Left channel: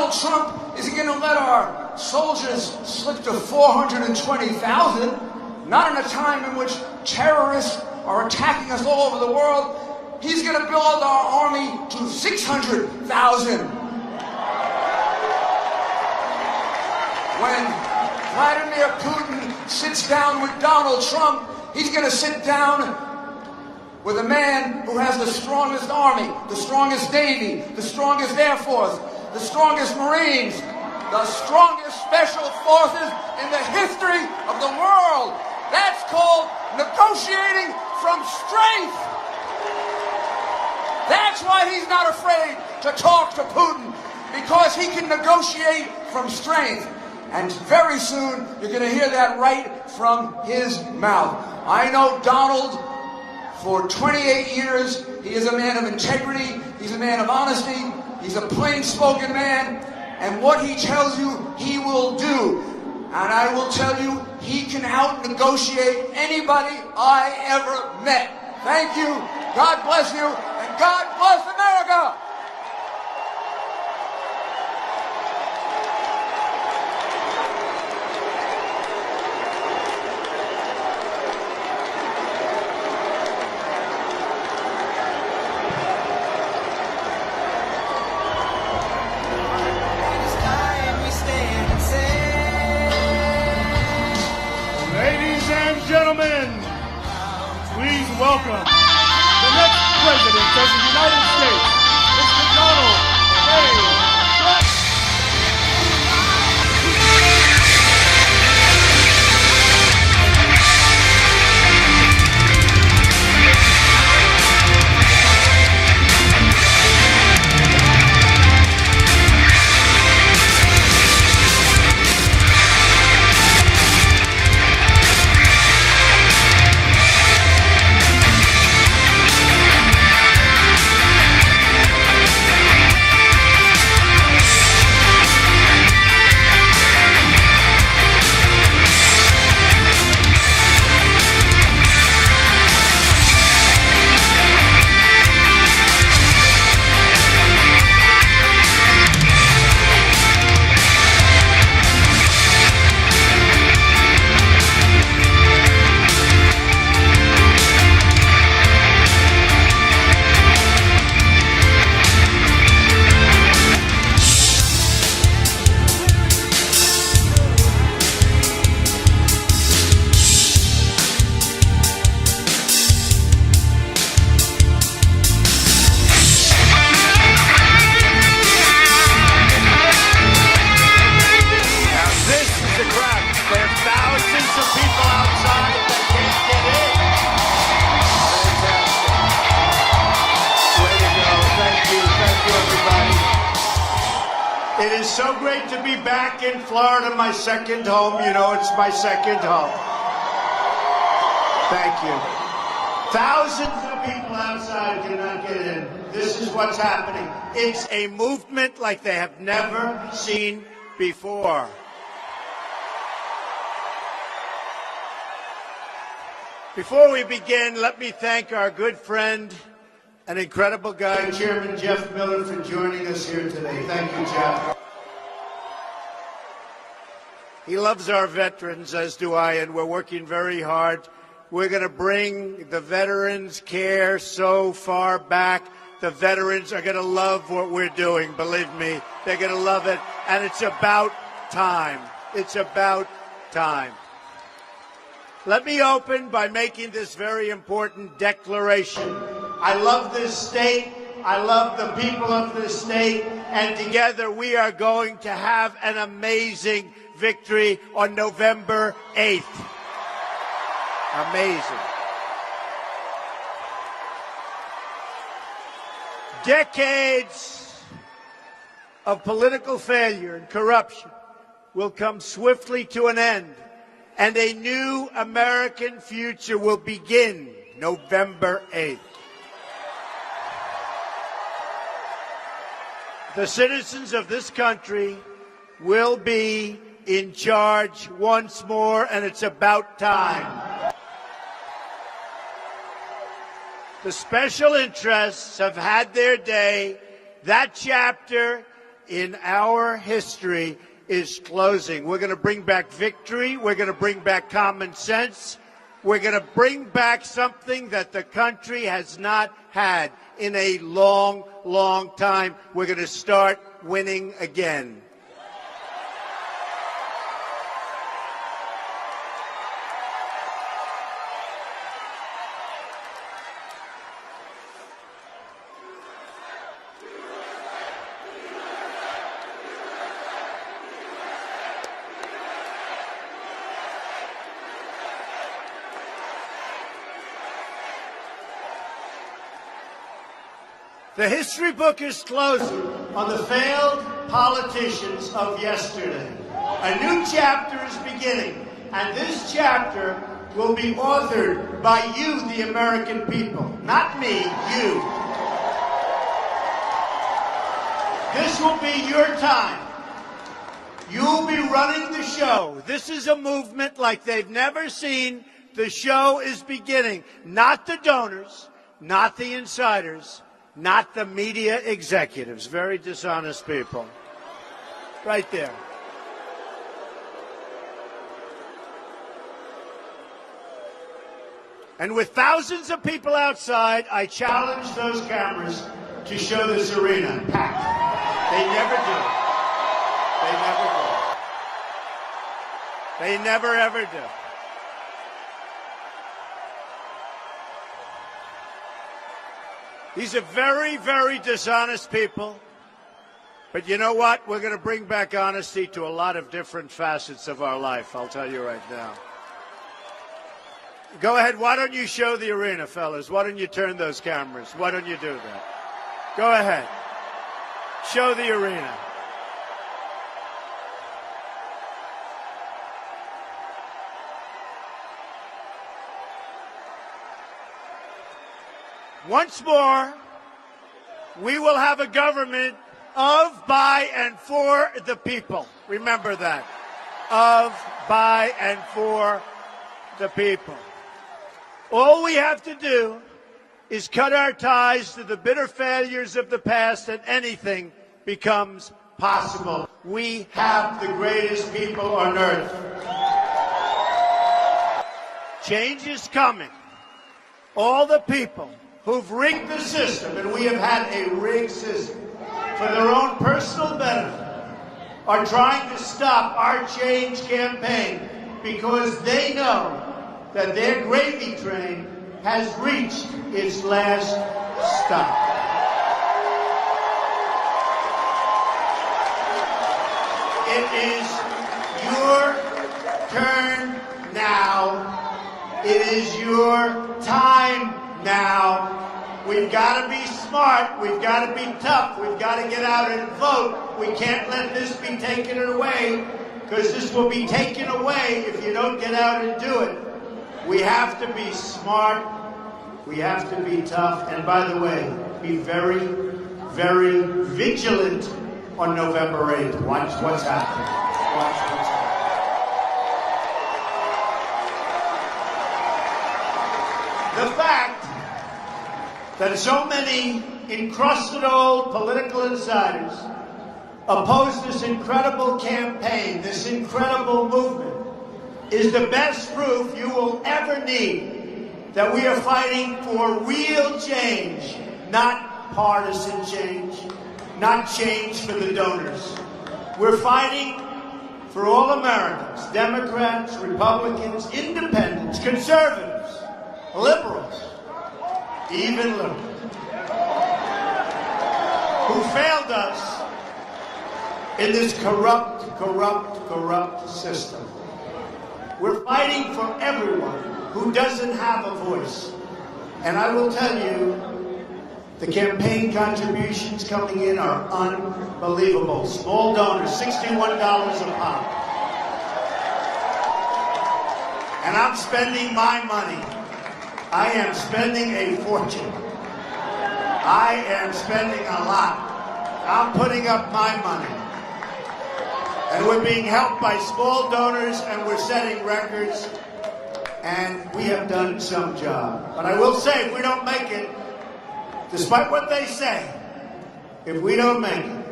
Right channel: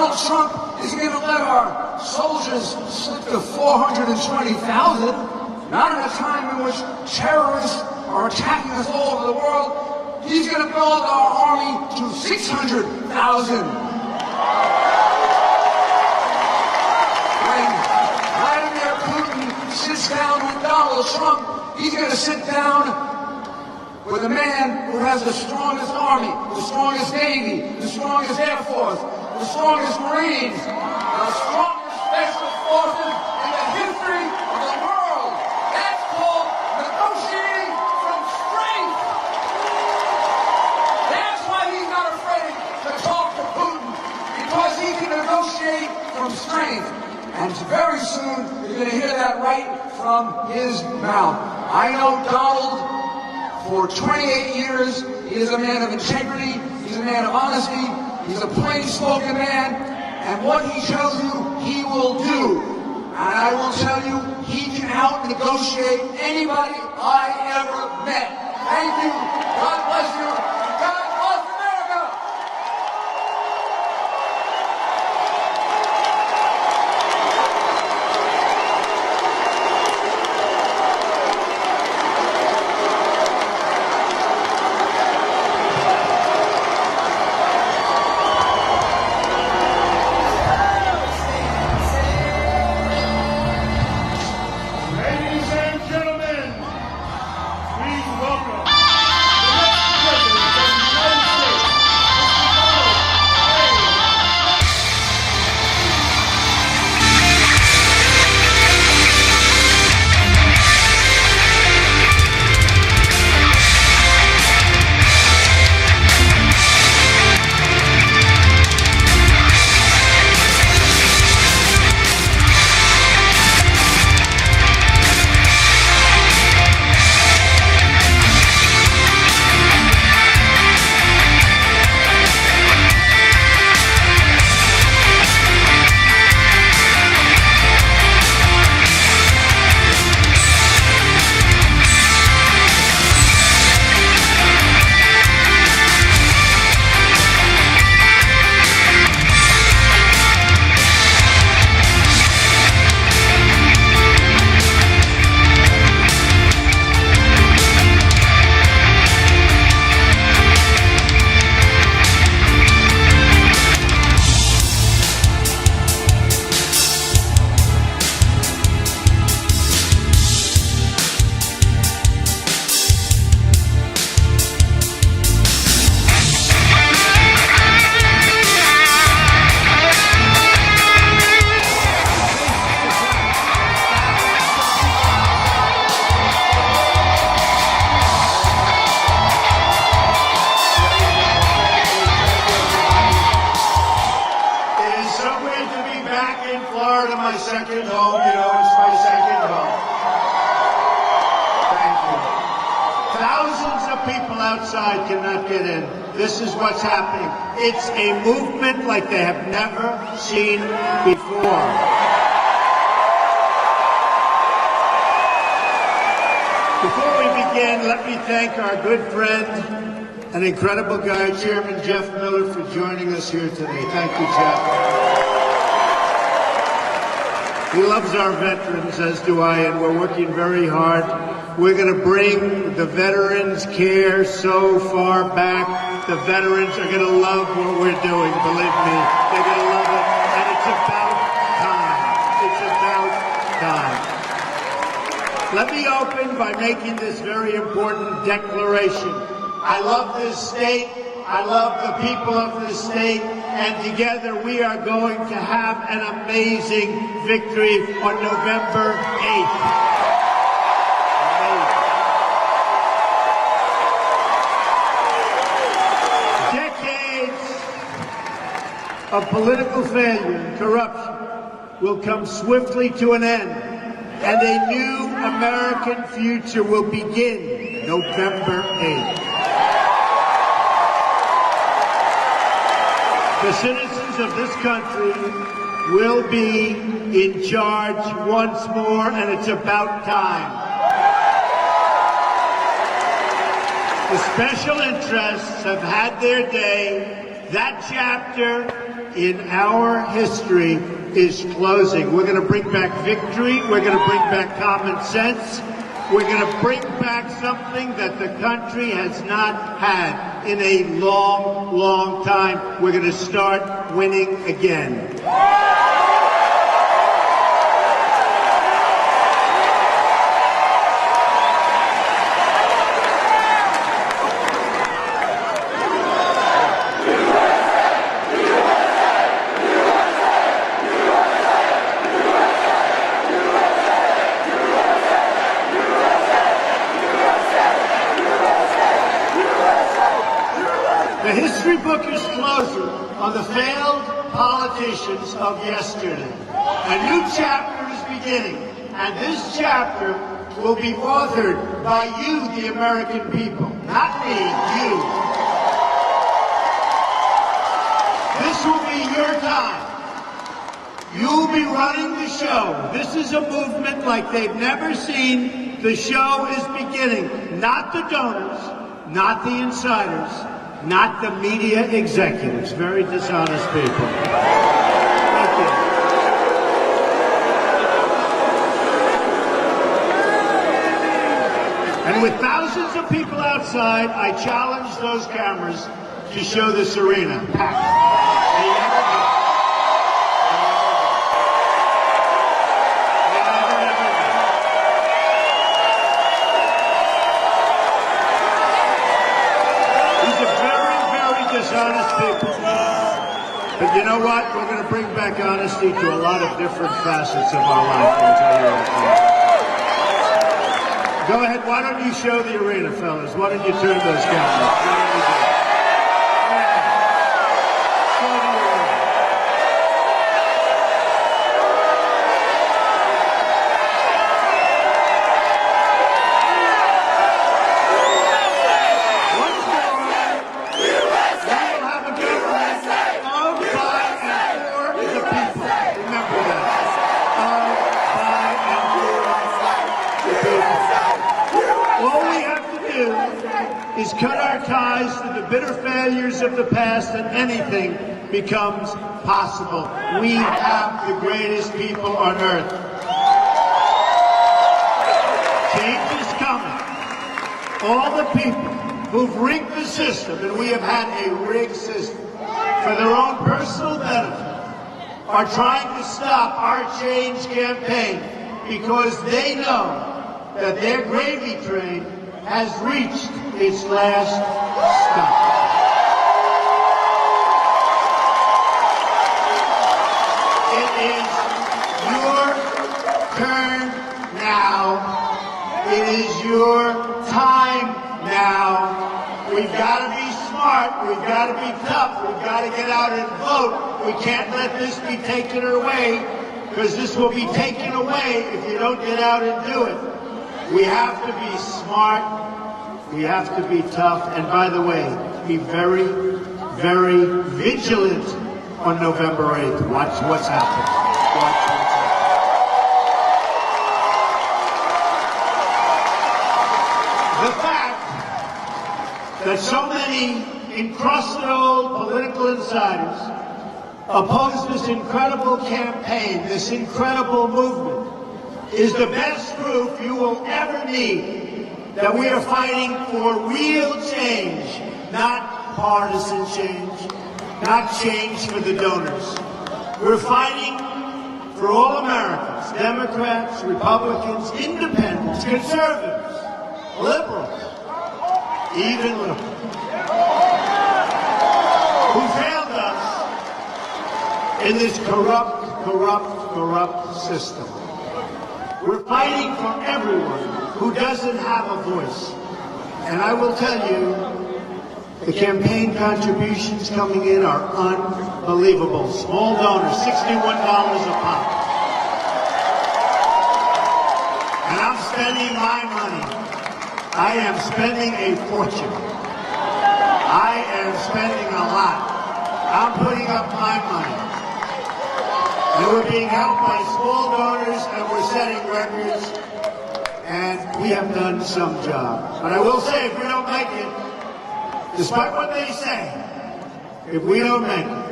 Donald Trump is going to let our soldiers slip to 420,000, not in a time in which terrorists are attacking us all over the world. He's going to build our army to 600,000. When Vladimir Putin sits down with Donald Trump, he's going to sit down with a man who has the strongest army, the strongest Navy, the strongest Air Force, the strongest Marines, the strongest Special Forces in the history of the world. That's called negotiating from strength. That's why he's not afraid to talk to Putin, because he can negotiate from strength. And very soon, you're going to hear that right from his mouth. I know Donald. For 28 years, he is a man of integrity, he's a man of honesty, he's a plain-spoken man, and what he tells you, he will do. And I will tell you, he can out-negotiate anybody I ever met. Thank you, God bless you, and God bless America! Welcome, the next President of the United States, Mr. Donald Florida, my second home. You know, it's my second home. Thank you. Thousands of people outside cannot get in. This is what's happening. It's a movement like they have never seen before. Before we begin, let me thank our good friend and incredible guy, Chairman Jeff Miller, for joining us here today. Thank you, Jeff. He loves our veterans, as do I, and we're working very hard. We're going to bring the veterans' care so far back. The veterans are going to love what we're doing, believe me. They're going to love it, and it's about time. It's about time. Let me open by making this very important declaration. I love this state. I love the people of this state, and together we are going to have an amazing victory on November 8th. Amazing. Decades of political failure and corruption will come swiftly to an end, and a new American future will begin November 8th. The citizens of this country will be in charge once more, and it's about time. The special interests have had their day. That chapter in our history is closing. We're going to bring back victory. We're going to bring back common sense. We're going to bring back something that the country has not had in a long, long time. We're going to start winning again. The history book is closing on the failed politicians of yesterday. A new chapter is beginning, and this chapter will be authored by you, the American people. Not me, you. This will be your time. You'll be running the show. This is a movement like they've never seen. The show is beginning. Not the donors, not the insiders, not the media executives. Very dishonest people. Thank you. And with thousands of people outside, I challenge those cameras to show this arena packed. They never do. They never ever do. These are very, very dishonest people. But you know what? We're going to bring back honesty to a lot of different facets of our life. I'll tell you right now. Go ahead. Why don't you show the arena, fellas? Why don't you turn those cameras? Why don't you do that? Go ahead. Show the arena. Once more, we will have a government of, by, and for the people. Remember that. Of, by, and for the people. All we have to do is cut our ties to the bitter failures of the past, and anything becomes possible. We have the greatest people on earth. Change is coming. All the people who've rigged the system, and we have had a rigged system, for their own personal benefit, are trying to stop our change campaign because they know that their gravy train has reached its last stop. It is your turn now. It is your time now. We've got to be smart. We've got to be tough. We've got to get out and vote. We can't let this be taken away, because this will be taken away if you don't get out and do it. We have to be smart. We have to be tough. And by the way, be very, very vigilant on November 8th. Watch what's happening. Watch what's happening. The fact that so many encrusted old political insiders oppose this incredible campaign, this incredible movement, is the best proof you will ever need that we are fighting for real change, not partisan change, not change for the donors. We're fighting for all Americans, Democrats, Republicans, independents, conservatives, liberals, even liberals, who failed us in this corrupt system. We're fighting for everyone who doesn't have a voice. And I will tell you, the campaign contributions coming in are unbelievable. Small donors, $61 a pop. And I'm spending my money. I am spending a fortune. I am spending a lot. I'm putting up my money. And we're being helped by small donors, and we're setting records, and we have done some job. But I will say, if we don't make it, despite what they say, if we don't make it,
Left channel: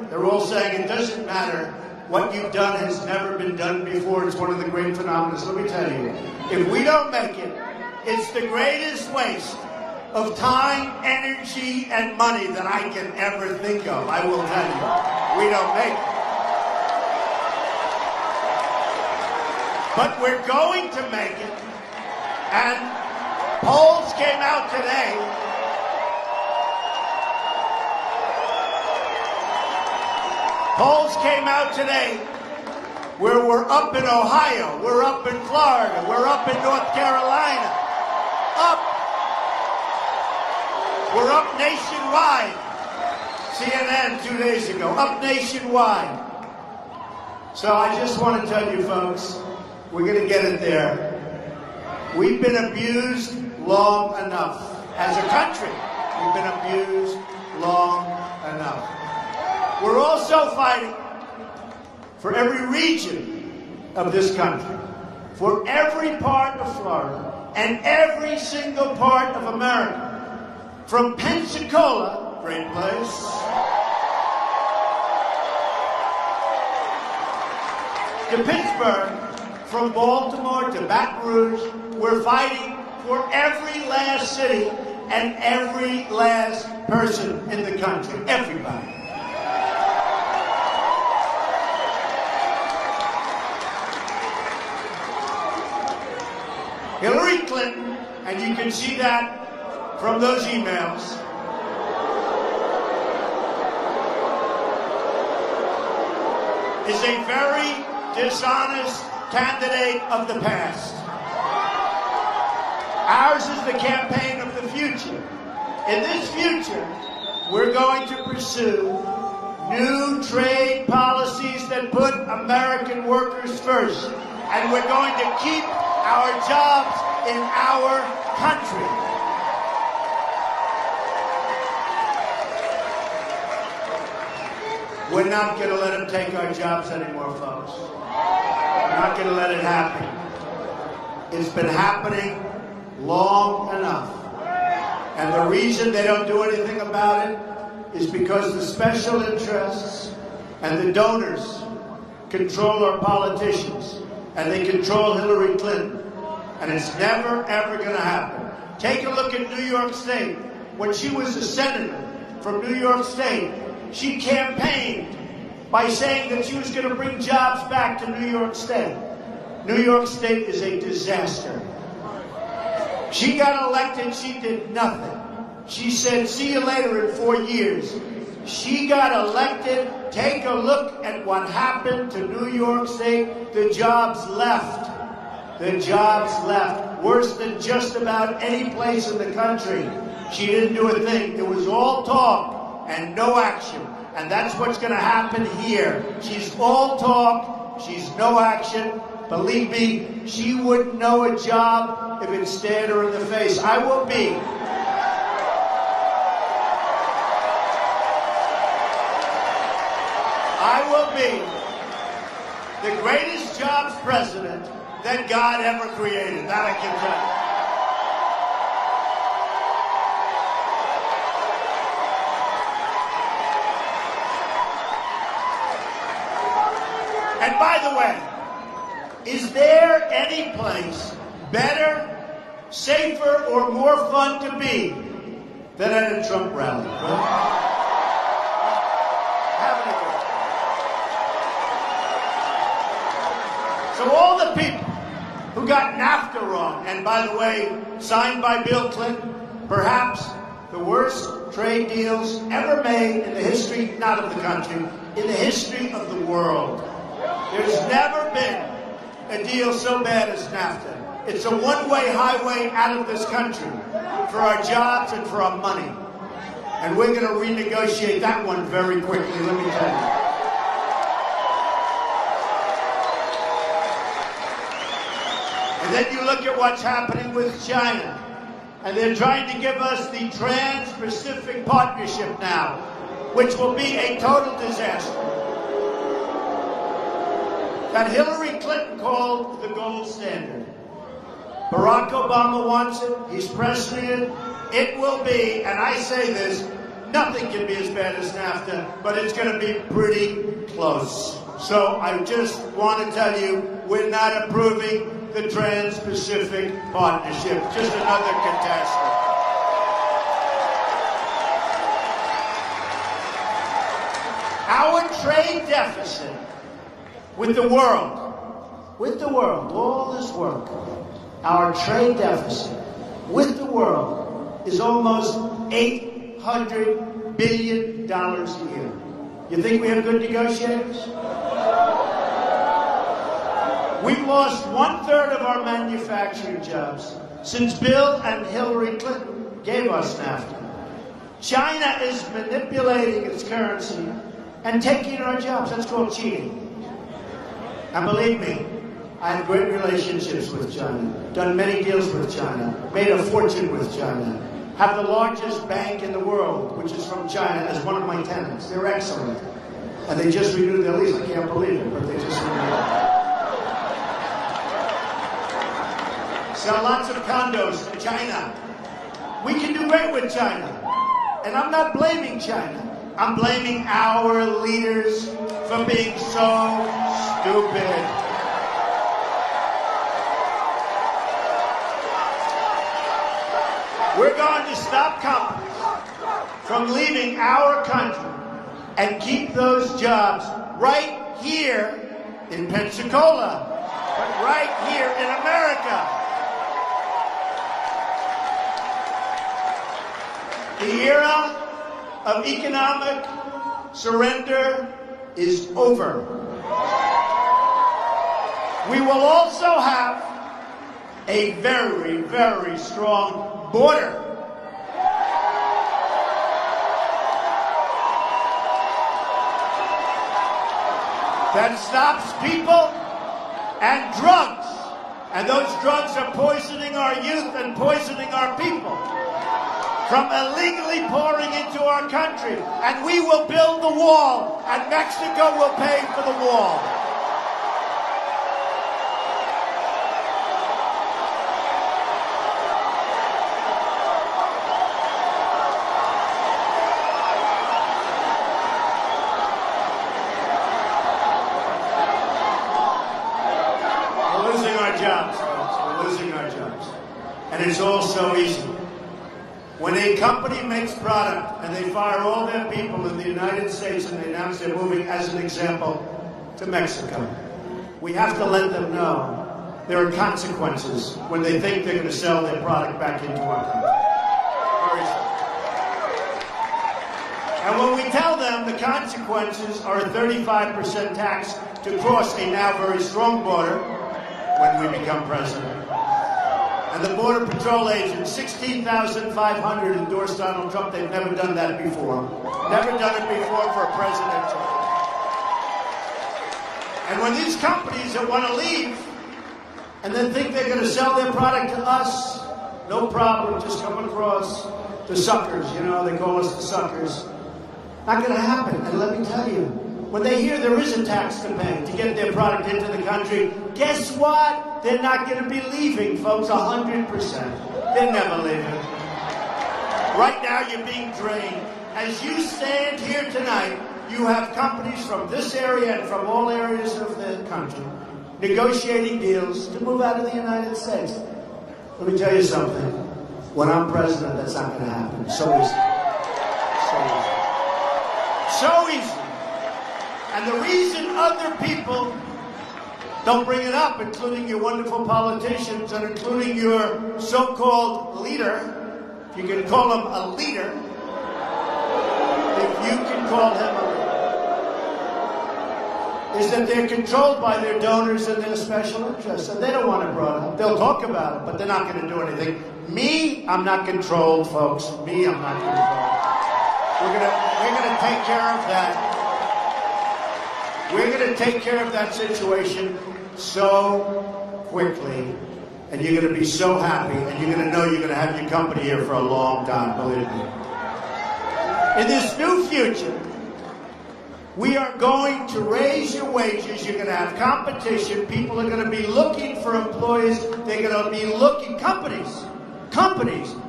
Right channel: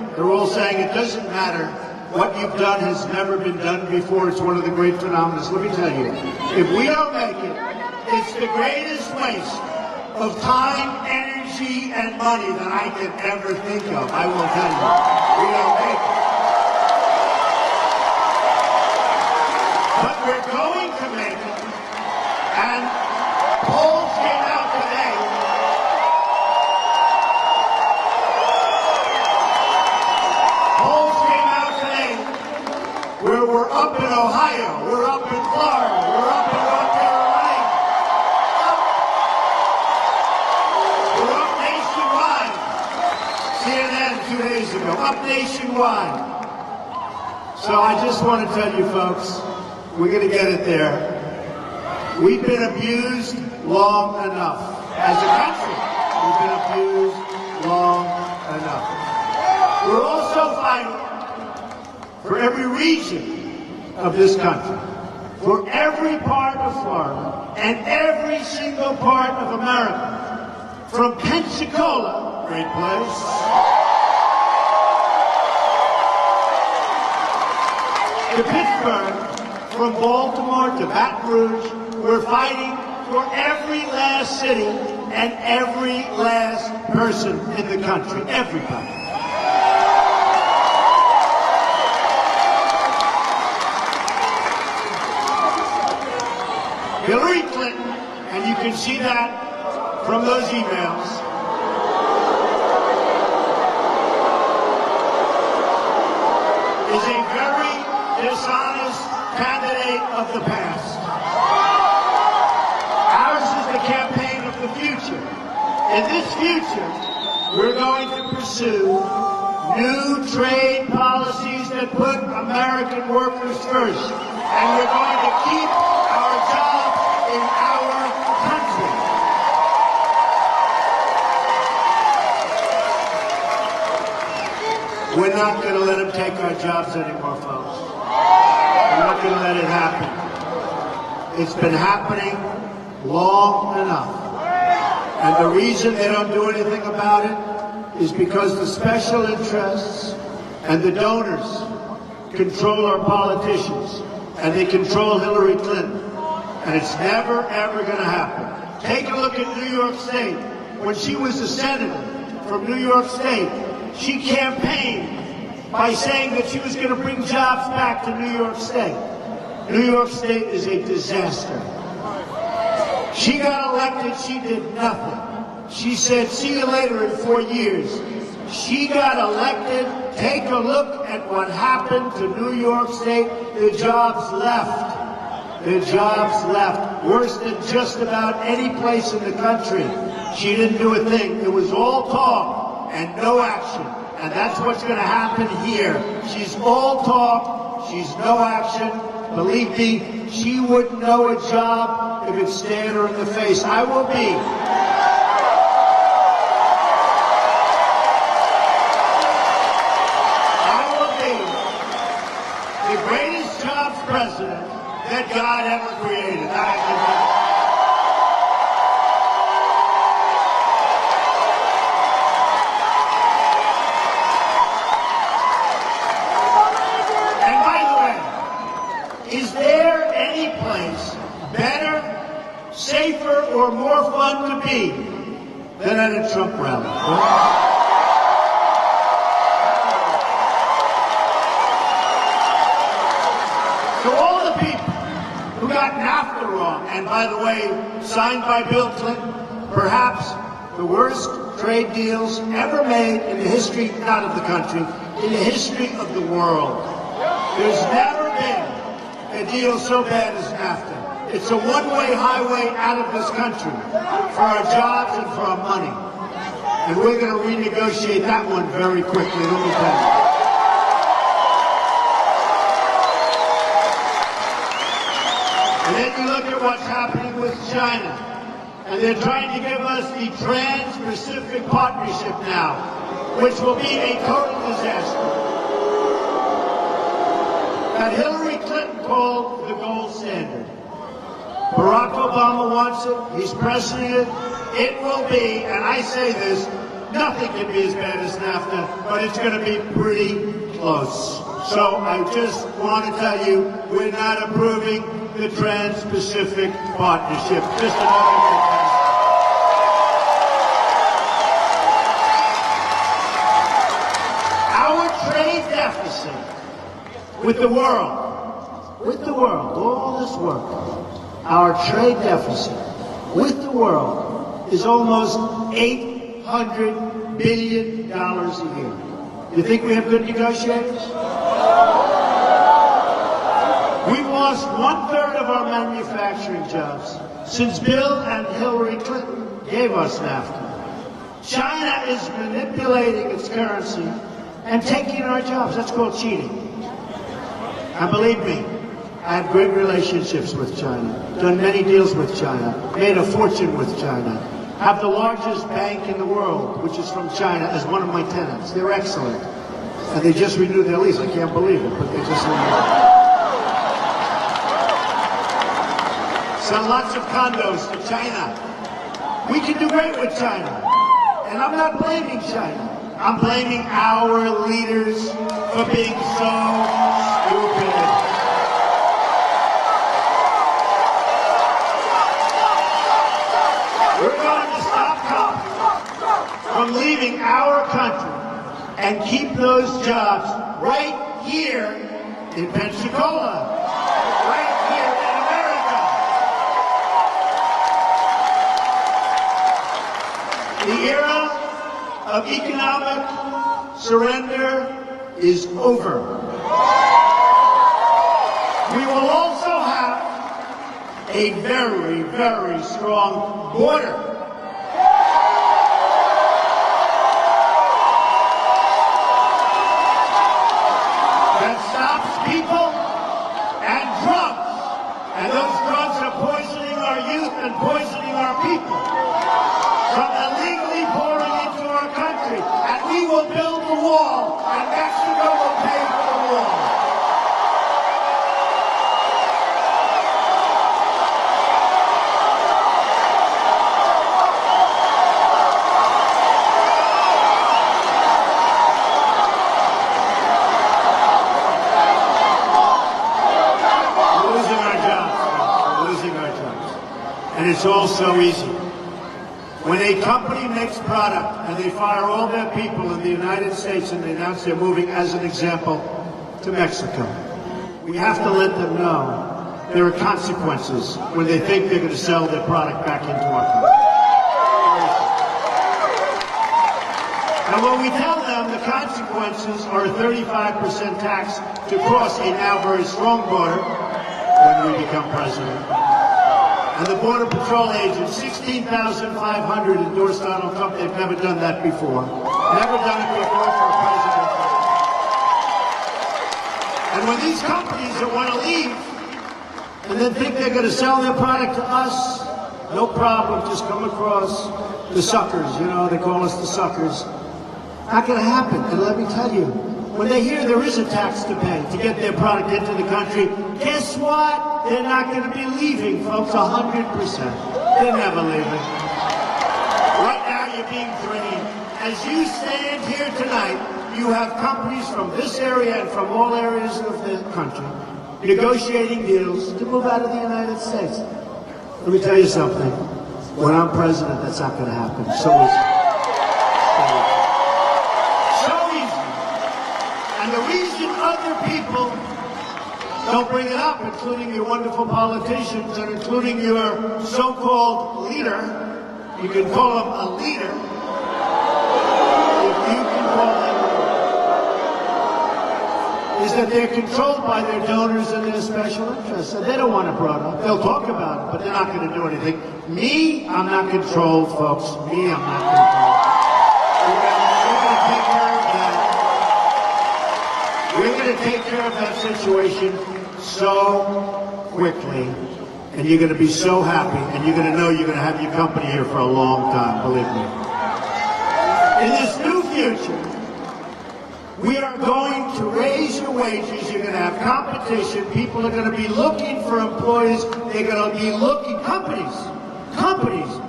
They're all saying it doesn't matter. What you've done has never been done before. It's one of the great phenomena. So let me tell you, if we don't make it, it's the greatest waste of time, energy, and money that I can ever think of. I will tell you, we don't make it. But we're going to make it. And polls came out today. Polls came out today where we're up in Ohio, we're up in Florida, we're up in North Carolina. We're up nationwide. CNN 2 days ago, up nationwide. So I just want to tell you folks, we're going to get it there. We've been abused long enough. As a country, we've been abused long enough. We're also fighting for every region of this country, for every part of Florida, and every single part of America. From Pensacola, great place, to Pittsburgh, from Baltimore to Baton Rouge, we're fighting for every last city and every last person in the country, everybody. Hillary Clinton, and you can see that from those emails, is a very dishonest candidate of the past. Ours is the campaign of the future. In this future, we're going to pursue new trade policies that put American workers first. And we're going to keep our jobs in our country. We're not going to let them take our jobs anymore, folks. We're not going to let it happen. It's been happening long enough. And the reason they don't do anything about it is because the special interests and the donors control our politicians. And they control Hillary Clinton. And it's never, ever going to happen. Take a look at New York State. When she was a senator from New York State, she campaigned by saying that she was going to bring jobs back to New York State. New York State is a disaster. She got elected, she did nothing. She said, see you later in 4 years. She got elected. Take a look at what happened to New York State. The jobs left. The jobs left. Worse than just about any place in the country. She didn't do a thing. It was all talk and no action. And that's what's going to happen here. She's all talk. She's no action. Believe me, she wouldn't know a job if it stared her in the face. I will be. The greatest jobs president that God ever created. That I can tell you. And by the way, is there any place better, safer, or more fun to be than at a Trump rally? So all the people who got NAFTA wrong, and by the way, signed by Bill Clinton, perhaps the worst trade deals ever made in the history, not of the country, in the history of the world. There's never been a deal so bad as NAFTA. It's a one-way highway out of this country for our jobs and for our money. And we're going to renegotiate that one very quickly. Let me tell you. And then you look at what's happening with China. And they're trying to give us the Trans-Pacific Partnership now, which will be a total disaster. That Hillary Clinton called the gold standard. Barack Obama wants it. He's pressing it. It will be, and I say this, nothing can be as bad as NAFTA, but it's going to be pretty close. So I just want to tell you, we're not approving the Trans-Pacific Partnership. Just another catastrophe. Our trade deficit with the world, all this work, our trade deficit with the world is almost $800 billion a year. You think we have good negotiators? We lost 1/3 of our manufacturing jobs since Bill and Hillary Clinton gave us NAFTA. China is manipulating its currency and taking our jobs. That's called cheating. And believe me, I have great relationships with China, done many deals with China, made a fortune with China, have the largest bank in the world, which is from China, as one of my tenants. They're excellent. And they just renewed their lease. I can't believe it, but they just renewed it. Sell lots of condos to China. We can do great with China. And I'm not blaming China. I'm blaming our leaders for being so stupid. We're going to stop companies from leaving our country and keep those jobs right here in Pensacola, right here in America. The era of economic surrender is over. We will also have a very, very strong border. That stops people and drugs. And those drugs are poisoning our youth and poisoning our people from illegally pouring into our country. And we will build the wall, and Mexico will pay for the wall. And it's all so easy. When a company makes product and they fire all their people in the United States and they announce they're moving, as an example, to Mexico, we have to let them know there are consequences when they think they're going to sell their product back into our country. And when we tell them the consequences are a 35% tax to cross a now very strong border when we become president, and the Border Patrol agents, 16,500 endorsed Donald Trump. They've never done that before. Never done it before for a president. And when these companies that want to leave and then think they're going to sell their product to us, no problem, just come across the suckers. You know, they call us the suckers. Not going to happen. And let me tell you, when they hear there is a tax to pay to get their product into the country, guess what? They're not going to be leaving, folks, 100%. They're never leaving. Right now, you're being drained. As you stand here tonight, you have companies from this area and from all areas of the country negotiating deals to move out of the United States. Let me tell you something. When I'm president, that's not going to happen. So easy. And the reason other people don't bring it up, including your wonderful politicians and including your so-called leader, you can call him a leader, if you can call them, is that they're controlled by their donors and their special interests. And they don't want it brought up. They'll talk about it, but they're not going to do anything. Me, I'm not controlled, folks. Me, I'm not controlled. We're going to take care of that. We're going to take care of that situation so quickly, and you're going to be so happy, and you're going to know you're going to have your company here for a long time, believe me. In this new future, we are going to raise your wages. You're going to have competition. People are going to be looking for employees. They're going to be looking, companies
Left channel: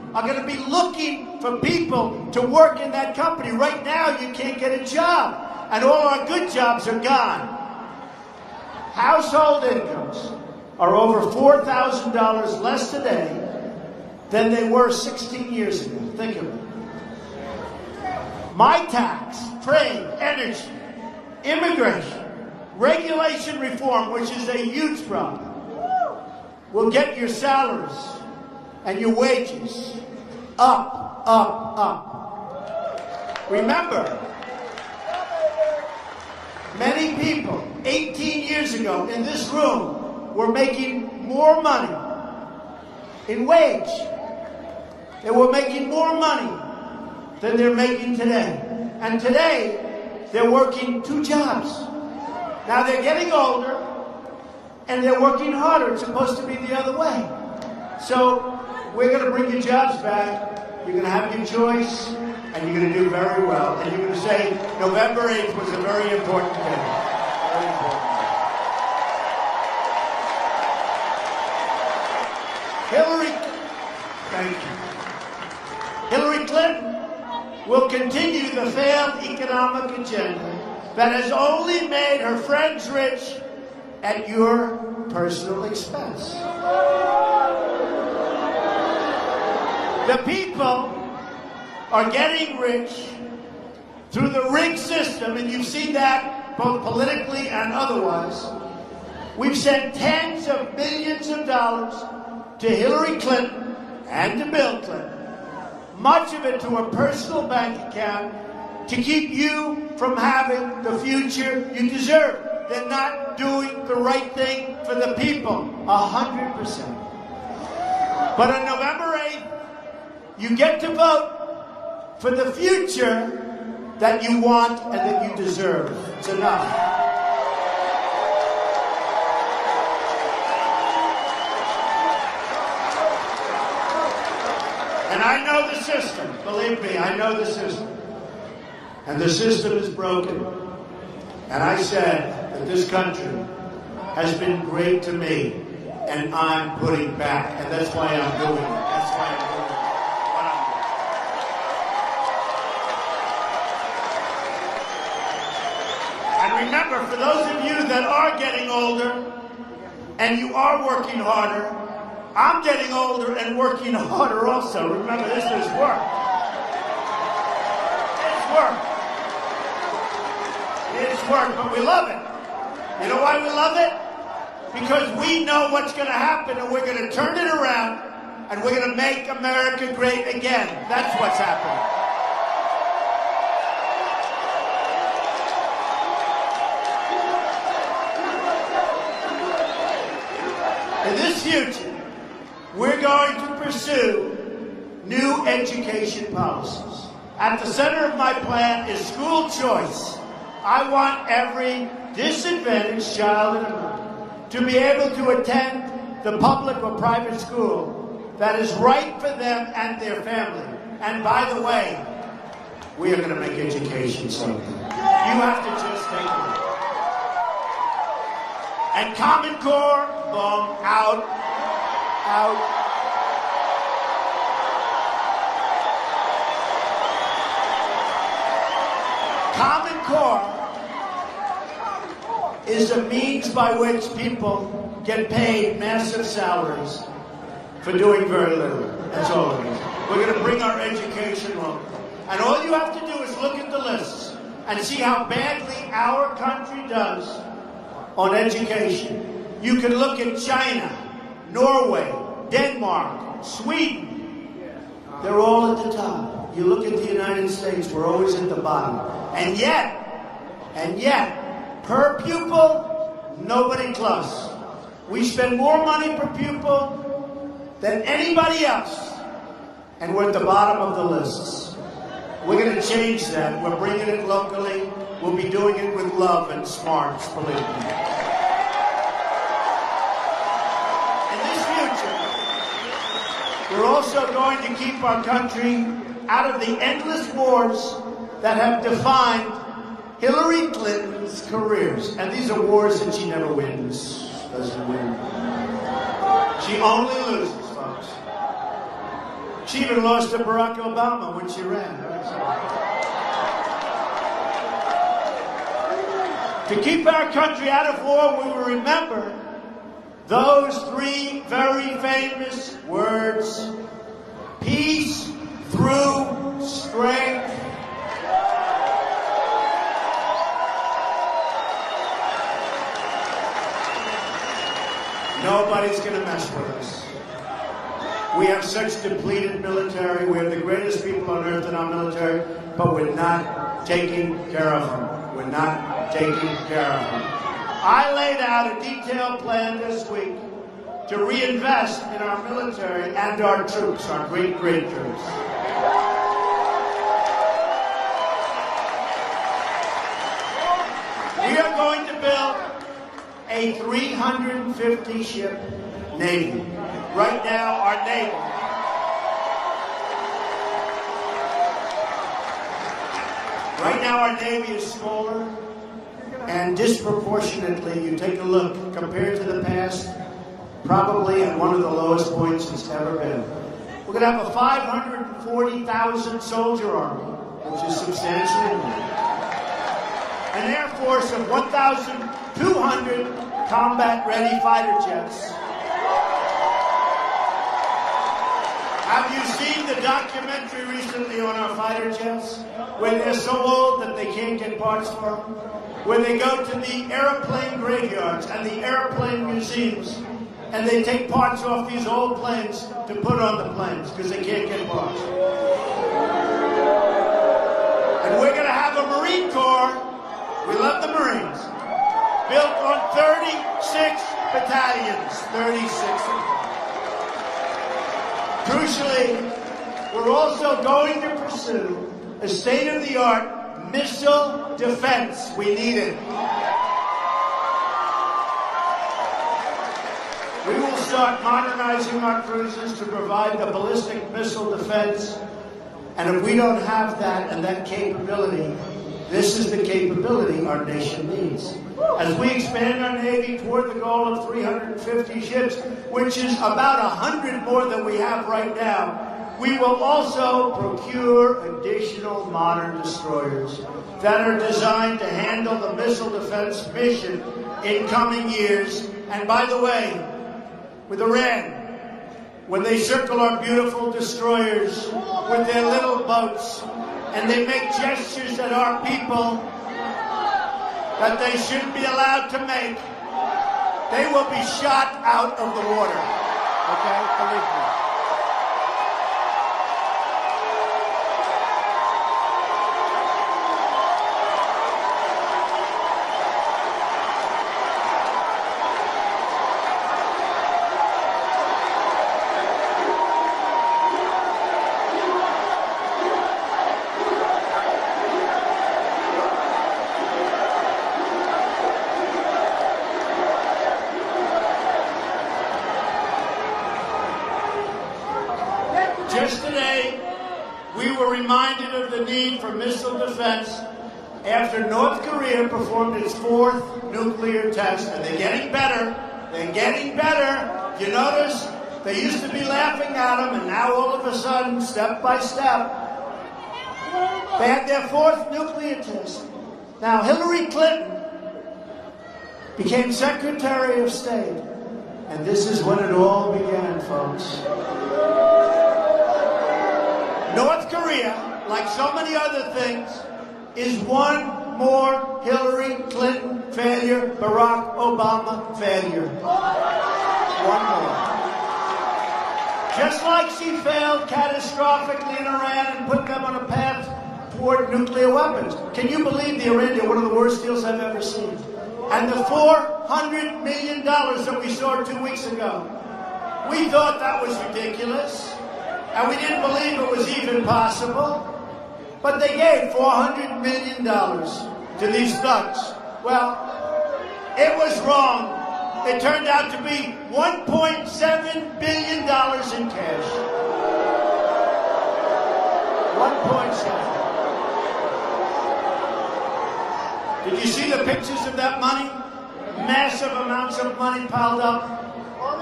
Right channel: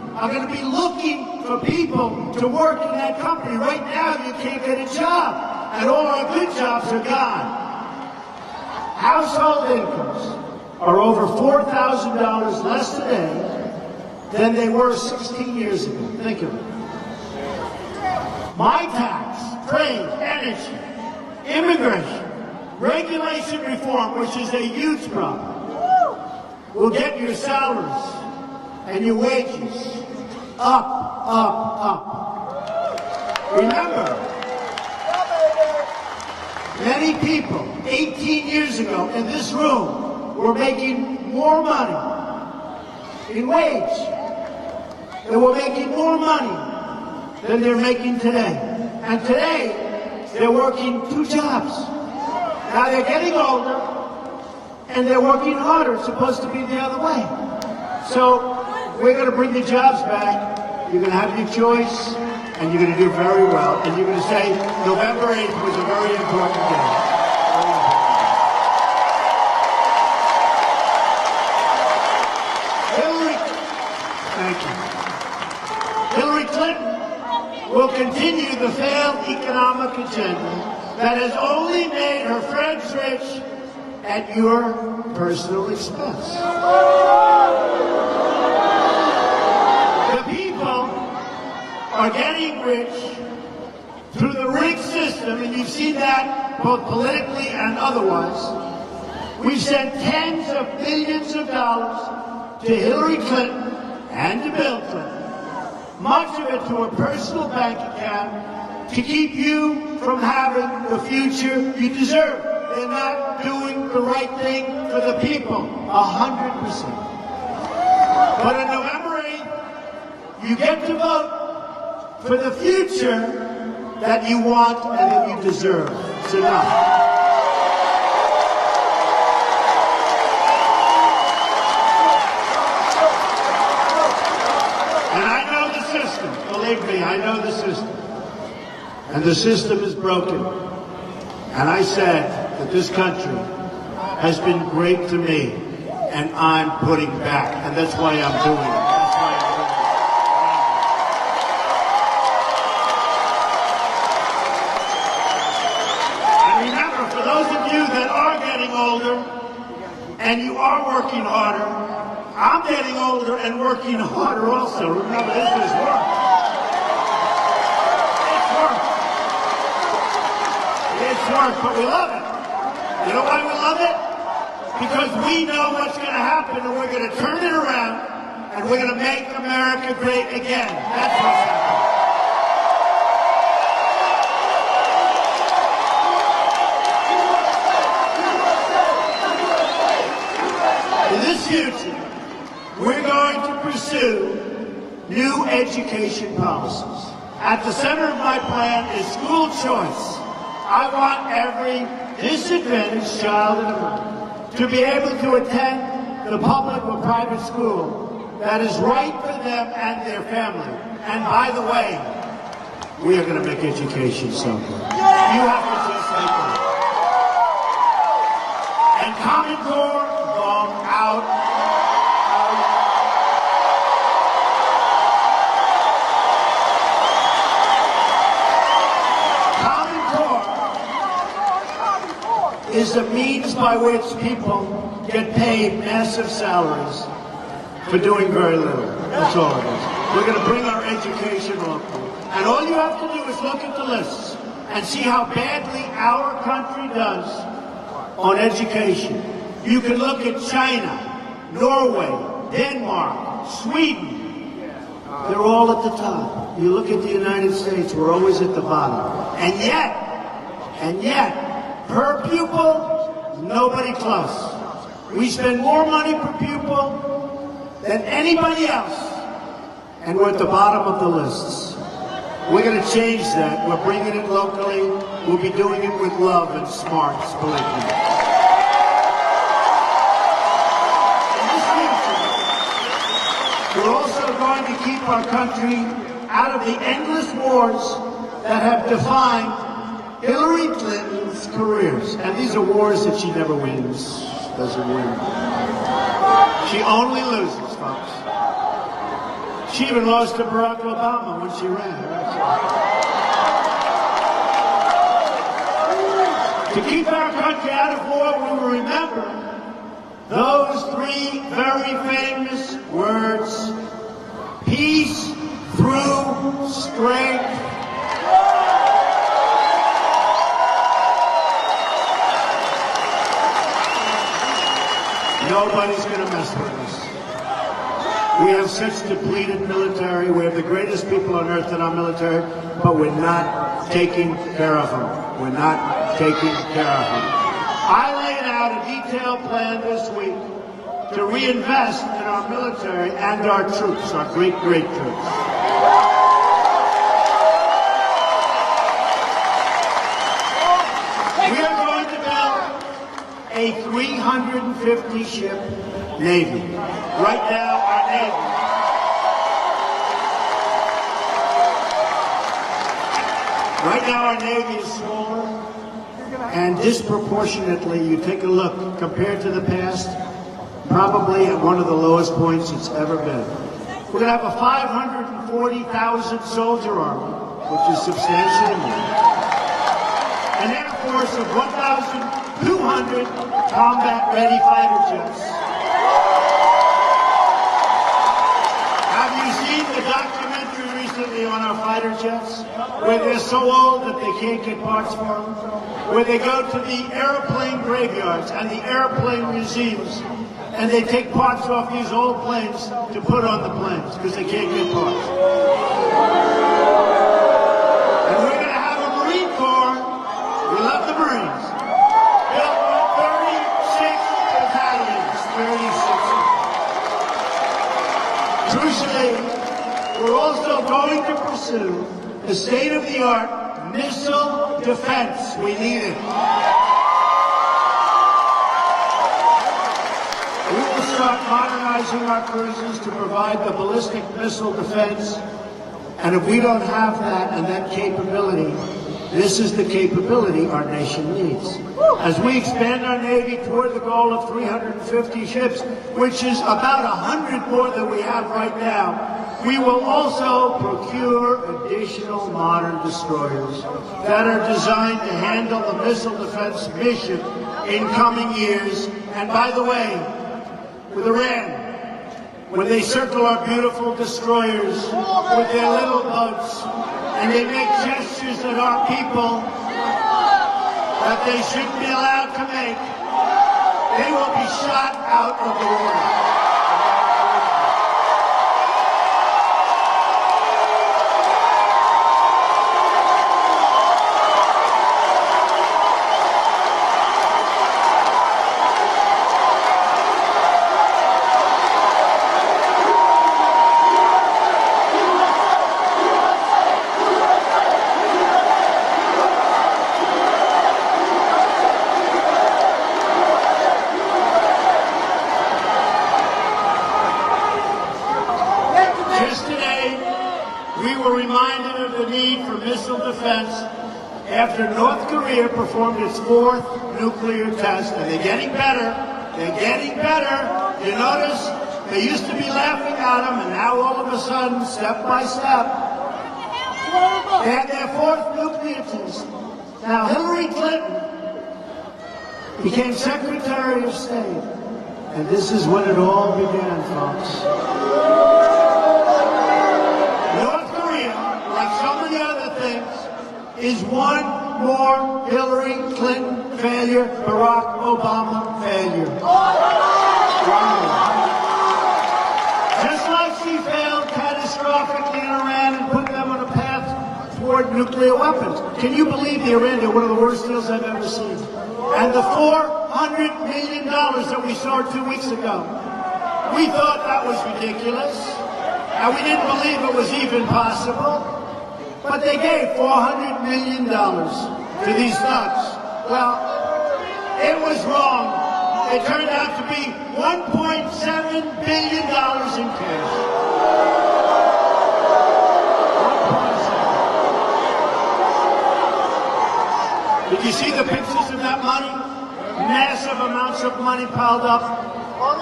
are going to be looking for people to work in that company. Right now, you can't get a job, and all our good jobs are gone. Household incomes are over $4,000 less today than they were 16 years ago. Think of it. My tax, trade, energy, immigration, regulation reform, which is a huge problem, will get your salaries and your wages up, up, up. Remember, many people 18 years ago in this room were making more money in wage. They were making more money than they're making today. And today, they're working 2 jobs. Now they're getting older, and they're working harder. It's supposed to be the other way. So we're going to bring the jobs back. You're going to have your choice, and you're going to do very well. And you're going to say November 8th was a very important day. Hillary Clinton will continue the failed economic agenda that has only made her friends rich at your personal expense. The people are getting rich through the rigged system, and you see that both politically and otherwise. We've sent tens of billions of dollars to Hillary Clinton and to Bill Clinton, much of it to a personal bank account to keep you from having the future you deserve. They're not doing the right thing for the people, 100%. But on November 8th, you get to vote for the future that you want and that you deserve. It's enough. And I know the system. Believe me, I know the system. And the system is broken. And I said that this country has been great to me, and I'm putting back. And that's why I'm doing it. That's why I'm doing it. And remember, for those of you that are getting older and you are working harder, I'm getting older and working harder also. Remember, this is work. It's work. It's work, but we love it. You know why we love it? Because we know what's going to happen, and we're going to turn it around, and we're going to make America great again. That's what's happening. In this future, we're going to pursue new education policies. At the center of my plan is school choice. I want every disadvantaged child to be able to attend the public or private school that is right for them and their family. And by the way, we are going to make education so good. You have to just take it. And Common Core, long out. Is a means by which people get paid massive salaries for doing very little. That's all it is. We're going to bring our education locally. And all you have to do is look at the lists and see how badly our country does on education. You can look at China, Norway, Denmark, Sweden. They're all at the top. You look at the United States, we're always at the bottom. And yet, per pupil, nobody close. We spend more money per pupil than anybody else, and we're at the bottom of the lists. We're going to change that. We're bringing it locally. We'll be doing it with love and smarts politically. In this future, we're also going to keep our country out of the endless wars that have defined Hillary Clinton's careers. And these are wars that she never wins. Doesn't win. She only loses, folks. She cheater lost to Barack Obama when she ran. To keep our country out of war, we will remember those three very famous words: peace through strength. Nobody's going to mess with us. We have such depleted military. We have the greatest people on earth in our military, but we're not taking care of them. We're not taking care of them. I laid out a detailed plan this week to reinvest in our military and our troops, our great, great troops. We are going to build a 350-ship Navy. Right now, our Navy. Right now, our Navy is smaller, and disproportionately, you take a look, compared to the past, probably at one of the lowest points it's ever been. We're going to have a 540,000 soldier army, which is substantially more. An Air Force of 1,200 combat-ready fighter jets. Have you seen the documentary recently on our fighter jets, where they're so old that they can't get parts for them? Where they go to the airplane graveyards and the airplane museums, and they take parts off these old planes to put on the planes because they can't get parts. And we're going to have a Marine Corps. We love the Marines. Built on 36 battalions. 36. Crucially, we're also going to pursue the state-of-the-art missile defense. We need it. We will start modernizing our cruisers to provide the ballistic missile defense. And if we don't have that and that capability, this is the capability our nation needs. As we expand our Navy toward the goal of 350 ships, which is about 100 more than we have right now, we will also procure additional modern destroyers that are designed to handle the missile defense mission in coming years. And by the way, with Iran, when they circle our beautiful destroyers with their little boats, and they make gestures at our people that they shouldn't be allowed to make, they will be shot out of the water. Just today, we were reminded of the need for missile defense after North Korea performed its fourth nuclear test. And they're getting better. They're getting better. You notice they used to be laughing at them, and now all of a sudden, step by step, they had their fourth nuclear test. Now, Hillary Clinton became Secretary of State. And this is when it all began, folks. North Korea, like so many other things, is one more Hillary Clinton failure, Barack Obama failure. Just like she failed catastrophically in Iran and put them on a path toward nuclear weapons. Can you believe the Iranian, one of the worst deals I've ever seen? And the $400 million that we saw 2 weeks ago, we thought that was ridiculous. And we didn't believe it was even possible. But they gave $400 million to these thugs. Well, it was wrong. It turned out to be $1.7 billion in cash. 1.7. Did you see the pictures of that money? Massive amounts of money piled up.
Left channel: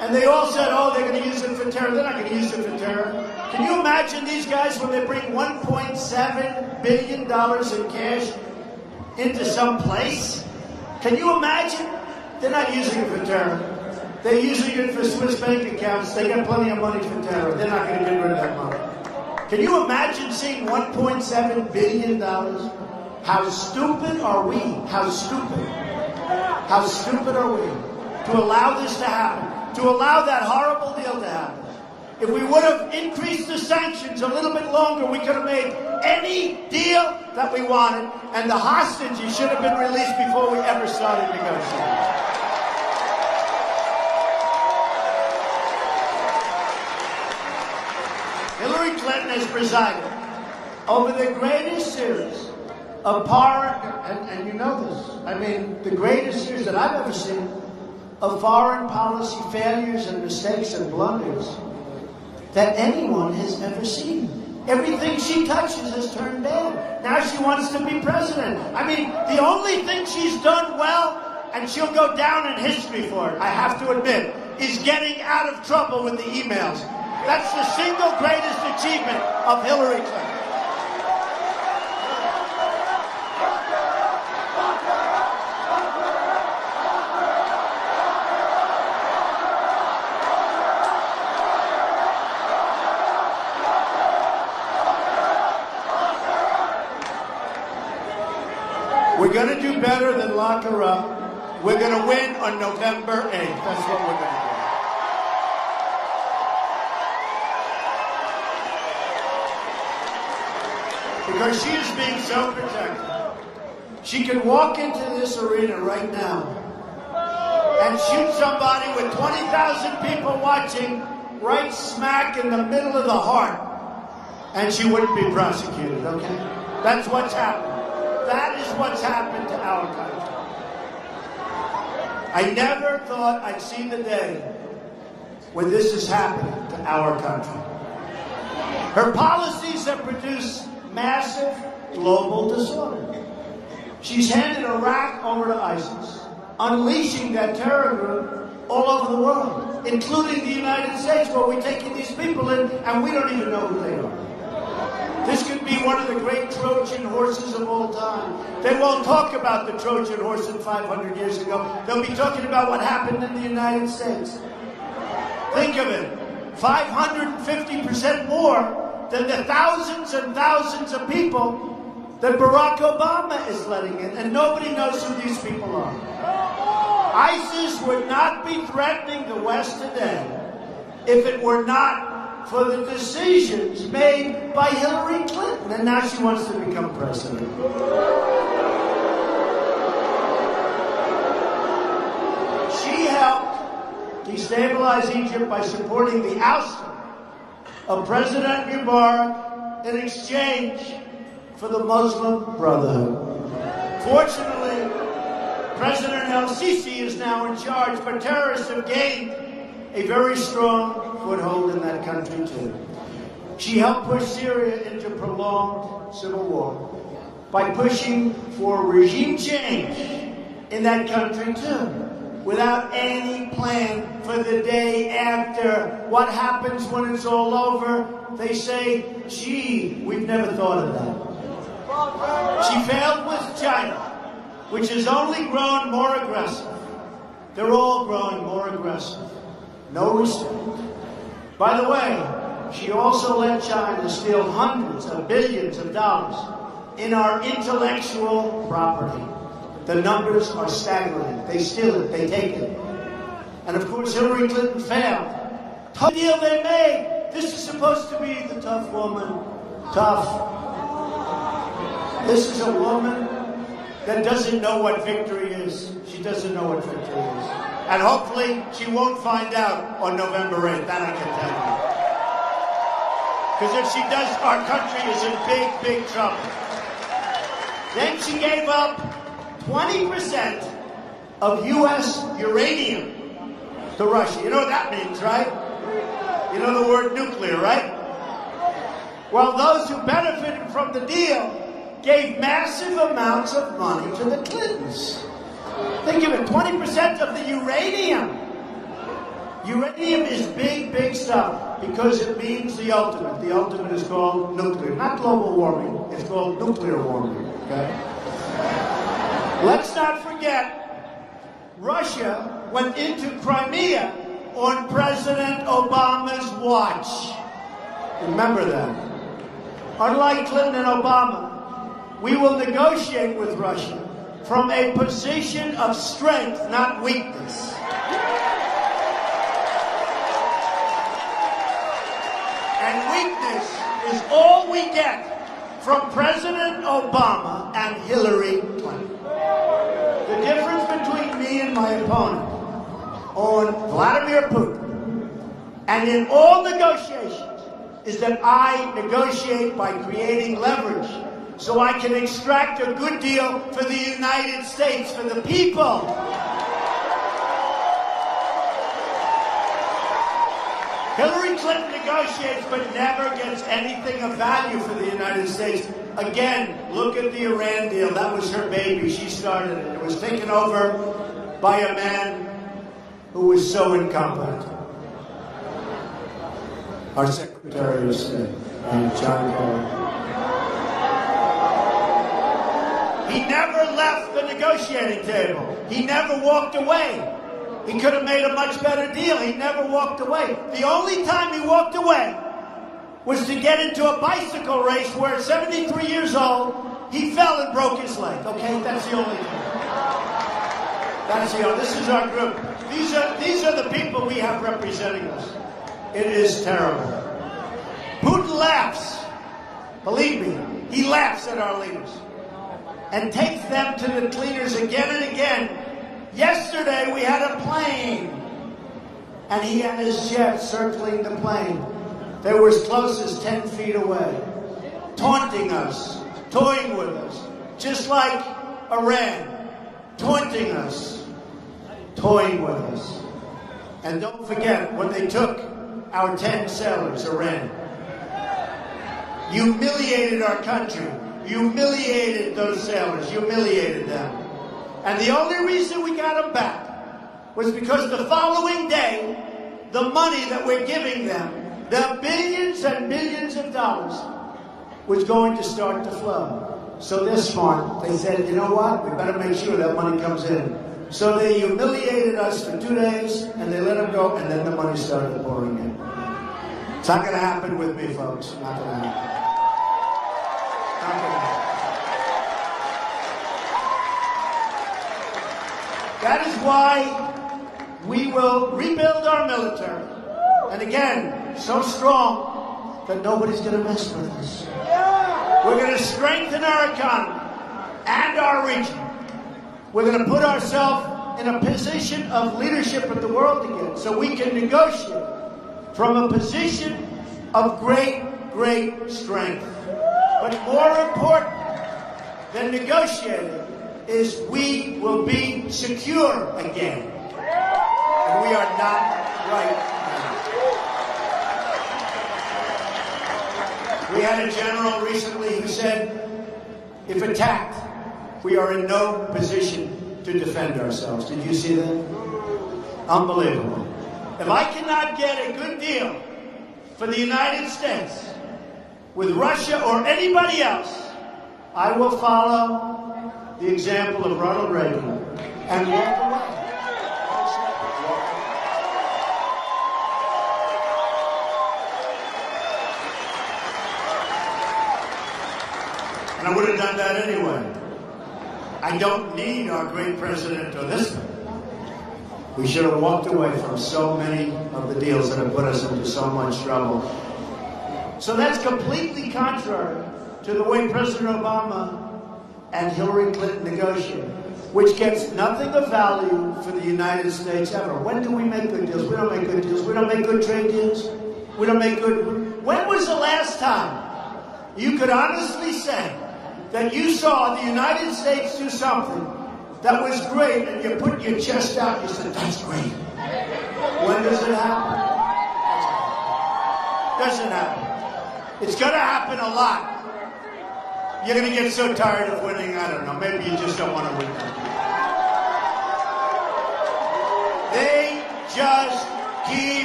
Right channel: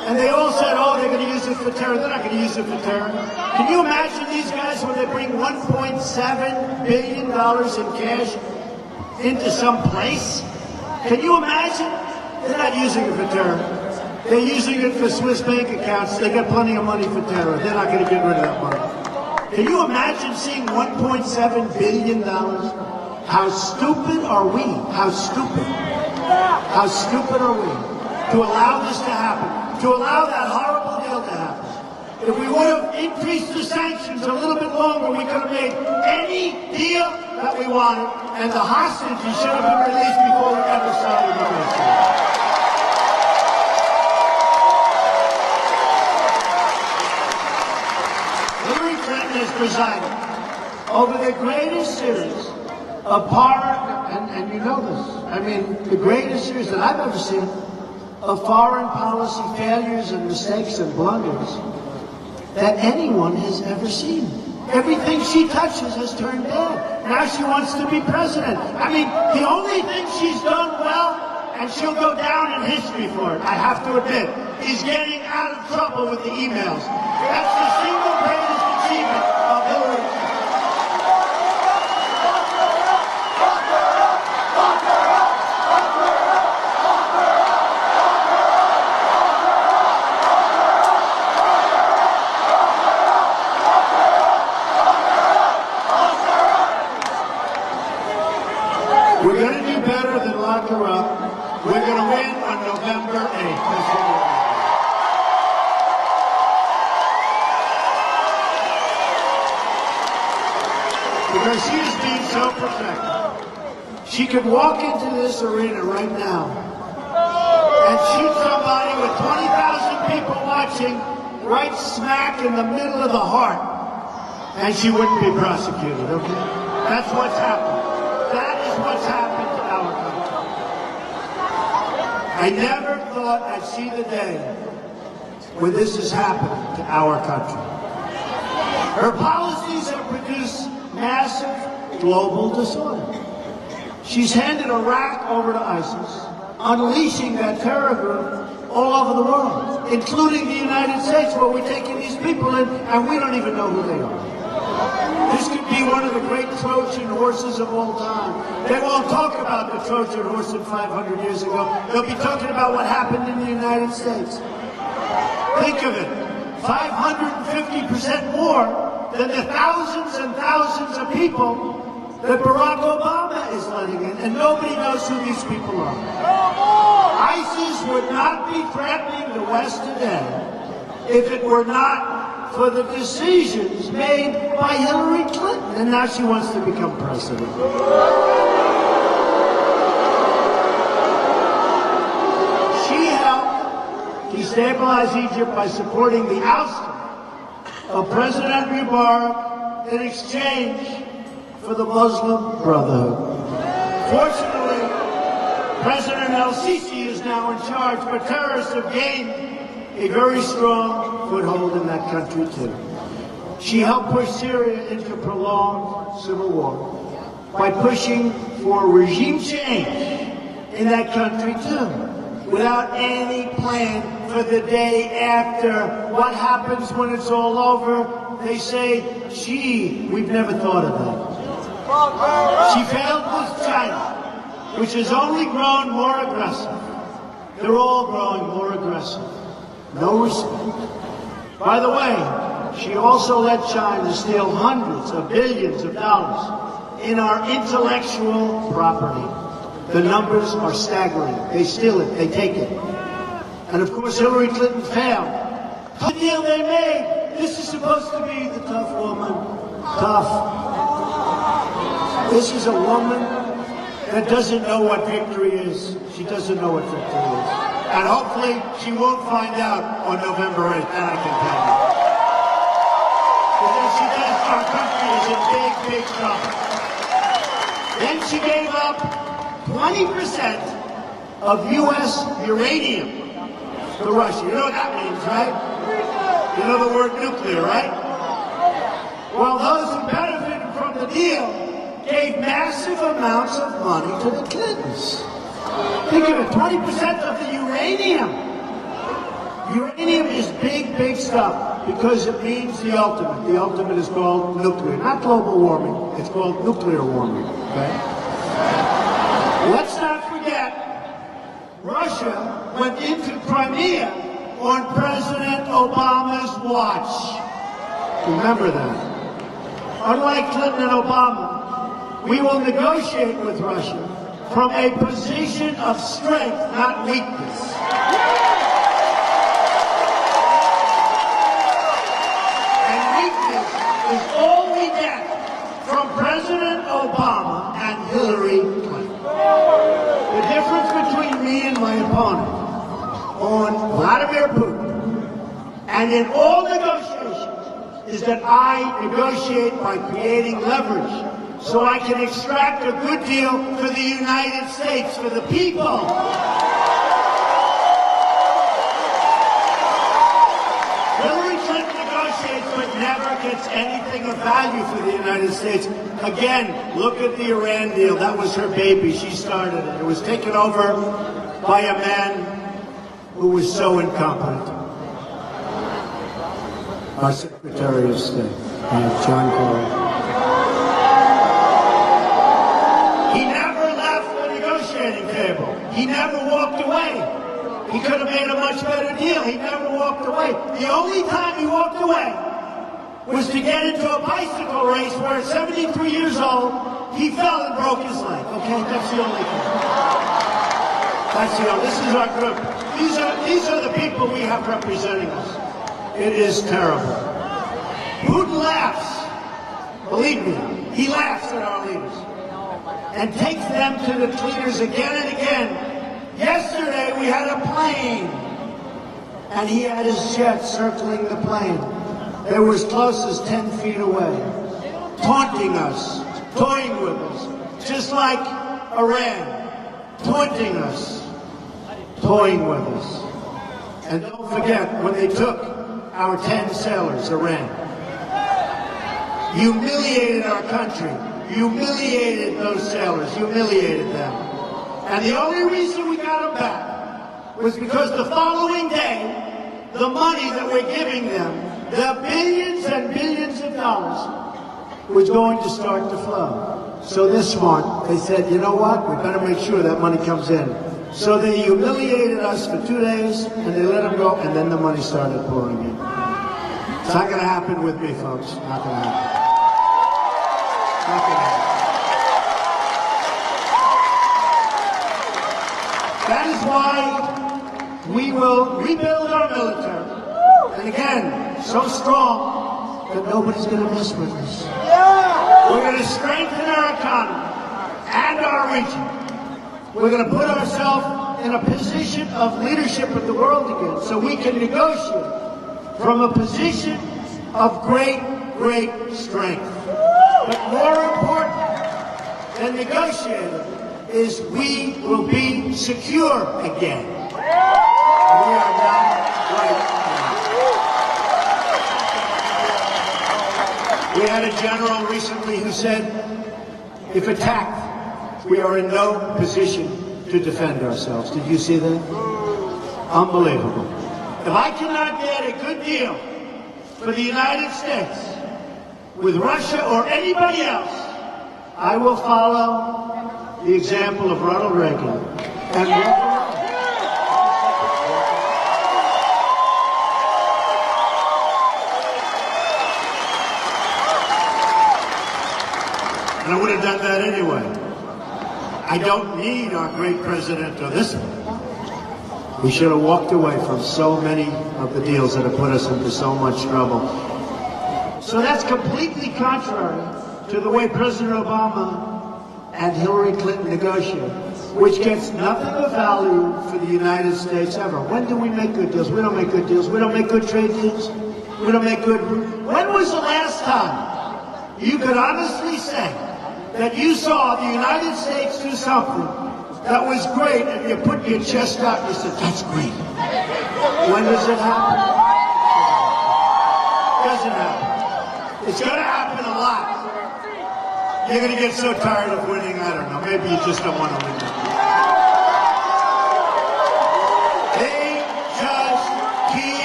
And they all said, oh, they're going to use it for terror. They're not going to use it for terror. Can you imagine these guys when they bring $1.7 billion in cash into some place? Can you imagine? They're not using it for terror. They're using it for Swiss bank accounts. They got plenty of money for terror. They're not going to get rid of that money. Can you imagine seeing $1.7 billion? How stupid are we? How stupid? How stupid are we to allow this to happen? To allow that horrible deal to happen? If we would have increased the sanctions a little bit longer, we could have made any deal that we wanted, and the hostages should have been released before we ever started negotiating. Hillary Clinton is presiding over the greatest series of foreign, and you know this, I mean, the greatest series that I've ever seen of foreign policy failures and mistakes and blunders that anyone has ever seen. Everything she touches has turned bad. Now she wants to be president. I mean, the only thing she's done well, and she'll go down in history for it, I have to admit, is getting out of trouble with the emails. That's the single greatest achievement of Hillary Clinton. We're going to do better than lock her up. We're going to win on November 8th. That's what we're going to do. Because she is being so protected. She could walk into this arena right now and shoot somebody with 20,000 people watching right smack in the middle of the heart, and she wouldn't be prosecuted, okay? That's what's happened. That is what's happened to our country. I never thought I'd see the day when this has happened to our country. Her policies have produced massive global disorder. She's handed Iraq over to ISIS, unleashing that terror group all over the world, including the United States, where we're taking these people in, and we don't even know who they are. This could be one of the great Trojan horses of all time. They won't talk about the Trojan horse of 500 years ago. They'll be talking about what happened in the United States. Think of it, 550% more than the thousands and thousands of people that Barack Obama is letting in, and nobody knows who these people are. ISIS would not be threatening the West today if it were not for the decisions made by Hillary Clinton, and now she wants to become president. She helped destabilize Egypt by supporting the ouster of President Mubarak in exchange for the Muslim Brotherhood. Fortunately, President El-Sisi is now in charge, but terrorists have gained a very strong foothold in that country, too. She helped push Syria into prolonged civil war by pushing for regime change in that country, too, without any plan for the day after. What happens when it's all over? They say, gee, we've never thought of that. She failed with China, which has only grown more aggressive. They're all growing more aggressive. No respect. By the way, she also let China steal hundreds of billions of dollars in our intellectual property. The numbers are staggering. They steal it, they take it. And of course, Hillary Clinton failed. The deal they made, this is supposed to be the tough woman. Tough. This is a woman that doesn't know what victory is. She doesn't know what victory is. And hopefully, she won't find out on November 8th. That I can tell you. Because if she does, our country is in big, big trouble. Then she gave up 20% of U.S. uranium to Russia. You know what that means, right? You know the word nuclear, right? Well, those who benefited from the deal gave massive amounts of money to the Clintons. They gave 20% of the uranium. Uranium is big, big stuff because it means the ultimate. The ultimate is called nuclear. Not global warming. It's called nuclear warming. Right? Let's not forget, Russia went into Crimea on President Obama's watch. Remember that. Unlike Clinton and Obama, we will negotiate with Russia from a position of strength, not weakness. And weakness is all we get from President Obama and Hillary Clinton. The difference between me and my opponent on Vladimir Putin and in all negotiations is that I negotiate by creating leverage so I can extract a good deal for the United States, for the people. Hillary Clinton negotiates but never gets anything of value for the United States. Again, look at the Iran deal. That was her baby. She started it. It was taken over by a man who was so incompetent. Our Secretary of State, John Kerry. He never left the negotiating table. He never walked away. He could have made a much better deal. He never walked away. The only time he walked away was to get into a bicycle race where at 73 years old, he fell and broke his leg. Okay, that's the only thing. That's the only. This is our group. These are the people we have representing us. It is terrible. Putin laughs. Believe me, he laughs at our leaders and takes them to the leaders again and again. Yesterday we had a plane, and he had his jet circling the plane. They were as close as 10 feet away, taunting us, toying with us, just like Iran, taunting us, toying with us. And don't forget, when they took our 10 sailors, Iran, humiliated our country, humiliated those sailors, humiliated them. And the only reason we got them back was because the following day, the money that we're giving them, the billions and billions of dollars, was going to start to flow. So this one, they said, you know what, we better make sure that money comes in. So they humiliated us for 2 days, and they let them go, and then the money started pouring in. It's not going to happen with me, folks. Not going to happen. Not going to happen. That is why we will rebuild our military. And again, so strong that nobody's going to mess with us. We're going to strengthen our economy and our region. We're going to put ourselves in a position of leadership of the world again so we can negotiate from a position of great, great strength. But more important than negotiating is we will be secure again. And we are not right now. We had a general recently who said, if attacked, we are in no position to defend ourselves. Did you see that? Unbelievable. If I cannot get a good deal for the United States with Russia or anybody else, I will follow the example of Ronald Reagan and walk away. I would have done that anyway. I don't need our great president to listen. We should have walked away from so many of the deals that have put us into so much trouble. So that's completely contrary to the way President Obama and Hillary Clinton negotiated, which gets nothing of value for the United States ever. When do we make good deals? We don't make good deals. We don't make good trade deals. We don't make good... When was the last time you could honestly say that you saw the United States do something that was great and you put your chest out and said, that's great? When does it happen? Doesn't happen. It's going to happen a lot. You're going to get so tired of winning, I don't know. Maybe you just don't want to win. They just keep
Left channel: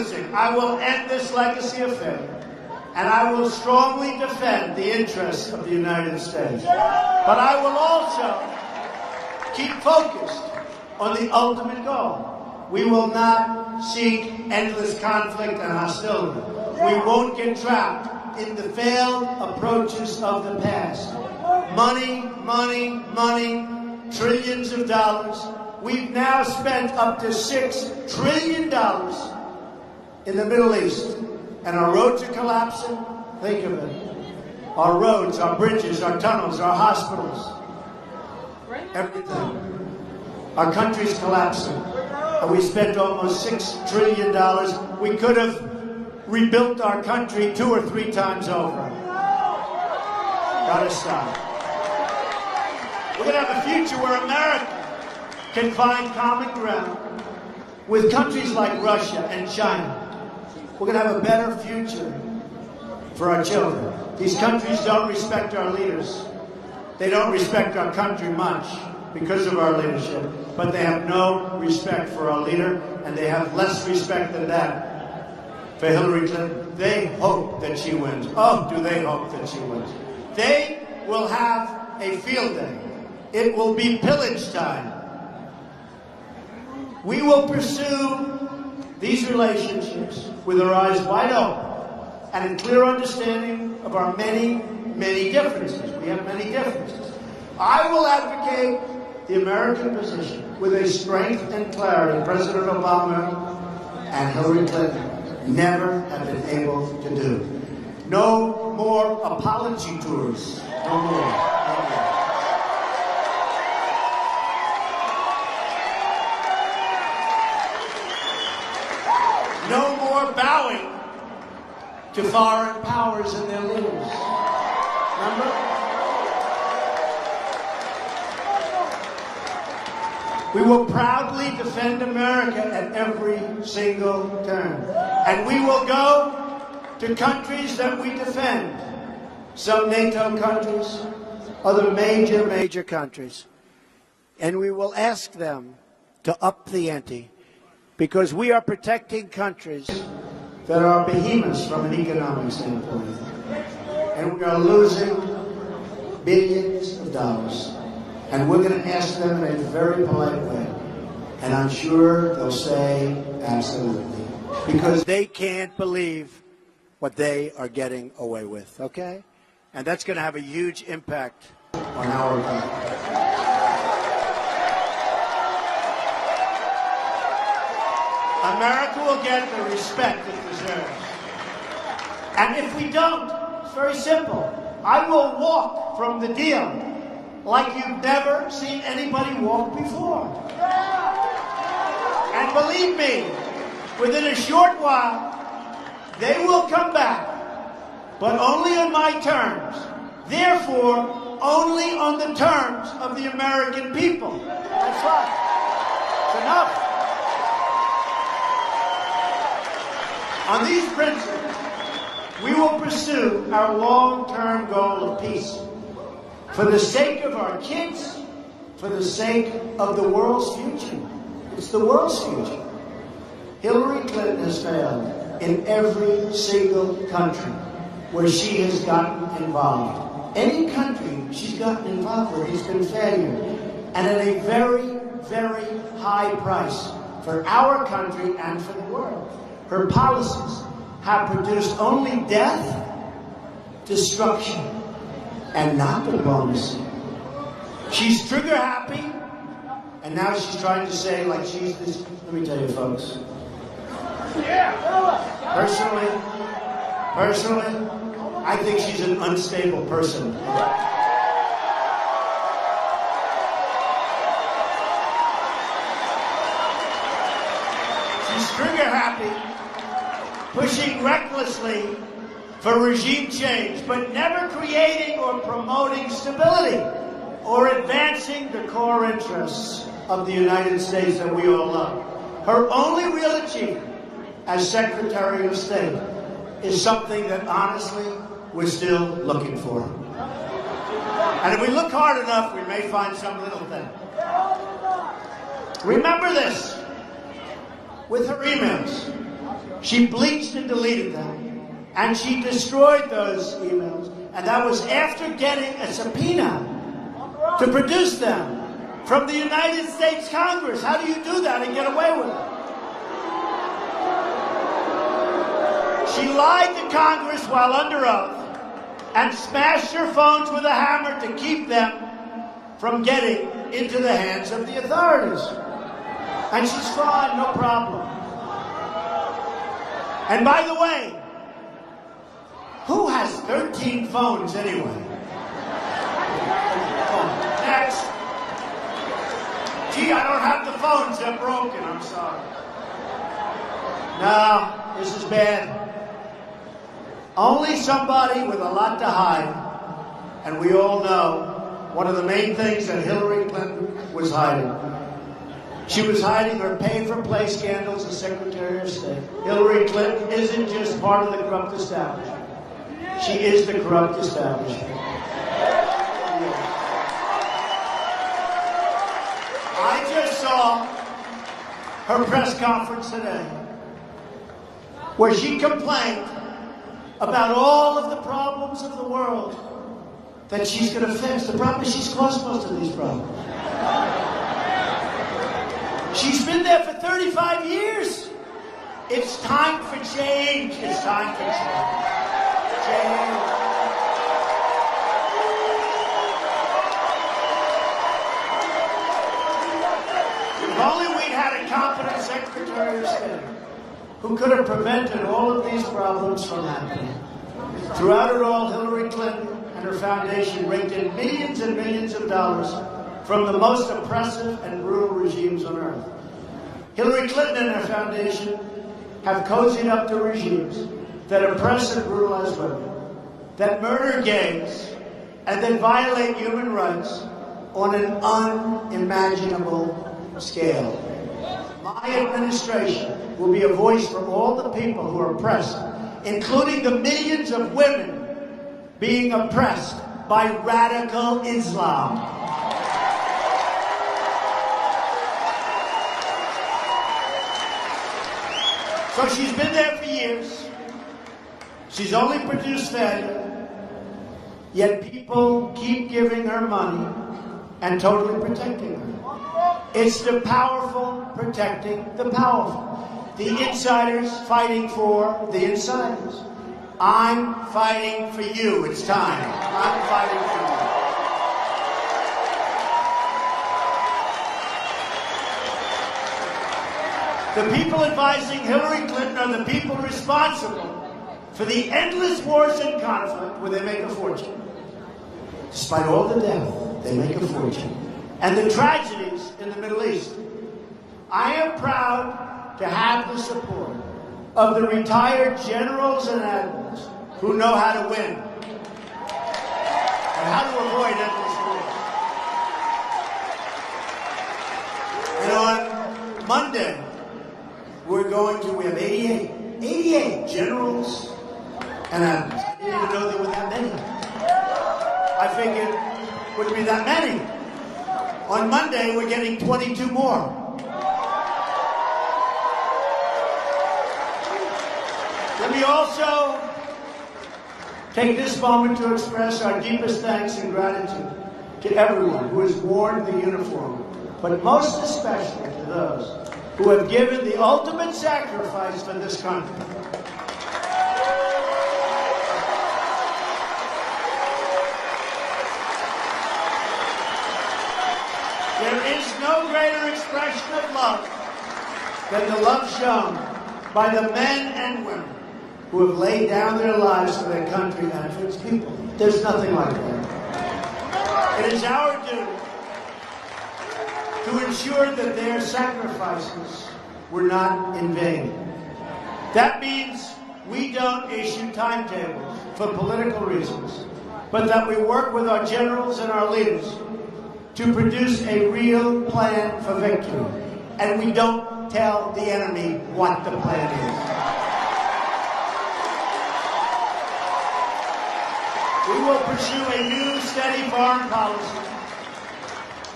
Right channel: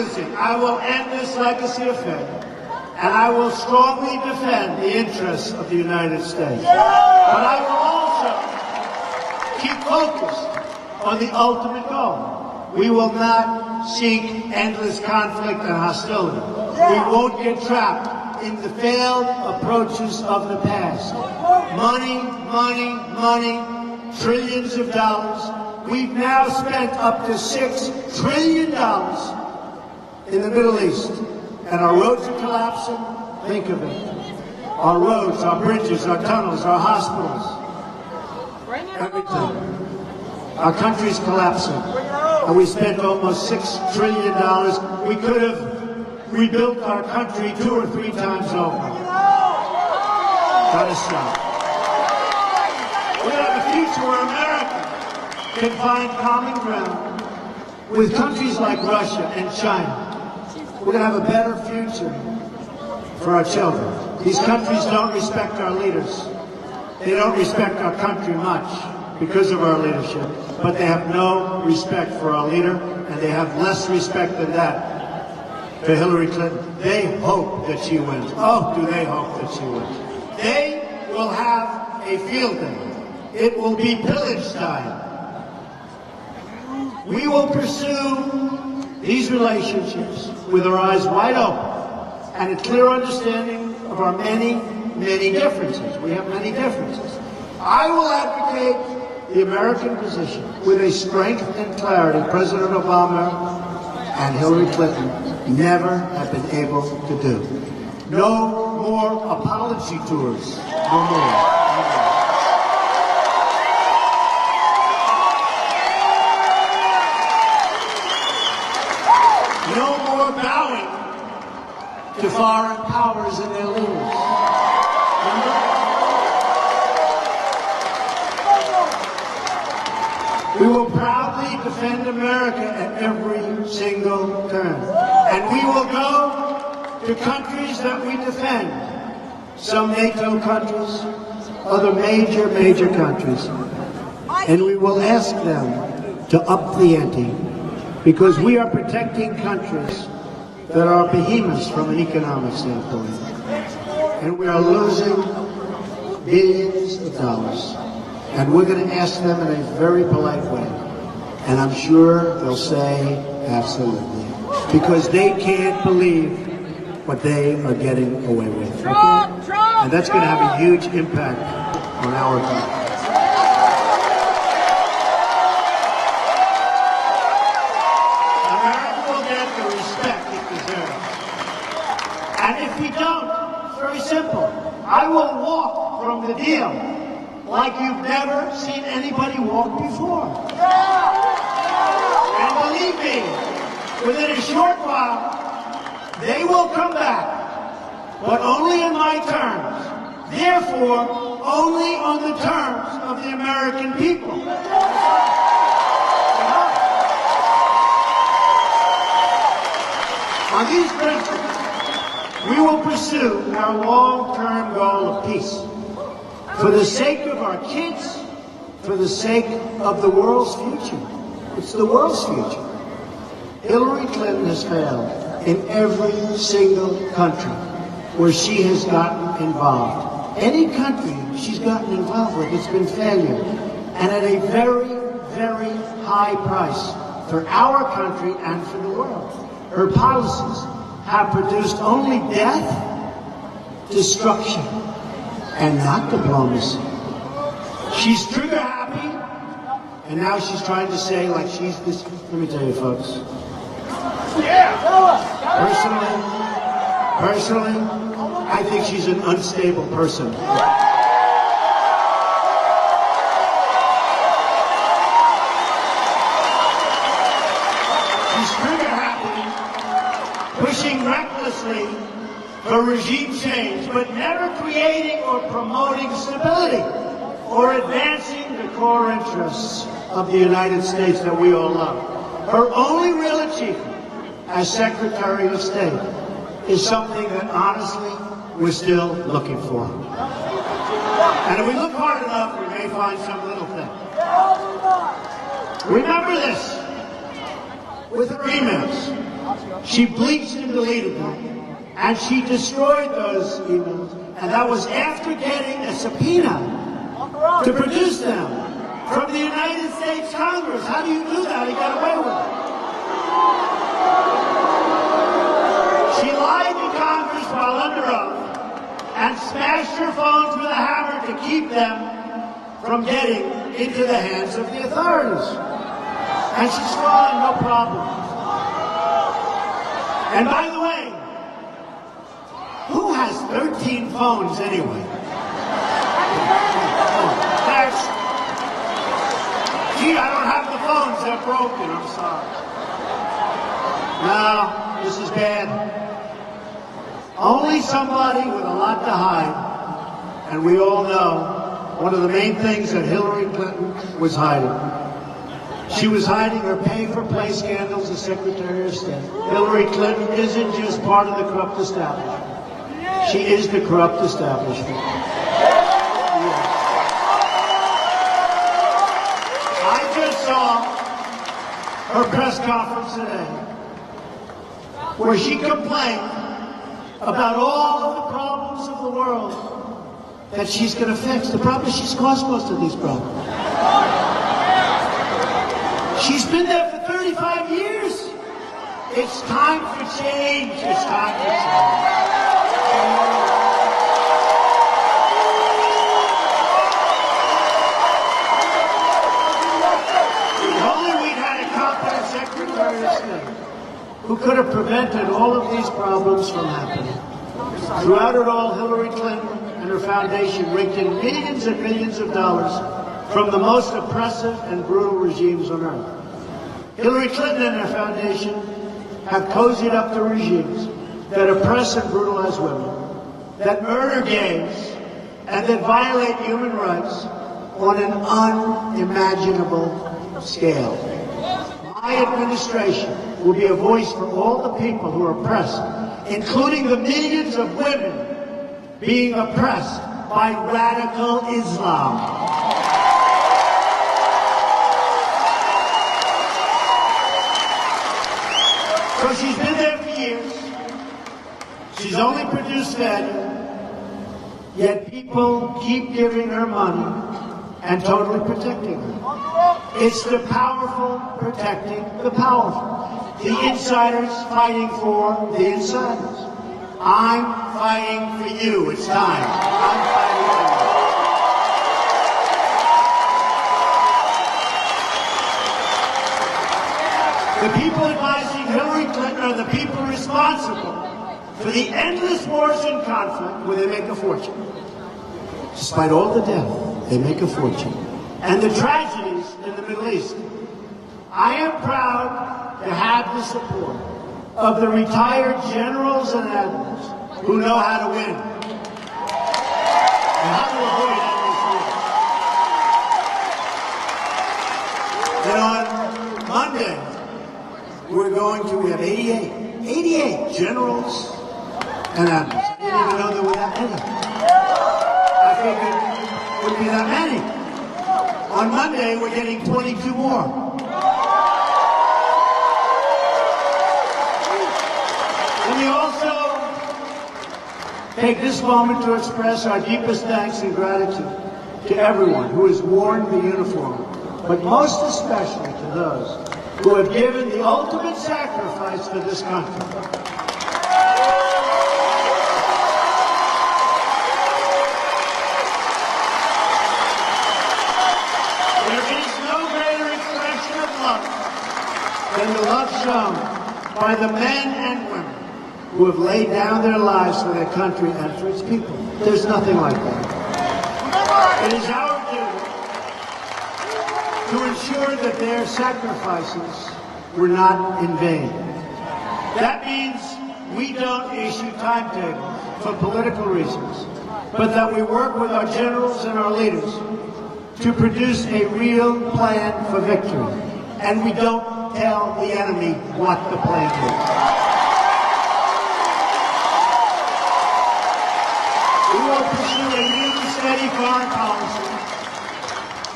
losing. I will end this legacy affair, and I will strongly defend the interests of the United States. But I will also keep focused on the ultimate goal. We will not seek endless conflict and hostility. We won't get trapped in the failed approaches of the past. Money, money, money, trillions of dollars. We've now spent up to $6 trillion in the Middle East, and our roads are collapsing. Think of it. Our roads, our bridges, our tunnels, our hospitals, everything. Our country is collapsing, and we spent almost $6 trillion. We could have rebuilt our country 2 or 3 times over. Gotta stop. We have a future where America can find common ground with countries like Russia and China. We're going to have a better future for our children. These countries don't respect our leaders. They don't respect our country much because of our leadership, but they have no respect for our leader, and they have less respect than that for Hillary Clinton. They hope that she wins. Oh, do they hope that she wins. They will have a field day. It will be pillage time. We will pursue these relationships with our eyes wide open and a clear understanding of our many, many differences. We have many differences. I will advocate the American position with a strength and clarity President Obama and Hillary Clinton never have been able to do. No more apology tours. No more. No more bowing to foreign powers and their leaders. We will proudly defend America at every single turn. And we will go to countries that we defend. Some NATO countries, other major countries. And we will ask them to up the ante. Because we are protecting countries that are behemoths from an economic standpoint. And we are losing billions of dollars. And we're going to ask them in a very polite way. And I'm sure they'll say absolutely. Because they can't believe what they are getting away with. And that's going to have a huge impact on our country. America will get the respect it deserves. And if we don't, it's very simple. I will walk from the deal like you've never seen anybody walk before. And believe me, within a short while, they will come back, but only in my terms. Therefore, only on the terms of the American people. That's right. Enough. On these principles, we will pursue our long-term goal of peace. For the sake of our kids, for the sake of the world's future. It's the world's future. Hillary Clinton has failed in every single country where she has gotten involved. Any country she's gotten involved with has been failure. And at a very, very high price for our country and for the world. Her policies have produced only death, destruction, and not diplomacy. She's trigger happy, and now she's trying to say like she's this. Let me tell you, folks. Personally, I think she's an unstable person. She's trigger happy, pushing recklessly for regime change, but never creating or promoting stability or advancing the core interests of the United States that we all love. Her only real achievement as Secretary of State is something that honestly we're still looking for. And if we look hard enough, we may find some little thing. Remember this, with her emails, She bleached and deleted them, and she destroyed those emails, and that was after getting a subpoena to produce them from the United States Congress. How do you do that and get away with it? She lied to Congress while under oath and smashed her phones with a hammer to keep them from getting into the hands of the authorities. And she saw no problem. And by the way, who has 13 phones anyway? Next. Gee, I don't have the phones, they're broken, I'm sorry. No, this is bad. Only somebody with a lot to hide, and we all know one of the main things that Hillary Clinton was hiding. She was hiding her pay-for-play scandals as Secretary of State. Hillary Clinton isn't just part of the corrupt establishment. She is the corrupt establishment. I just saw her press conference today, where she complained about all of the problems of the world that she's going to fix. The problem is she's caused most of these problems. She's been there for 35 years. It's time for change. It's time for change. If only we had a competent Secretary of State who could have prevented all of these problems from happening. Throughout her role, Hillary Clinton and her foundation raked in millions and millions of dollars from the most oppressive and brutal regimes on earth. Hillary Clinton and her foundation have cozied up to regimes that oppress and brutalize women, that murder gays, and that violate human rights on an unimaginable scale. My administration will be a voice for all the people who are oppressed, including the millions of women being oppressed by radical Islam. So she's been there for years. She's only produced failure, yet people keep giving her money and totally protecting her. It's the powerful protecting the powerful. The insiders fighting for the insiders. I'm fighting for you. It's time. I'm fighting for you. The people advising Hillary Clinton are the people responsible for the endless wars and conflict where they make a fortune. Despite all the death, they make a fortune. And the tragedies in the Middle East. I am proud to have the support of the retired generals and admirals who know how to win and how to avoid endless wars. On Monday, we have 88 generals and admirals. I didn't know there were that many. I figured it wouldn't be that many. On Monday, we're getting 22 more. We also take this moment to express our deepest thanks and gratitude to everyone who has worn the uniform, but most especially to those who have given the ultimate sacrifice to this country. There is no greater expression of love than the love shown by the men and women who have laid down their lives for their country and for its people. There's nothing like that. It is our duty to ensure that their sacrifices were not in vain. That means we don't issue timetables for political reasons, but that we work with our generals and our leaders to produce a real plan for victory. And we don't tell the enemy what the plan is. We will pursue a new, steady foreign policy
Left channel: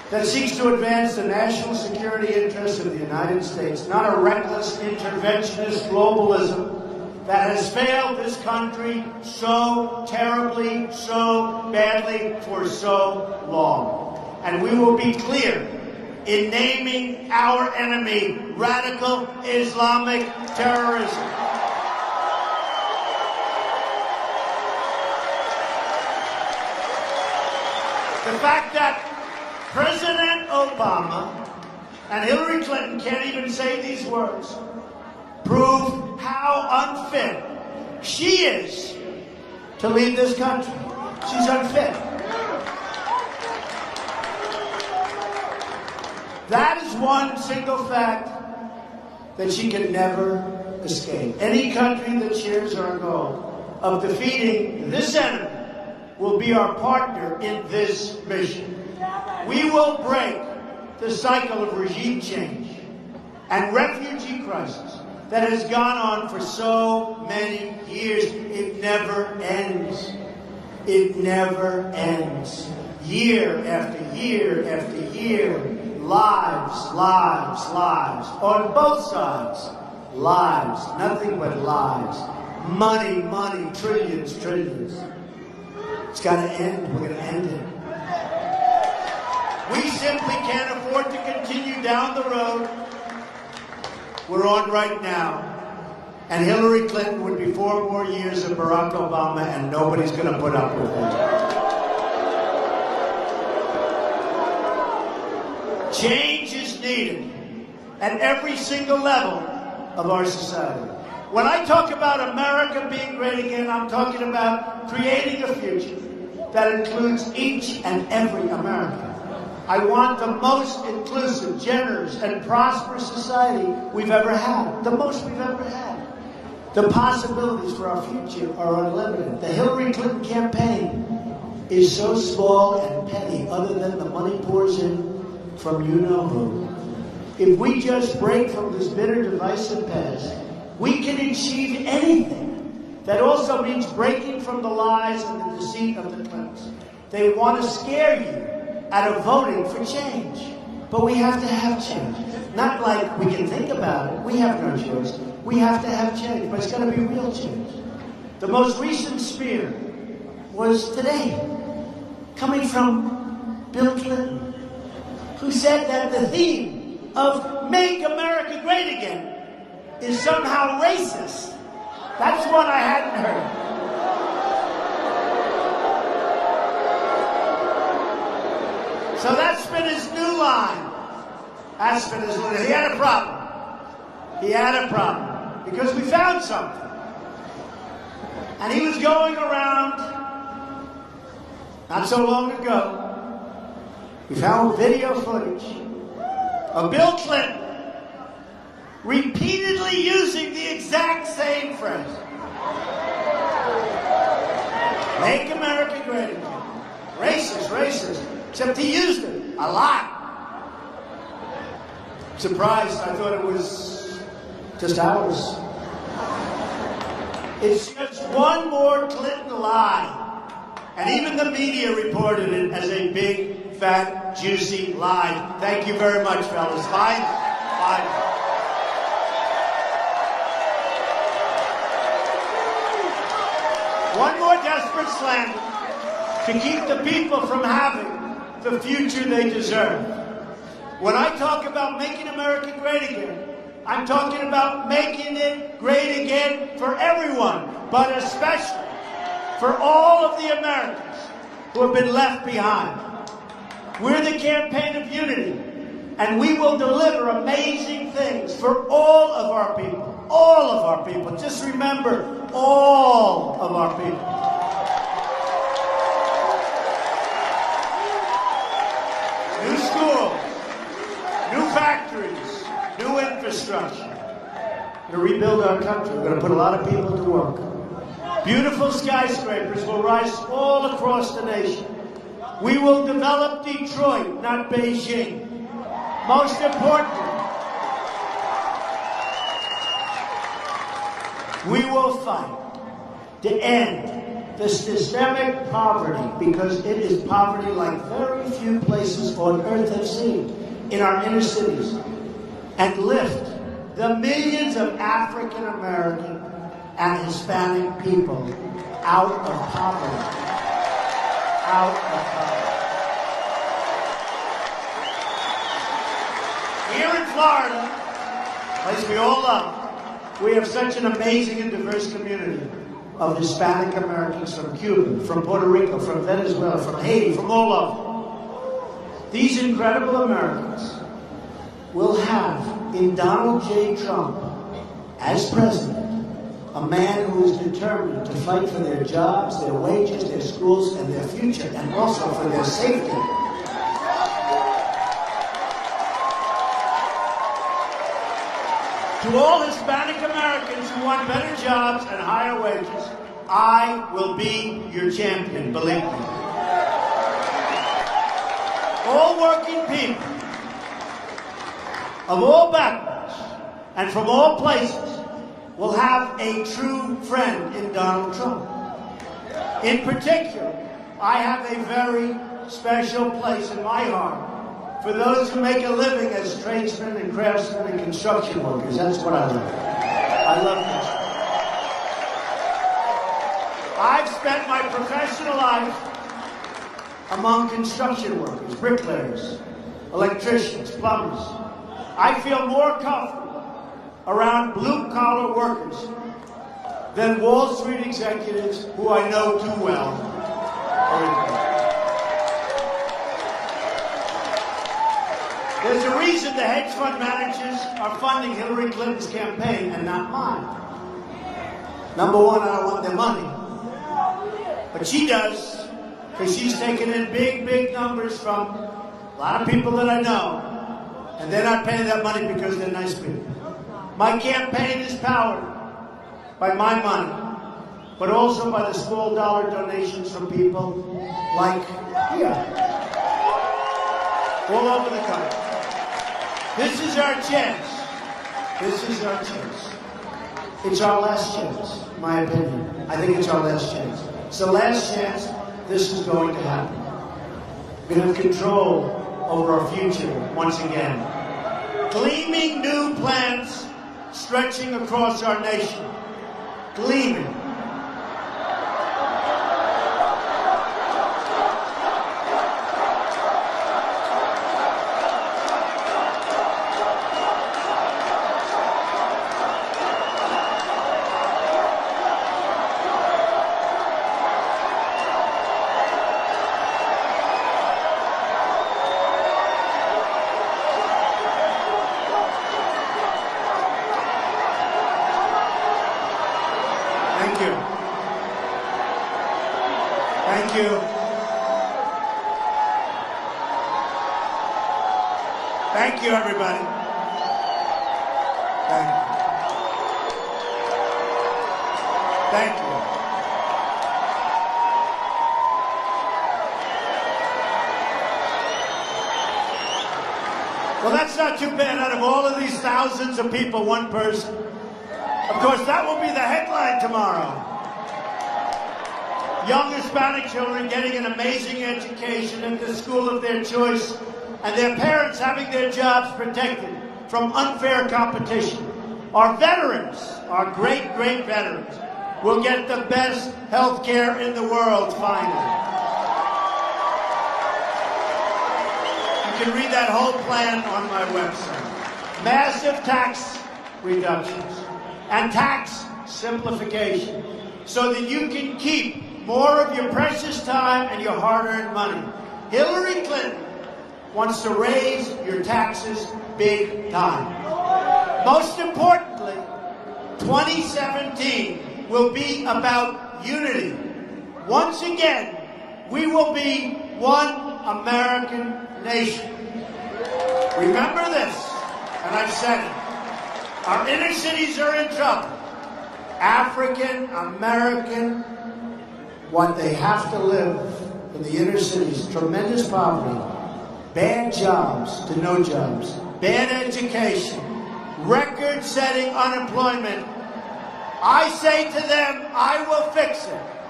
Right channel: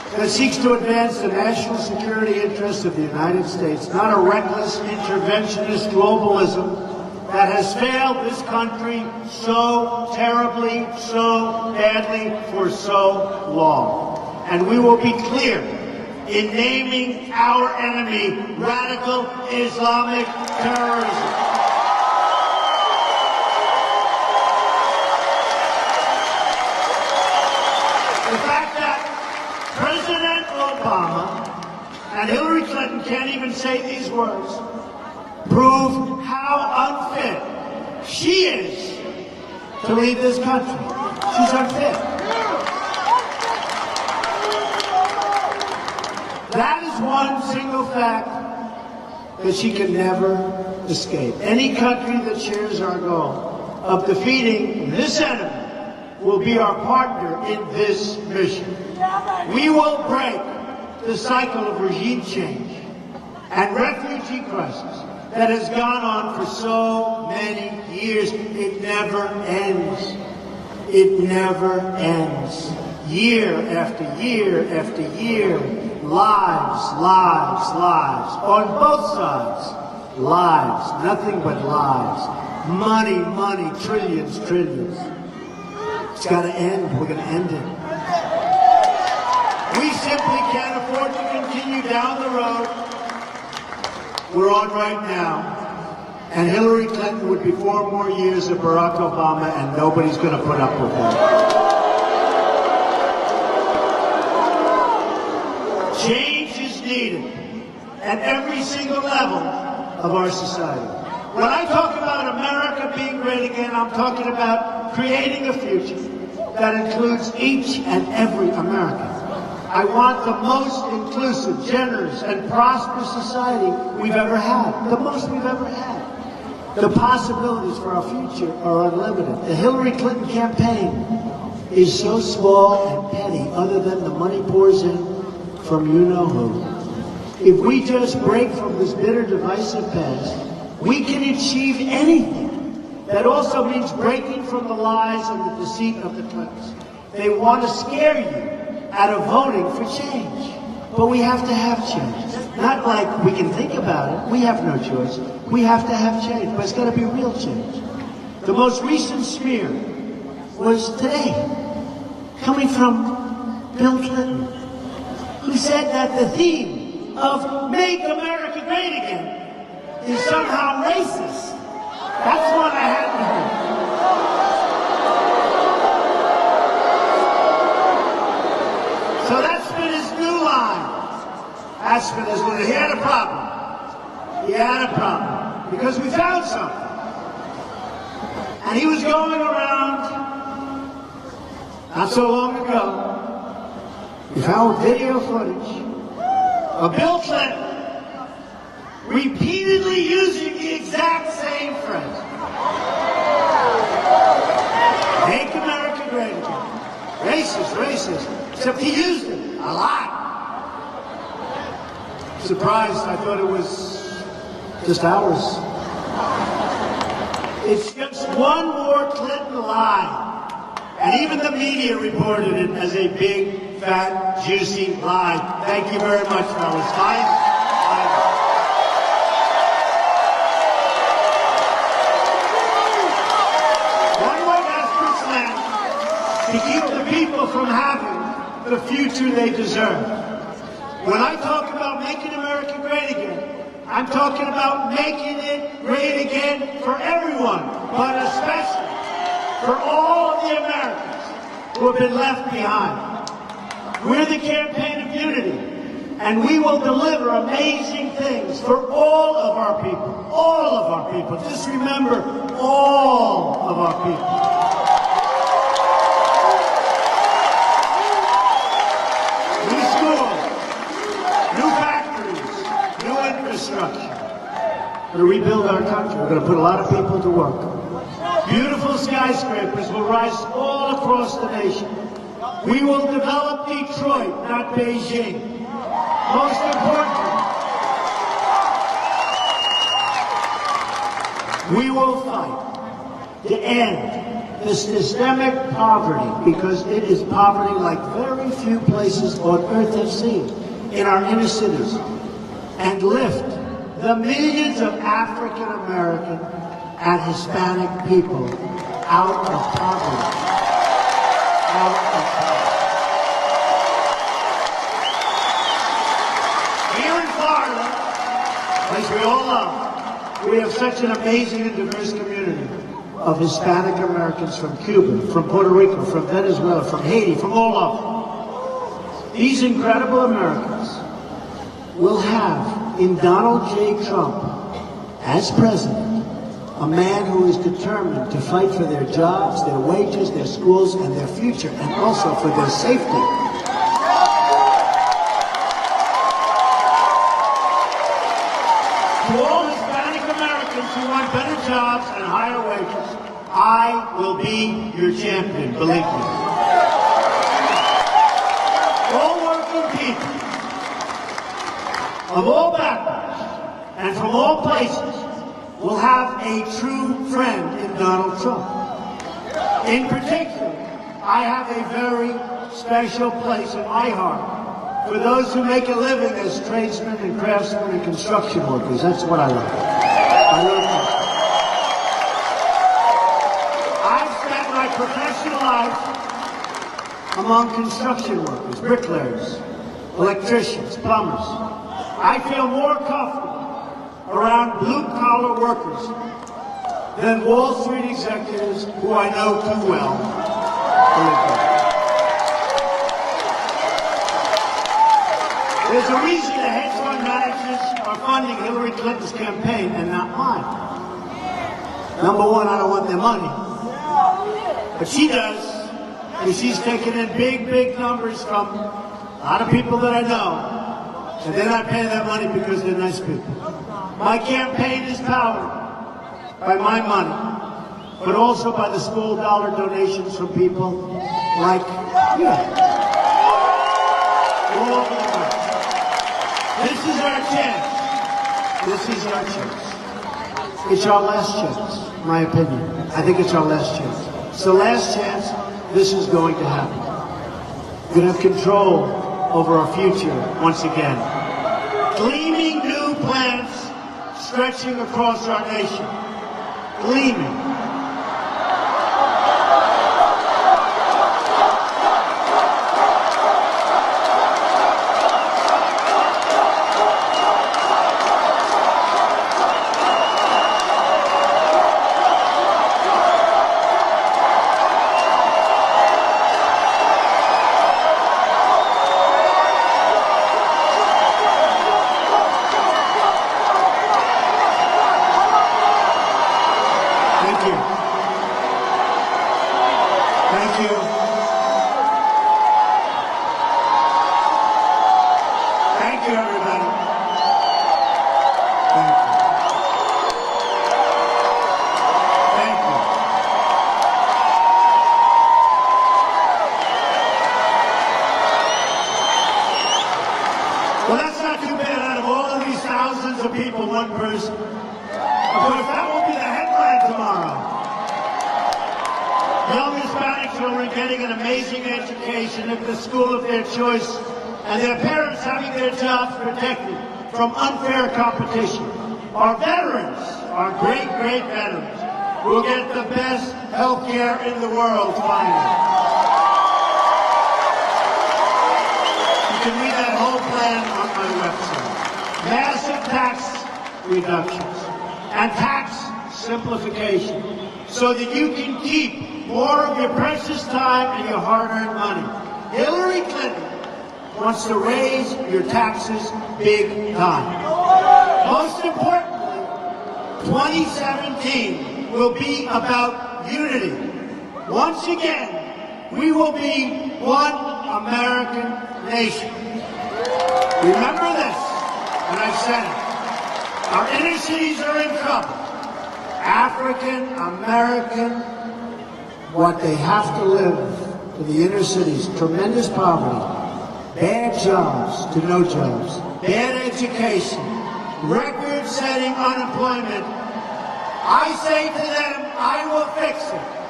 that seeks to advance the national security interests of the United States, not a reckless interventionist globalism that has failed this country so terribly, so badly for so long. And we will be clear in naming our enemy radical Islamic terrorism. The fact that President Obama and Hillary Clinton can't even say these words prove how unfit she is to lead this country. She's unfit. That is one single fact that she can never escape. Any country that shares our goal of defeating this enemy will be our partner in this mission. We will break the cycle of regime change and refugee crisis that has gone on for so many years. It never ends. It never ends. Year after year after year, lives, lives, lives, on both sides, lives, nothing but lives. Money, money, trillions, trillions. It's got to end. We're going to end it. We simply can't afford to continue down the road we're on right now. And Hillary Clinton would be 4 more years of Barack Obama, and nobody's going to put up with that. Change is needed at every single level of our society. When I talk about America being great again, I'm talking about creating a future that includes each and every American. I want the most inclusive, generous, and prosperous society we've ever had. The most we've ever had. The possibilities for our future are unlimited. The Hillary Clinton campaign is so small and petty, other than the money pours in from you-know-who. If we just break from this bitter, divisive past, we can achieve anything. That also means breaking from the lies and the deceit of the Clintons. They want to scare you out of voting for change. But we have to have change. Not like we can think about it. We have no choice. We have to have change, but it's got to be real change. The most recent smear was today, coming from Bill Clinton, who said that the theme of Make America Great Again is somehow racist. That's what I hadn't heard. So that's been his new line. That's been his new. He had a problem. He had a problem. Because we found something. And he was going around, not so long ago, we found video footage of Bill Clinton repeatedly using the exact same phrase. Make America great again. Racist, racist. Except he used it a lot. Surprised, I thought it was just ours. It's just one more Clinton lie. And even the media reported it as a big, fat, juicy lie. Thank you very much, fellas. Bye. One more desperate slam to keep the people from having the future they deserve. When I talk about making America great again, I'm talking about making it great again for everyone, but especially for all of the Americans who have been left behind. We're the campaign of unity, and we will deliver amazing things for all of our people. All of our people. Just remember, all of our people. New schools, new factories, new infrastructure. To rebuild our country, we're going to put a lot of people to work. Beautiful skyscrapers will rise all across the nation. We will develop Detroit, not Beijing. Most importantly, we will fight to end the systemic poverty, because it is poverty like very few places on earth have seen in our inner cities, and lift the millions of African American and Hispanic people out of poverty. Out of poverty. Here in Florida, as we all love, we have such an amazing and diverse community of Hispanic Americans from Cuba, from Puerto Rico, from Venezuela, from Haiti, from all over. These incredible Americans will have in Donald J. Trump as president a man who is determined to fight for their jobs, their wages, their schools, and their future, and also for their safety. To all Hispanic Americans who want better jobs and higher wages, I will be your champion, believe me. All working people of all backgrounds and from all places will have a true friend in Donald Trump. In particular, I have a very special place in my heart for those who make a living as tradesmen and craftsmen and construction workers. That's what I love. I love that. I've spent my professional life among construction workers, bricklayers, electricians, plumbers. I feel more comfortable around blue-collar workers than Wall Street executives who I know too well. There's a reason the hedge fund managers are funding Hillary Clinton's campaign and not mine. Number one, I don't want their money. But she does, and she's taking in big, big numbers from a lot of people that I know, and they're not paying that money because they're nice people. My campaign is powered by my money, but also by the small dollar donations from people like you. All over the world. This is our chance. This is our chance. It's our last chance, my opinion. I think it's our last chance. It's the last chance this is going to happen. We're going to have control over our future once again. Gleaming new plans stretching across our nation. Gleaming. Thank you. Thank you. Thank you, everybody. Thank you. Thank you. Well, that's not too bad. Out of all of these thousands of people, one person. Of course, that won't be the headline tomorrow. Young Hispanic children getting an amazing education at the school of their choice, and their parents having their jobs protected from unfair competition. Our veterans, our great, great veterans, will get the best health care in the world, finally. You can read that whole plan on my website. Massive tax reductions and tax simplification so that you can keep more of your precious time and your hard-earned money. Hillary Clinton wants to raise your taxes big time. Most importantly, 2017 will be about unity. Once again, we will be one American nation. Remember this, and I've said it. Our inner cities are in trouble. African American, what they have to live in the inner cities, tremendous poverty, bad jobs to no jobs, bad education, record-setting unemployment. I say to them, I will fix it.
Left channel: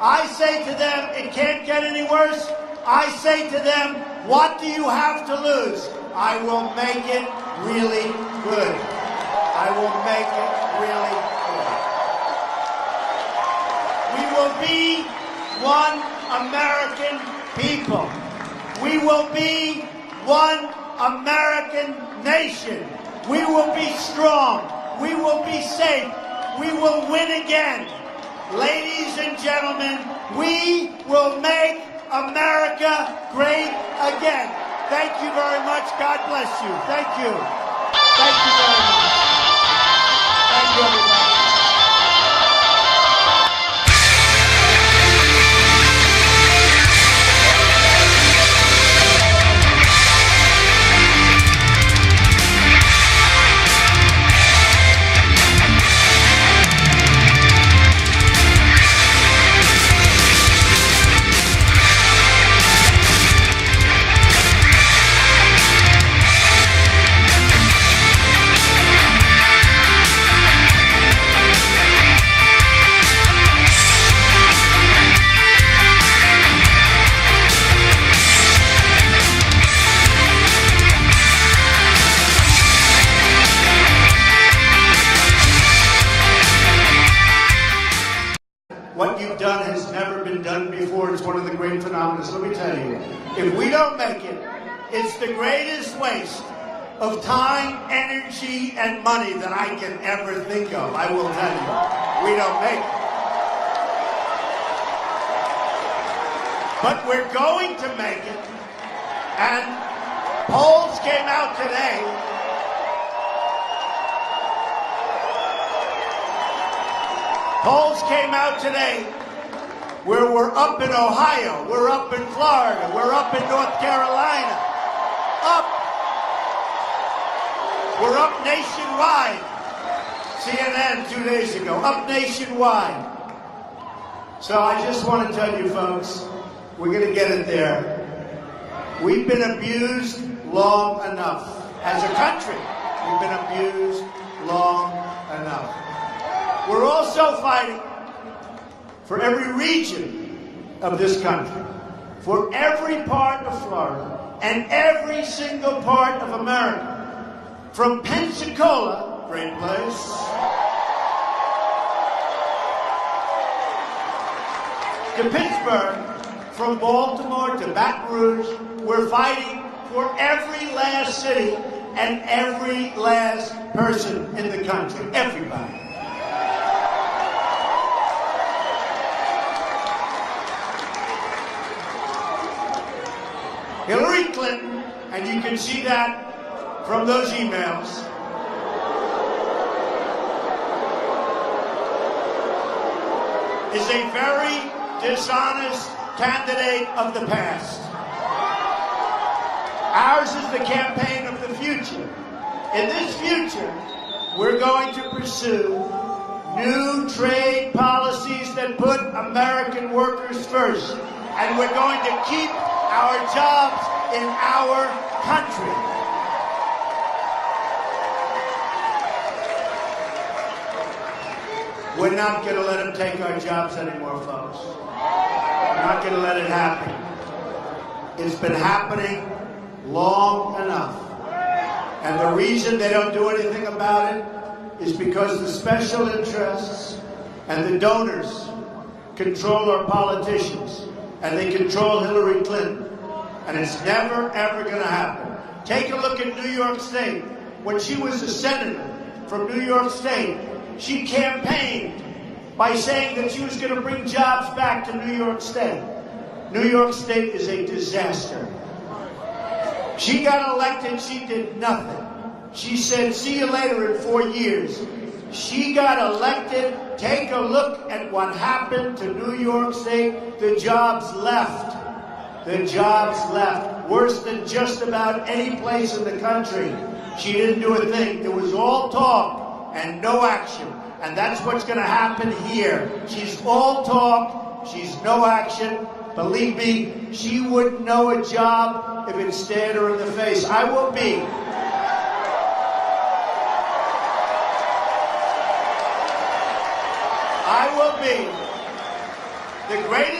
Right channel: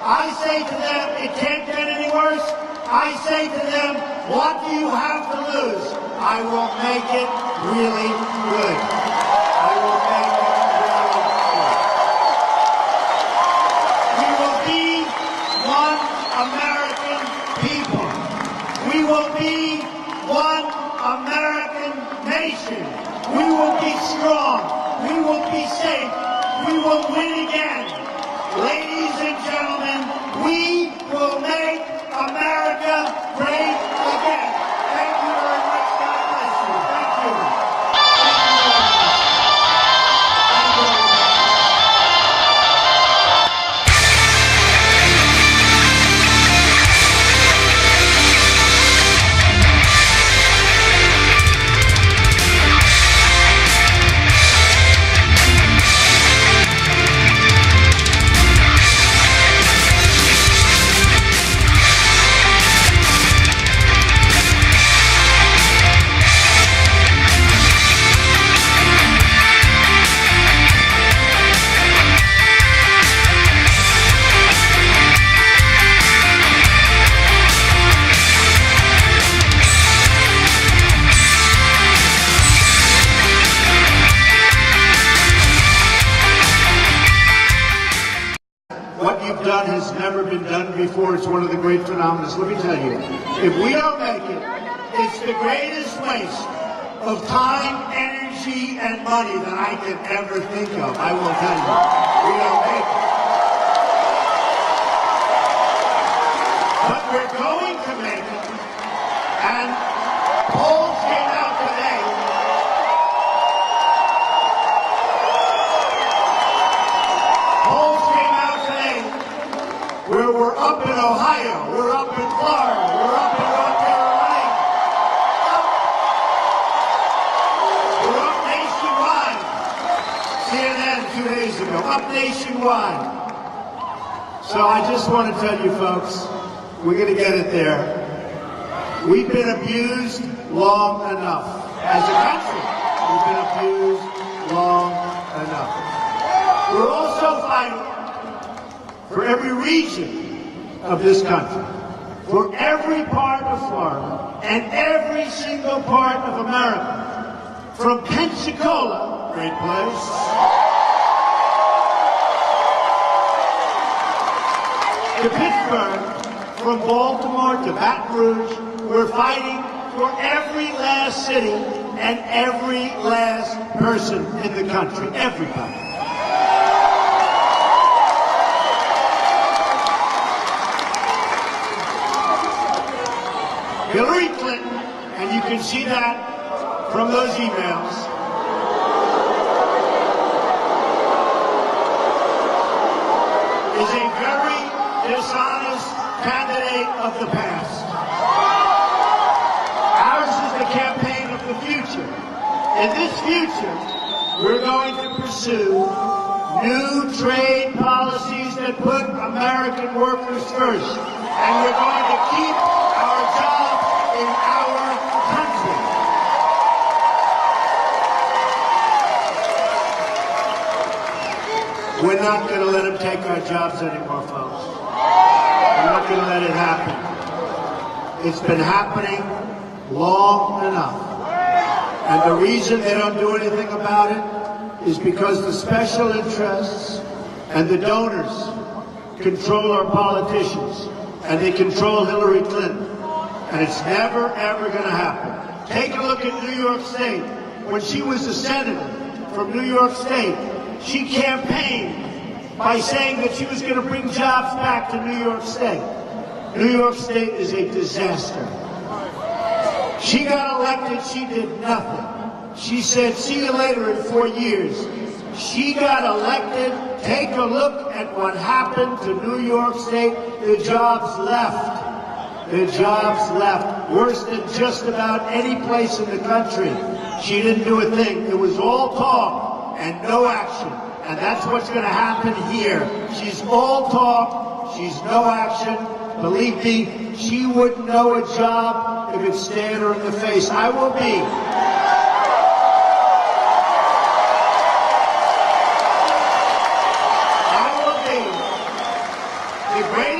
I say to them, it can't get any worse. I say to them, what do you have to lose? I will make it really good. I will make it really good. We will be one American people. We will be one American nation. We will be strong. We will be safe. We will win again. Ladies and gentlemen, we will make America great again. Thank you very much. God bless you. Thank you. Thank you very much. Thank you very much. What you've done has never been done before. It's one of the great phenomena. So let me tell you, if we don't make it, it's the greatest waste of time, energy, and money that I can ever think of. I will tell you, we don't make it. But we're going to make it. And polls came out today. Polls came out today where we're up in Ohio, we're up in Florida, we're up in North Carolina, we're up nationwide. CNN 2 days ago, up nationwide. So I just want to tell you folks, we're going to get it there. We've been abused long enough. As a country, we've been abused long enough. We're also fighting for every region of this country, for every part of Florida, and every single part of America. From Pensacola, great place, to Pittsburgh, from Baltimore to Baton Rouge, we're fighting for every last city and every last person in the country, everybody. Hillary Clinton, and you can see that from those emails, is a very dishonest candidate of the past. Ours is the campaign of the future. In this future, we're going to pursue new trade policies that put American workers first. And we're going to keep our jobs in our country. We're not going to let them take our jobs anymore, folks. We're not going to let it happen. It's been happening long enough. And the reason they don't do anything about it is because the special interests and the donors control our politicians. And they control Hillary Clinton. And it's never, ever going to happen. Take a look at New York State. When she was a senator from New York State, she campaigned by saying that she was going to bring jobs back to New York State. New York State is a disaster. She got elected, she did nothing. She said, see you later in 4 years. She got elected. Take a look at what happened to New York State. The jobs left. The jobs left. Worse than just about any place in the country. She didn't do a thing. It was all talk and no action. And that's what's going to happen here. She's all talk. She's no action. Believe me, she wouldn't know a job if it stared her in the face. I will be. The great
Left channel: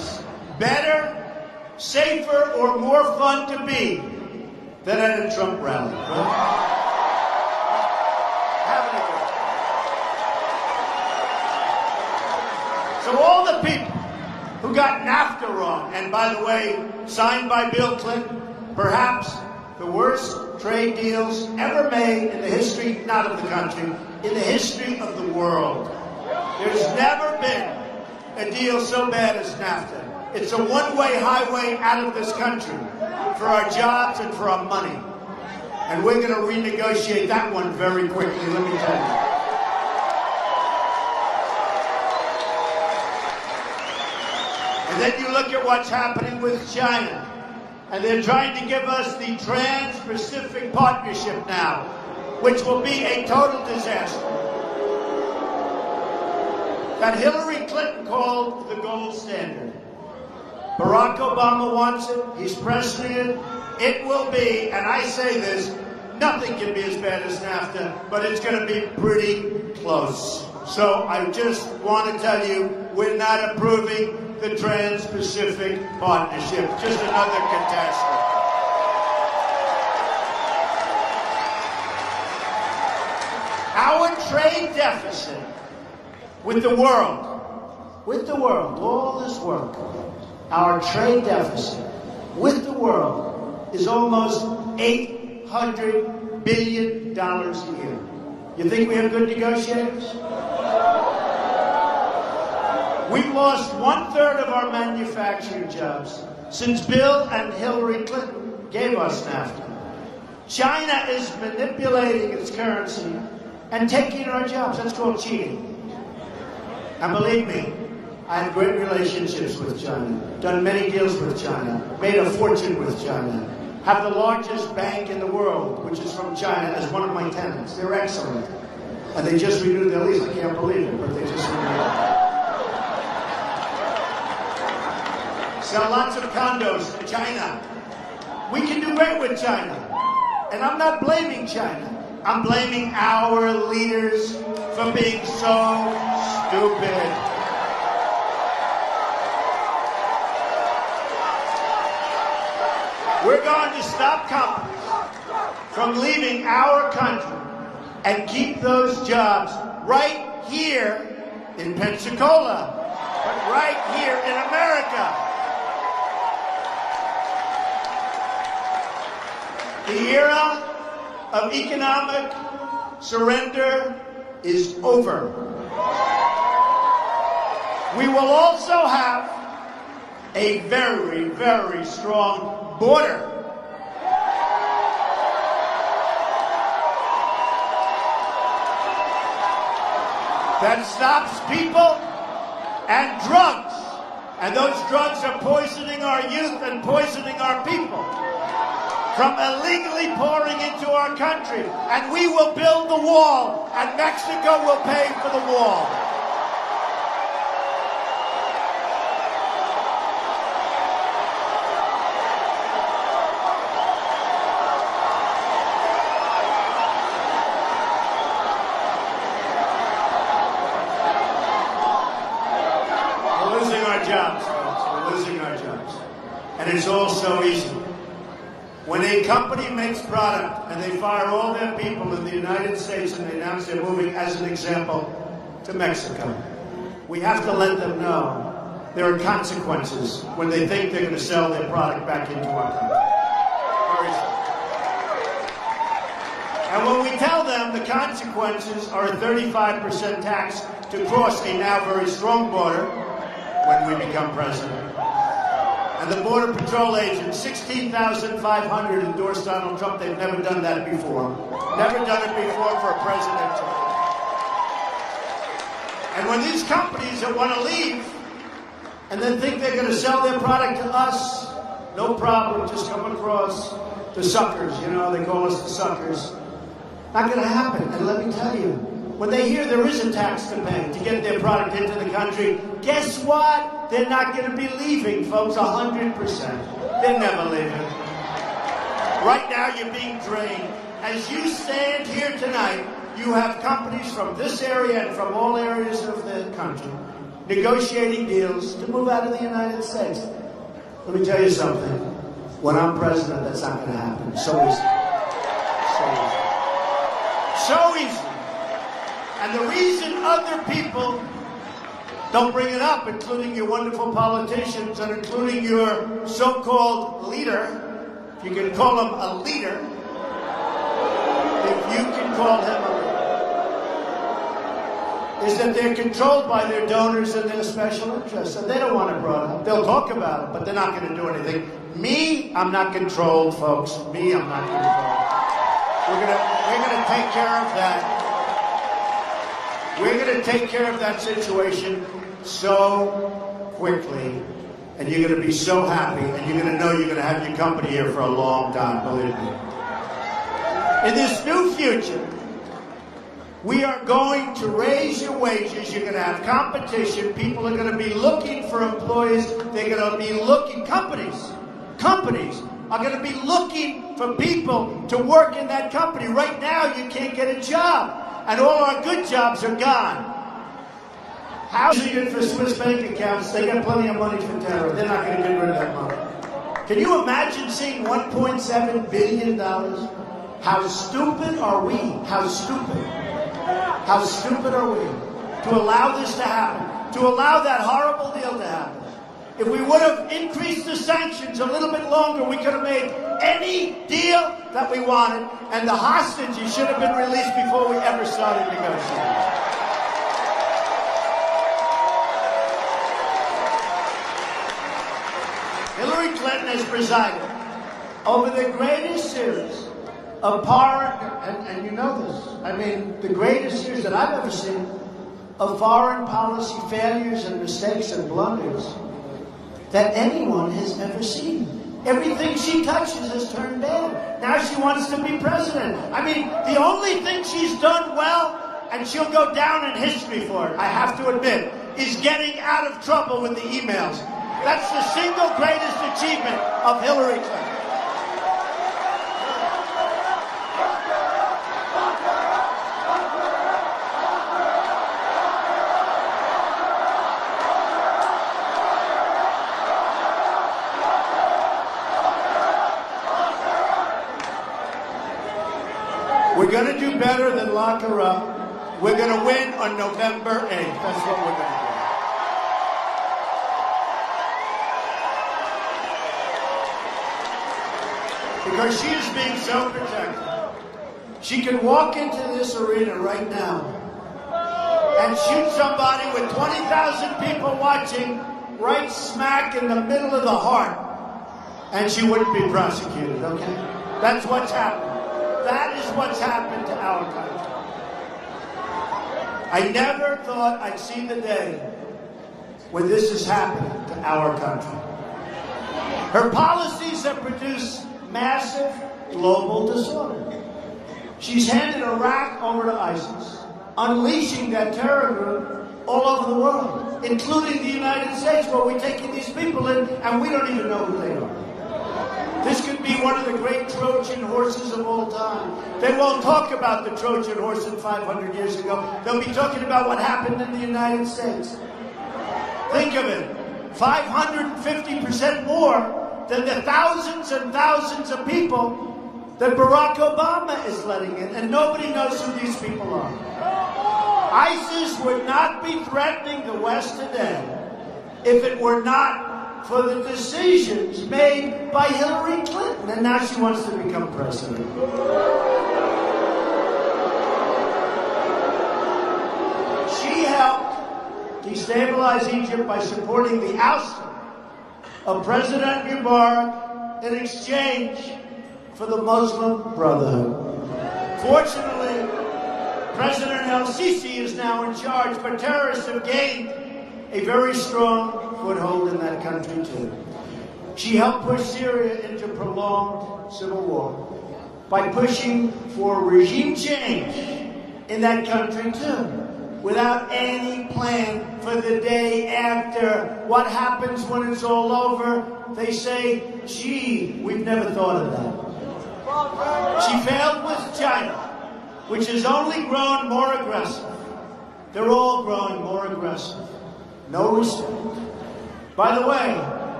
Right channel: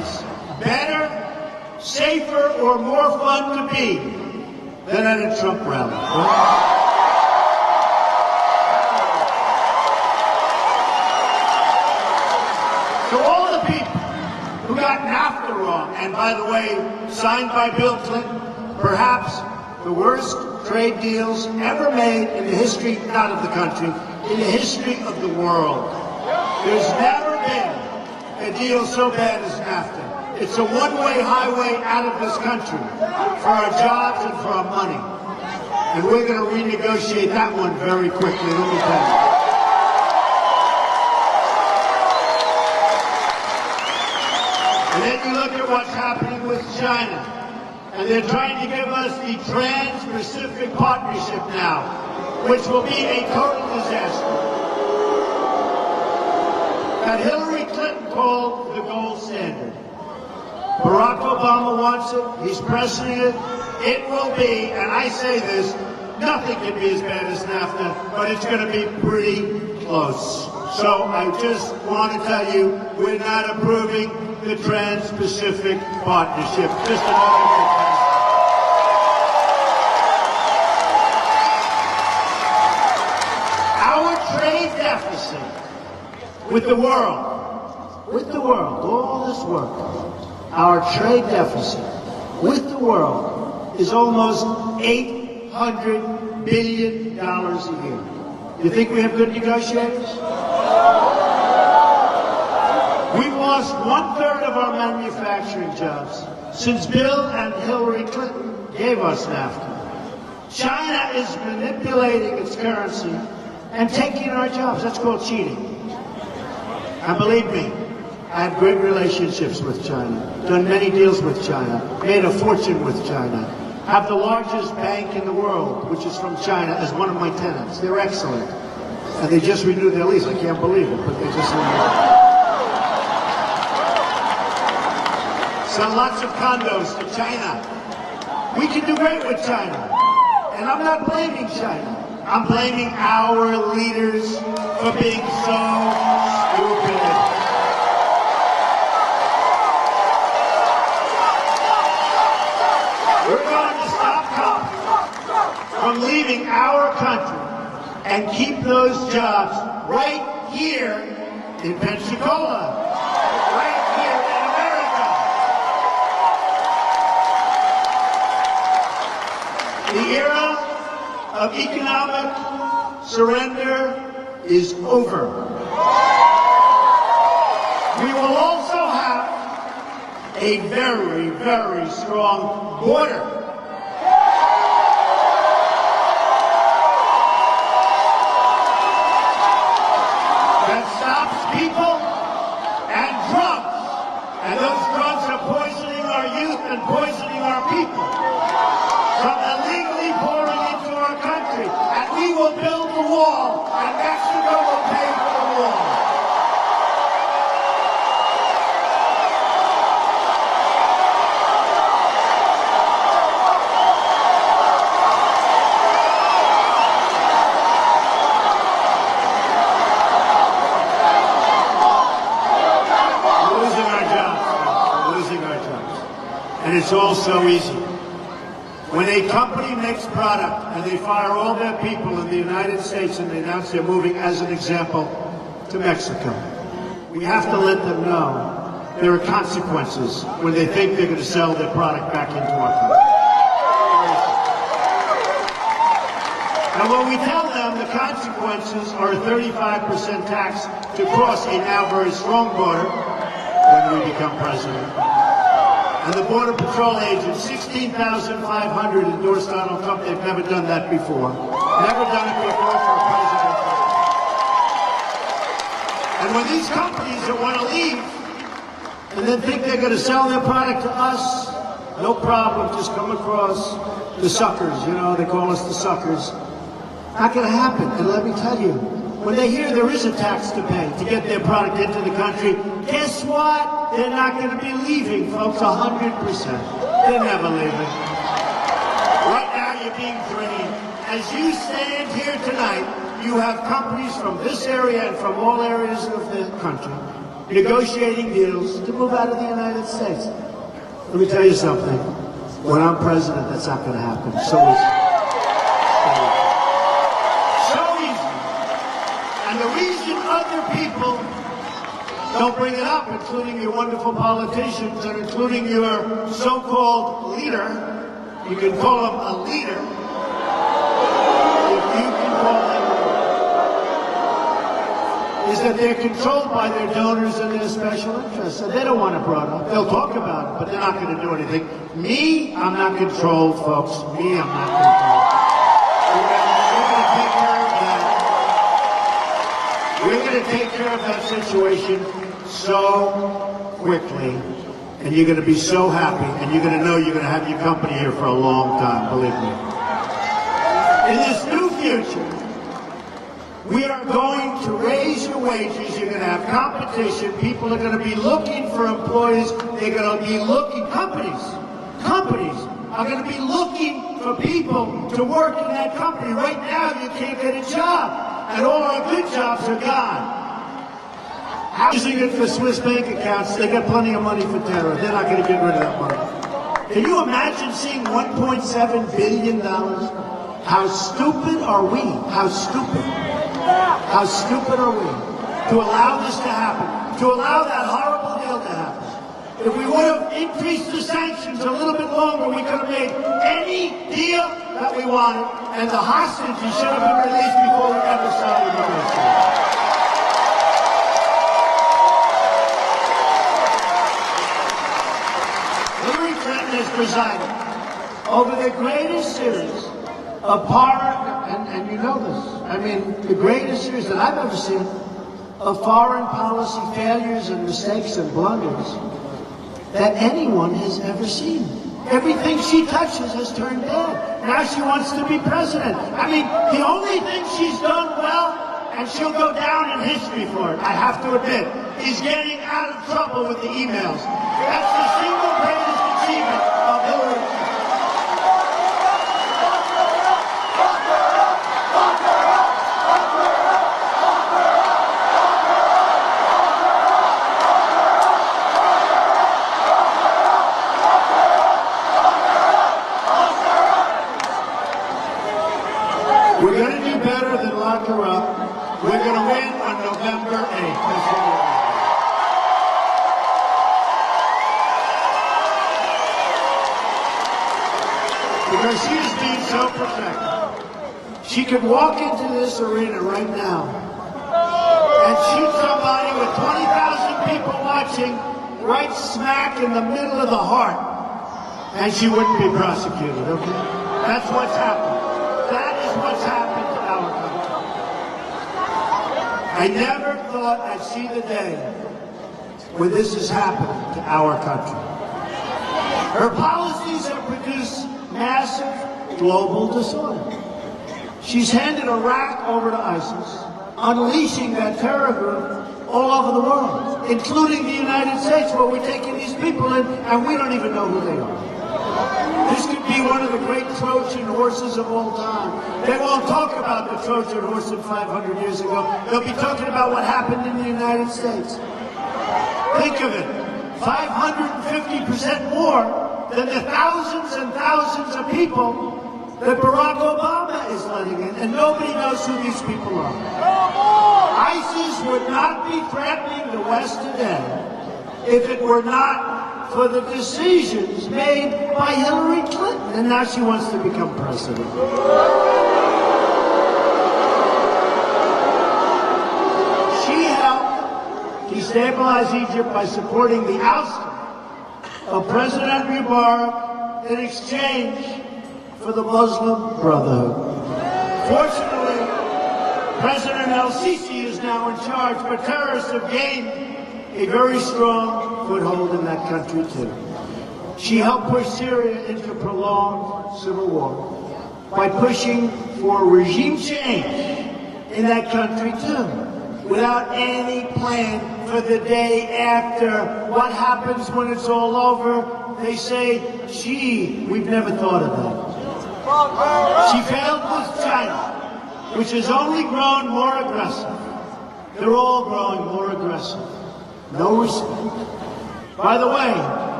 or more fun to be than at a Trump rally? To all the people who got NAFTA wrong, and by the way, signed by Bill Clinton, perhaps the worst trade deals ever made in the history, not of the country, in the history of the world. There's never been a deal so bad as NAFTA. It's a one-way highway out of this country for our jobs and for our money. And we're going to renegotiate that one very quickly. Let me tell you. And then you look at what's happening with China. And they're trying to give us the Trans-Pacific Partnership now, which will be a total disaster. That Hillary Clinton called the gold standard. Barack Obama wants it. He's pressing it. It will be, and I say this, nothing can be as bad as NAFTA, but it's going to be pretty close. So I just want to tell you, we're not approving the Trans-Pacific Partnership. Just another catastrophe. Our trade deficit with the world, all this work, our trade deficit with the world is almost $800 billion a year. You think we have good negotiators? We lost 1/3 of our manufacturing jobs since Bill and Hillary Clinton gave us NAFTA. China is manipulating its currency and taking our jobs. That's called cheating. And believe me, I have great relationships with China, done many deals with China, made a fortune with China, have the largest bank in the world, which is from China, as one of my tenants. They're excellent. And they just renewed their lease. I can't believe it, but they just renewed it. Sell lots of condos to China. We can do great with China. And I'm not blaming China. I'm blaming our leaders for being so stupid. We're going to stop companies from leaving our country and keep those jobs right here in Pensacola, right here in America. The era of economic surrender is over. We will also have a very, very strong border. That stops people and drugs. And those drugs are poisoning our youth and poisoning our people from illegally pouring into our country. And we will build the wall, and Mexico will pay for the wall. And it's all so easy. When a company makes product and they fire all their people in the United States and they announce they're moving, as an example, to Mexico, we have to let them know there are consequences when they think they can sell their product back into our country. And when we tell them the consequences are a 35% tax to cross a now very strong border when we become president, and the Border Patrol agents, 16,500 endorsed Donald Trump. They've never done that before. Never done it before for a president. And when these companies that want to leave and then think they're going to sell their product to us, no problem, just come across the suckers. You know, they call us the suckers. Not going to happen. And let me tell you, when they hear there is a tax to pay to get their product into the country, guess what? They're not going to be leaving, folks, 100%. They're never leaving. Right now, you're being drained. As you stand here tonight, you have companies from this area and from all areas of the country negotiating deals to move out of the United States. Let me tell you something. When I'm president, that's not going to happen. So easy. And the reason other people don't bring it up, including your wonderful politicians and including your so-called leader, you can call him a leader, if you can call him, is that they're controlled by their donors and their special interests. And they don't want it brought up. They'll talk about it, but they're not going to do anything. Me, I'm not controlled, folks. Me, I'm not controlled. We're going to take care of that. We're going to take care of that situation so quickly. And you're going to be so happy. And you're going to know you're going to have your company here for a long time, believe me. In this new future, we are going to raise your wages. You're going to have competition. People are going to be looking for employees. They're going to be looking, companies are going to be looking for people to work in that company. Right now, you can't get a job. And all our good jobs are gone. Housing it for Swiss bank accounts. They got plenty of money for terror. They're not going to get rid of that money. Can you imagine seeing $1.7 billion? How stupid are we? How stupid? How stupid are we to allow this to happen, to allow that horrible deal to happen? If we would have increased the sanctions a little bit longer, we could have made any deal that we wanted, and the hostages should have been released before we ever started negotiating. Hillary Clinton is presiding over the greatest series of foreign, and you know this, I mean, the greatest series that I've ever seen of foreign policy failures and mistakes and blunders that anyone has ever seen. Everything she touches has turned bad. Now she wants to be president. I mean, the only thing she's done well, and she'll go down in history for it, I have to admit, is getting out of trouble with the emails. That's the single greatest achievement of Hillary Clinton. We're going to do better than lock her up. We're going to win on November 8th. That's what we're going to do. Because she is being so protected. She could walk into this arena right now and shoot somebody with 20,000 people watching right smack in the middle of the heart, and she wouldn't be prosecuted, okay? That's what's happened. That is what's happened to our country. I never thought I'd see the day when this has happened to our country. Her policies have produced massive global disorder. She's handed Iraq over to ISIS, unleashing that terror group all over the world, including the United States, where we're taking these people in, and we don't even know who they are. This could be one of the great Trojan horses of all time. They won't talk about the Trojan horse of 500 years ago. They'll be talking about what happened in the United States. Think of it, 550% more than the thousands and thousands of people that Barack Obama is letting in, and nobody knows who these people are. ISIS would not be threatening the West today if it were not for the decisions made by Hillary Clinton, and now she wants to become president. She helped destabilize Egypt by supporting the ousting of President Mubarak in exchange for the Muslim Brotherhood. Fortunately, President El-Sisi is now in charge, but terrorists have gained a very strong foothold in that country, too. She helped push Syria into a prolonged civil war by pushing for regime change in that country, too, without any plan for the day after. What happens when it's all over? They say, gee, we've never thought of that. She failed with China, which has only grown more aggressive. They're all growing more aggressive. No respect. By the way,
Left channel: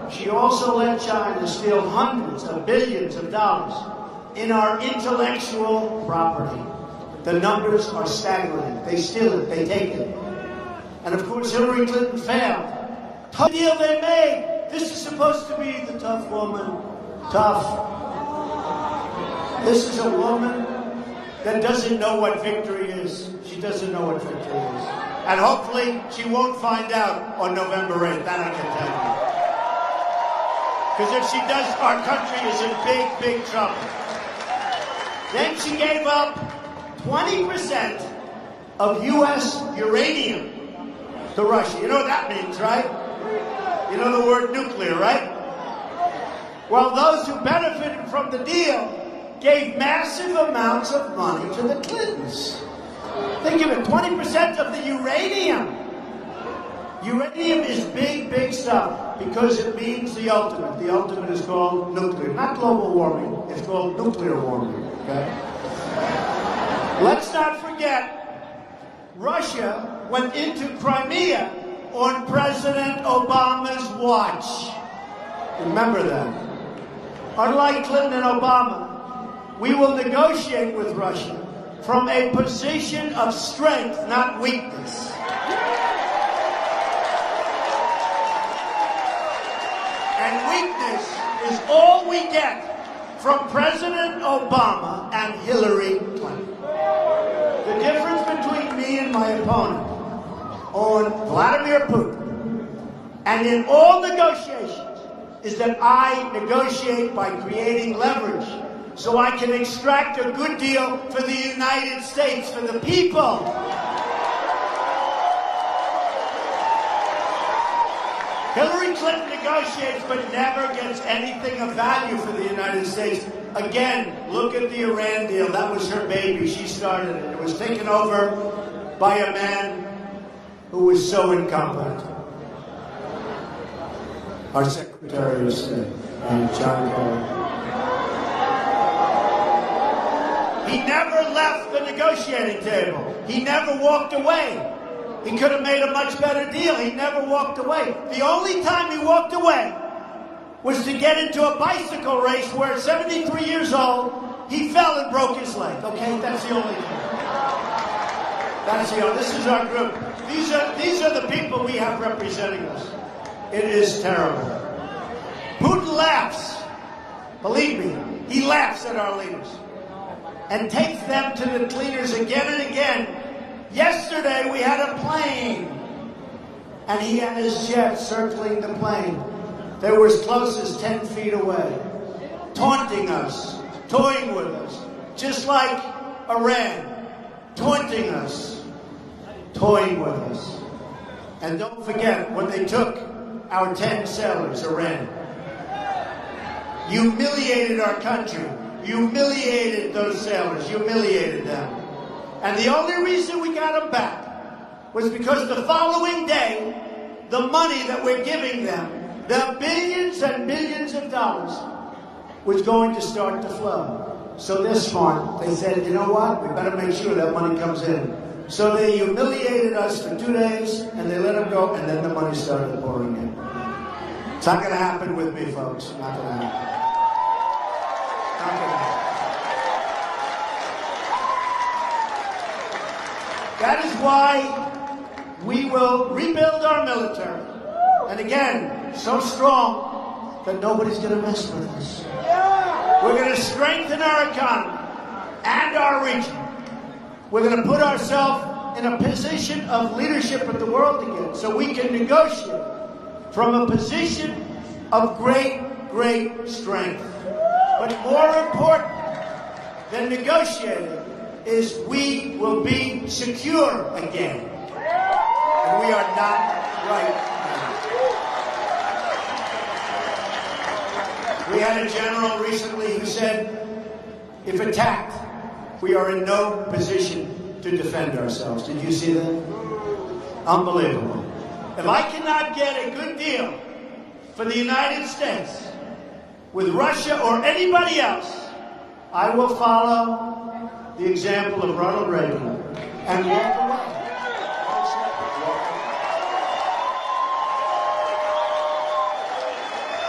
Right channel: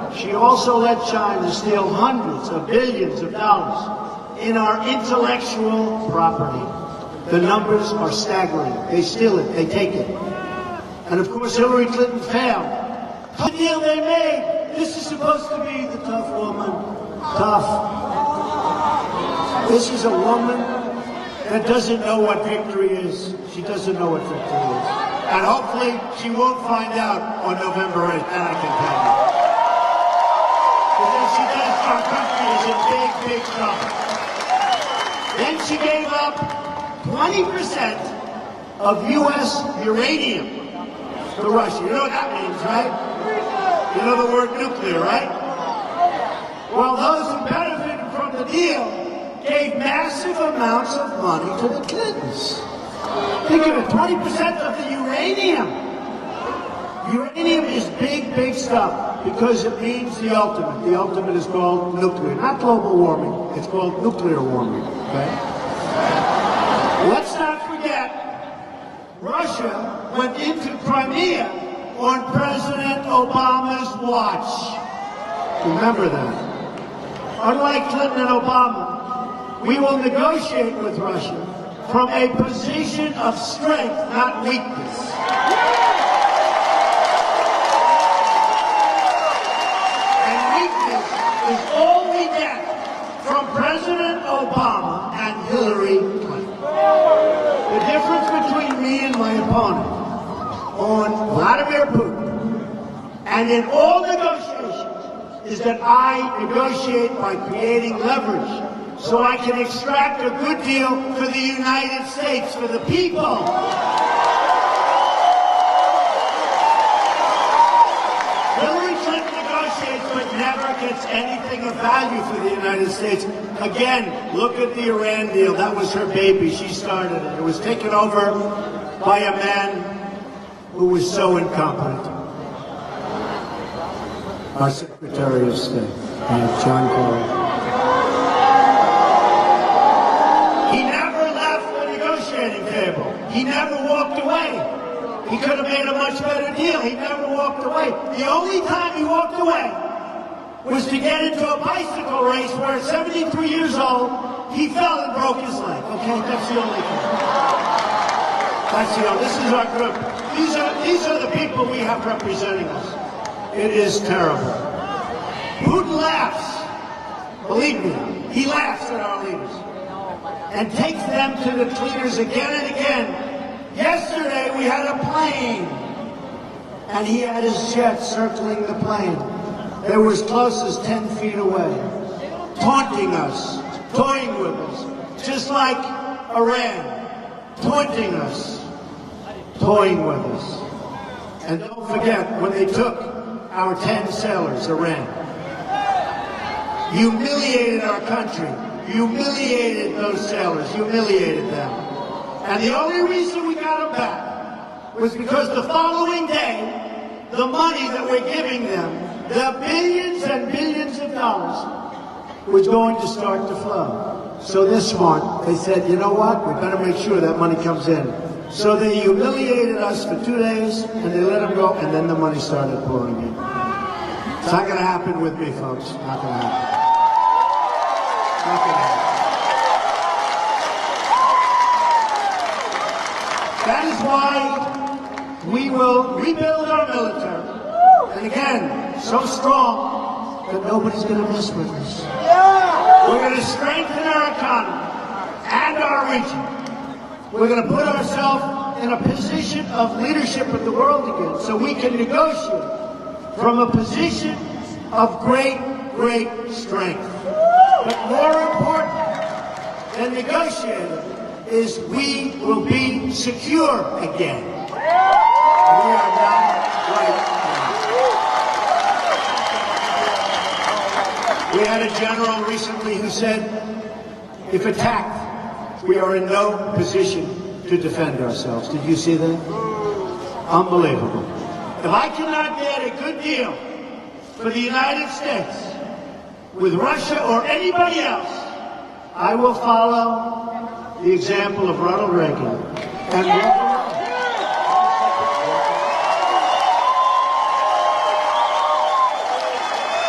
she also let China steal hundreds of billions of dollars in our intellectual property. The numbers are staggering. They steal it, they take it. And of course, Hillary Clinton failed. The deal they made, this is supposed to be the tough woman. Tough. This is a woman that doesn't know what victory is. She doesn't know what victory is. And hopefully, she won't find out on November 8th. I don't think that. Because if she does, our country is in big, big trouble. Then she gave up 20% of U.S. uranium to Russia. You know what that means, right? You know the word nuclear, right? Well, those who benefited from the deal gave massive amounts of money to the Clintons. They gave 20% of the uranium. Uranium is big, big stuff because it means the ultimate. The ultimate is called nuclear. Not global warming. It's called nuclear warming. Right? Let's not forget, Russia went into Crimea on President Obama's watch. Remember that. Unlike Clinton and Obama, we will negotiate with Russia from a position of strength, not weakness. And weakness is all we get from President Obama and Hillary Clinton. The difference between me and my opponent on Vladimir Putin and in all negotiations is that I negotiate by creating leverage so I can extract a good deal for the United States, for the people. Hillary Clinton negotiates but never gets anything of value for the United States. Again, look at the Iran deal. That was her baby. She started it. It was taken over by a man who was so incompetent. Our Secretary of State, John Kerry. He never left the negotiating table. He never walked away. He could have made a much better deal. He never walked away. The only time he walked away was to get into a bicycle race where at 73 years old, he fell and broke his leg. Okay, that's the only thing. That's the only. This is our group. These are the people we have representing us. It is terrible. Putin laughs. Believe me, he laughs at our leaders and takes them to the cleaners again and again. Yesterday we had a plane, and he had his jet circling the plane. They were as close as 10 feet away, taunting us, toying with us, just like Iran, taunting us, toying with us. And don't forget, when they took our 10 sailors, Iran, humiliated our country, humiliated those sailors, humiliated them. And the only reason we got them back was because the following day, the money that we're giving them, the billions and billions of dollars, was going to start to flow. So this one, they said, you know what, we better make sure that money comes in. So they humiliated us for 2 days, and they let them go, and then the money started pouring in. It's not going to happen with me, folks. Not going to happen. Not going to happen. That is why we will rebuild our military. And again, so strong that nobody's going to mess with us. We're going to strengthen our economy and our region. We're going to put ourselves in a position of leadership of the world again so we can negotiate from a position of great, great strength. But more important than negotiating is we will be secure again. And we are not right now. We had a general recently who said, if attacked, we are in no position to defend ourselves. Did you see that? Unbelievable. If I cannot get a good deal for the United States with Russia or anybody else, I will follow the example of Ronald Reagan and walk away.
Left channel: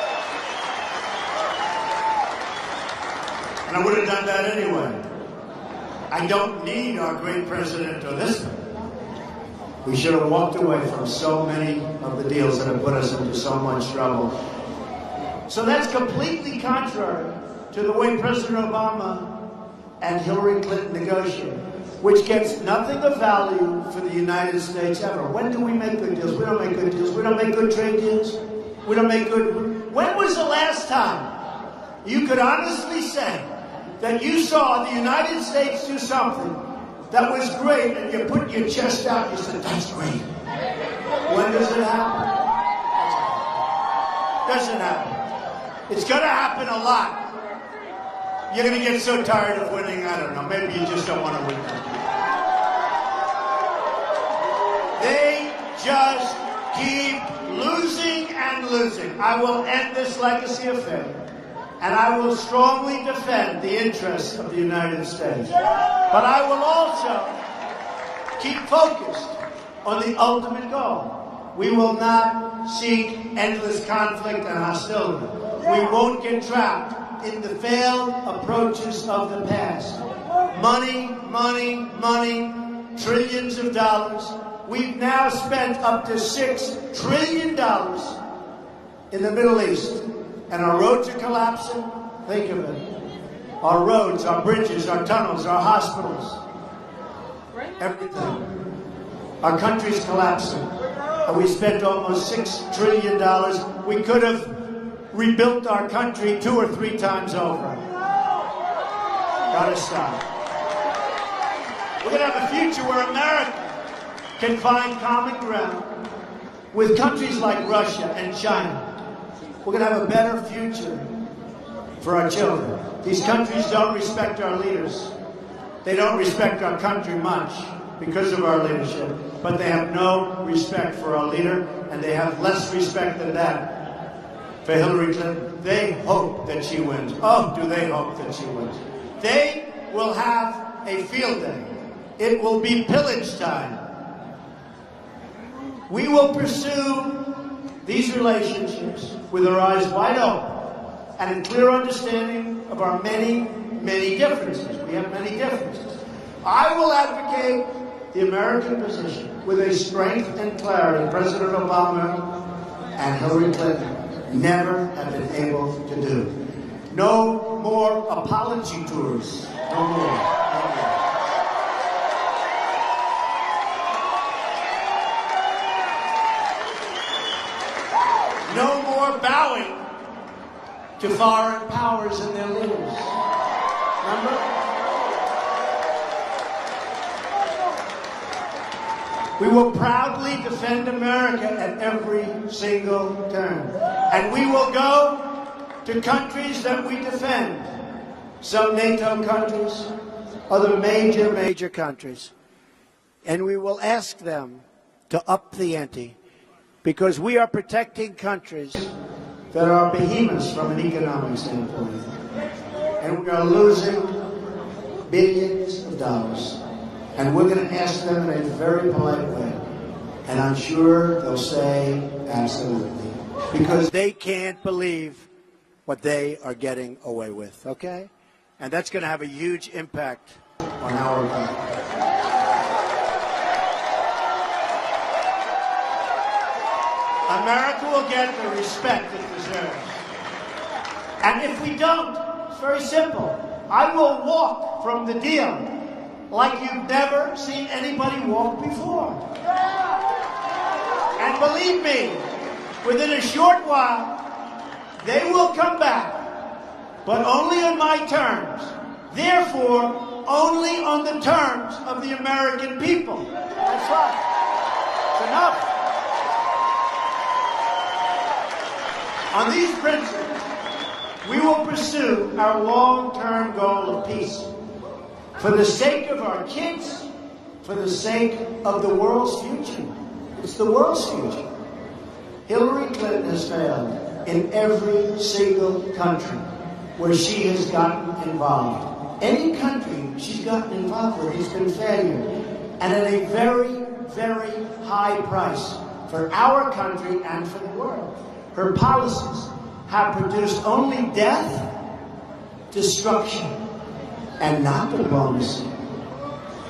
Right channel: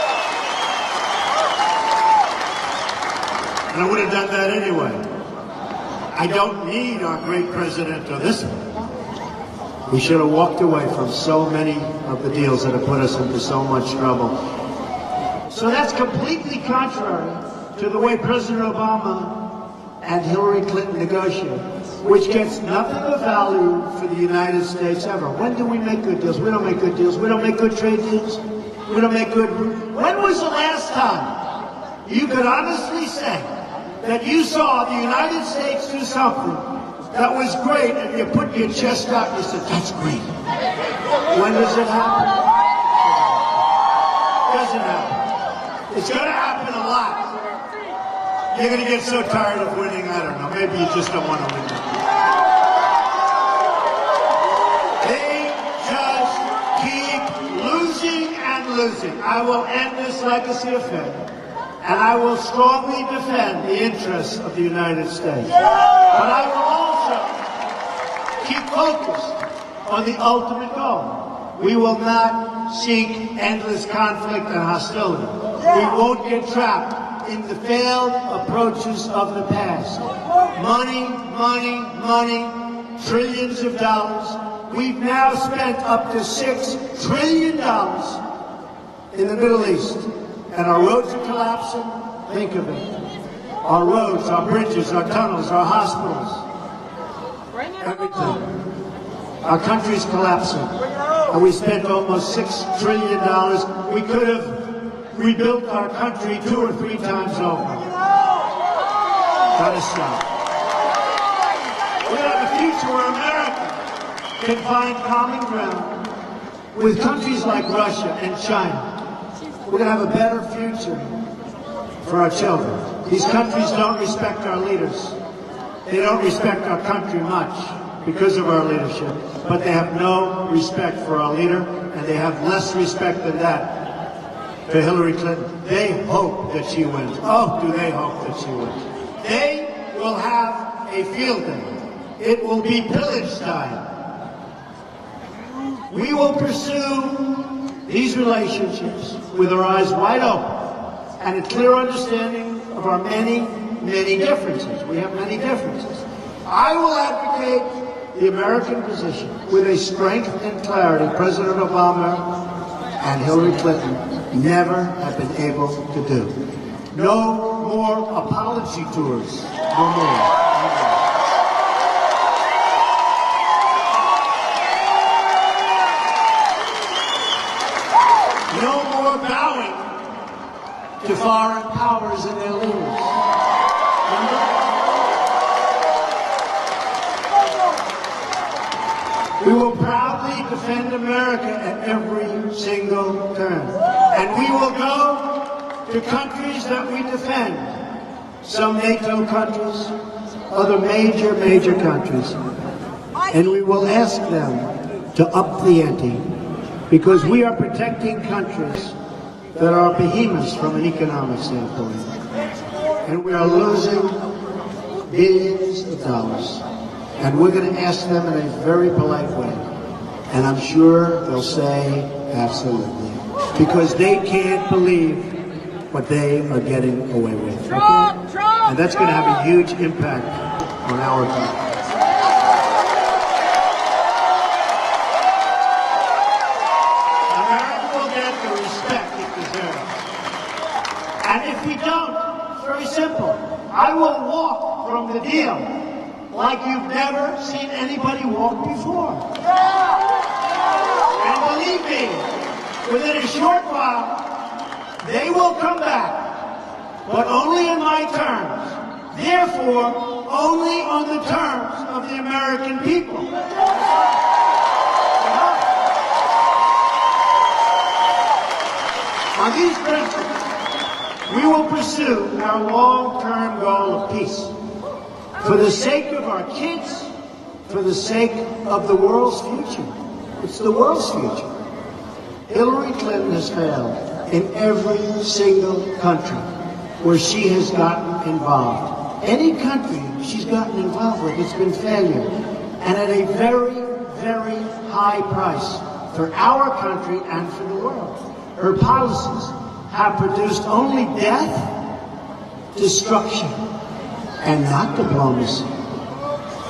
I don't need our great president to listen. We should have walked away from so many of the deals that have put us into so much trouble. So that's completely contrary to the way President Obama and Hillary Clinton negotiated, which gets nothing of value for the United States ever. When do we make good deals? We don't make good deals. We don't make good trade deals. We don't make good... When was the last time you could honestly say that you saw the United States do something that was great, and you put your chest out and said, that's great? When does it happen? Doesn't happen. It's going to happen a lot. You're going to get so tired of winning, I don't know. Maybe you just don't want to win. They just keep losing and losing. I will end this legacy affair, and I will strongly defend the interests of the United States. But I will also keep focused on the ultimate goal. We will not seek endless conflict and hostility. We won't get trapped in the failed approaches of the past. Money, money, money, trillions of dollars. We've now spent up to $6 trillion in the Middle East. And our roads are collapsing. Think of it. Our roads, our bridges, our tunnels, our hospitals. Everything. Our country is collapsing. And we spent almost $6 trillion. We could have rebuilt our country 2 or 3 times over. Gotta stop. We have a future where America can find common ground with countries like Russia and China. We're going to have a better future for our children. These countries don't respect our leaders. They don't respect our country much because of our leadership, but they have no respect for our leader, and they have less respect than that for Hillary Clinton. They hope that she wins. Oh, do they hope that she wins. They will have a field day. It will be pillage time. We will pursue these relationships with our eyes wide open and a clear understanding of our many, many differences. We have many differences. I will advocate the American position with a strength and clarity President Obama and Hillary Clinton never have been able to do. No more apology tours. No more. No more bowing to foreign powers and their leaders. We will proudly defend America at every single turn. And we will go to countries that we defend. Some NATO countries, other major countries. And we will ask them to up the ante. Because we are protecting countries that are behemoths from an economic standpoint. And we are losing billions of dollars. And we're going to ask them in a very polite way. And I'm sure they'll say absolutely. Because they can't believe what they are getting away with. Okay? And that's going to have a huge impact on our country. America will get the respect it deserves. And if you don't, it's very simple. I will walk from the deal like you've never seen anybody walk before. And believe me, within a short while, they will come back, but only on my terms. Therefore, only on the terms of the American people. That's right. Enough. On these principles, we will pursue our long-term goal of peace. For the sake of our kids, for the sake of the world's future. It's the world's future. Hillary Clinton has failed in every single country where she has gotten involved. Any country she's gotten involved with has been failure. And at a very, very high price for our country and for the world. Her policies have produced only death, destruction, and not diplomacy.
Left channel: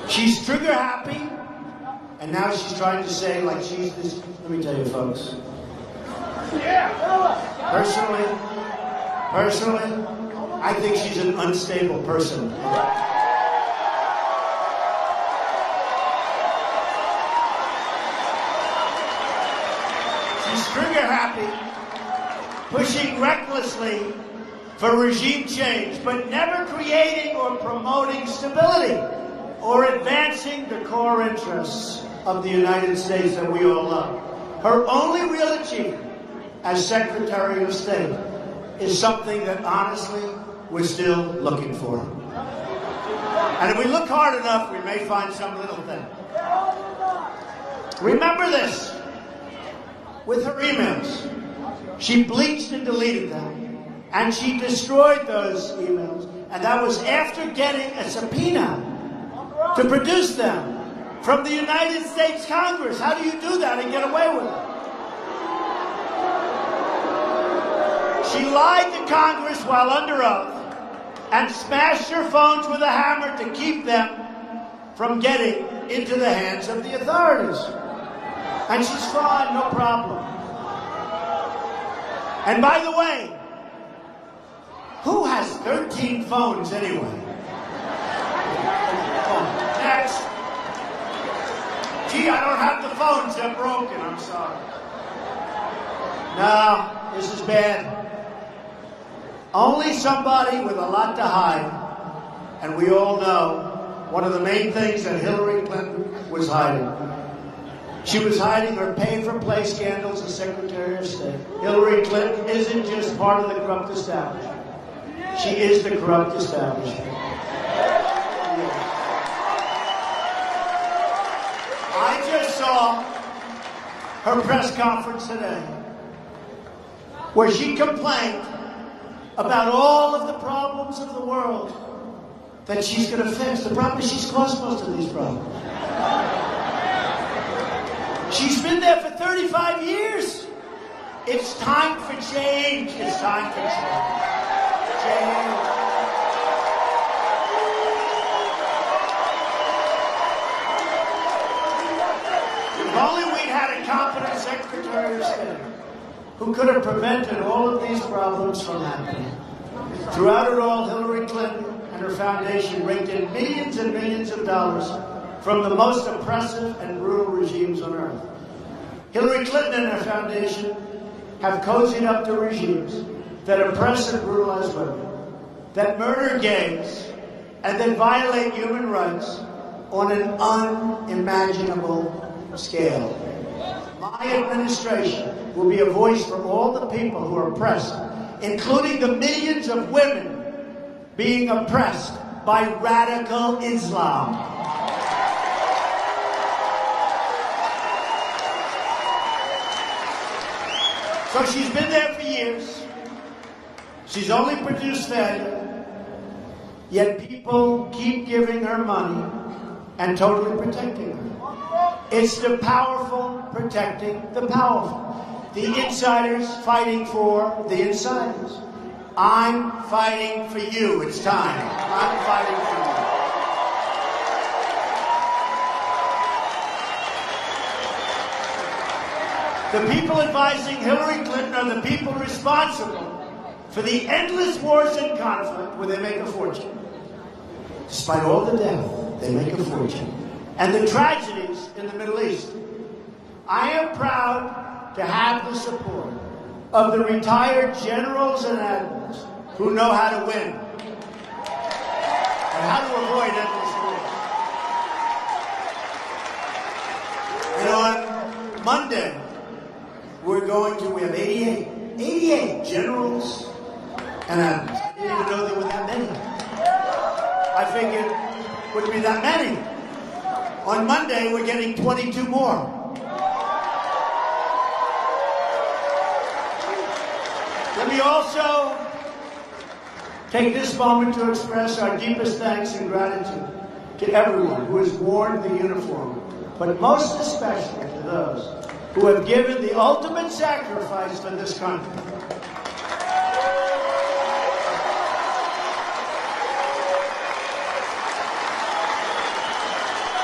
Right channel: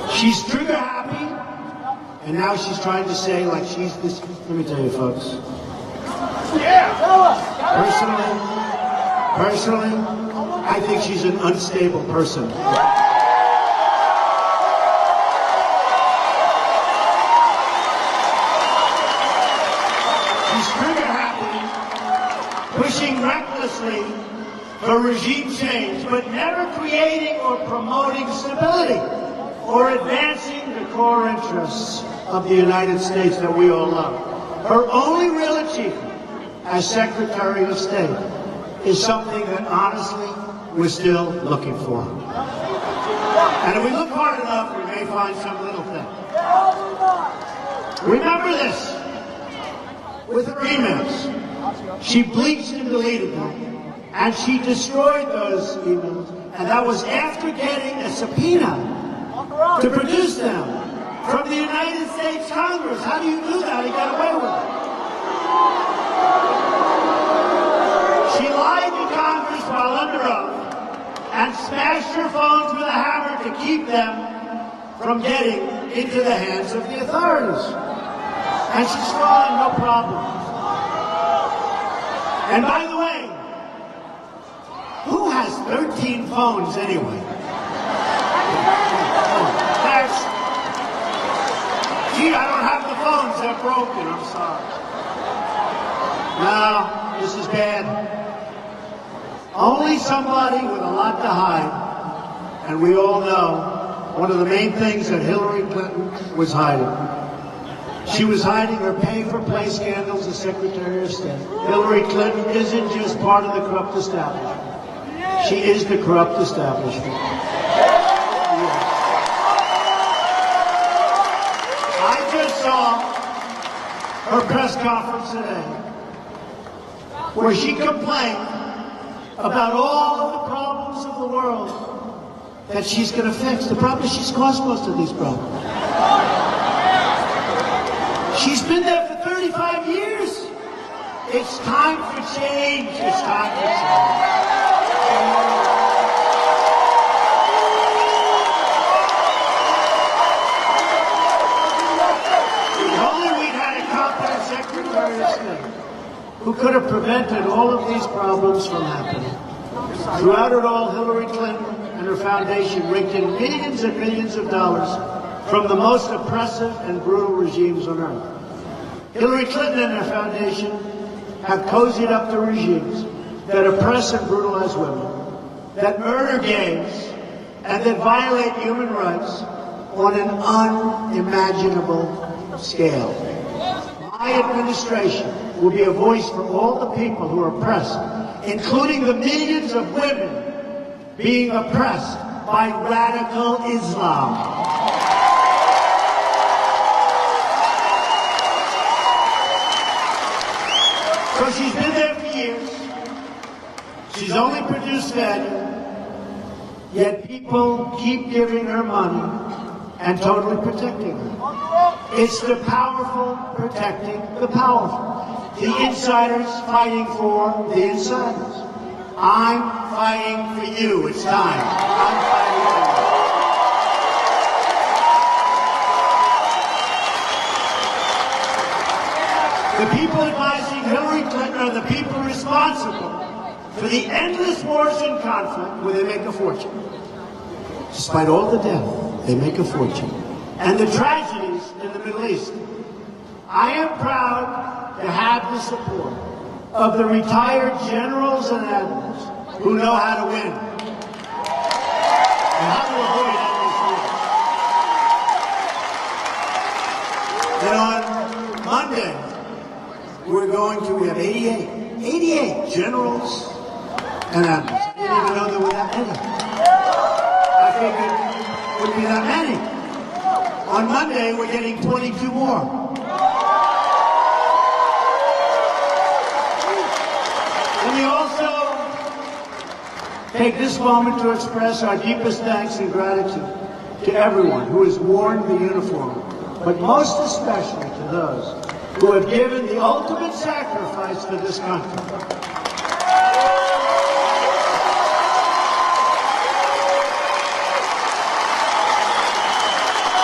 She's trigger happy, and now she's trying to say, like, she's this. Let me tell you, folks. Personally, I think she's an unstable person. She's trigger happy, pushing recklessly for regime change, but never creating or promoting stability or advancing the core interests of the United States that we all love. Her only real achievement as Secretary of State is something that, honestly, we're still looking for. And if we look hard enough, we may find some little thing. Remember this. With her emails, she bleached and deleted them, and she destroyed those emails, and that was after getting a subpoena to produce them from the United States Congress. How do you do that and get away with it? She lied to Congress while under oath and smashed her phones with a hammer to keep them from getting into the hands of the authorities. And she's fine, no problem. And by the way, who has 13 phones anyway? Next. Gee, I don't have the phones, they're broken, I'm sorry. No, this is bad. Only somebody with a lot to hide, and we all know one of the main things that Hillary Clinton was hiding. She was hiding her pay-for-play scandals as Secretary of State. Hillary Clinton isn't just part of the corrupt establishment. She is the corrupt establishment. I just saw her press conference today where she complained about all of the problems of the world that she's going to fix. The problem is she's caused most of these problems. She's been there for 35 years. It's time for change. It's time for change. If only we had a competent Secretary of State who could have prevented all of these problems from happening. Throughout it all, Hillary Clinton and her foundation raked in millions and millions of dollars from the most oppressive and brutal regimes on earth. Hillary Clinton and her foundation have cozied up to regimes that oppress and brutalize women, that murder gays, and that violate human rights on an unimaginable scale. My administration will be a voice for all the people who are oppressed, including the millions of women being oppressed by radical Islam. So she's been there for years. She's only produced failure, yet people keep giving her money and totally protecting her. It's the powerful protecting the powerful. The insiders fighting for the insiders. I'm fighting for you. It's time. I'm fighting for you. The people advising Hillary Clinton are the people responsible for the endless wars and conflict where they make a fortune. Despite all the death, they make a fortune. And the tragedies in the Middle East. I am proud to have the support of the retired generals and admirals who know how to win and how to avoid endless wars. On Monday, we're going to have 88 generals and admirals. I didn't even know there were that many. I figured it wouldn't be that many. On Monday, we're getting 22 more. We also take this moment to express our deepest thanks and gratitude to everyone who has worn the uniform, but most especially to those who have given the ultimate sacrifice to this country.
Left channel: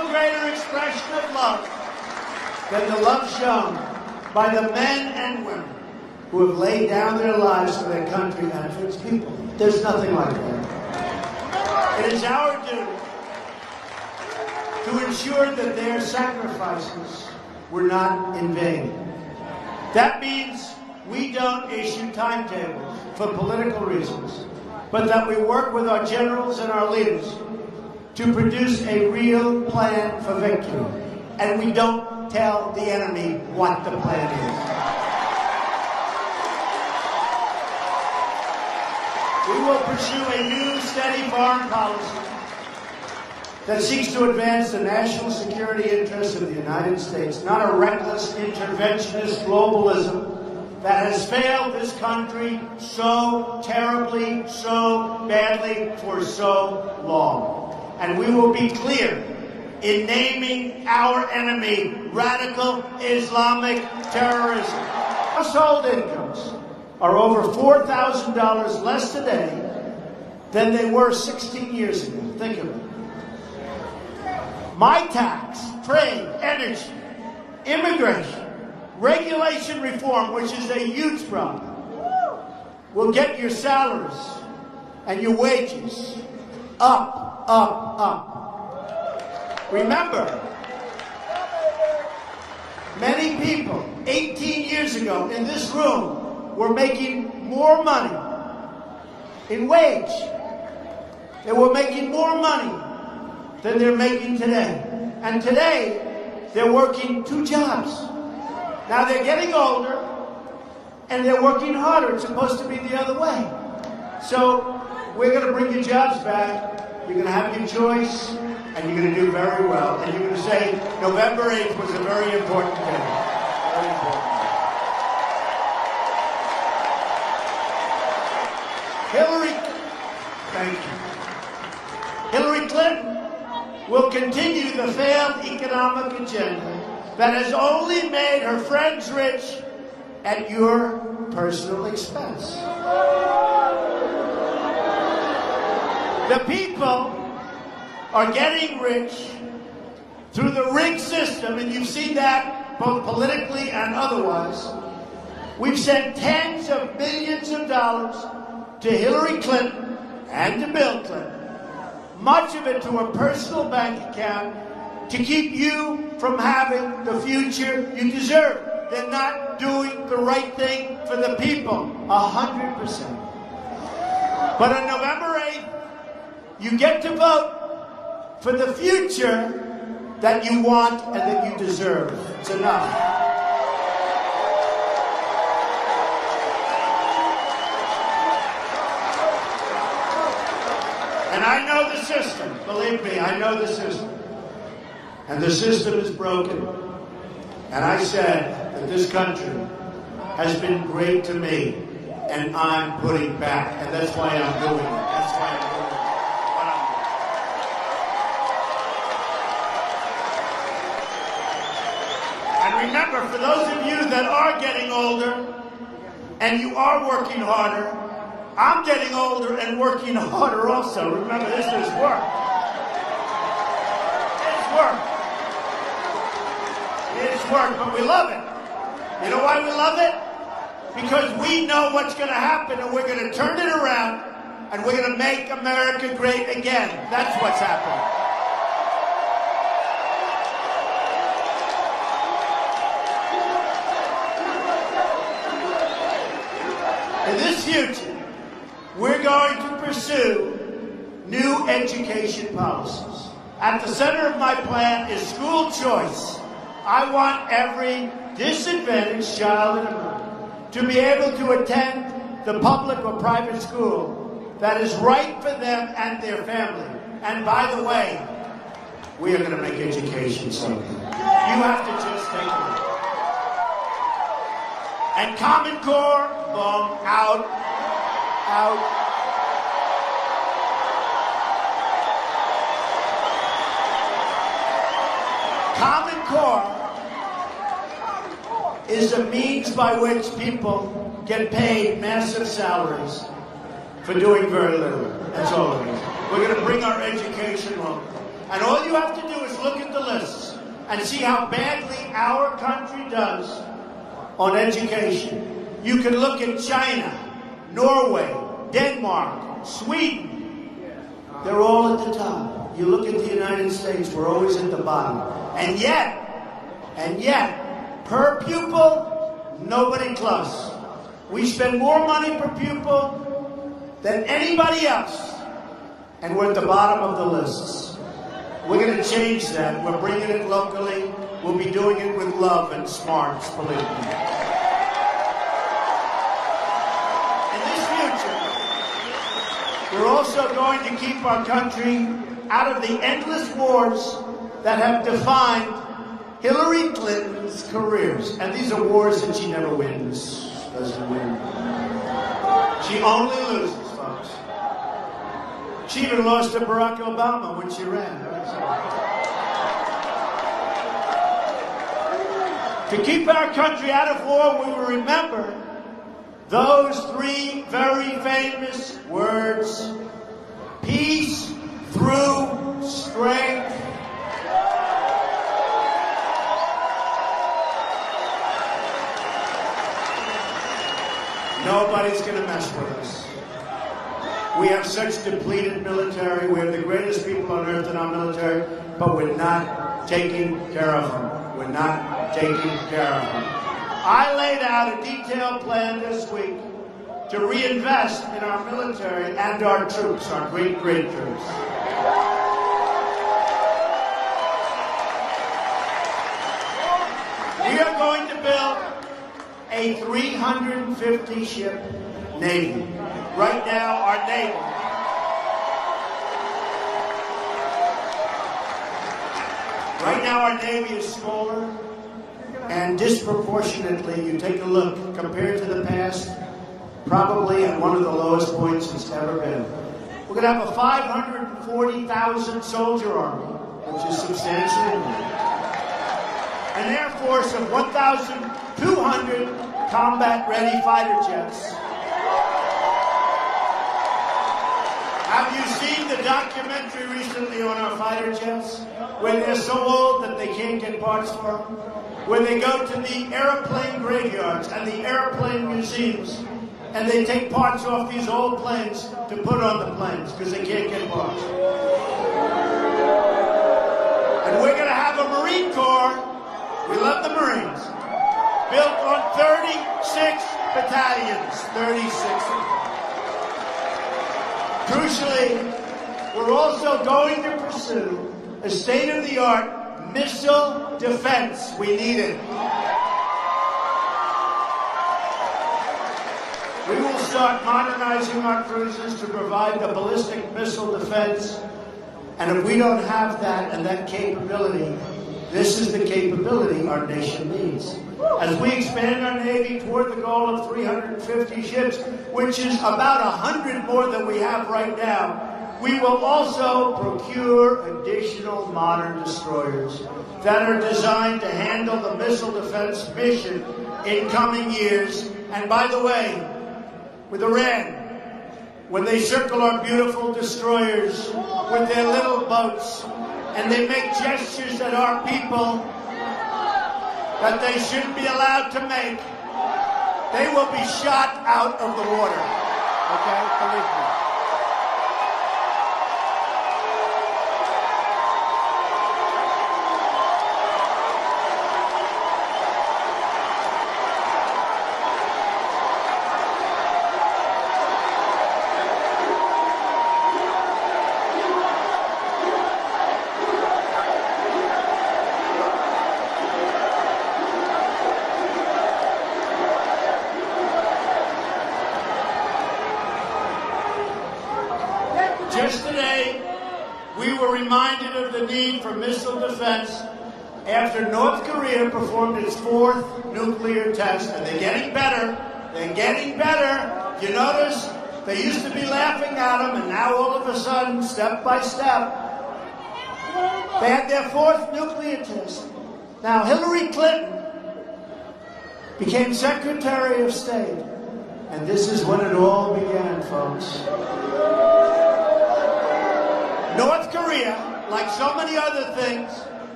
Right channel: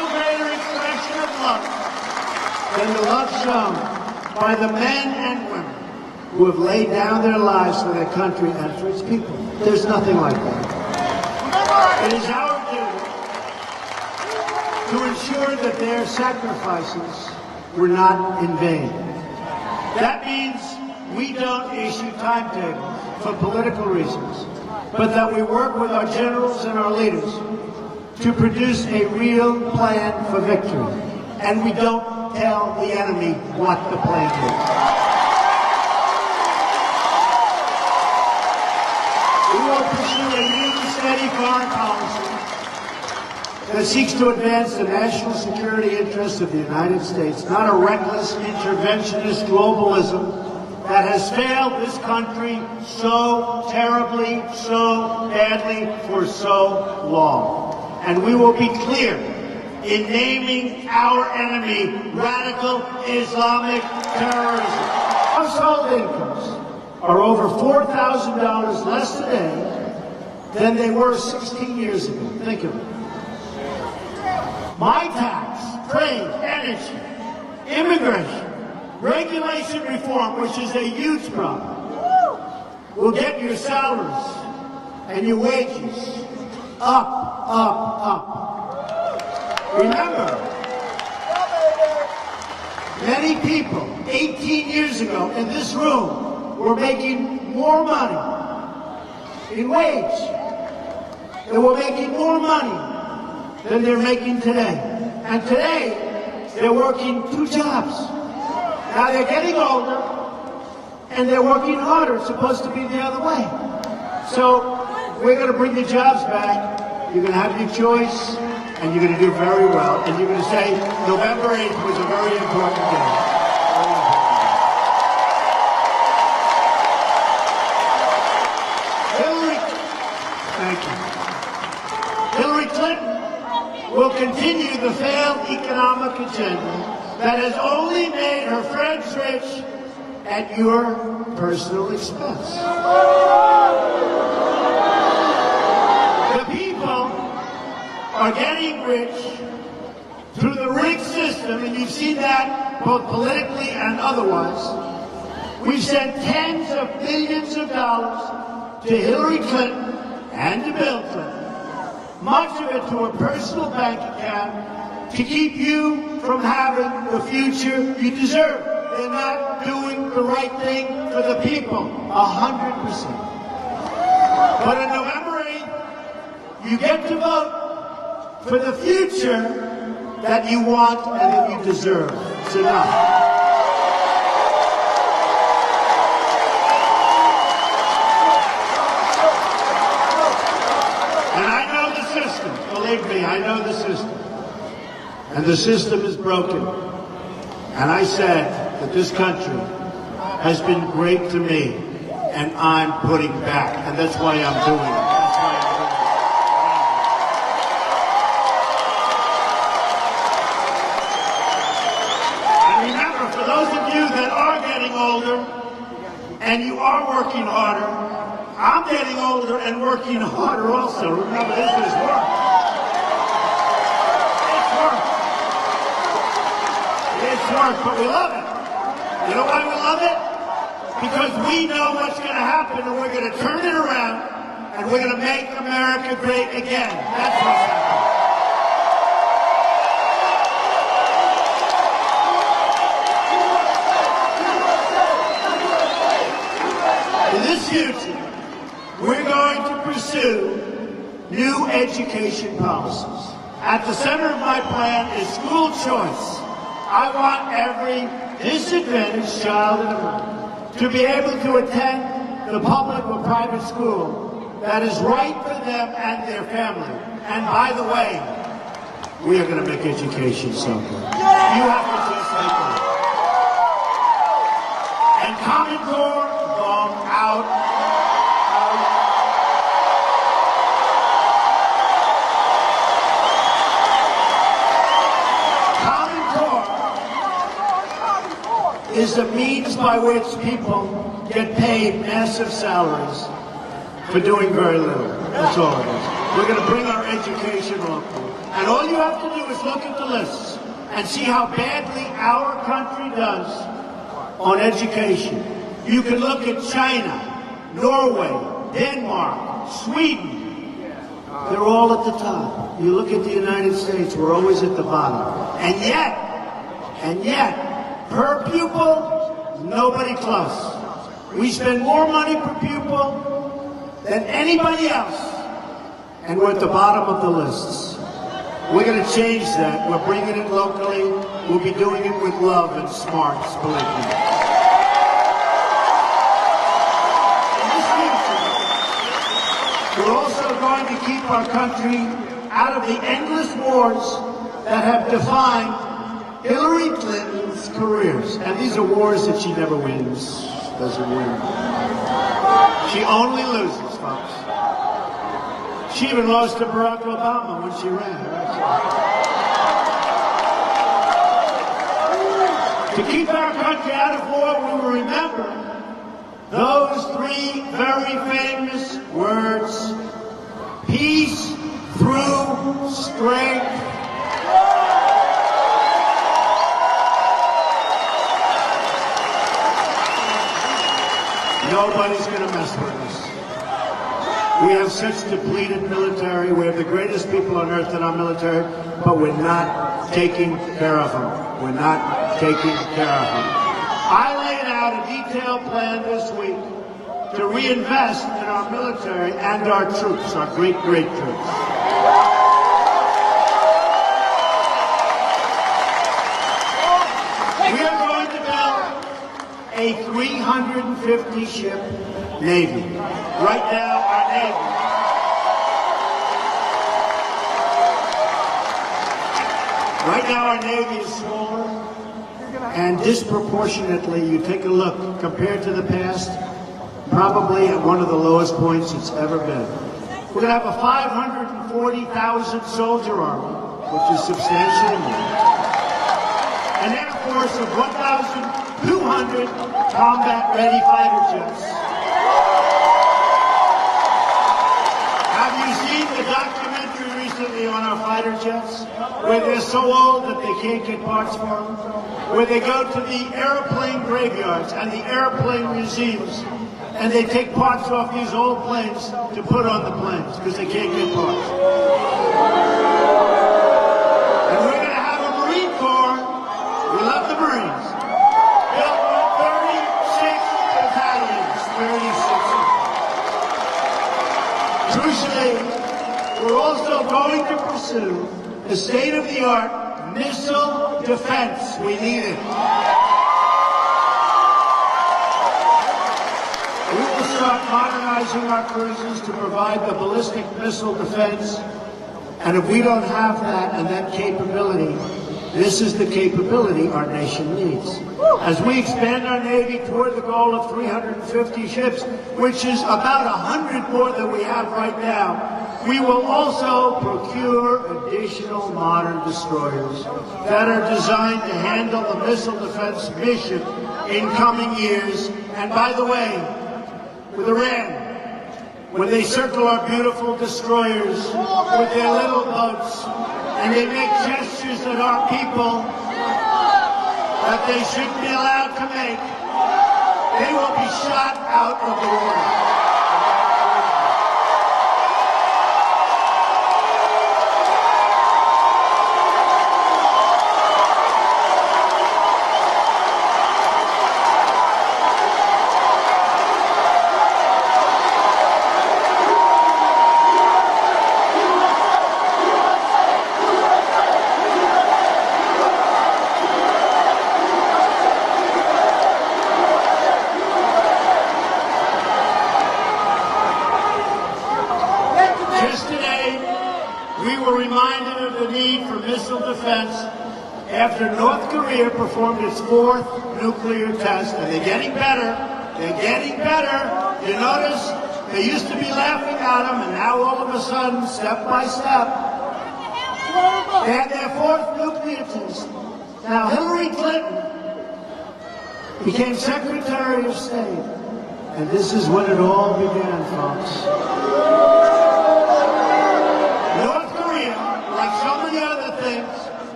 no greater expression of love than the love shown by the men and women who have laid down their lives for their country and for its people. There's nothing like that. It is our duty to ensure that their sacrifices were not in vain. That means we don't issue timetables for political reasons, but that we work with our generals and our leaders to produce a real plan for victory. And we don't tell the enemy what the plan is. We will pursue a new, steady foreign policy that seeks to advance the national security interests of the United States, not a reckless interventionist globalism that has failed this country so terribly, so badly, for so long. And we will be clear in naming our enemy radical Islamic terrorism. Household incomes are over $4,000 less today than they were 16 years ago. Think of it. My tax, trade, energy, immigration, regulation reform, which is a huge problem, will get your salaries and your wages up, up, up. Remember, many people 18 years ago in this room were making more money in wage. They were making more money than they're making today. And today, they're working 2 jobs. Now they're getting older, and they're working harder. It's supposed to be the other way. So we're going to bring your jobs back. You're going to have your choice, and you're going to do very well. And you're going to say November 8th was a very important day. Hillary Clinton will continue the failed economic agenda that has only made her friends rich at your personal expense. The people are getting rich through the rigged system, and you see that both politically and otherwise. We've sent tens of billions of dollars to Hillary Clinton and to Bill Clinton, much of it to a personal bank account to keep you from having the future you deserve. They're not doing the right thing for the people, 100%. But on November 8th, you get to vote for the future that you want and that you deserve. It's enough. And I know the system. Believe me, I know the system. And the system is broken. And I said that this country has been great to me, and I'm putting back. And that's why I'm doing it. That's why I'm doing it. And remember, for those of you that are getting older, and you are working harder, I'm getting older and working harder also. Remember, this is work. It's work. It's work, but we love it. You know why we love it? Because we know what's going to happen, and we're going to turn it around, and we're going to make America great again. That's what's happening. In this future, we're going to pursue new education policies. At the center of my plan is school choice. I want every disadvantaged child to be able to attend the public or private school that is right for them and their family. And by the way, we are going to make education so good. You have to just take it. And Common Core, long out, out. Common Core is a means by which people get paid massive salaries for doing very little. That's all it is. We're going to bring our education local. And all you have to do is just look at the lists and see how badly our country does on education. You can look at China, Norway, Denmark, Sweden. They're all at the top. You look at the United States, we're always at the bottom. And yet, per pupil, nobody close. We spend more money per pupil than anybody else, and we're at the bottom of the lists. We're going to change that. We're bringing it locally. We'll be doing it with love and smarts, believe me. In this future, we're also going to keep our country out of the endless wars that have defined Hillary Clinton's careers. And these are wars that she never wins. Doesn't win. She only loses, folks. She even lost to Barack Obama when she ran. To keep our country out of war, we will remember those three very famous words: peace through strength. Nobody's going to mess with us. We have such depleted military. We have the greatest people on earth in our military, but we're not taking care of them. We're not taking care of them. I laid out a detailed plan this week to reinvest in our military and our troops, our great, great troops. We are going to build a 350-ship Navy. Right now, our Navy is smaller, and disproportionately, you take a look, compared to the past, probably at one of the lowest points it's ever been. We're going to have a 540,000 soldier army, which is substantially more. An Air Force of 1,200 combat-ready fighter jets. Have you seen the documentary recently on our fighter jets, where they're so old that they can't get parts for them? Where they go to the airplane graveyards and the airplane museums, and they take parts off these old planes to put on the planes because they can't get parts. And we're going to have a Marine Corps. We love the Marines. Built on 36 battalions, 36. Crucially, we're also going to pursue the state-of-the-art missile defense. We need it. We will start modernizing our cruisers to provide the ballistic missile defense. And if we don't have that and that capability, this is the capability our nation needs. As we expand our Navy toward the goal of 350 ships, which is about 100 more than we have right now, we will also procure additional modern destroyers that are designed to handle the missile defense mission in coming years. And by the way, with Iran, when they circle our beautiful destroyers with their little boats, and they make gestures at our people that they shouldn't be allowed to make, they will be shot out of the water. Just today, we were reminded of the need for missile defense after North Korea performed its fourth nuclear test. And they're getting better. They're getting better. You notice they used to be laughing at them, and now all of a sudden, step by step, they had their fourth nuclear test. Now, Hillary Clinton became Secretary of State. And this is when it all began, folks. North Korea, like so many other things,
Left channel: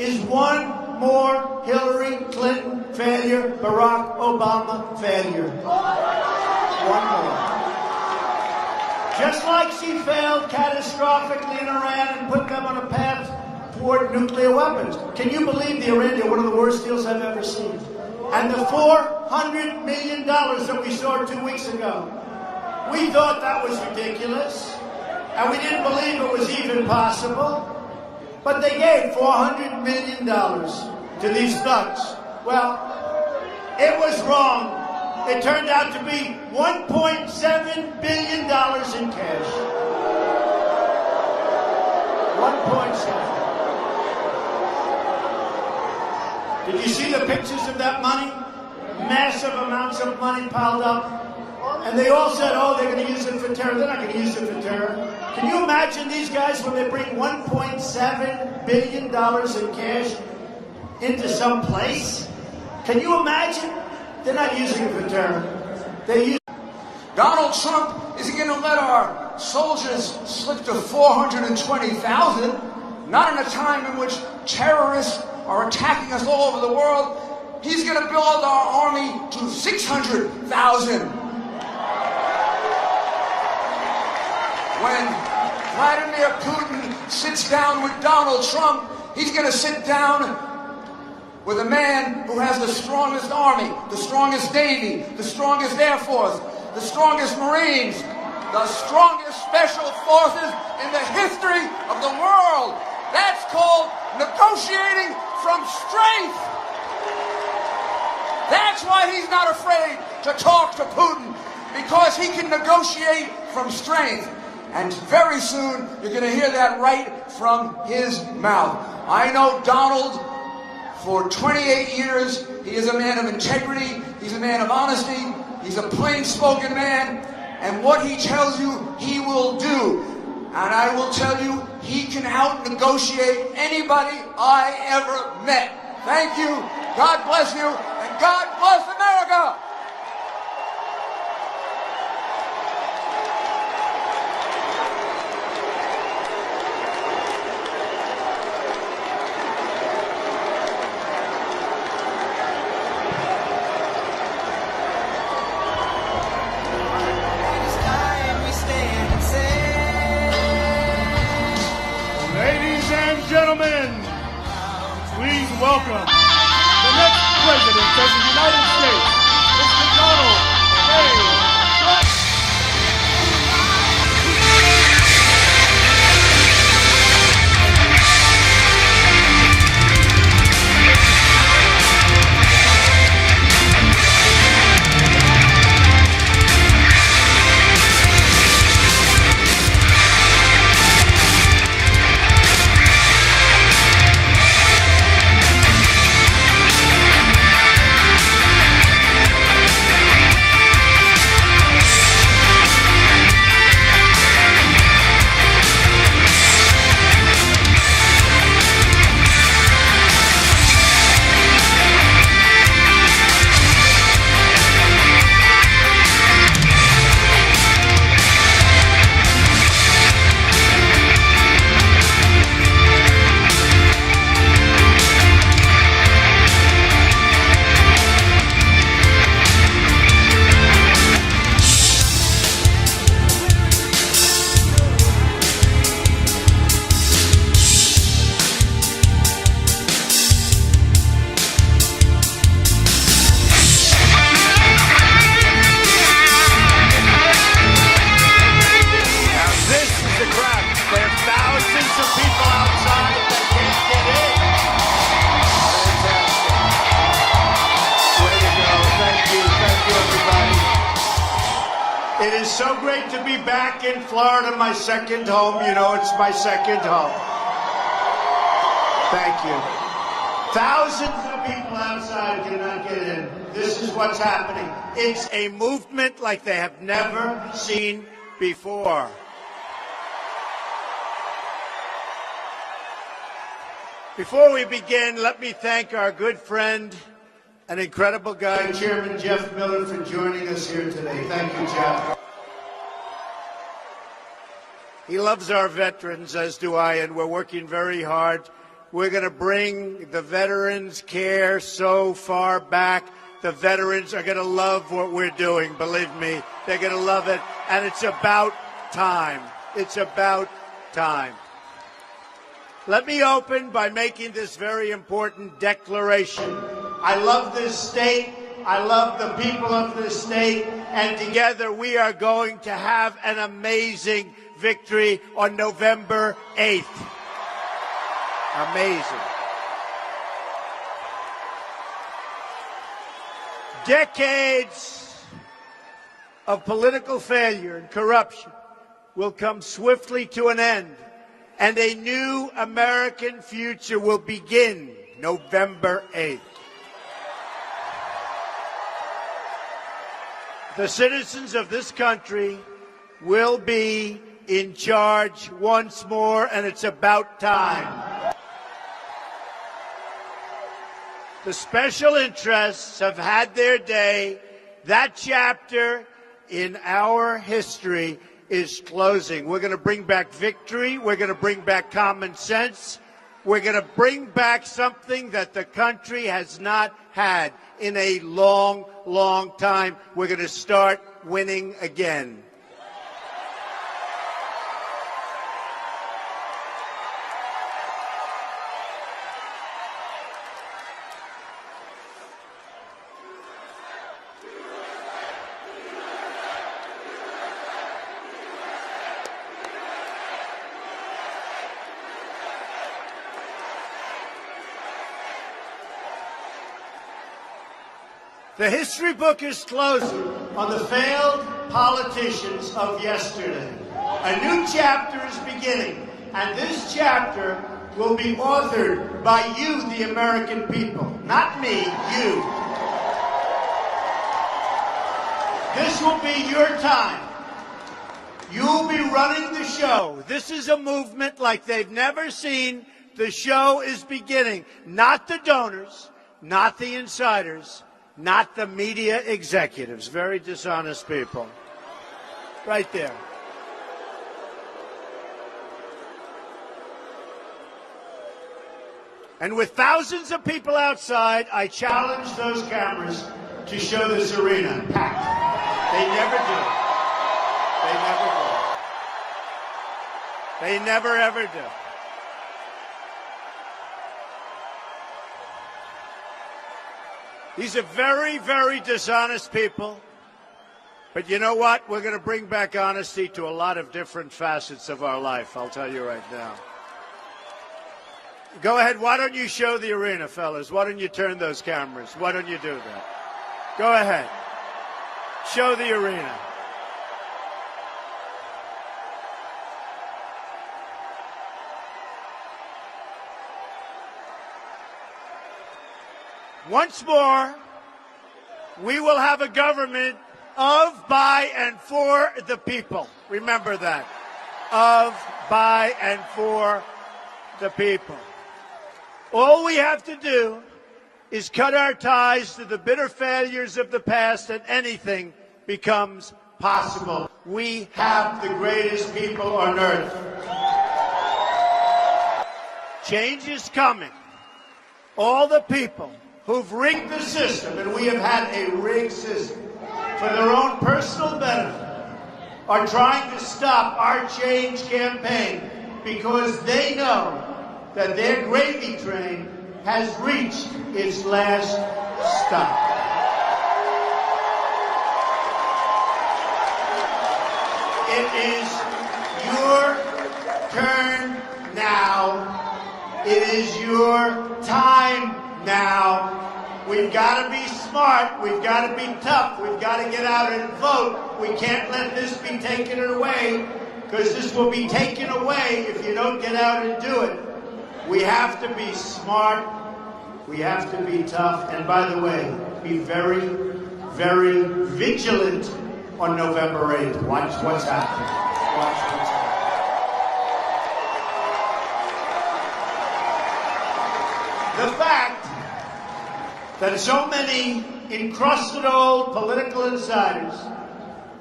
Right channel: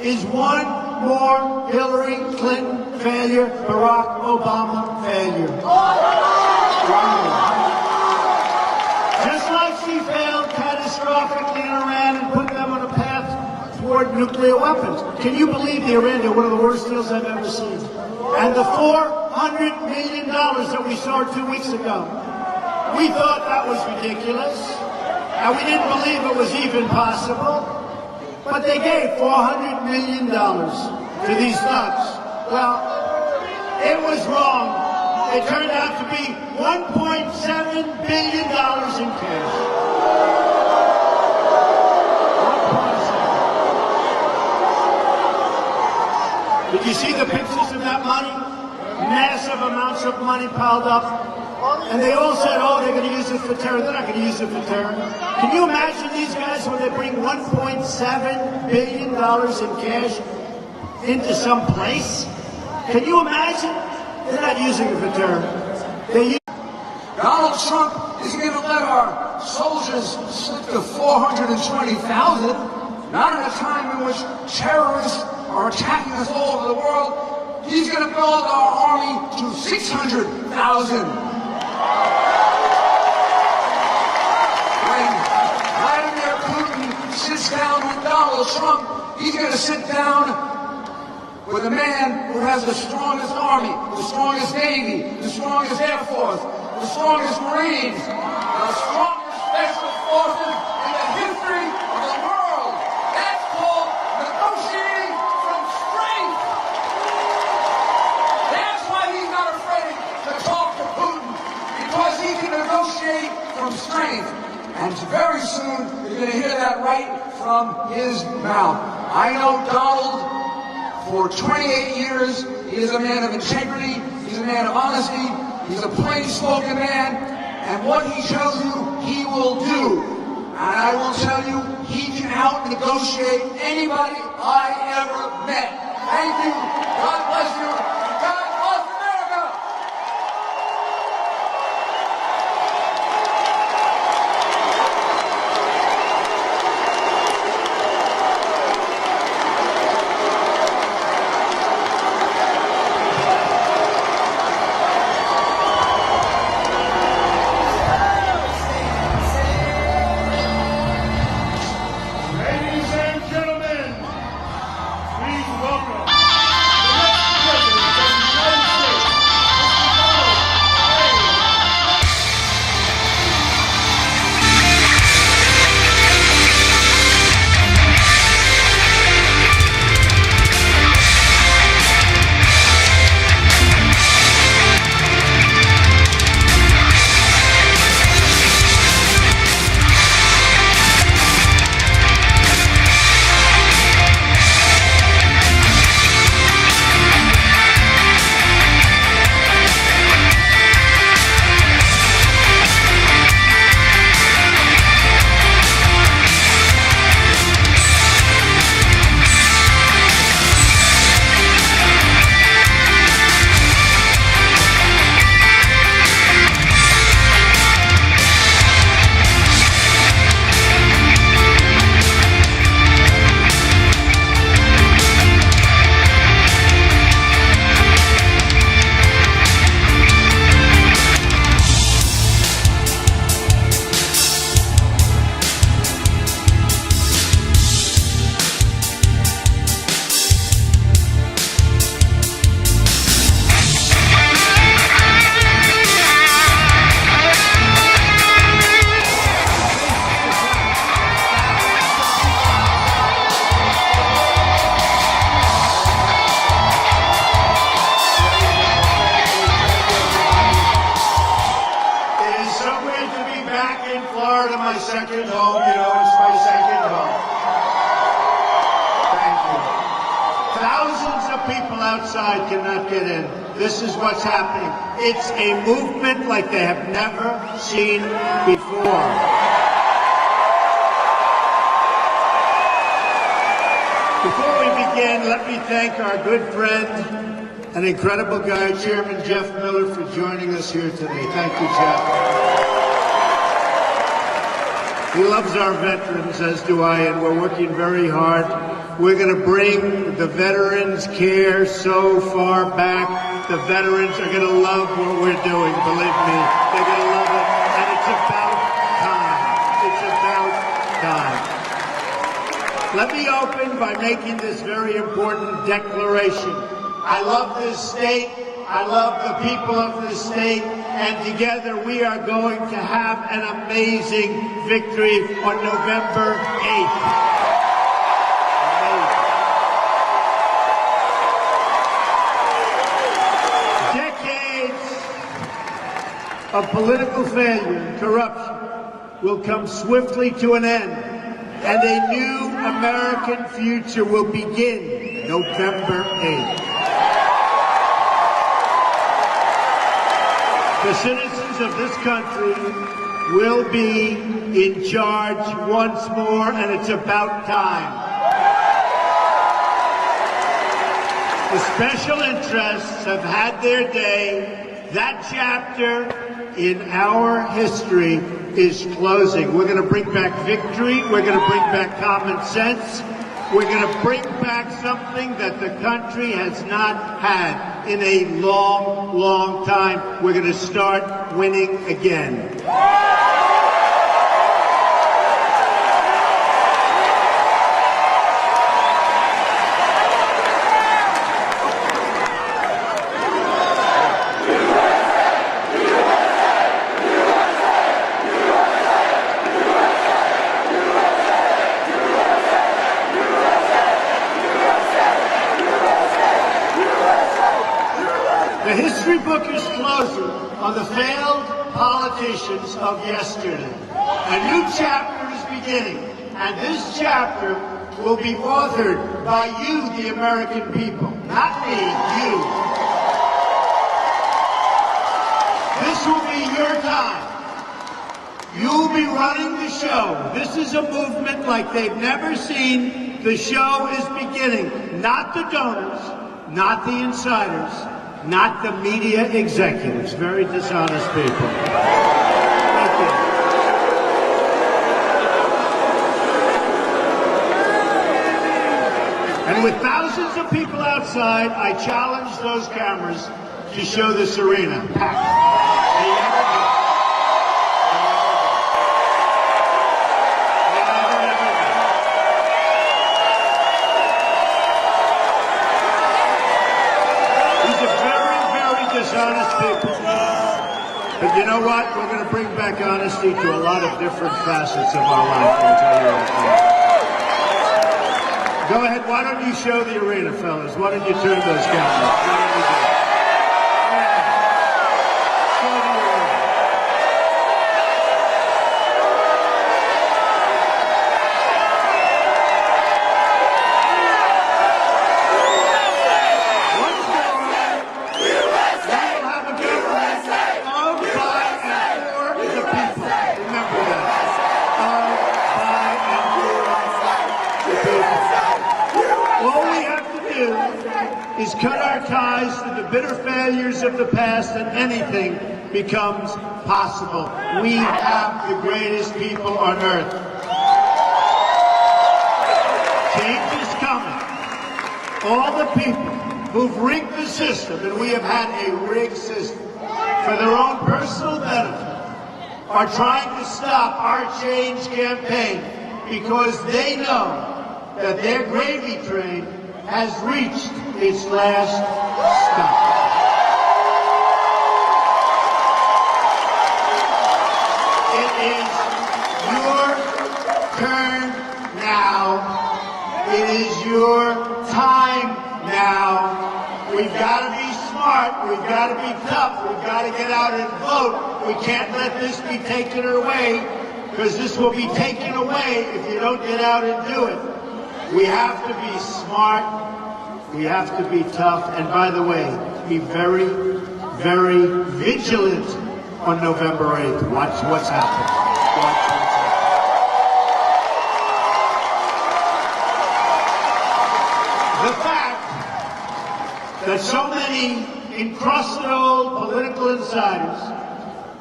is one more Hillary Clinton failure, Barack Obama failure. One more. Just like she failed catastrophically in Iran and put them on a path toward nuclear weapons. Can you believe the Iran? They're one of the worst deals I've ever seen. And the $400 million that we saw 2 weeks ago, we thought that was ridiculous. And we didn't believe it was even possible. But they gave $400 million to these thugs. Well, it was wrong. It turned out to be $1.7 billion in cash. 1.7. Did you see the pictures of that money? Massive amounts of money piled up. And they all said, oh, they're going to use it for terror. They're not going to use it for terror. Can you imagine these guys when they bring $1.7 billion in cash into some place? Can you imagine? They're not using it for terror. Donald Trump is going to let our soldiers slip to 420,000, not in a time in which terrorists are attacking us all over the world. He's going to build our army to 600,000. When Vladimir Putin sits down with Donald Trump, he's going to sit down with a man who has the strongest army, the strongest Navy, the strongest Air Force, the strongest Marines, the strongest Special Forces in the history of the world. That's called negotiating from strength. That's why he's not afraid to talk to Putin, because he can negotiate from strength. And very soon, you're going to hear that right from his mouth. I know Donald for 28 years. He is a man of integrity. He's a man of honesty. He's a plain-spoken man. And what he tells you, he will do. And I will tell you, he can out-negotiate anybody I ever met. Thank you. God bless you. And God bless America. Welcome, the next president of the United States, Mr. Donald J. Florida, my second home. You know, it's my second home. Thank you. Thousands of people outside cannot get in. This is what's happening. It's a movement like they have never seen before. Before we begin, let me thank our good friend and incredible guy, Chairman Jeff Miller, for joining us here today. Thank you, Jeff. He loves our veterans, as do I, and we're working very hard. We're going to bring the veterans' care so far back. The veterans are going to love what we're doing, believe me. They're going to love it, and it's about time. It's about time. Let me open by making this very important declaration. I love this state. I love the people of this state. And together we are going to have an amazing victory on November 8th. Amazing. Decades of political failure and corruption will come swiftly to an end, and a new American future will begin November 8th. The citizens of this country will be in charge once more, and it's about time. The special interests have had their day. That chapter in our history is closing. We're going to bring back victory. We're going to bring back common sense. We're going to bring back something that the country has not had in a long, long time. We're going to start winning again. The history book is closing on the failed politicians of yesterday. A new chapter is beginning, and this chapter will be authored by you, the American people. Not me, you. This will be your time. You'll be running the show. This is a movement like they've never seen. The show is beginning. Not the donors, not the insiders, not the media executives. Very dishonest people. Thank you. And with thousands of people outside, I challenge those cameras to show this arena packed. They never do. They never ever do. These are very, very dishonest people. But you know what? We're going to bring back honesty to a lot of different facets of our life. I'll tell you right now. Go ahead. Why don't you show the arena, fellas? Why don't you turn those cameras? Why don't you do it? Go ahead. Show the arena. Once more, we will have a government of, by, and for the people. Remember that. Of, by, and for the people. All we have to do is cut our ties to the bitter failures of the past, and anything becomes possible. We have the greatest people on earth. Change is coming. All the people who've rigged the system, and we have had a rigged system, for their own personal benefit, are trying to stop our change campaign because they know that their gravy train has reached its last stop. It is your turn now. It is your time now. We've got to be smart. We've got to be tough. We've got to get out and vote. We can't let this be taken away, because this will be taken away if you don't get out and do it. We have to be smart. We have to be tough. And by the way, be very, very vigilant on November 8th. Watch what's happening. Watch what's happening. The fact that so many encrusted old political insiders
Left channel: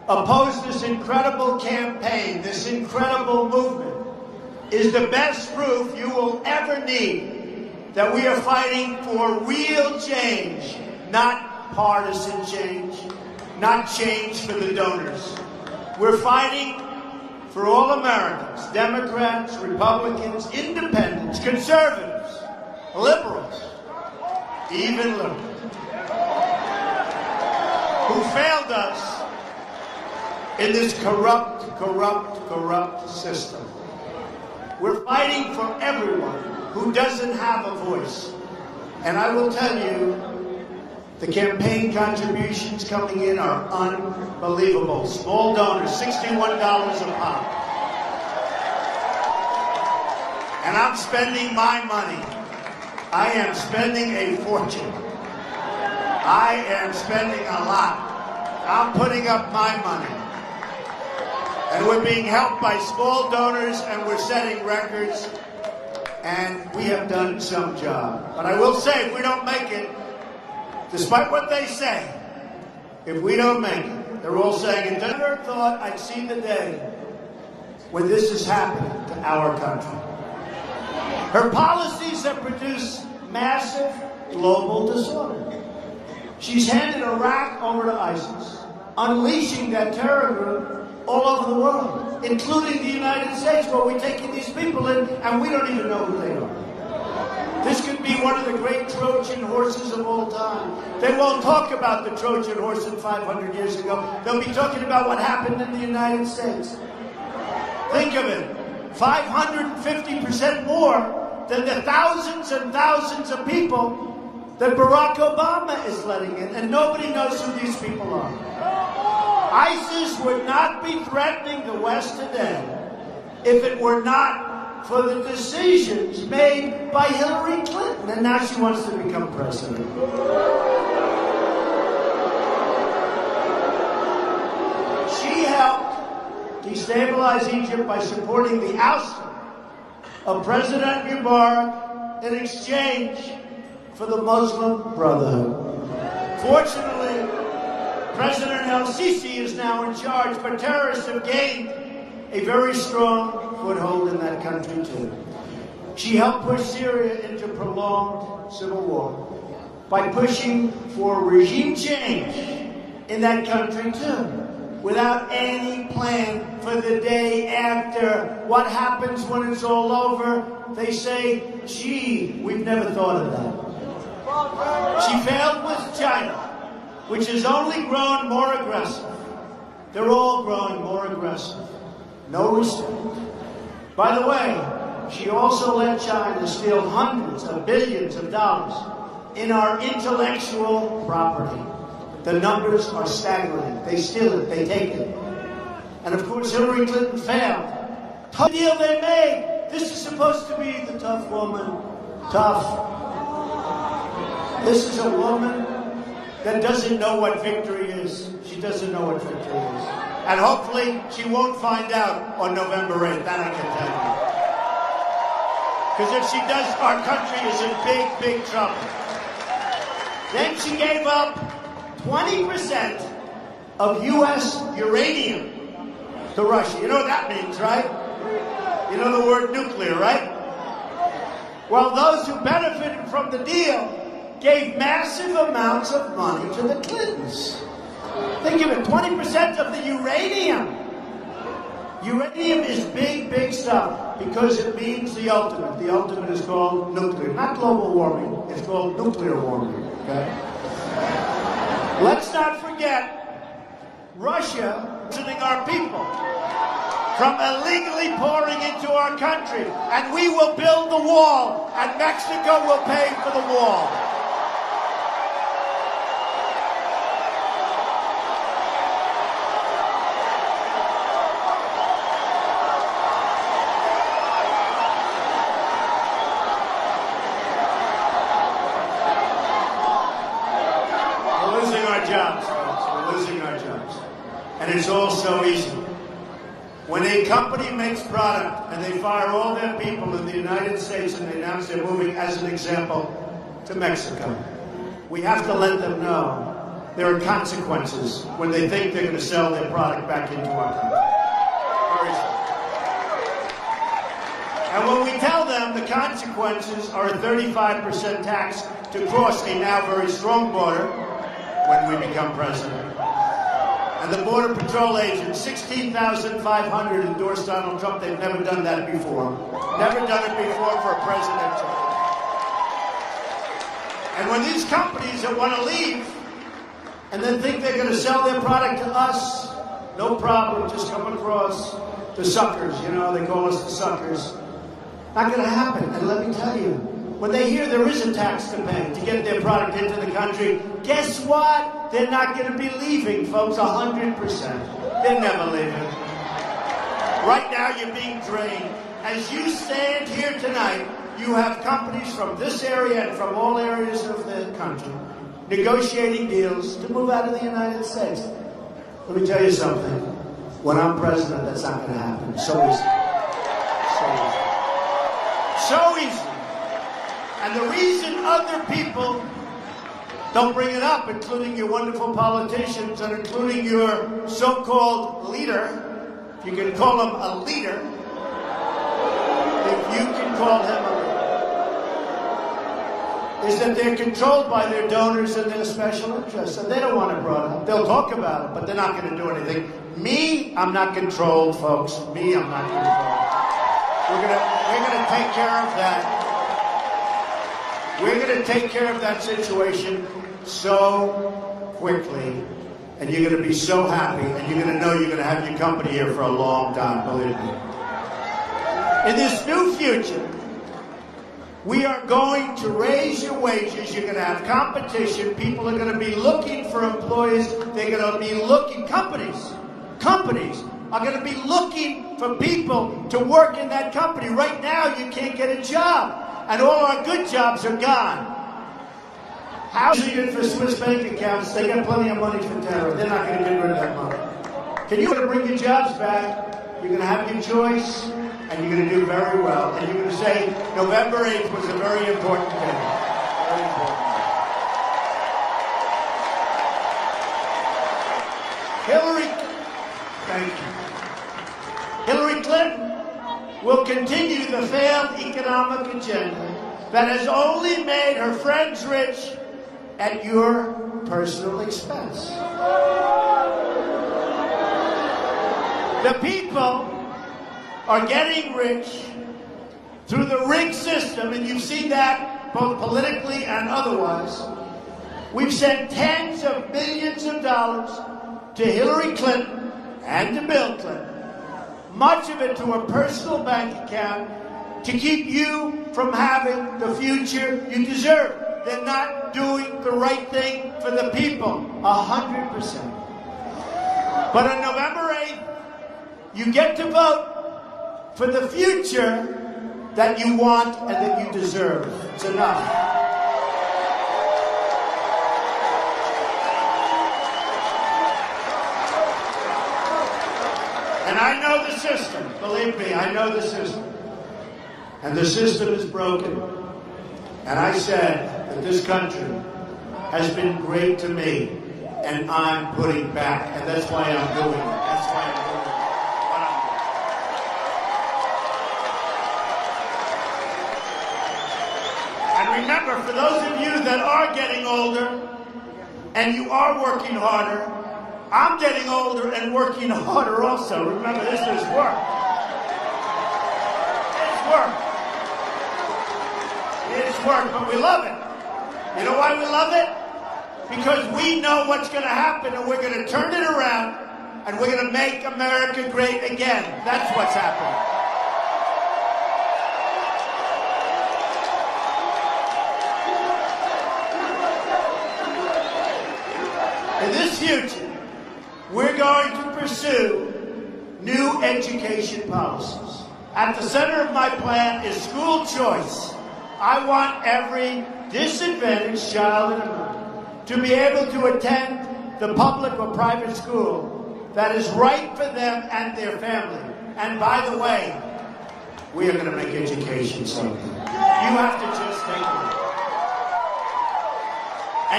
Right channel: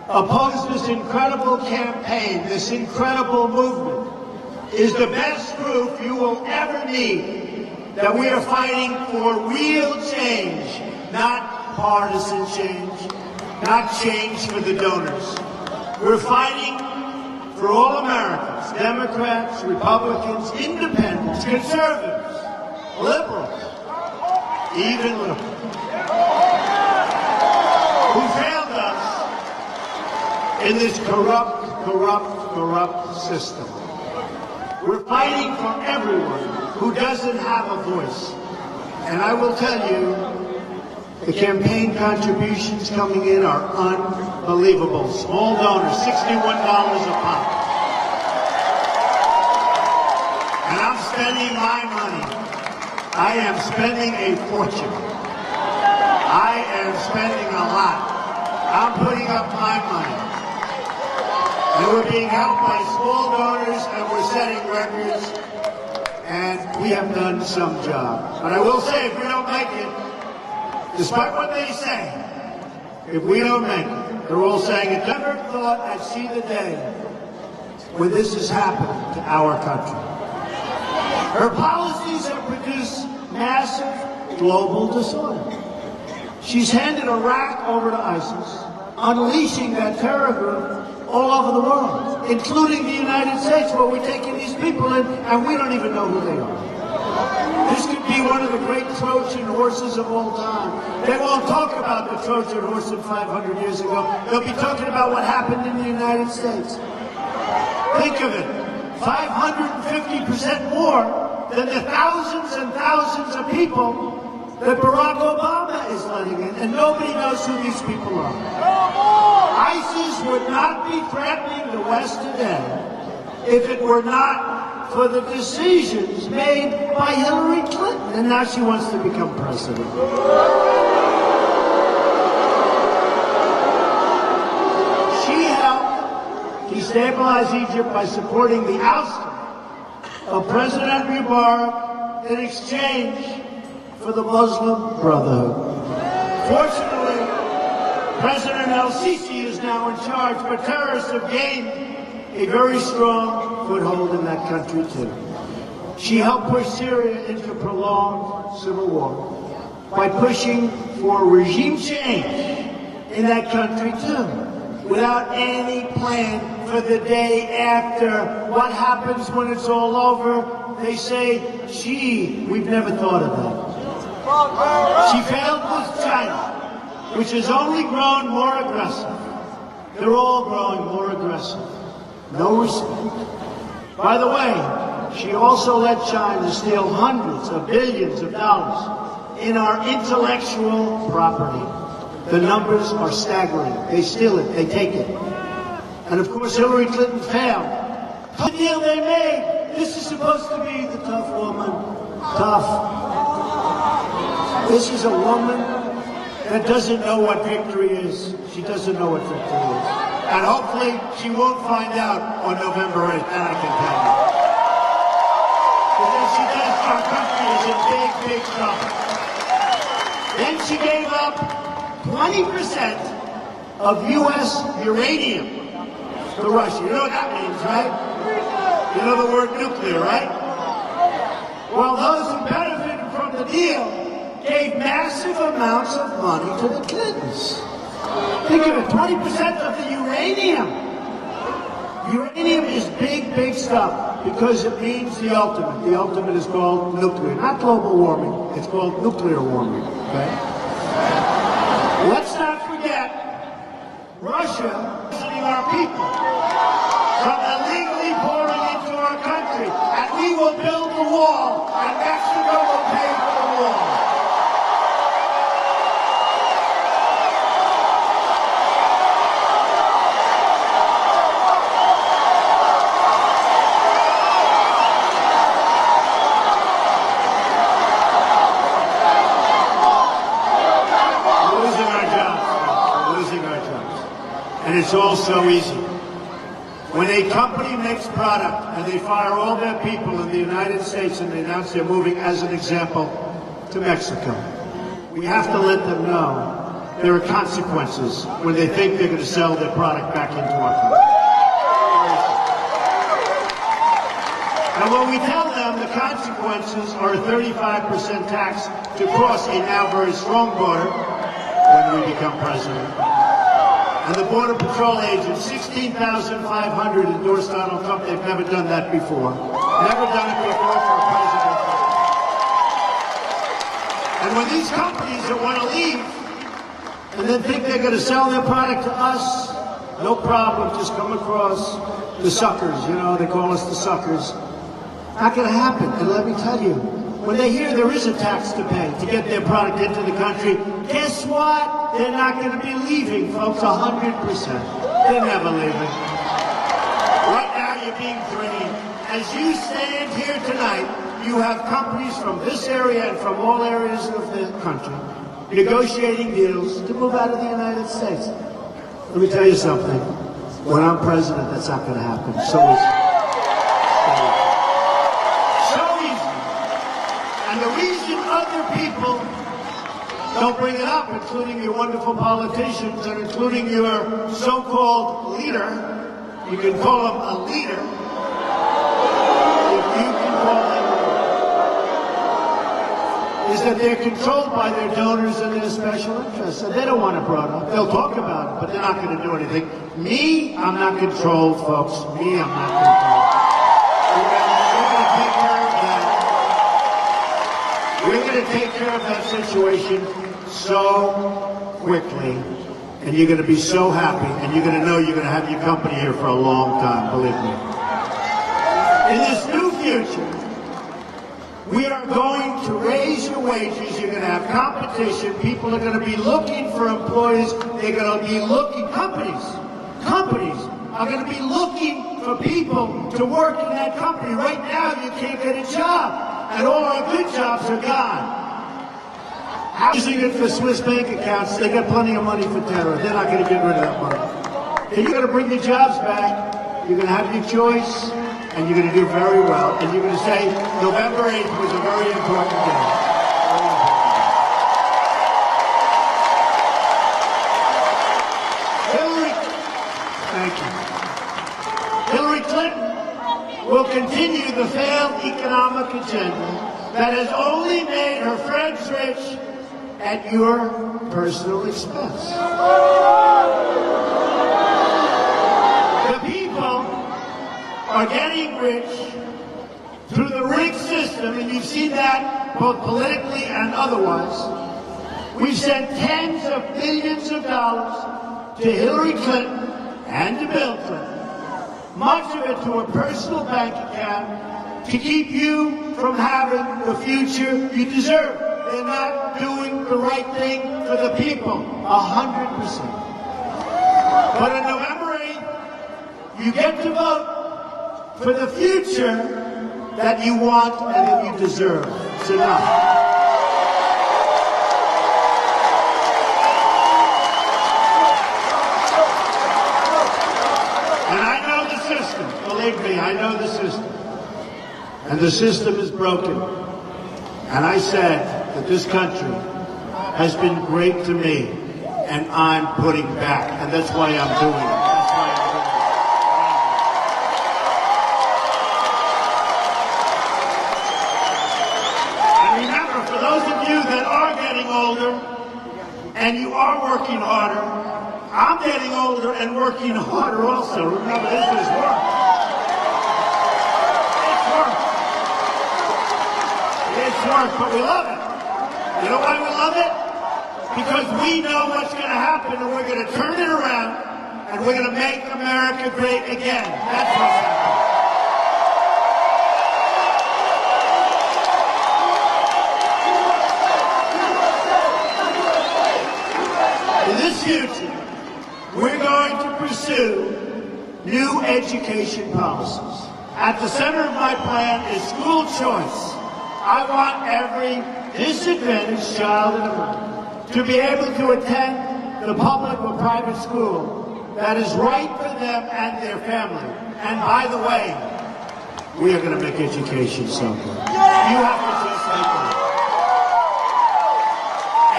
opposed this incredible campaign, this incredible movement, is the best proof you will ever need that we are fighting for real change, not partisan change, not change for the donors. We're fighting for all Americans, Democrats, Republicans, independents, conservatives, liberals, even liberals, who failed us in this corrupt system. We're fighting for everyone who doesn't have a voice. And I will tell you, the campaign contributions coming in are unbelievable. Small donors, $61 a pop. And I'm spending my money. I am spending a fortune. I am spending a lot. I'm putting up my money. And we're being helped by small donors, and we're setting records. And we have done some job. But I will say, if we don't make it, despite what they say, if we don't make it, they're all saying, I never thought I'd see the day when this has happened to our country. Her policies have produced massive global disorder. She's handed Iraq over to ISIS, unleashing that terror group all over the world, including the United States, where we're taking these people in, and we don't even know who they are. This could be one of the great Trojan horses of all time. They won't talk about the Trojan horse of 500 years ago. They'll be talking about what happened in the United States. Think of it, 550% more than the thousands and thousands of people that Barack Obama is letting in, and nobody knows who these people are. ISIS would not be threatening the West today if it were not for the decisions made by Hillary Clinton, and now she wants to become president. She helped destabilize Egypt by supporting the ousting of President Mubarak in exchange for the Muslim Brotherhood. Fortunately, President El-Sisi is now in charge, but terrorists have gained a very strong foothold in that country, too. She helped push Syria into a prolonged civil war by pushing for regime change in that country, too, without any plan for the day after. What happens when it's all over? They say, gee, we've never thought of that. She failed with China, which has only grown more aggressive. They're all growing more aggressive. No respect. By the way, she also let China steal hundreds of billions of dollars in our intellectual property. The numbers are staggering. They steal it, they take it. And of course, Hillary Clinton failed. The deal they made, this is supposed to be the tough woman. Tough. This is a woman that doesn't know what victory is. She doesn't know what victory is. And hopefully, she won't find out on November 8th. That I can tell you. Because if she does, our country is in big, big trouble. Then she gave up 20% of U.S. uranium to Russia. You know what that means, right? You know the word nuclear, right? Well, those who benefited from the deal gave massive amounts of money to the Clintons. They gave it 20% of the uranium. Uranium is big, big stuff because it means the ultimate. The ultimate is called nuclear. Not global warming. It's called nuclear warming. Okay? Let's not forget Russia killing our people from illegally pouring into our country. And we will build the wall, and Mexico will pay for the wall. And it's all so easy. When a company makes product and they fire all their people in the United States and they announce they're moving, as an example, to Mexico, we have to let them know there are consequences when they think they're going to sell their product back into our country. And when we tell them the consequences are a 35% tax to cross a now very strong border when we become president, and the Border Patrol agents, 16,500 endorsed Donald Trump. They've never done that before. Never done it before for a president. And when these companies that want to leave and then think they're going to sell their product to us, no problem, just come across the suckers. You know, they call us the suckers. Not going to happen. And let me tell you, when they hear there is a tax to pay to get their product into the country, guess what? They're not going to be leaving, folks, 100%. They're never leaving. Right now, you're being drained. As you stand here tonight, you have companies from this area and from all areas of the country negotiating deals to move out of the United States. Let me tell you something. When I'm president, that's not going to happen. So easy. And the reason other people don't bring it up, including your wonderful politicians and including your so-called leader, you can call him a leader, if you can call him, is that they're controlled by their donors and their special interests. So they don't want it brought up. They'll talk about it, but they're not going to do anything. Me, I'm not controlled, folks. Me, I'm not controlled. We're going to take care of that. We're going to take care of that situation so quickly. And you're going to be so happy, and you're going to know you're going to have your company here for a long time, believe me. In this new future, we are going to raise your wages. You're going to have competition. People are going to be looking for employees. They're going to be looking, companies are going to be looking for people to work in that company. Right now, you can't get a job, and all our good jobs are gone. How's it good for Swiss bank accounts? They got plenty of money for terror. They're not going to get rid of that money. You're going to bring your jobs back. You're going to have your choice. And you're going to do very well. And you're going to say November 8th was a very important day. Hillary Clinton will continue the failed economic agenda that has only made her friends rich at your personal expense. The people are getting rich through the rigged system, and you see that both politically and otherwise. We've sent tens of billions of dollars to Hillary Clinton and to Bill Clinton, much of it to a personal bank account to keep you from having the future you deserve. They're not doing the right thing for the people, 100%. But on November 8th, you get to vote for the future that you want and that you deserve. It's enough. And I know the system. Believe me, I know the system. And the system is broken. And I said that this country has been great to me, and I'm putting back. And that's why I'm doing it. And you are working harder. I'm getting older and working harder also. Remember, this is work. It's work. It's work, but we love it. You know why we love it? Because we know what's going to happen, and we're going to turn it around, and we're going to make America great again. That's what's happening. In this future, we're going to pursue new education policies. At the center of my plan is school choice. I want every disadvantaged child to be able to attend the public or private school that is right for them and their family. And by the way, we are going to make education so good. You have to just take it.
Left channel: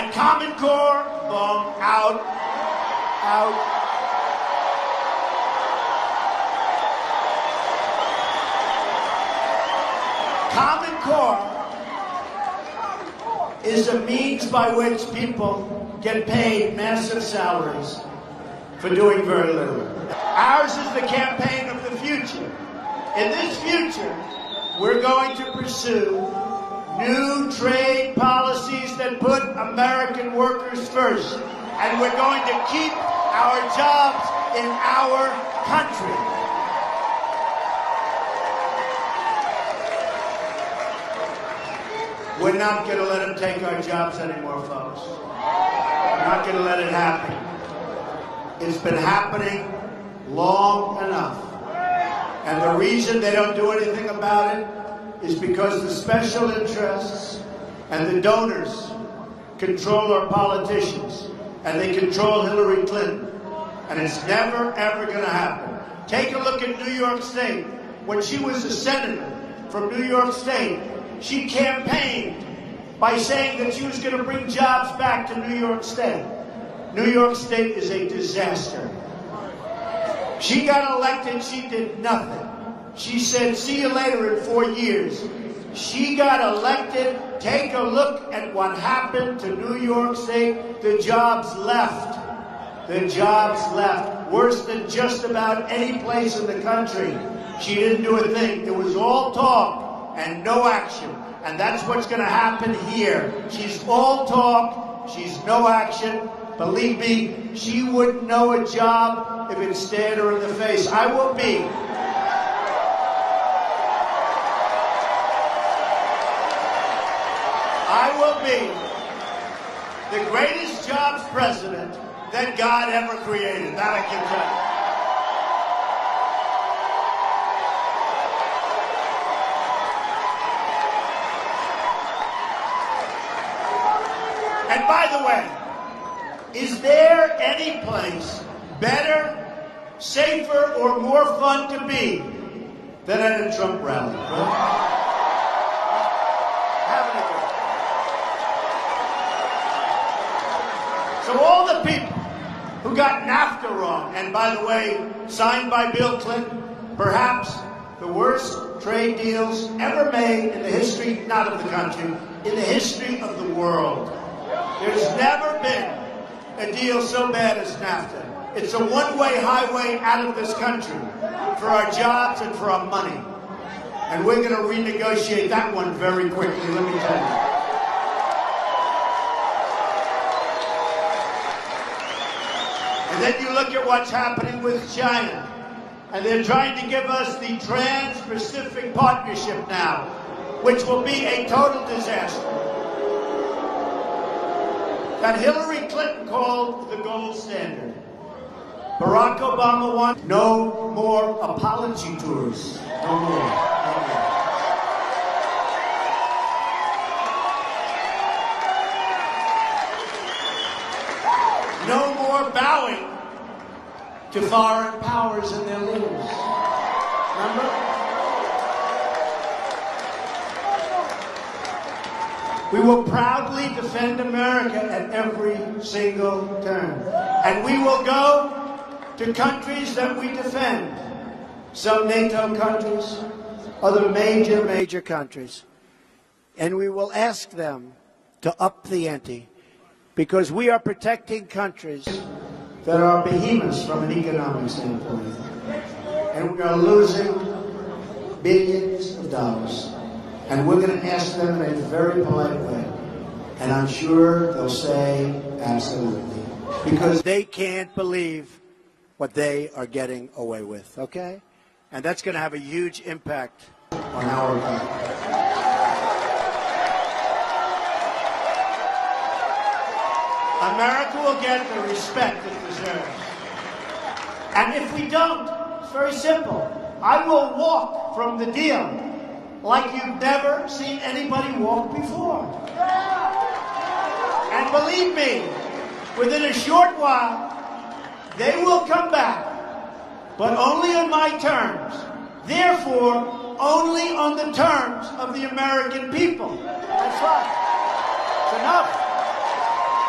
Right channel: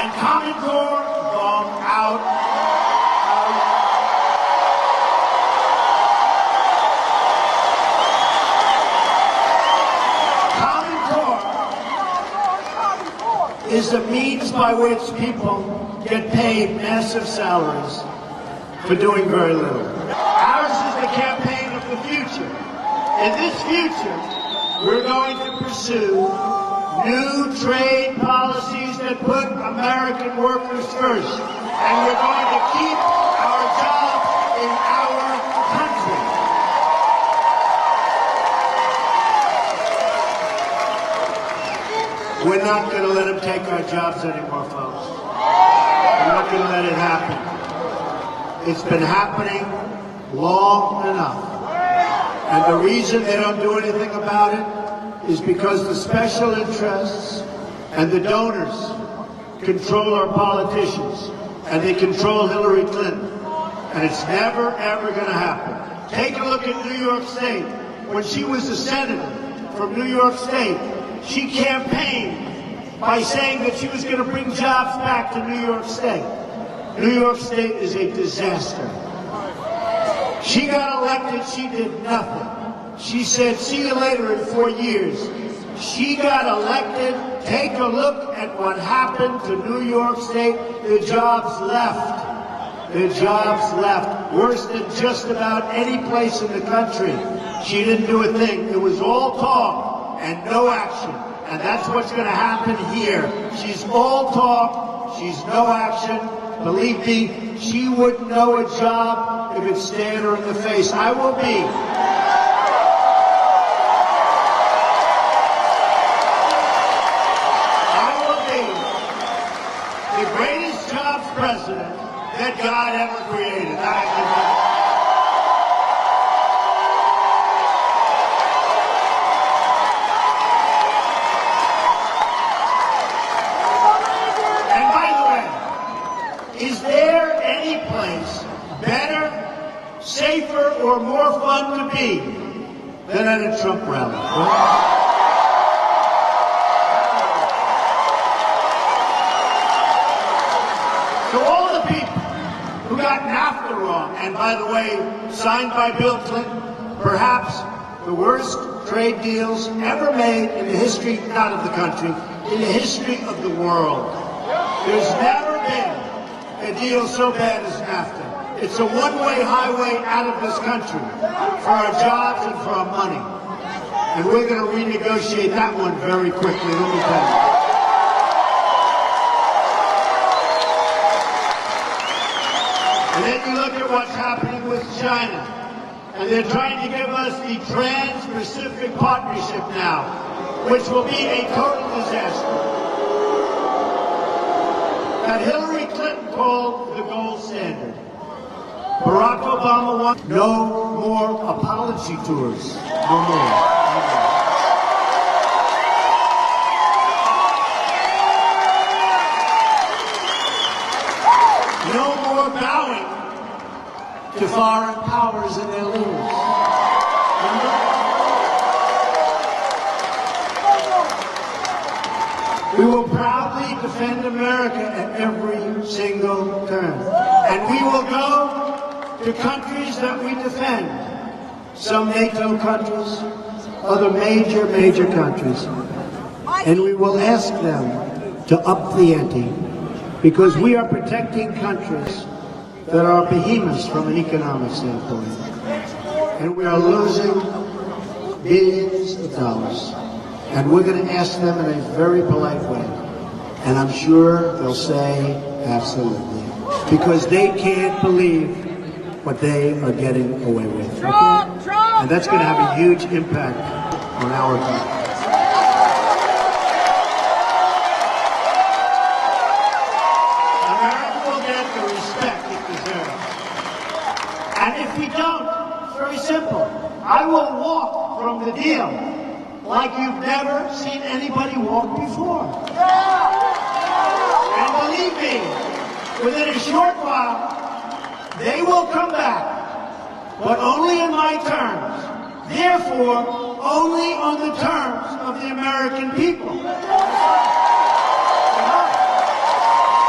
And Common Core, wrong, out. Common Core is the means by which people get paid massive salaries for doing very little. Ours is the campaign of the future. In this future, we're going to pursue new trade policies that put American workers first. And we're going to keep our jobs in our country. We're not going to let them take our jobs anymore, folks. We're not going to let it happen. It's been happening long enough. And the reason they don't do anything about it is because the special interests and the donors control our politicians, and they control Hillary Clinton. And it's never, ever going to happen. Take a look at New York State. When she was a senator from New York State, she campaigned by saying that she was going to bring jobs back to New York State. New York State is a disaster. She got elected, she did nothing. She said, see you later in 4 years. She got elected. Take a look at what happened to New York State. The jobs left. The jobs left. Worse than just about any place in the country. She didn't do a thing. It was all talk and no action. And that's what's going to happen here. She's all talk. She's no action. Believe me, she wouldn't know a job if it stared her in the face. I will be the greatest jobs president that God ever created. That I can tell you. And by the way, is there any place better, safer, or more fun to be than at a Trump rally? To all the people who got NAFTA wrong, and by the way, signed by Bill Clinton, perhaps the worst trade deals ever made in the history, not of the country, in the history of the world. There's never been a deal so bad as NAFTA. It's a one-way highway out of this country for our jobs and for our money. And we're going to renegotiate that one very quickly. Let me tell you. And then you look at what's happening with China. And they're trying to give us the Trans-Pacific Partnership now, which will be a total disaster. That Hillary Clinton called the gold standard. Barack Obama wants no more apology tours. No more. No more bowing to foreign powers and their leaders. We will proudly defend America at every single turn. And we will go to countries that we defend. Some NATO countries, other major countries. And we will ask them to up the ante. Because we are protecting countries that are behemoths from an economic standpoint. And we are losing billions of dollars. And we're going to ask them in a very polite way. And I'm sure they'll say absolutely. Because they can't believe what they are getting away with. And that's going to have a huge impact on our country. America will get the respect it deserves. And if we don't, it's very simple. I will walk from the deal like you've never seen anybody walk before. And believe me, within a short while, they will come back, but only on my terms. Therefore, only on the terms of the American people. Enough.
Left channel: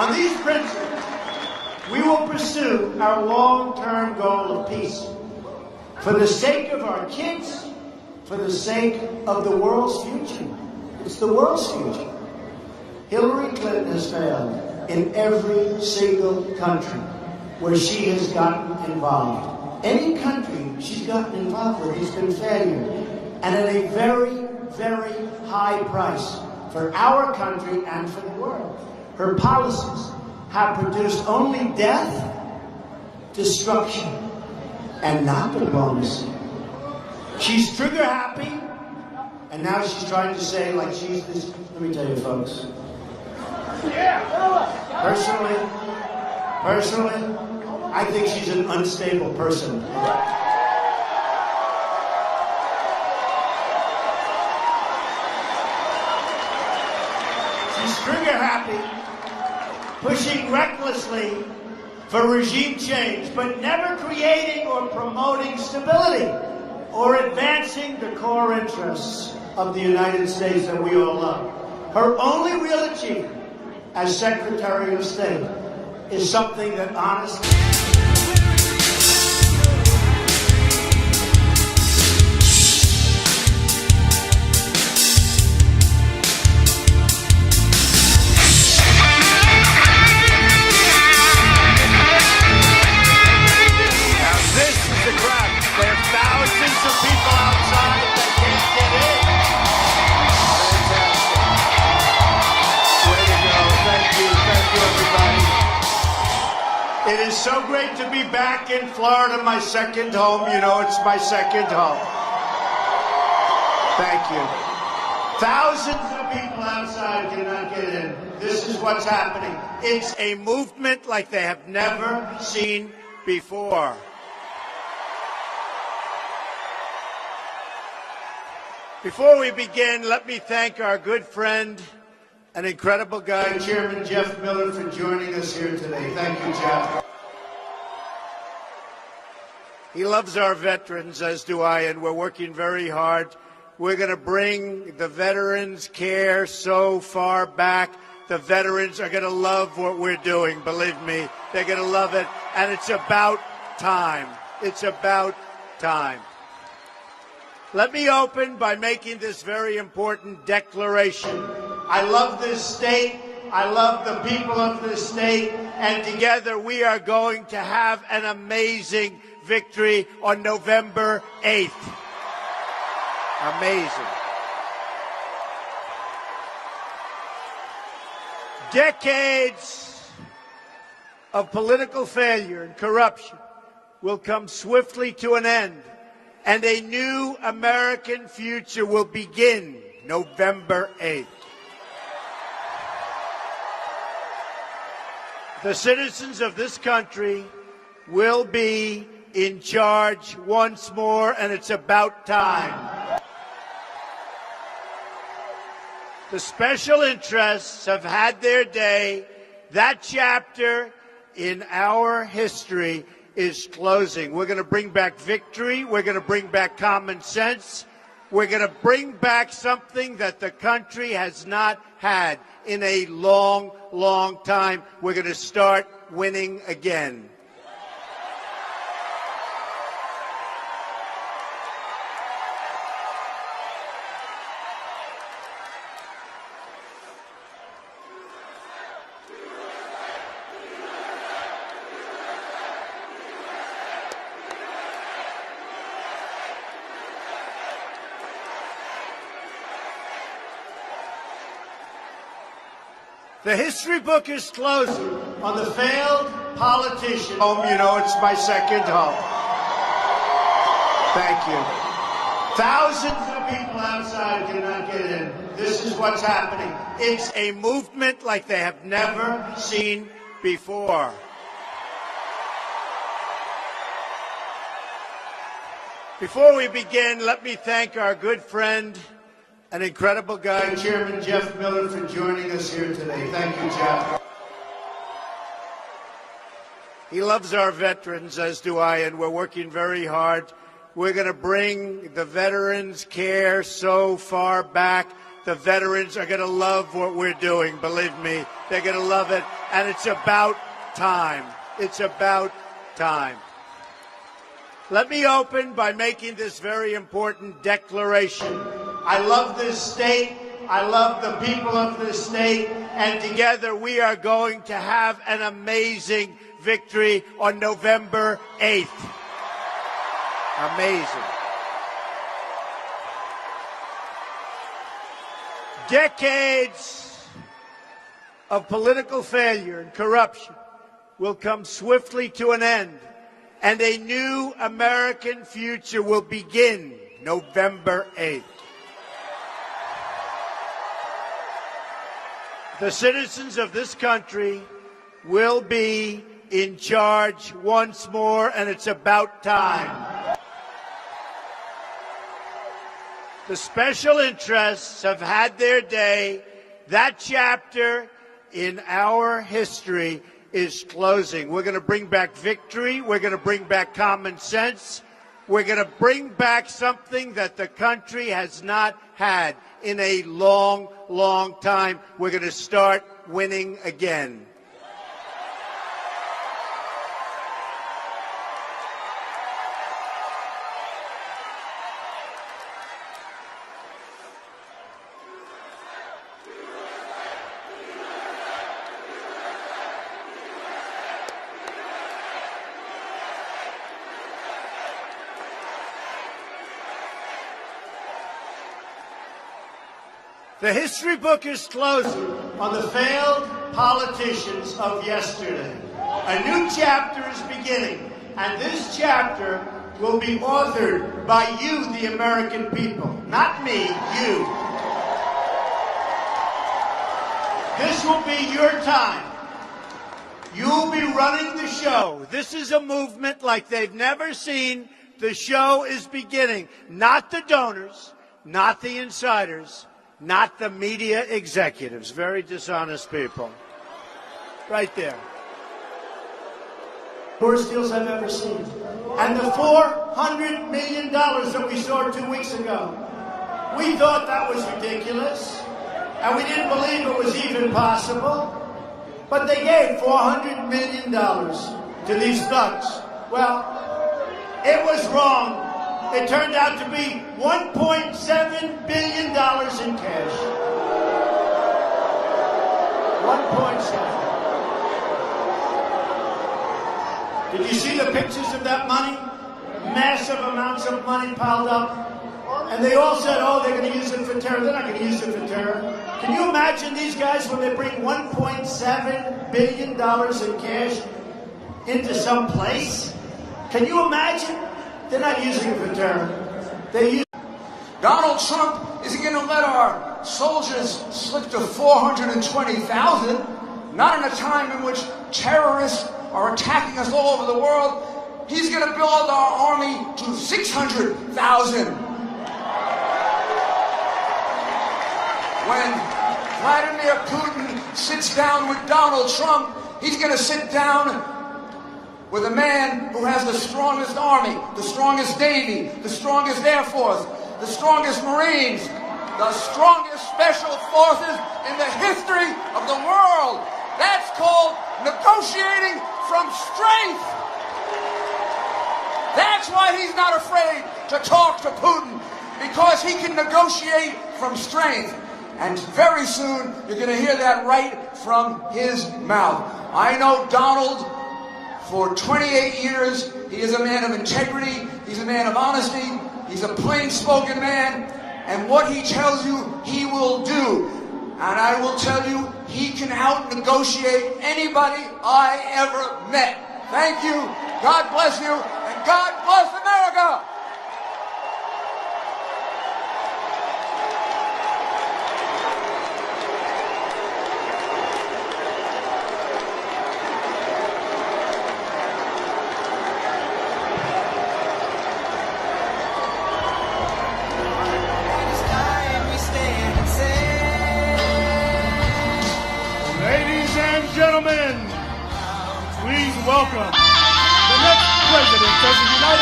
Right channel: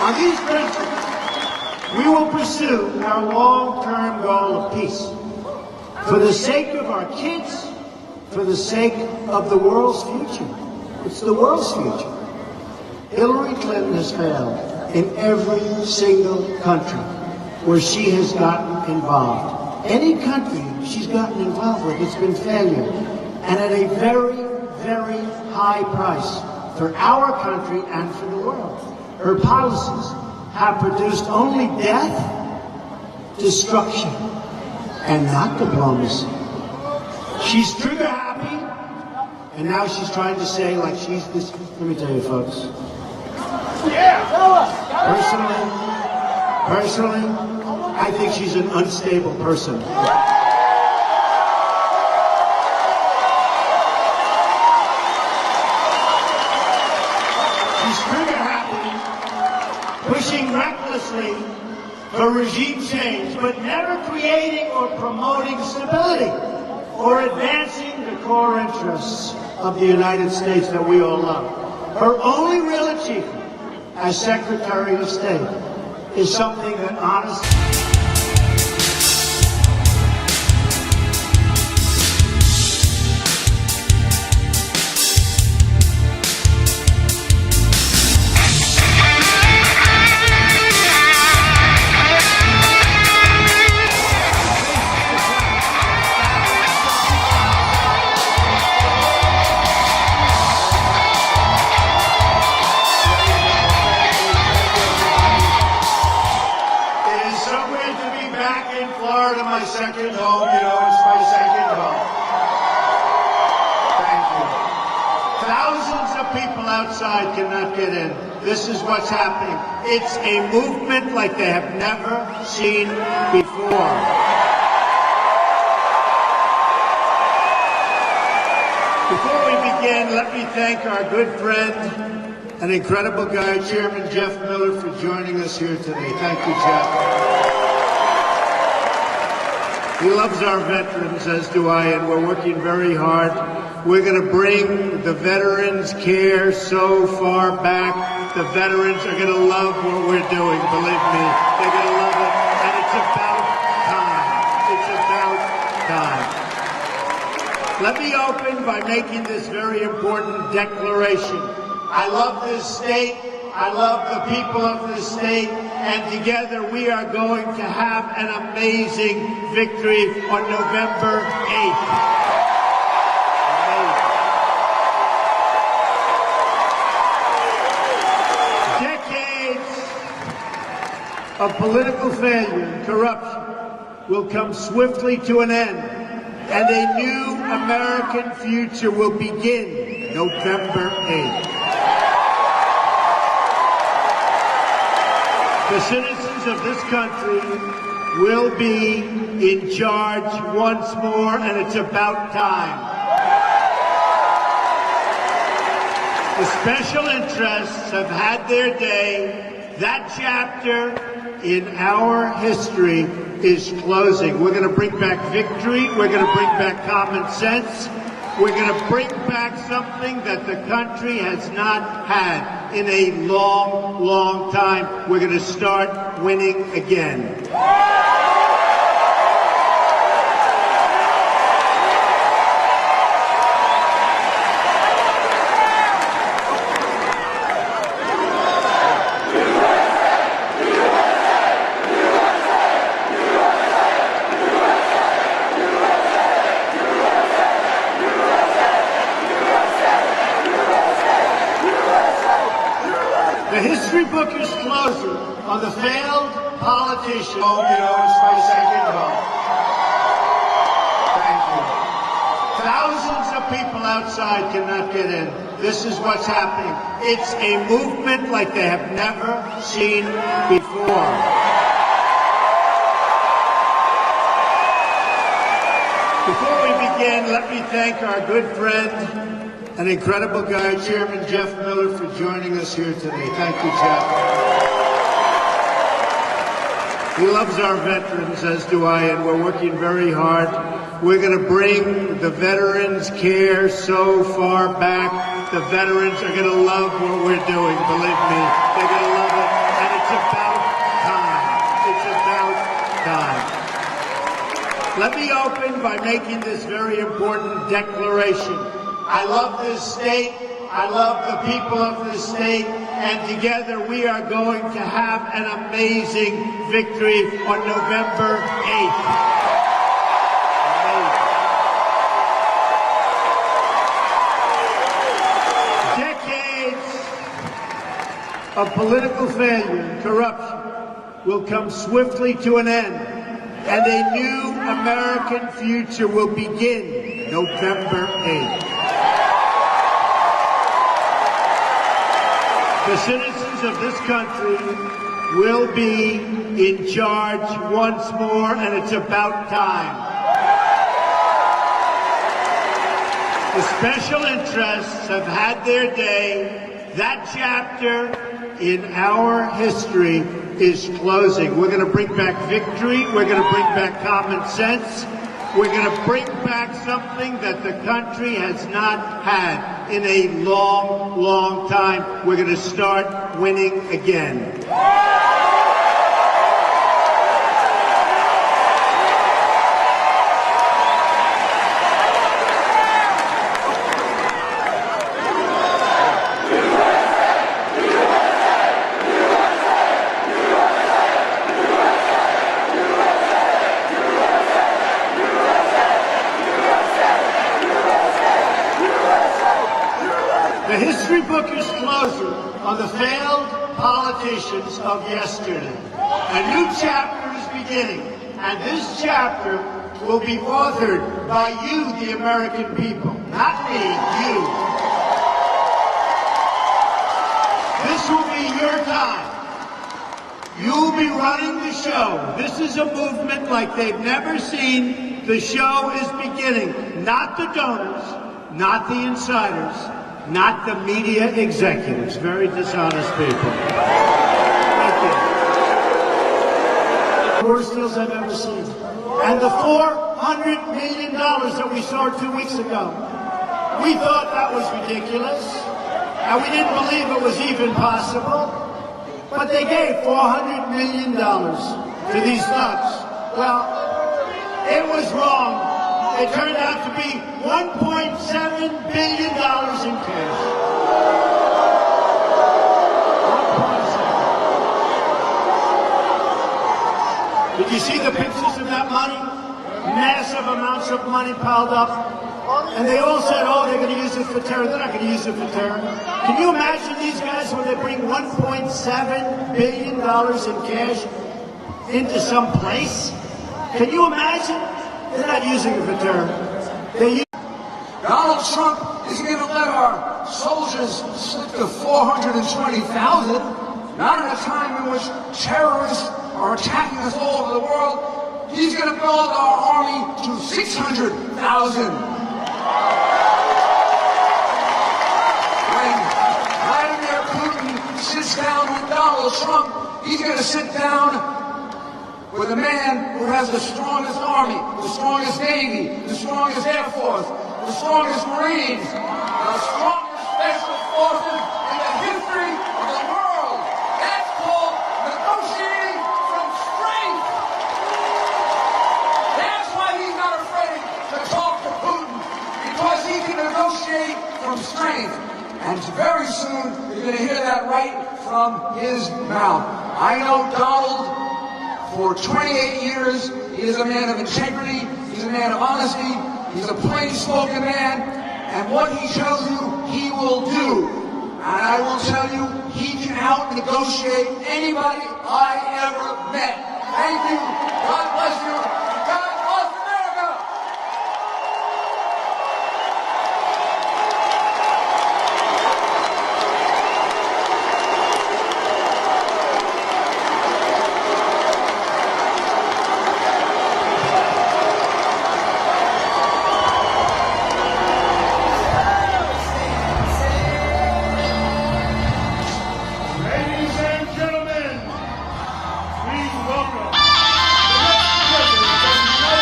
On these principles, we will pursue our long-term goal of peace. For the sake of our kids, for the sake of the world's future. It's the world's future. Hillary Clinton has failed in every single country where she has gotten involved. Any country she's gotten involved with has been failure. And at a very, very high price for our country and for the world. Her policies have produced only death, destruction, and not diplomacy. She's trigger happy, and now she's trying to say like she's this. Let me tell you, folks. Personally, I think she's an unstable person. She's trigger happy, pushing recklessly for regime change, but never creating or promoting stability or advancing the core interests of the United States that we all love. Her only real achievement as Secretary of State is something that honestly... So great to be back in Florida, my second home. You know, it's my second home. Thank you. Thousands of people outside cannot get in. This is what's happening. It's a movement like they have never seen before. Before we begin, let me thank our good friend and the incredible guy, Chairman Jeff Miller, for joining us here today. Thank you, Jeff. He loves our veterans, as do I, and we're working very hard. We're going to bring the veterans' care so far back. The veterans are going to love what we're doing, believe me. They're going to love it, and it's about time. It's about time. Let me open by making this very important declaration. I love this state. I love the people of this state. And together we are going to have an amazing victory on November 8th. Amazing. Decades of political failure and corruption will come swiftly to an end, and a new American future will begin November 8th. The citizens of this country will be in charge once more, and it's about time. The special interests have had their day. That chapter in our history is closing. We're going to bring back victory. We're going to bring back common sense. We're going to bring back something that the country has not had in a long, long time. We're going to start winning again. The history book is closing on the failed politician. Oh, you know, it's my second home. Thank you. Thousands of people outside cannot get in. This is what's happening. It's a movement like they have never seen before. Before we begin, let me thank our good friend and the incredible guy, Chairman Jeff Miller, for joining us here today. Thank you, Jeff. He loves our veterans, as do I, and we're working very hard. We're going to bring the veterans' care so far back. The veterans are going to love what we're doing, believe me. They're going to love it, and it's about time. It's about time. Let me open by making this very important declaration. I love this state. I love the people of this state. And together we are going to have an amazing victory on November 8th. Amazing. Decades of political failure and corruption will come swiftly to an end, and a new American future will begin November 8th. The citizens of this country will be in charge once more, and it's about time. The special interests have had their day. That chapter in our history is closing. We're going to bring back victory. We're going to bring back common sense. We're going to bring back something that the country has not had in a long, long time. We're going to start winning again. The history book is closing on the failed politicians of yesterday. A new chapter is beginning, and this chapter will be authored by you, the American people. Not me, you. This will be your time. You'll be running the show. This is a movement like they've never seen. The show is beginning. Not the donors, not the insiders, not the media executives. Very dishonest people. Thank you. Worst deals I've ever seen. And the $400 million that we saw 2 weeks ago, we thought that was ridiculous. And we didn't believe it was even possible. But they gave $400 million to these thugs. Well, it was wrong. It turned out to be $1.7 billion in cash. 1.7. Did you see the pictures of that money? Massive amounts of money piled up. And they all said, oh, they're going to use it for terror. They're not going to use it for terror. Can you imagine these guys when they bring $1.7 billion in cash into some place? Can you imagine? They're not using it for terror. Donald Trump is going to let our soldiers slip to 420,000, not in a time in which terrorists are attacking us all over the world. He's going to build our army to 600,000. When Vladimir Putin sits down with Donald Trump, he's going to sit down with a man who has the strongest army, the strongest navy, the strongest air force, the strongest marines, the strongest special forces in the history of the world. That's called negotiating from strength. That's why he's not afraid to talk to Putin, because he can negotiate from strength. And very soon, you're going to hear that right from his mouth. I know Donald. For 28 years, he is a man of integrity, he's a man of honesty, he's a plain-spoken man, and what he tells you, he will do. And I will tell you, he can out-negotiate anybody I ever met. Thank you, God bless you, and God bless America! Welcome, the next President of the United States.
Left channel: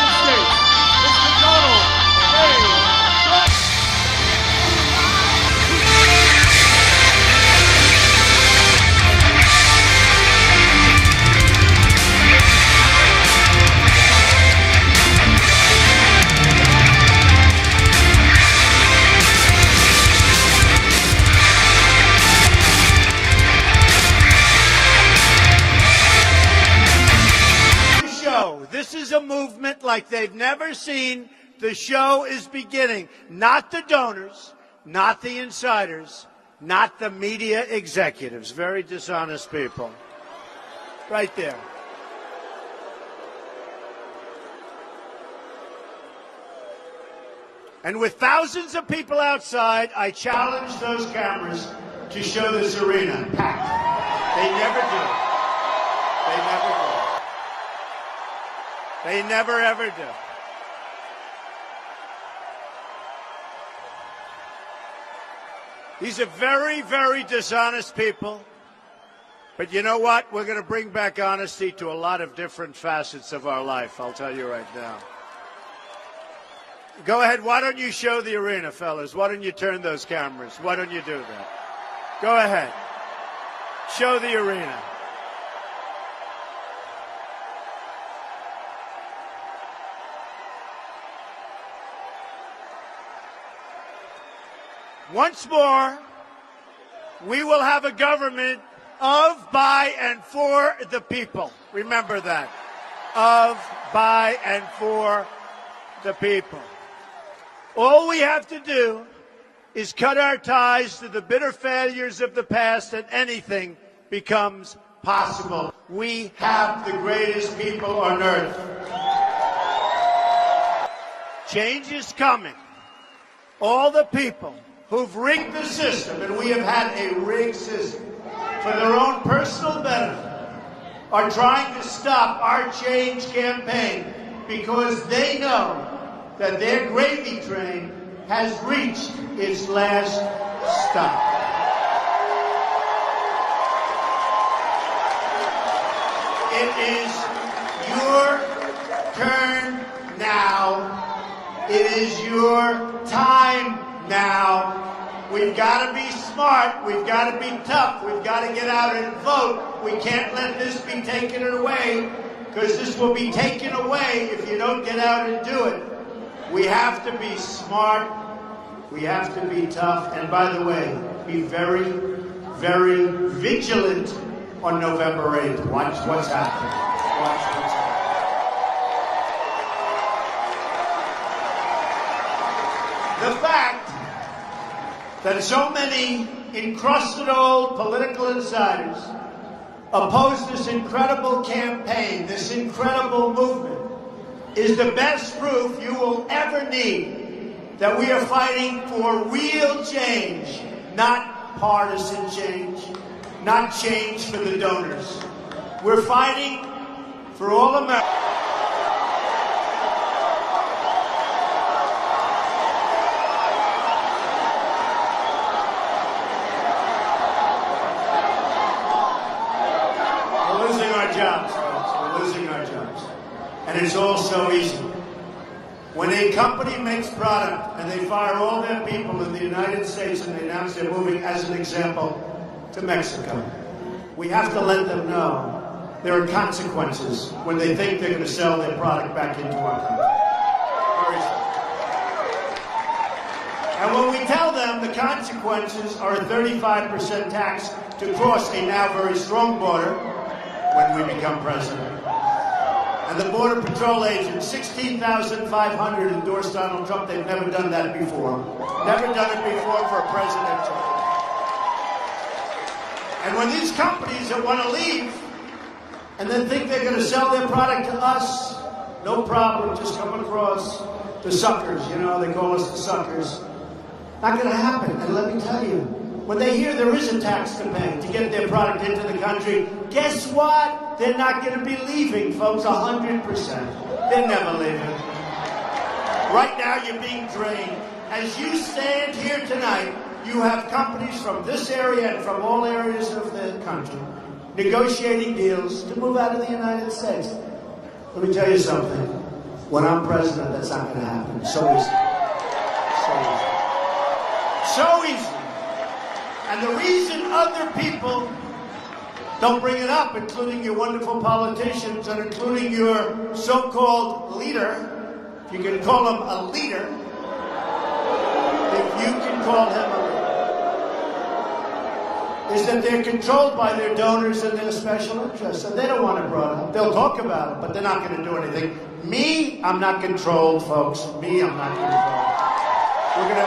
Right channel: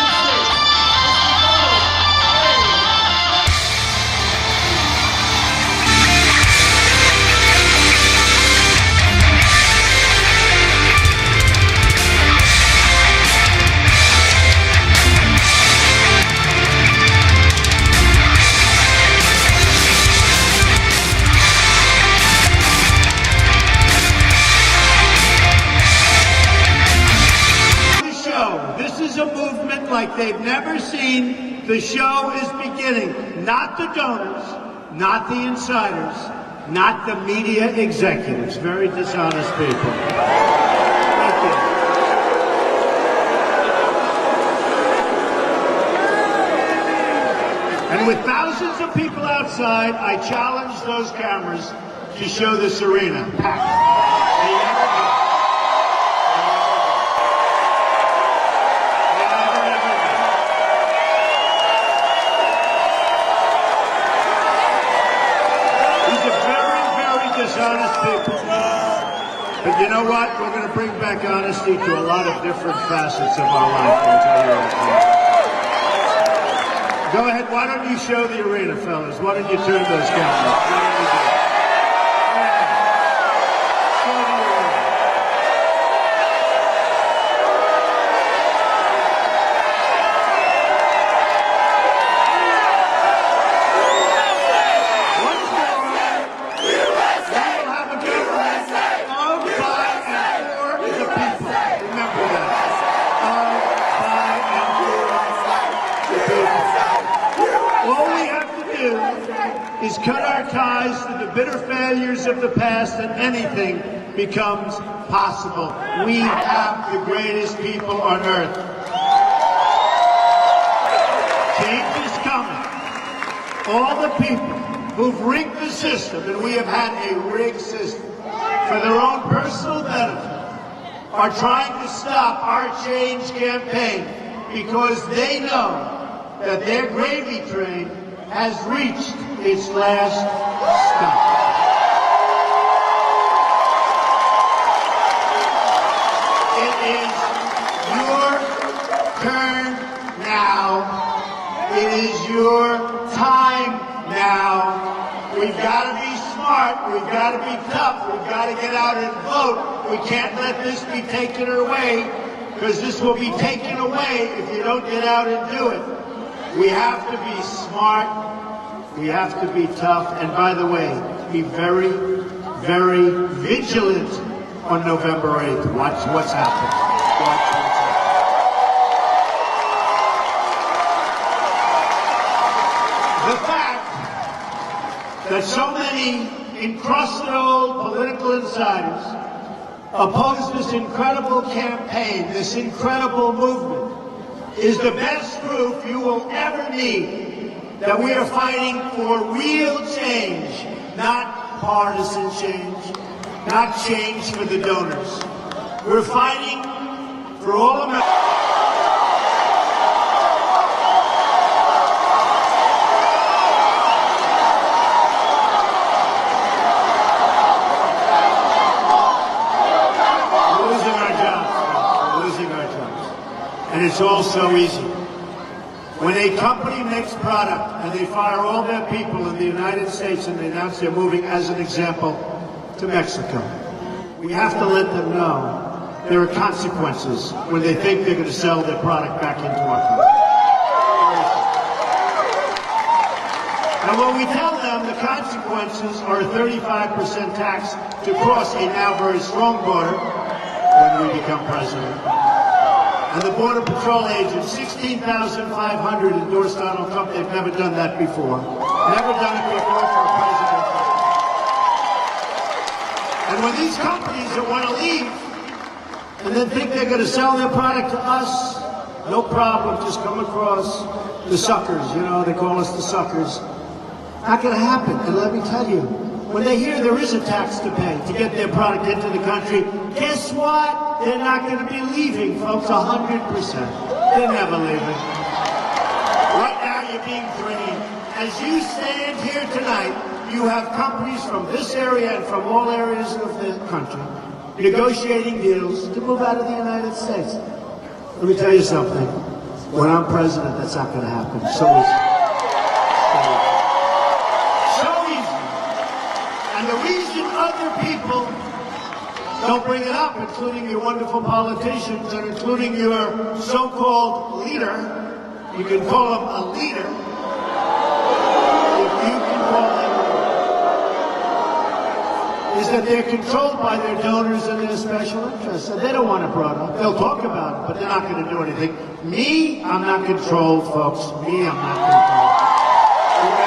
not the donors, not the insiders, not the media executives. Very dishonest people. Thank you. And with thousands of people outside, I challenge those cameras to show this arena packed. They never do. They never ever do. These are very, very dishonest people. But you know what? We're going to bring back honesty to a lot of different facets of our life. I'll tell you that. Go ahead. Why don't you show the arena, fellas? Why don't you turn those cameras? Why don't you do that? Go ahead. Show the arena. Once more, we will have a government of, by, and for the people. Remember that. Of, by, and for the people. All we have to do is cut our ties to the bitter failures of the past and anything becomes possible. We have the greatest people on earth. Change is coming. All the people who've rigged the system, and we have had a rigged system, for their own personal benefit, are trying to stop our change campaign because they know that their gravy train has reached its last stop. It is your turn now. It is your time now. We've got to be smart. We've got to be tough. We've got to get out and vote. We can't let this be taken away, because this will be taken away if you don't get out and do it. We have to be smart. We have to be tough. And by the way, be very, very vigilant on November 8th. Watch what's happening. Watch what's happening. The fact that so many encrusted old political insiders oppose this incredible campaign, this incredible movement, is the best proof you will ever need that we are fighting for real change, not partisan change, not change for the donors. We're fighting for all Americans. We're losing our jobs, folks. We're losing our jobs. And it's all so easy. When a company makes product and they fire all their people in the United States and they announce they're moving, as an example, to Mexico, we have to let them know there are consequences when they think they're going to sell their product back into our country. And when we tell them the consequences are a 35% tax to cross a now very strong border when we become president, and the Border Patrol agents, 16,500 endorsed Donald Trump. They've never done that before. Never done it before for a president. And when these companies that want to leave and then think they're going to sell their product to us, no problem, just come across the suckers. You know, they call us the suckers. Not going to happen. And let me tell you, when they hear there is a tax to pay to get their product into the country, guess what? They're not going to be leaving, folks, 100%. They're never leaving. Right now, you're being drained. As you stand here tonight, you have companies from this area and from all areas of the country negotiating deals to move out of the United States. Let me tell you something. When I'm president, that's not going to happen. So easy. And the reason other people don't bring it up, including your wonderful politicians and including your so-called leader, you can call him a leader, if you can call him, is that they're controlled by their donors and their special interests. And they don't want it brought up. They'll talk about it, but they're not going to do anything. Me, I'm not controlled, folks. Me, I'm not controlled.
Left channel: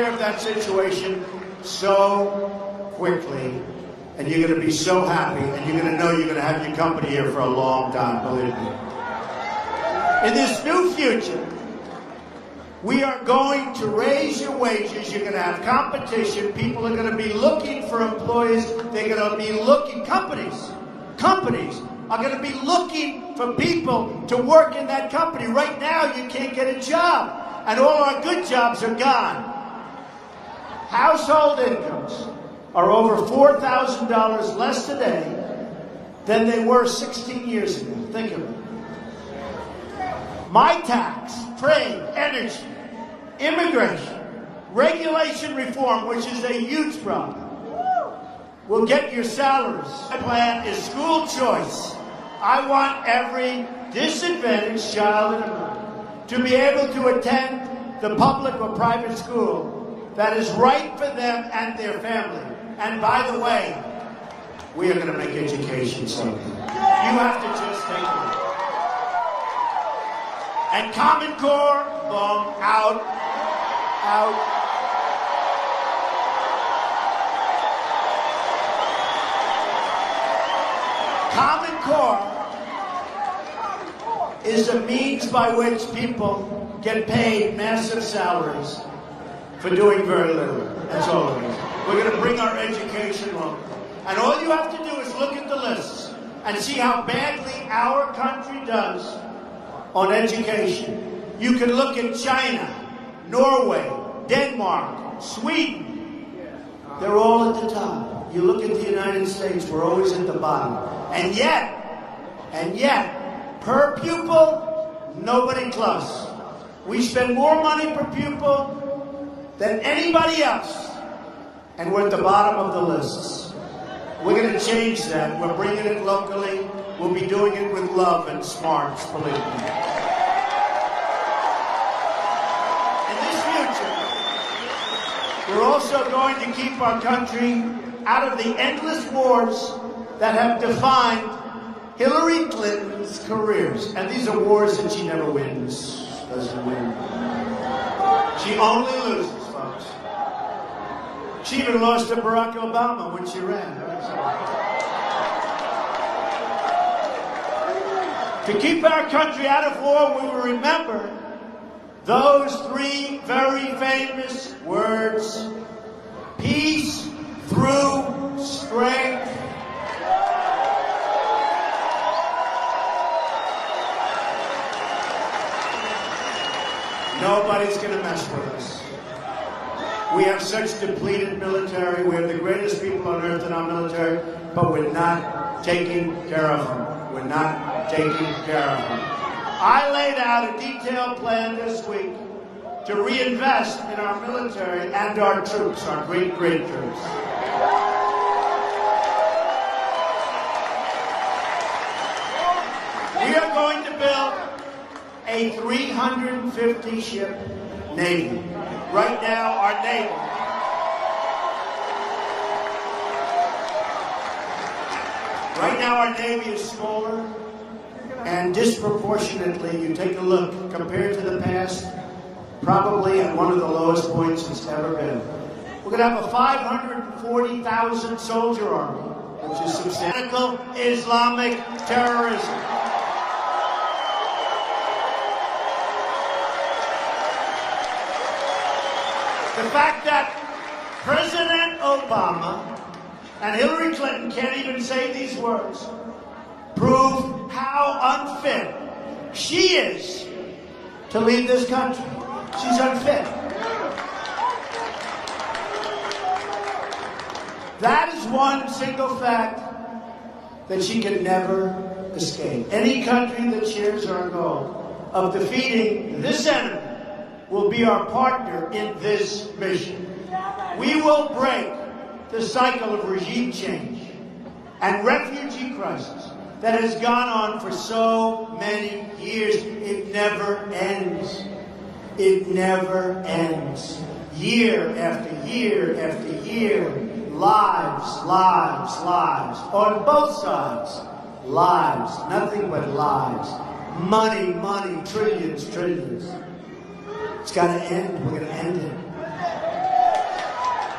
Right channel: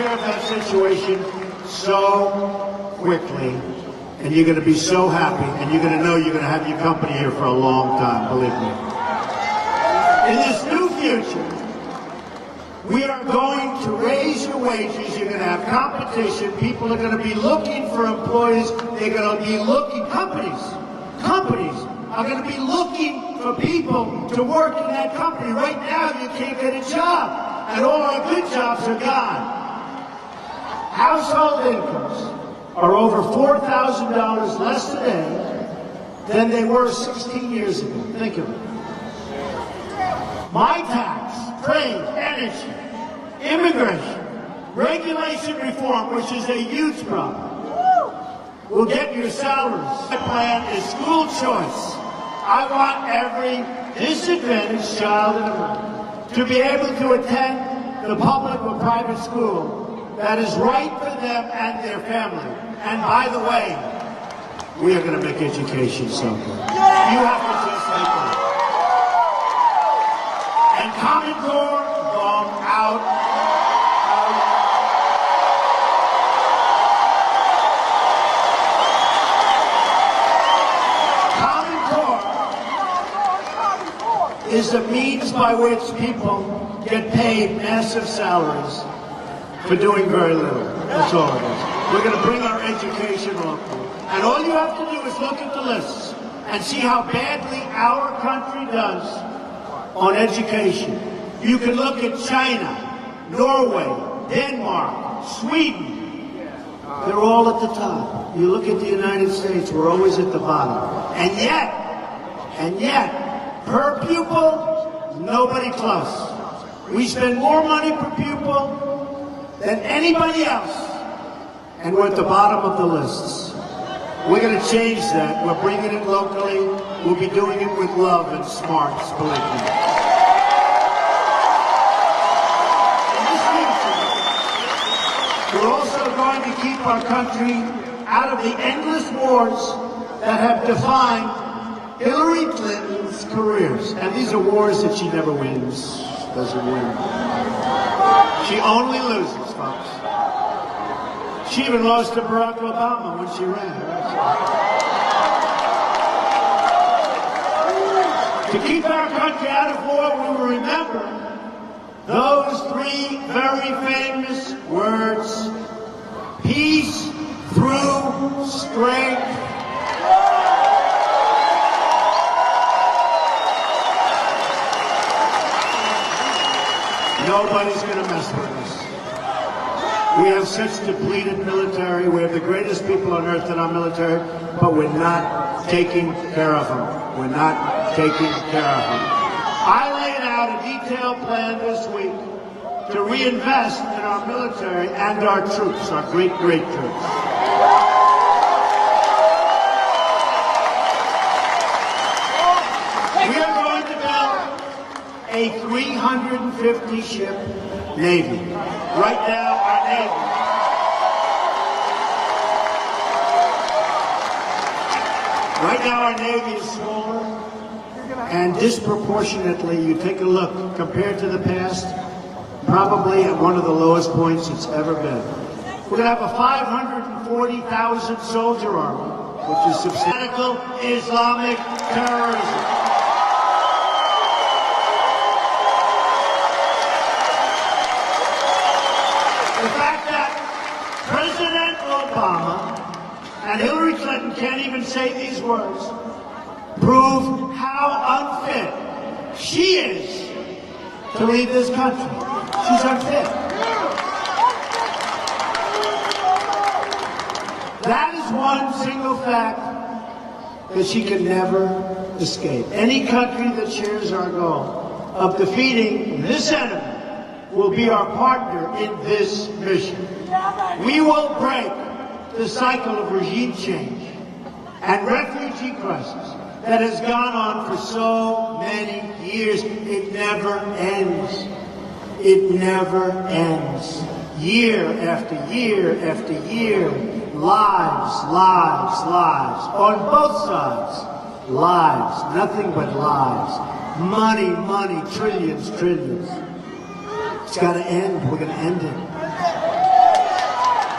care of that situation so quickly, and you're going to be so happy, and you're going to know you're going to have your company here for a long time, believe me. In this new future, we are going to raise your wages. You're going to have competition. People are going to be looking for employees. They're going to be looking, companies are going to be looking for people to work in that company. Right now, you can't get a job, and all our good jobs are gone. Household incomes are over $4,000 less today than they were 16 years ago. Think of it. My tax, trade, energy, immigration, regulation reform, which is a huge problem, will get your salaries. My plan is school choice. I want every disadvantaged child to be able to attend the public or private school that is right for them and their family. And by the way, we are going to make education so good. You have to just take it. And Common Core, go out. Is a means by which people get paid massive salaries for doing very little. That's all it is. We're going to bring our education locally. And all you have to do is look at the lists and see how badly our country does on education. You can look at China, Norway, Denmark, Sweden. They're all at the top. You look at the United States, we're always at the bottom. And yet, per pupil, nobody close. We spend more money per pupil than anybody else, and we're at the bottom of the lists. We're going to change that. We're bringing it locally. We'll be doing it with love and smarts, believe me. In this future, we're also going to keep our country out of the endless wars that have defined Hillary Clinton's careers. And these are wars that she never wins. Doesn't win. She only loses, folks. She even lost to Barack Obama when she ran. To keep our country out of war, we will remember those three very famous words: peace through strength. Nobody's going to mess with us. We have such depleted military. We have the greatest people on earth in our military, but we're not taking care of them. We're not taking care of them. I laid out a detailed plan this week to reinvest in our military and our troops, our great, great troops. We are going to build a 350-ship Navy. Right now, our Navy is smaller, and disproportionately, you take a look, compared to the past, probably at one of the lowest points it's ever been. We're going to have a 540,000 soldier army, which is substantial Islamic terrorism. The fact that President Obama and Hillary Clinton can't even say these words prove how unfit she is to lead this country. She's unfit. That is one single fact that she can never escape. Any country that shares our goal of defeating this enemy will be our partner in this mission. We will break the cycle of regime change and refugee crisis that has gone on for so many years. It never ends. It never ends. Year after year after year, lives, lives, lives, on both sides. Lives, nothing but lives. Money, money, trillions, trillions. It's got to end. We're going to end it.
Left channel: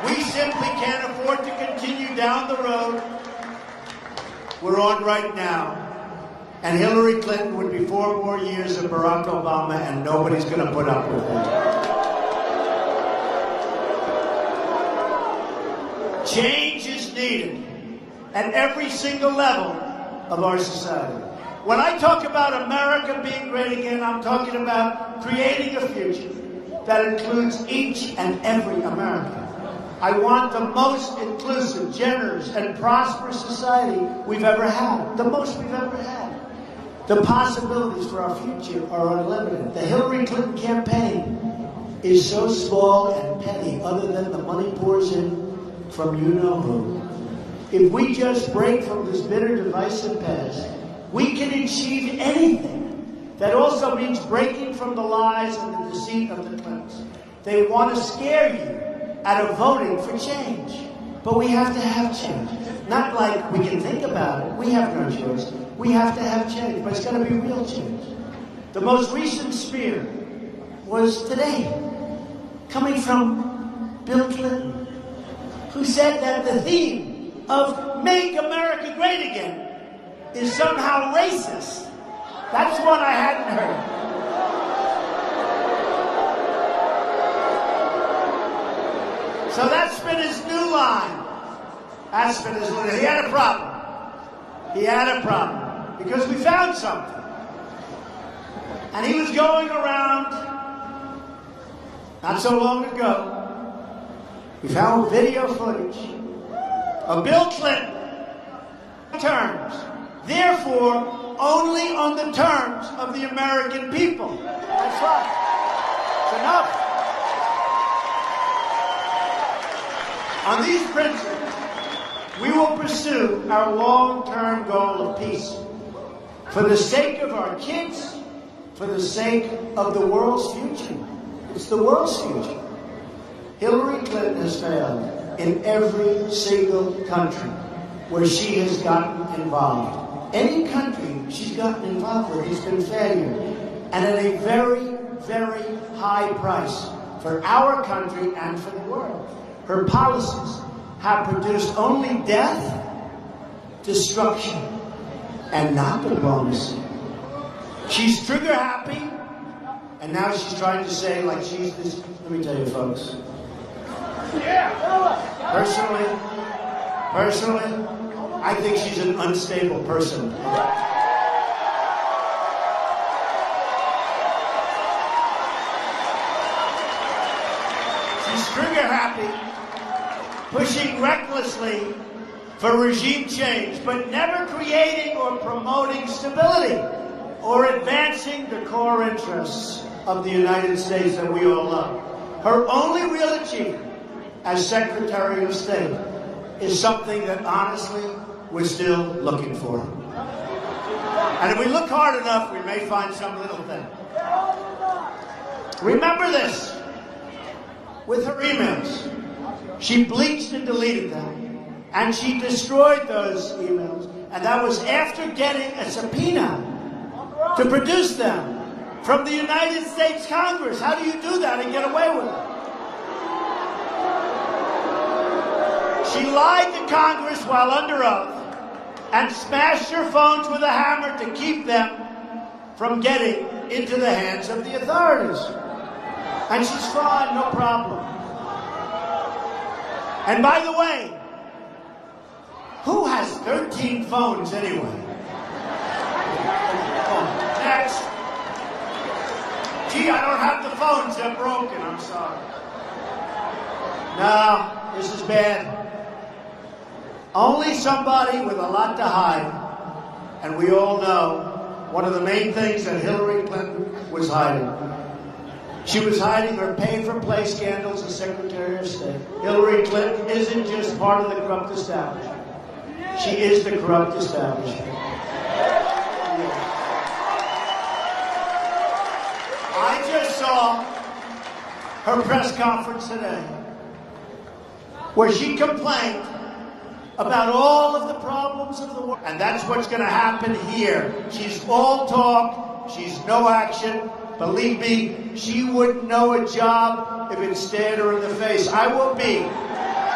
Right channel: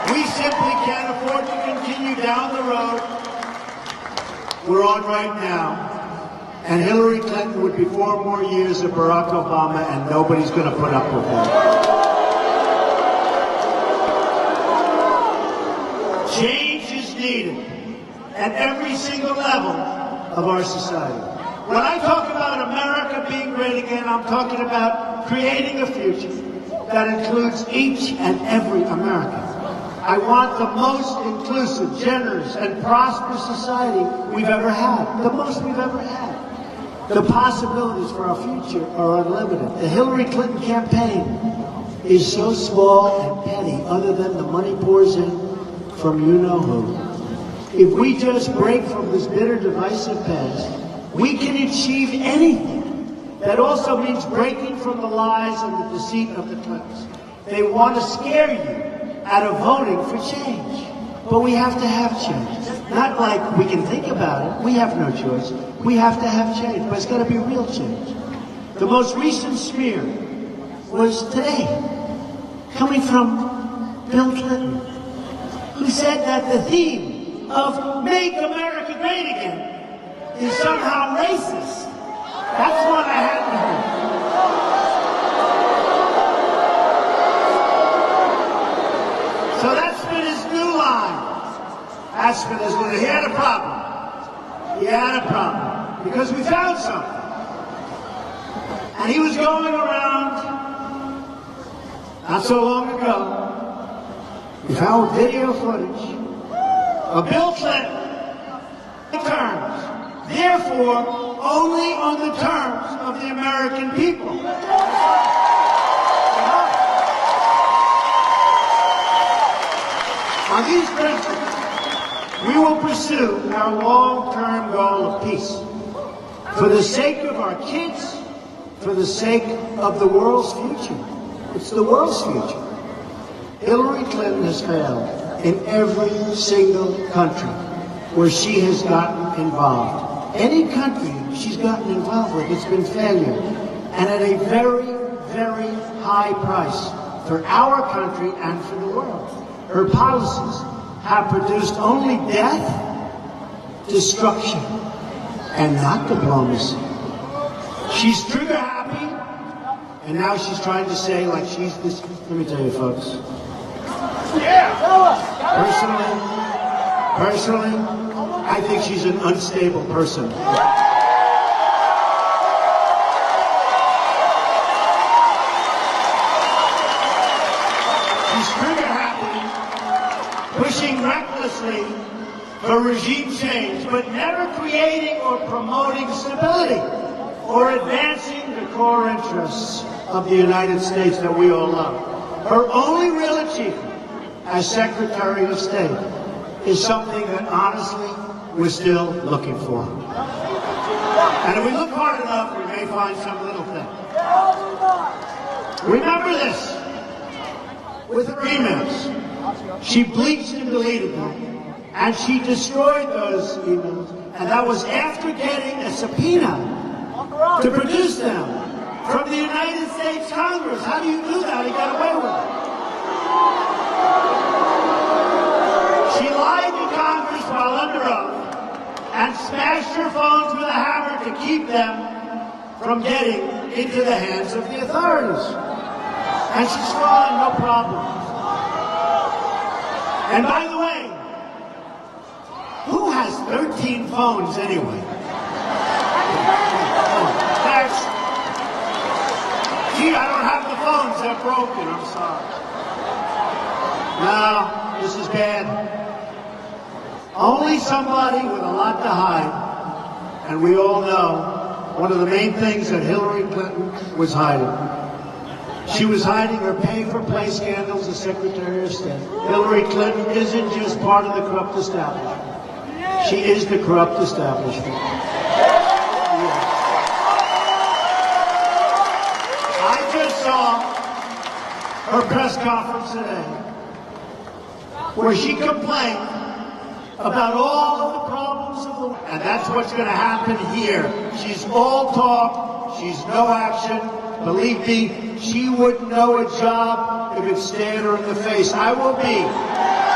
We simply can't afford to continue down the road we're on right now. And Hillary Clinton would be 4 more years of Barack Obama, and nobody's going to put up with that. Change is needed at every single level of our society. When I talk about America being great again, I'm talking about creating a future that includes each and every American. I want the most inclusive, generous, and prosperous society we've ever had. The most we've ever had. The possibilities for our future are unlimited. The Hillary Clinton campaign is so small and petty, other than the money pours in from you-know-who. If we just break from this bitter, divisive past, we can achieve anything. That also means breaking from the lies and the deceit of the Clintons. They want to scare you out of voting for change. But we have to have change. Not like we can think about it. We have no choice. We have to have change, but it's got to be real change. The most recent smear was today, coming from Bill Clinton, who said that the theme of Make America Great Again is somehow racist. That's what I hadn't heard. So that's been his new line. That's been his new line. He had a problem. He had a problem. Because we found something. And he was going around, not so long ago, we found video footage of Bill Clinton terms. Therefore, only on the terms of the American people. On these principles, we will pursue our long-term goal of peace. For the sake of our kids, for the sake of the world's future. It's the world's future. Hillary Clinton has failed in every single country where she has gotten involved. Any country she's gotten involved with has been failure. And at a very, very high price for our country and for the world. Her policies have produced only death, destruction, and not diplomacy. She's trigger happy, and now she's trying to say like she's this. Let me tell you, folks. Personally, I think she's an unstable person. She's trigger happy, pushing recklessly for regime change, but never creating or promoting stability or advancing the core interests of the United States that we all love. Her only real achievement as Secretary of State is something that honestly we're still looking for. And if we look hard enough, we may find some little thing. Remember this. With her emails, she bleached and deleted them. And she destroyed those emails, and that was after getting a subpoena to produce them from the United States Congress. How do you do that and get away with it? She lied to Congress while under oath and smashed her phones with a hammer to keep them from getting into the hands of the authorities. And she saw no problem. And by the way, who has 13 phones anyway? Gee, I don't have the phones that broke me, I'm sorry. No, this is bad. Only somebody with a lot to hide. And we all know one of the main things that Hillary Clinton was hiding. She was hiding her pay-for-play scandals as Secretary of State. Hillary Clinton isn't just part of the corrupt establishment. She is the corrupt establishment. I just saw her press conference today where she complained about all of the problems of the world. And that's what's going to happen here. She's all talk. She's no action. Believe me, she wouldn't know a job if it stared her in the face. I will be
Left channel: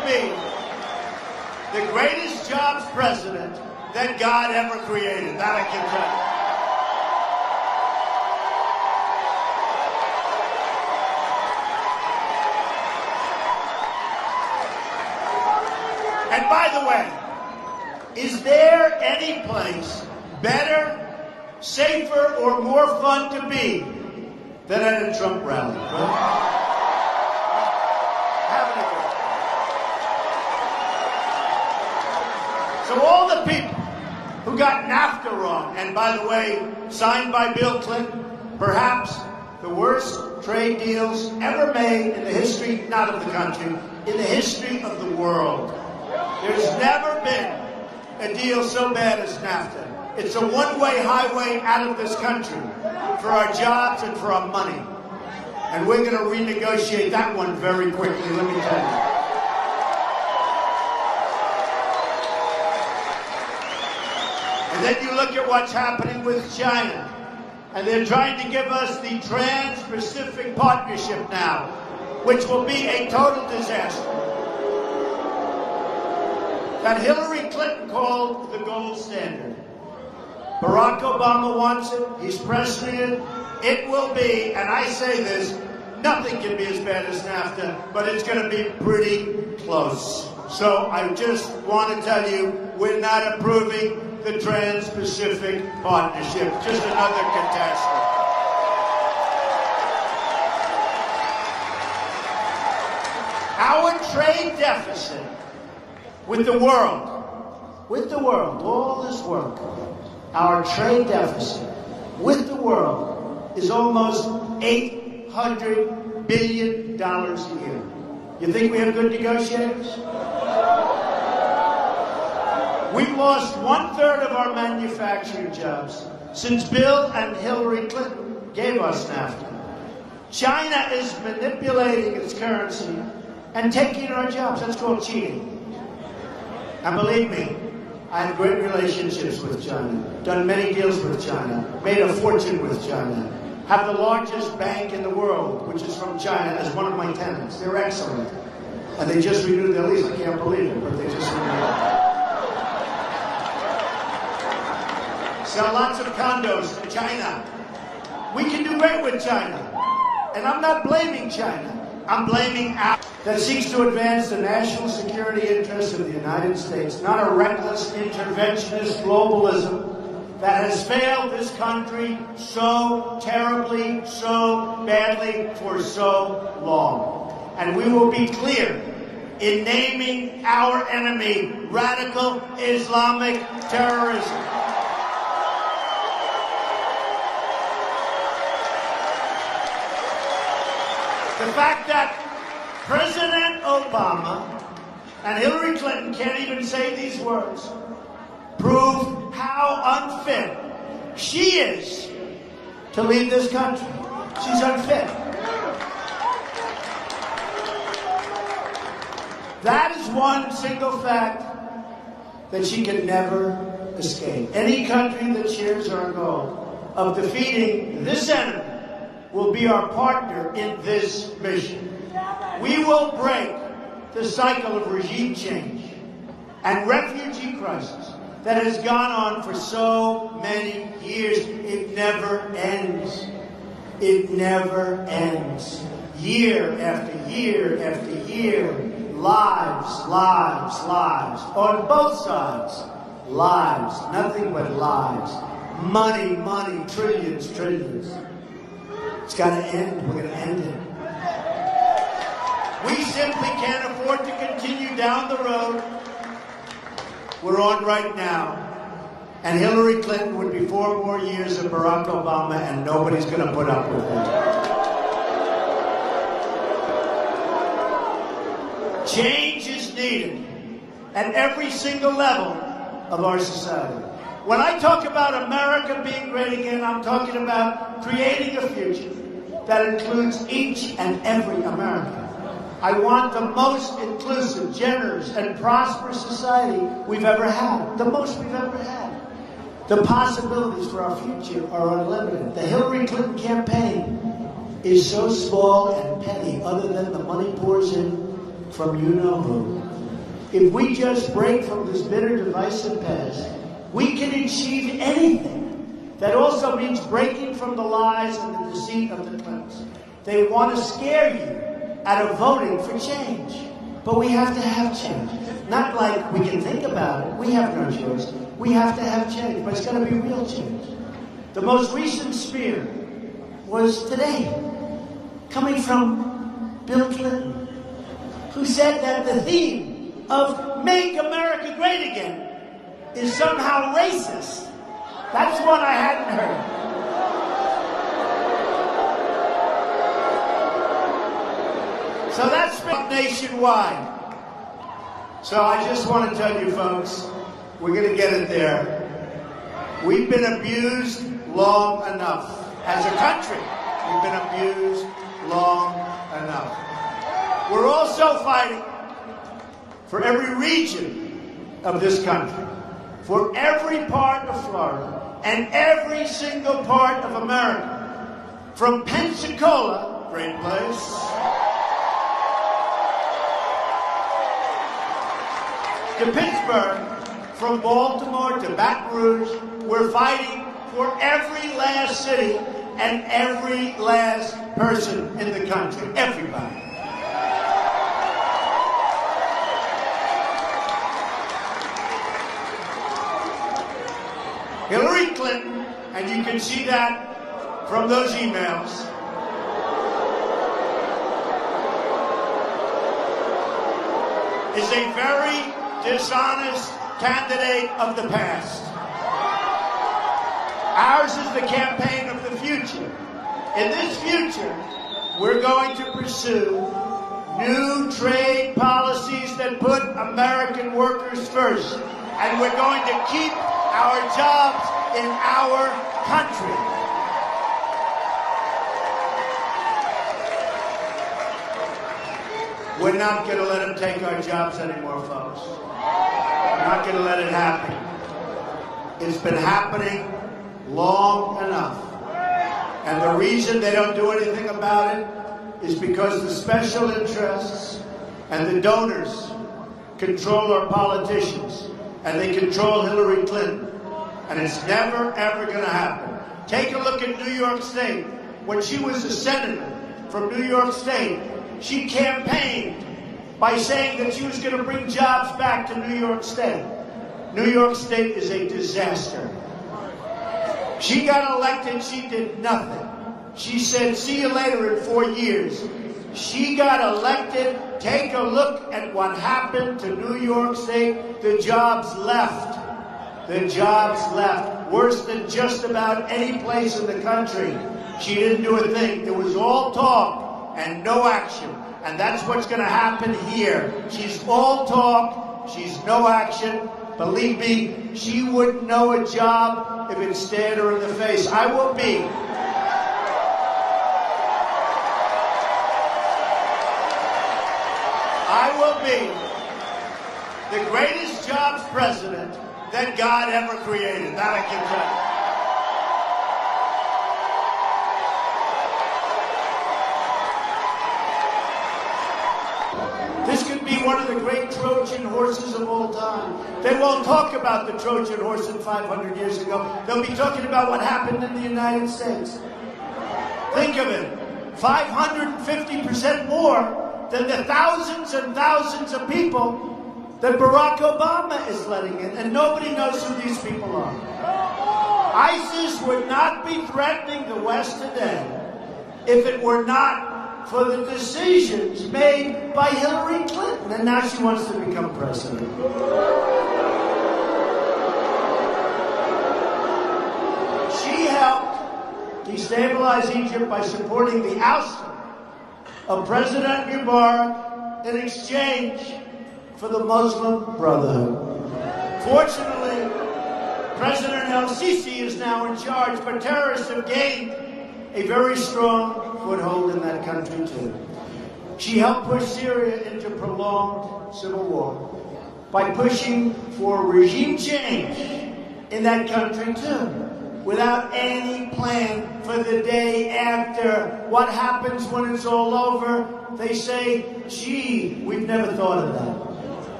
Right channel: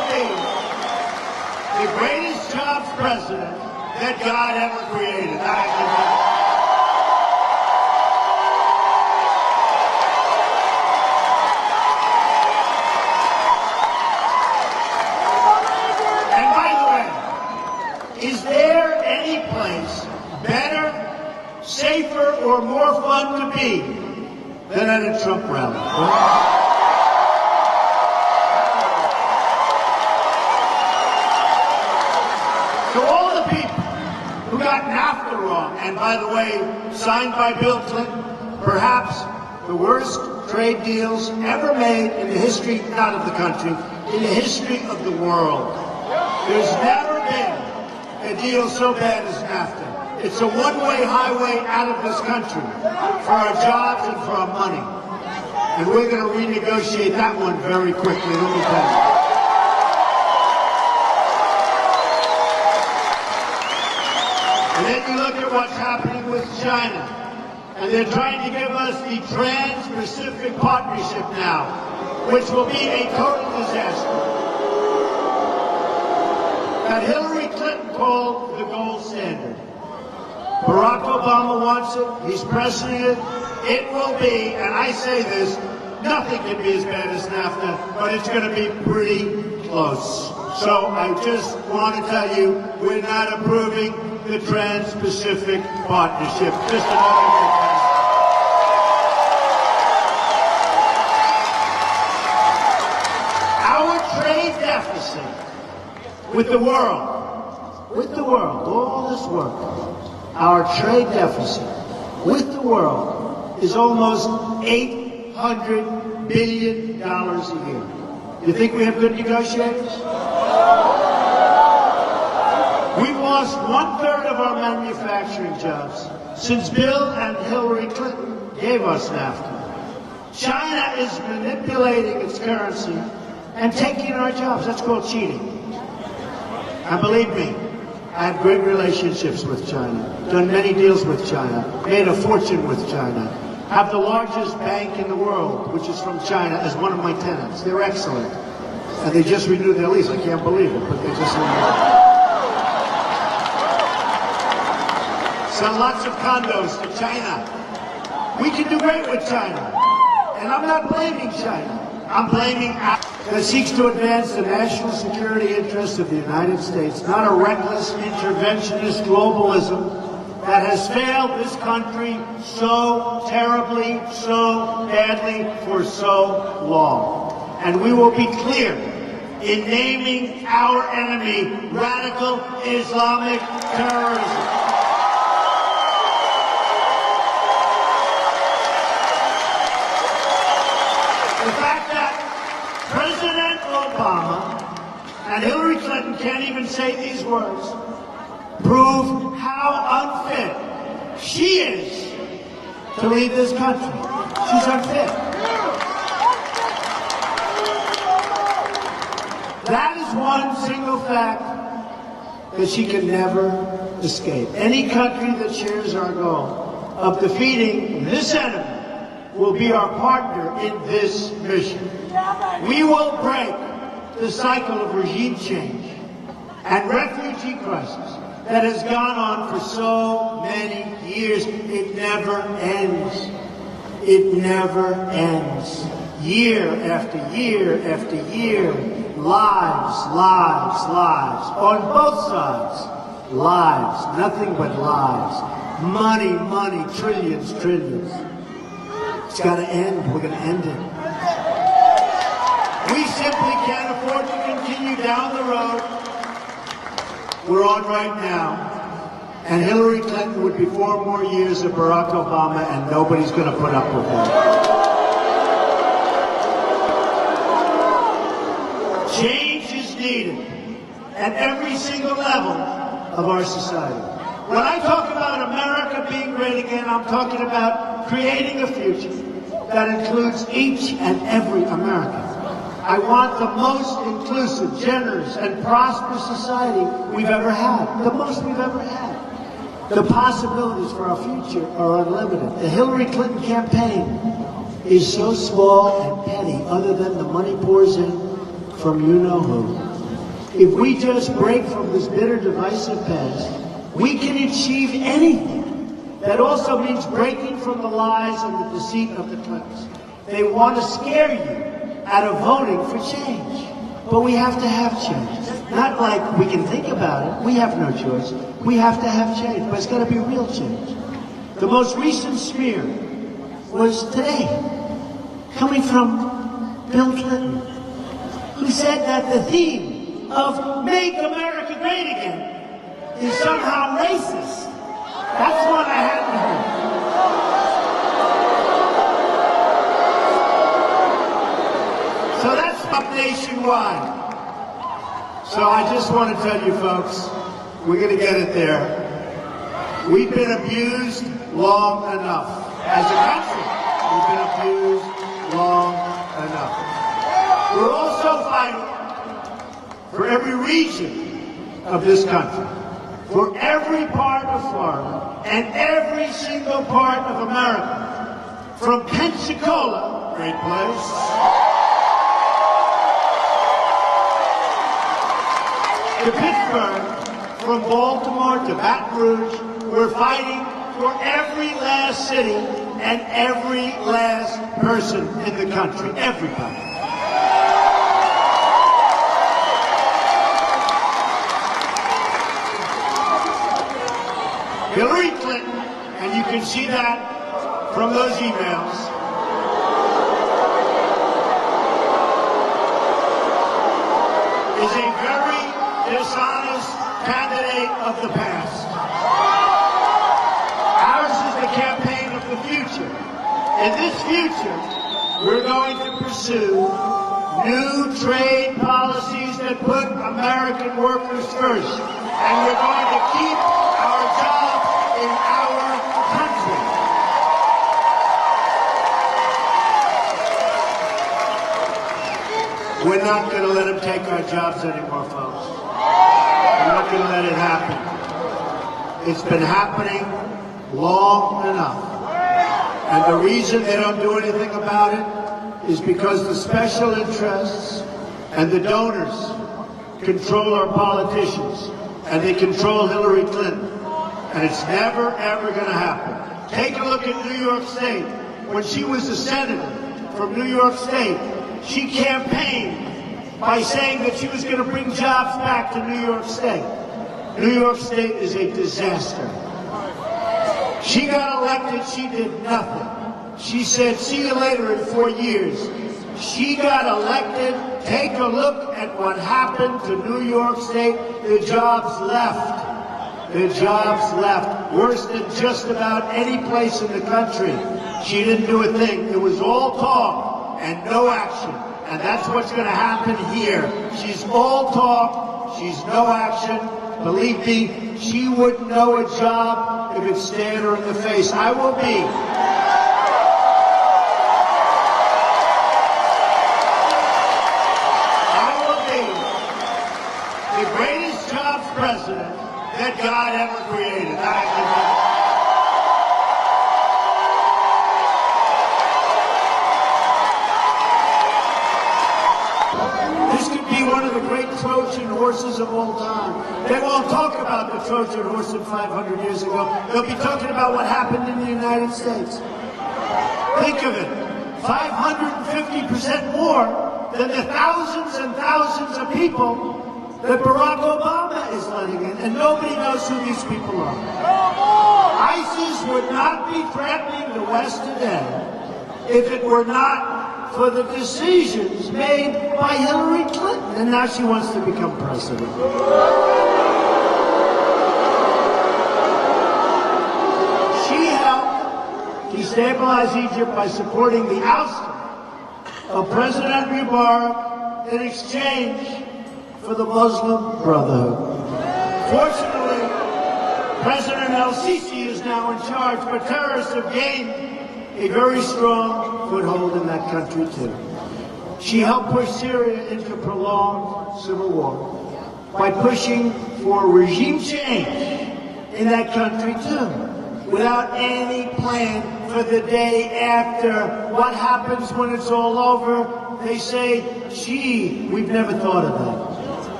the greatest jobs president that God ever created. That I can tell you. And by the way, is there any place better, safer, or more fun to be than at a Trump rally? So all the people who got NAFTA wrong, and by the way, signed by Bill Clinton, perhaps the worst trade deals ever made in the history, not of the country, in the history of the world. There's never been a deal so bad as NAFTA. It's a one-way highway out of this country for our jobs and for our money. And we're going to renegotiate that one very quickly. Let me tell you. And then you look at what's happening with China. And they're trying to give us the Trans-Pacific Partnership now, which will be a total disaster. That Hillary Clinton called the gold standard. Barack Obama wants it. He's pressing it. It will be, and I say this, nothing can be as bad as NAFTA, but it's going to be pretty close. So I just want to tell you, we're not approving the Trans-Pacific Partnership. Just another catastrophe. Our trade deficit with the world, all this world, our trade deficit with the world is almost $800 billion a year. You think we have good negotiators? We've lost 1/3 of our manufacturing jobs since Bill and Hillary Clinton gave us NAFTA. China is manipulating its currency and taking our jobs. That's called cheating. And believe me, I have great relationships with China, done many deals with China, made a fortune with China, have the largest bank in the world, which is from China, as one of my tenants. They're excellent. And they just renewed their lease. I can't believe it, but they just renewed it. Sell lots of condos to China. We can do great with China. And I'm not blaming China. I'm blaming that seeks to advance the national security interests of the United States, not a reckless interventionist globalism that has failed this country so terribly, so badly, for so long. And we will be clear in naming our enemy radical Islamic terrorism. The fact that President Obama and Hillary Clinton can't even say these words prove how unfit she is to lead this country. She's unfit. That is one single fact that she can never escape. Any country that shares our goal of defeating this enemy will be our partner in this mission. We will break the cycle of regime change and refugee crisis that has gone on for so many years. It never ends. It never ends. Year after year after year, lives, lives, lives, on both sides. Lives, nothing but lives. Money, money, trillions, trillions. It's got to end. We're going to end it. We simply can't afford to continue down the road we're on right now. And Hillary Clinton would be 4 more years of Barack Obama, and nobody's going to put up with that. Change is needed at every single level of our society. When I talk about America being great again, I'm talking about creating a future that includes each and every American. I want the most inclusive, generous, and prosperous society we've ever had. The most we've ever had. The possibilities for our future are unlimited. The Hillary Clinton campaign is so small and petty, other than the money pours in from you-know-who. if we just break from this bitter, divisive past, we can achieve anything. That also means breaking from the lies and the deceit of the press. They want to scare you out of voting for change. But we have to have change. Not like we can think about it. We have no choice. We have to have change, but it's got to be real change. The most recent smear was today, coming from Bill Clinton, who said that the theme of Make America Great Again is somehow racist. That's what I hadn't heard. So that's up nationwide. So I just want to tell you folks, we're going to get it there. We've been abused long enough. As a country, we've been abused long enough. We're also fighting for every region of this country, for every part of Florida, and every single part of America. From Pensacola, great place, to Pittsburgh, from Baltimore to Baton Rouge, we're fighting for every last city and every last person in the country. Everybody. Hillary Clinton, and you can see that from those emails, is a very dishonest candidate of the past. Ours is the campaign of the future. In this future, we're going to pursue new trade policies that put American workers first. And we're going to keep our jobs in our country. We're not going to let them take our jobs anymore, folks. We're not going to let it happen. It's been happening long enough. And the reason they don't do anything about it is because the special interests and the donors control our politicians, and they control Hillary Clinton. And it's never, ever going to happen. Take a look at New York State. When she was a senator from New York State, she campaigned by saying that she was going to bring jobs back to New York State. New York State is a disaster. She got elected, she did nothing. She said, see you later in 4 years. She got elected. Take a look at what happened to New York State. The jobs left. The jobs left. Worse than just about any place in the country. She didn't do a thing. It was all talk and no action. And that's what's going to happen here. She's all talk. She's no action. Believe me, she wouldn't know a job if it stared her in the face. I will be the greatest jobs president that God ever created. That I can tell you. This could be one of the great Trojan horses of all time. They won't talk about the Trojan horse of 500 years ago. They'll be talking about what happened in the United States. Think of it. 550% more than the thousands and thousands of people that Barack Obama is letting in, and nobody knows who these people are. ISIS would not be threatening the West today if it were not for the decisions made by Hillary Clinton, and now she wants to become president. She helped destabilize Egypt by supporting the ousting of President Mubarak in exchange for the Muslim Brotherhood. Fortunately, President El-Sisi is now in charge, but terrorists have gained a very strong foothold in that country too. She helped push Syria into a prolonged civil war by pushing for regime change in that country too, without any plan for the day after. What happens when it's all over? They say, gee, we've never thought of that.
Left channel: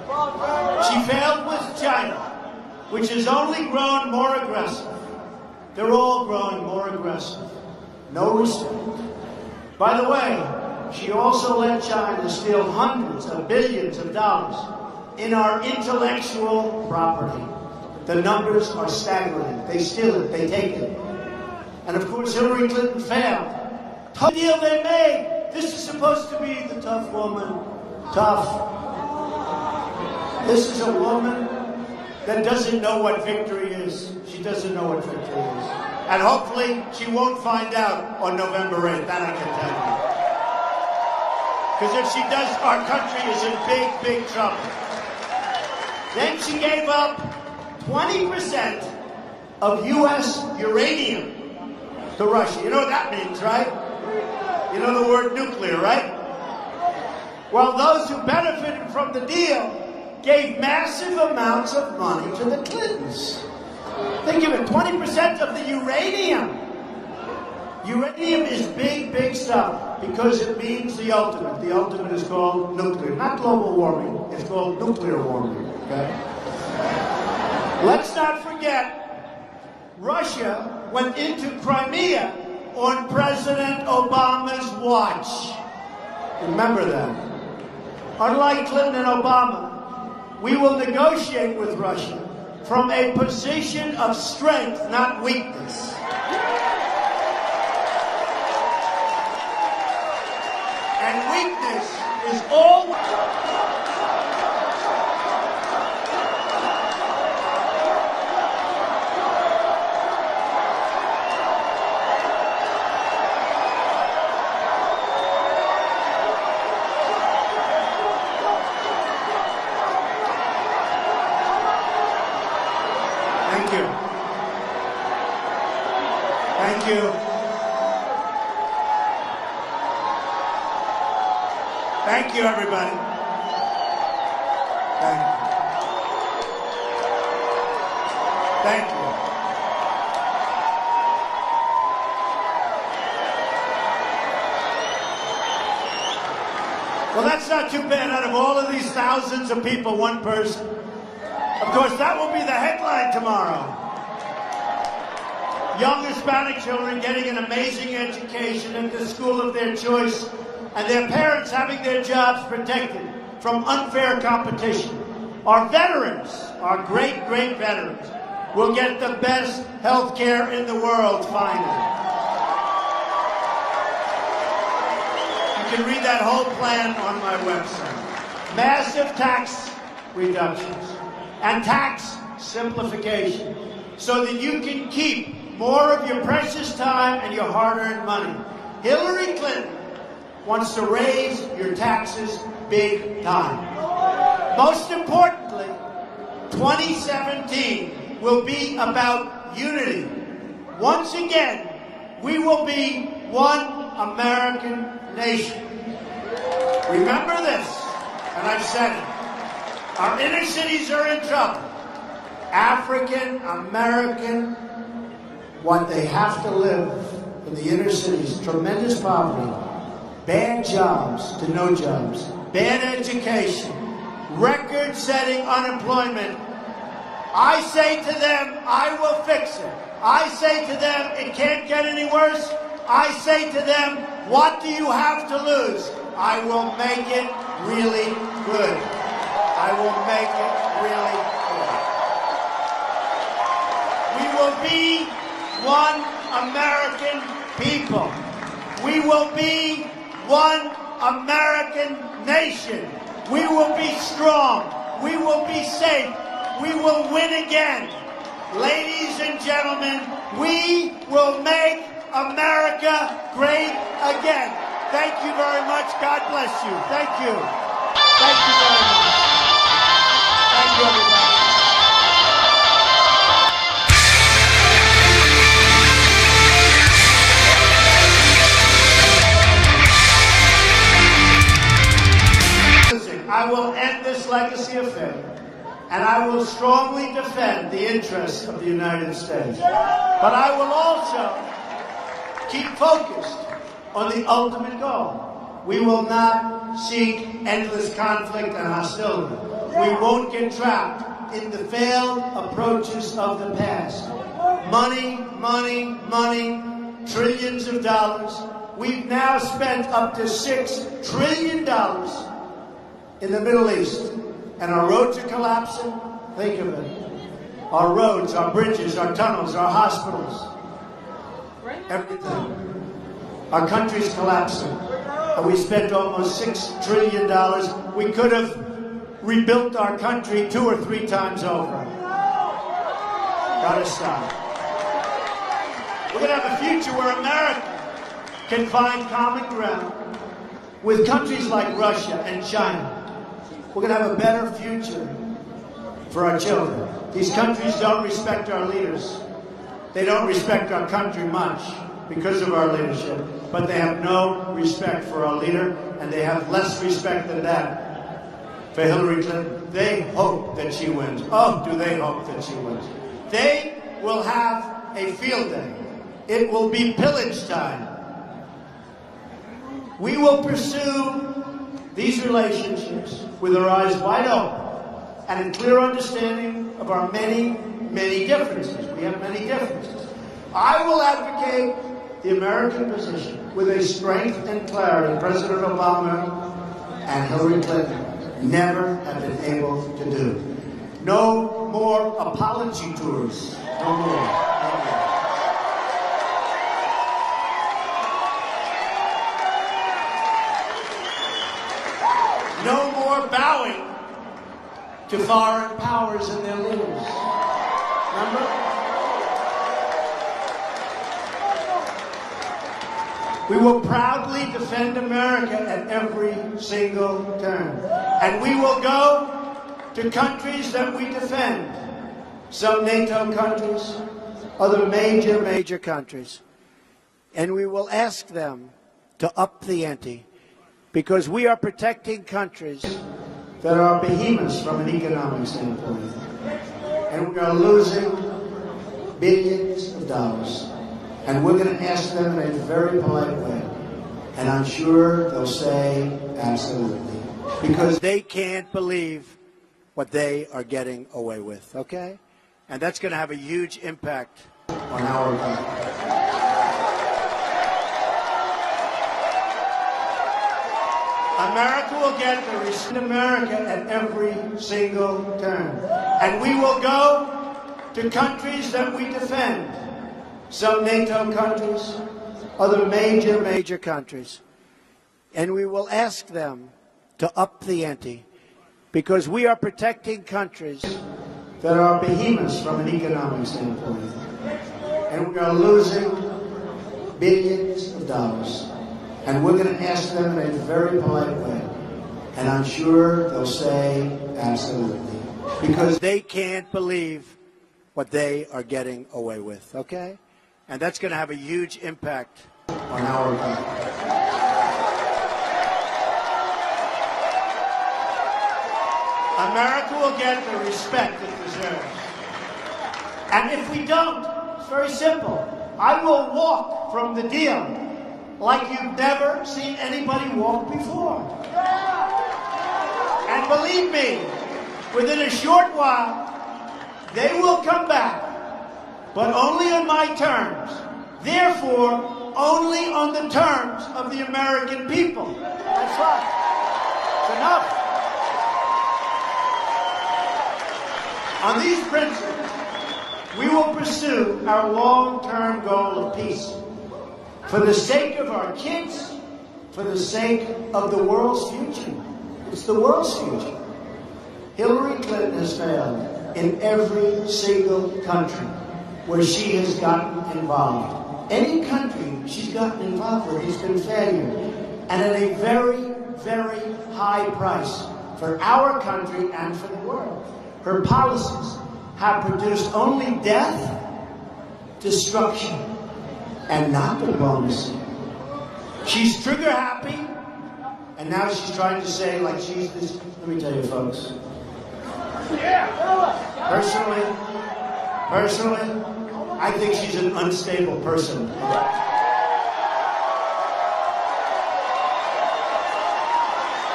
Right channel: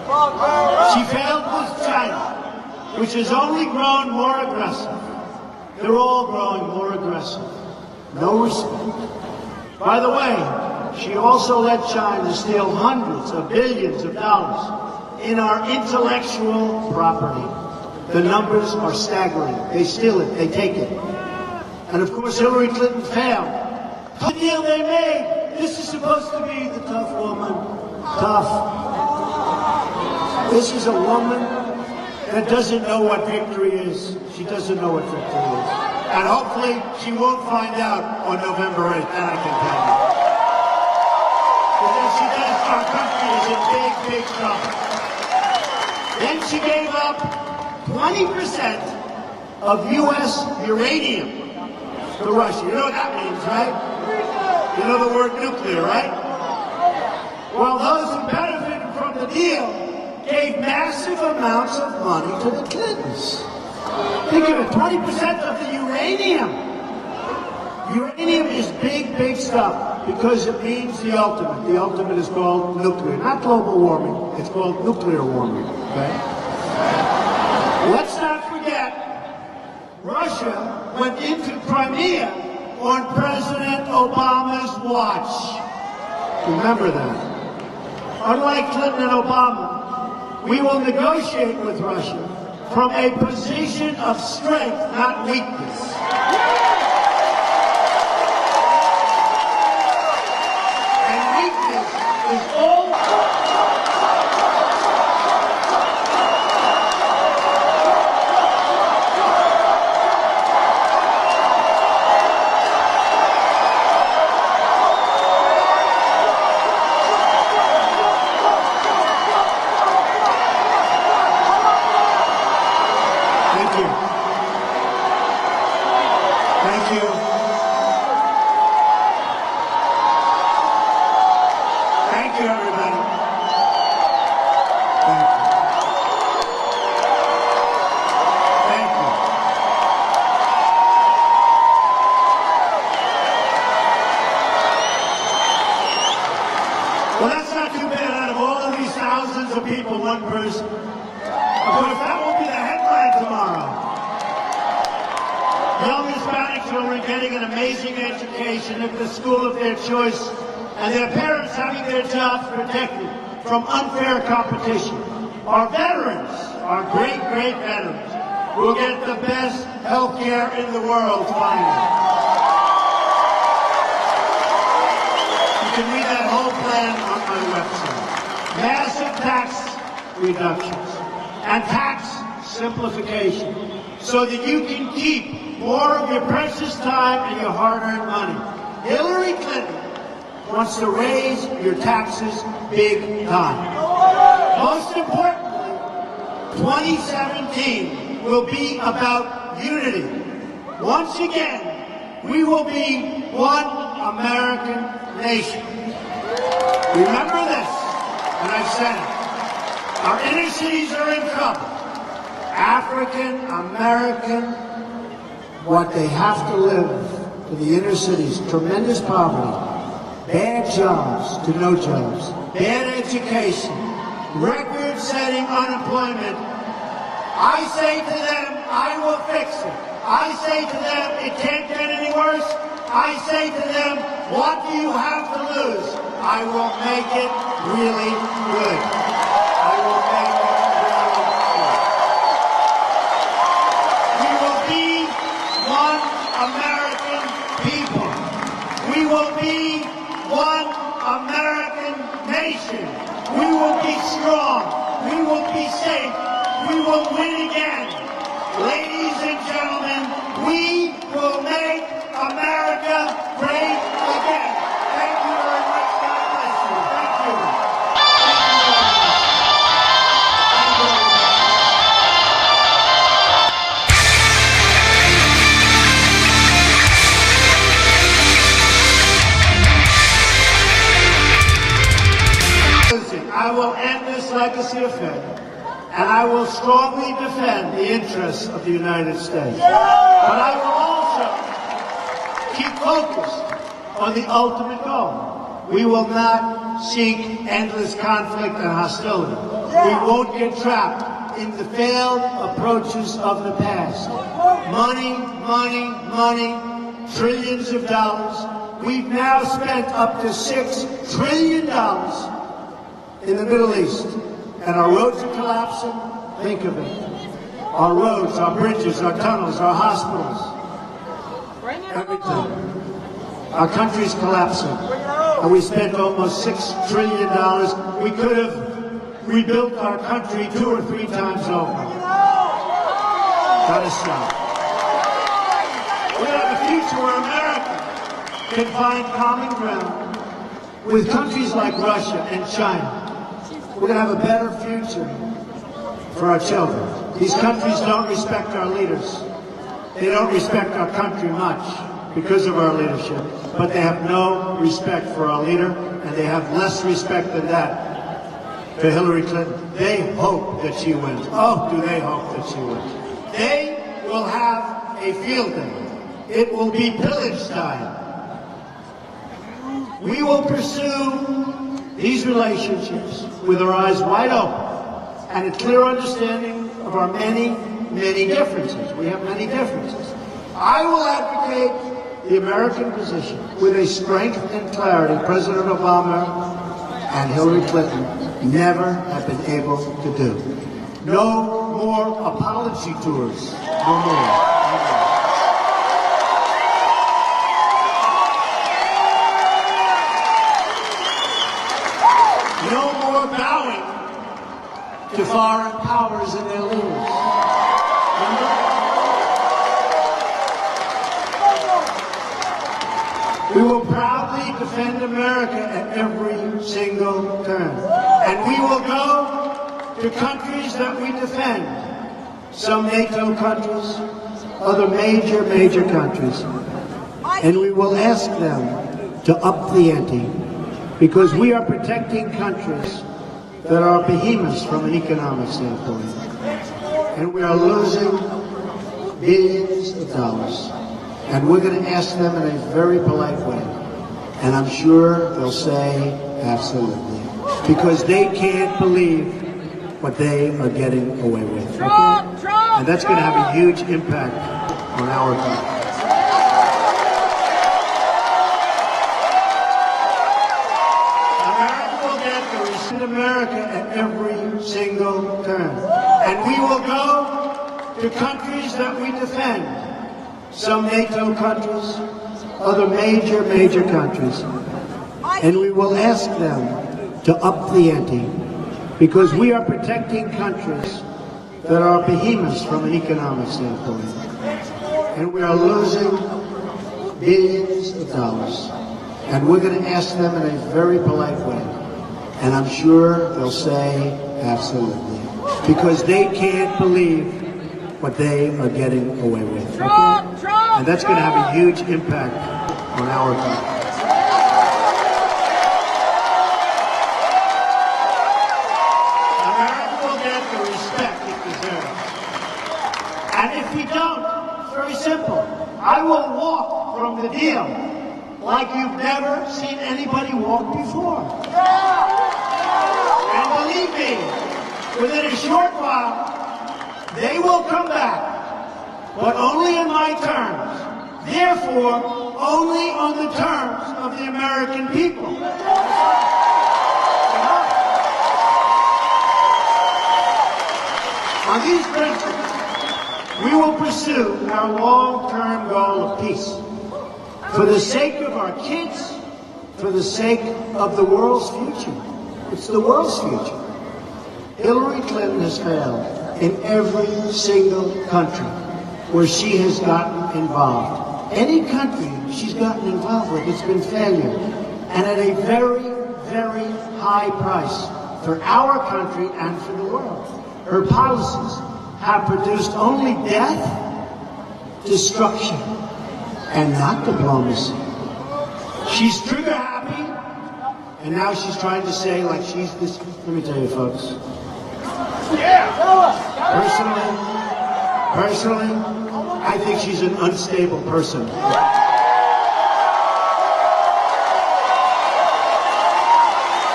She failed with China, which has only grown more aggressive. They're all growing more aggressive. No respect. By the way, she also let China steal hundreds of billions of dollars in our intellectual property. The numbers are staggering. They steal it, they take it. And of course, Hillary Clinton failed. The deal they made, this is supposed to be the tough woman. Tough. This is a woman that doesn't know what victory is. She doesn't know what victory is. And hopefully, she won't find out on November 8th. That I can tell you. Because if she does, our country is in big, big trouble. Then she gave up 20% of U.S. uranium to Russia. You know what that means, right? You know the word nuclear, right? Well, those who benefited from the deal gave massive amounts of money to the Clintons. They gave them 20% of the uranium. Uranium is big, big stuff because it means the ultimate. The ultimate is called nuclear. Not global warming. It's called nuclear warming. Okay? Let's not forget, Russia went into Crimea on President Obama's watch. Remember that. Unlike Clinton and Obama, we will negotiate with Russia from a position of strength, not weakness. And weakness is all... Thank you, everybody. Thank you. Well, that's not too bad. Out of all of these thousands of people, one person. Of course, that will be the headline tomorrow. Young Hispanic children getting an amazing education at the school of their choice, and their parents having their jobs protected from unfair competition. Our veterans, our great, great veterans, will get the best health care in the world, finally. You can read that whole plan on my website. Massive tax reductions and tax simplification so that you can keep more of your precious time and your hard-earned money. Hillary Clinton wants to raise your taxes big time. Most importantly, 2017 will be about unity. Once again, we will be one American nation. Remember this, and I said it. Our inner cities are in trouble. African American, what they have to live in the inner cities, tremendous poverty. Bad jobs to no jobs, bad education, record-setting unemployment. I say to them, I will fix it. I say to them, it can't get any worse. I say to them, what do you have to lose? I will make it really good. I will make it really good. We will be one American people. We will be one American nation. We will be strong. We will be safe. We will win again. Ladies and gentlemen, we will make America great again. Thank you very much. God bless you. Thank you. Thank you very much. Thank you, everybody. I will end this legacy of failure, and I will strongly defend the interests of the United States. But I will also keep focused on the ultimate goal. We will not seek endless conflict and hostility. We won't get trapped in the failed approaches of the past. Money, money, money, trillions of dollars. We've now spent up to $6 trillion in the Middle East, and our roads are collapsing. Think of it. Our roads, our bridges, our tunnels, our hospitals, everything. Our country is collapsing, and we spent almost $6 trillion. We could have rebuilt our country 2 or 3 times over. Gotta stop. We have a future where America can find common ground with countries like Russia and China. We're going to have a better future for our children. These countries don't respect our leaders. They don't respect our country much because of our leadership, but they have no respect for our leader, and they have less respect than that for Hillary Clinton. They hope that she wins. Oh, do they hope that she wins. They will have a field day. It will be pillage time. We will pursue these relationships with our eyes wide open and a clear understanding of our many, many differences. We have many differences. I will advocate the American position with a strength and clarity President Obama and Hillary Clinton never have been able to do. No more apology tours. No more. No more bowing to foreign powers and their leaders. We will proudly defend America at every single turn. And we will go to countries that we defend. Some NATO countries, other major countries. And we will ask them to up the ante, because we are protecting countries that are behemoths from an economic standpoint. And we are losing billions of dollars. And we're going to ask them in a very polite way. And I'm sure they'll say absolutely. Because they can't believe what they are getting away with. And that's going to have a huge impact on our country. America will get the respect of America at every single turn. And we will go to countries that we defend. Some NATO countries, other major countries. And we will ask them to up the ante, because we are protecting countries that are behemoths from an economic standpoint. And we are losing billions of dollars. And we're going to ask them in a very polite way. And I'm sure they'll say absolutely. Because they can't believe what they are getting away with. And that's going to have a huge impact on our country. America will get the respect it deserves. And if we don't, it's very simple. I will walk from the deal like you've never seen anybody walk before. And believe me, within a short while, they will come back, but only on my terms. Therefore, only on the terms of the American people. Enough. On these principles, we will pursue our long-term goal of peace. For the sake of our kids, for the sake of the world's future. It's the world's future. Hillary Clinton has failed in every single country where she has gotten involved. Any country she's gotten involved with has been failure, and at a very, very high price for our country and for the world. Her policies have produced only death, destruction, and not diplomacy. She's trigger happy, and now she's trying to say, like, she's this. Let me tell you, folks. Personally, I think she's an unstable person.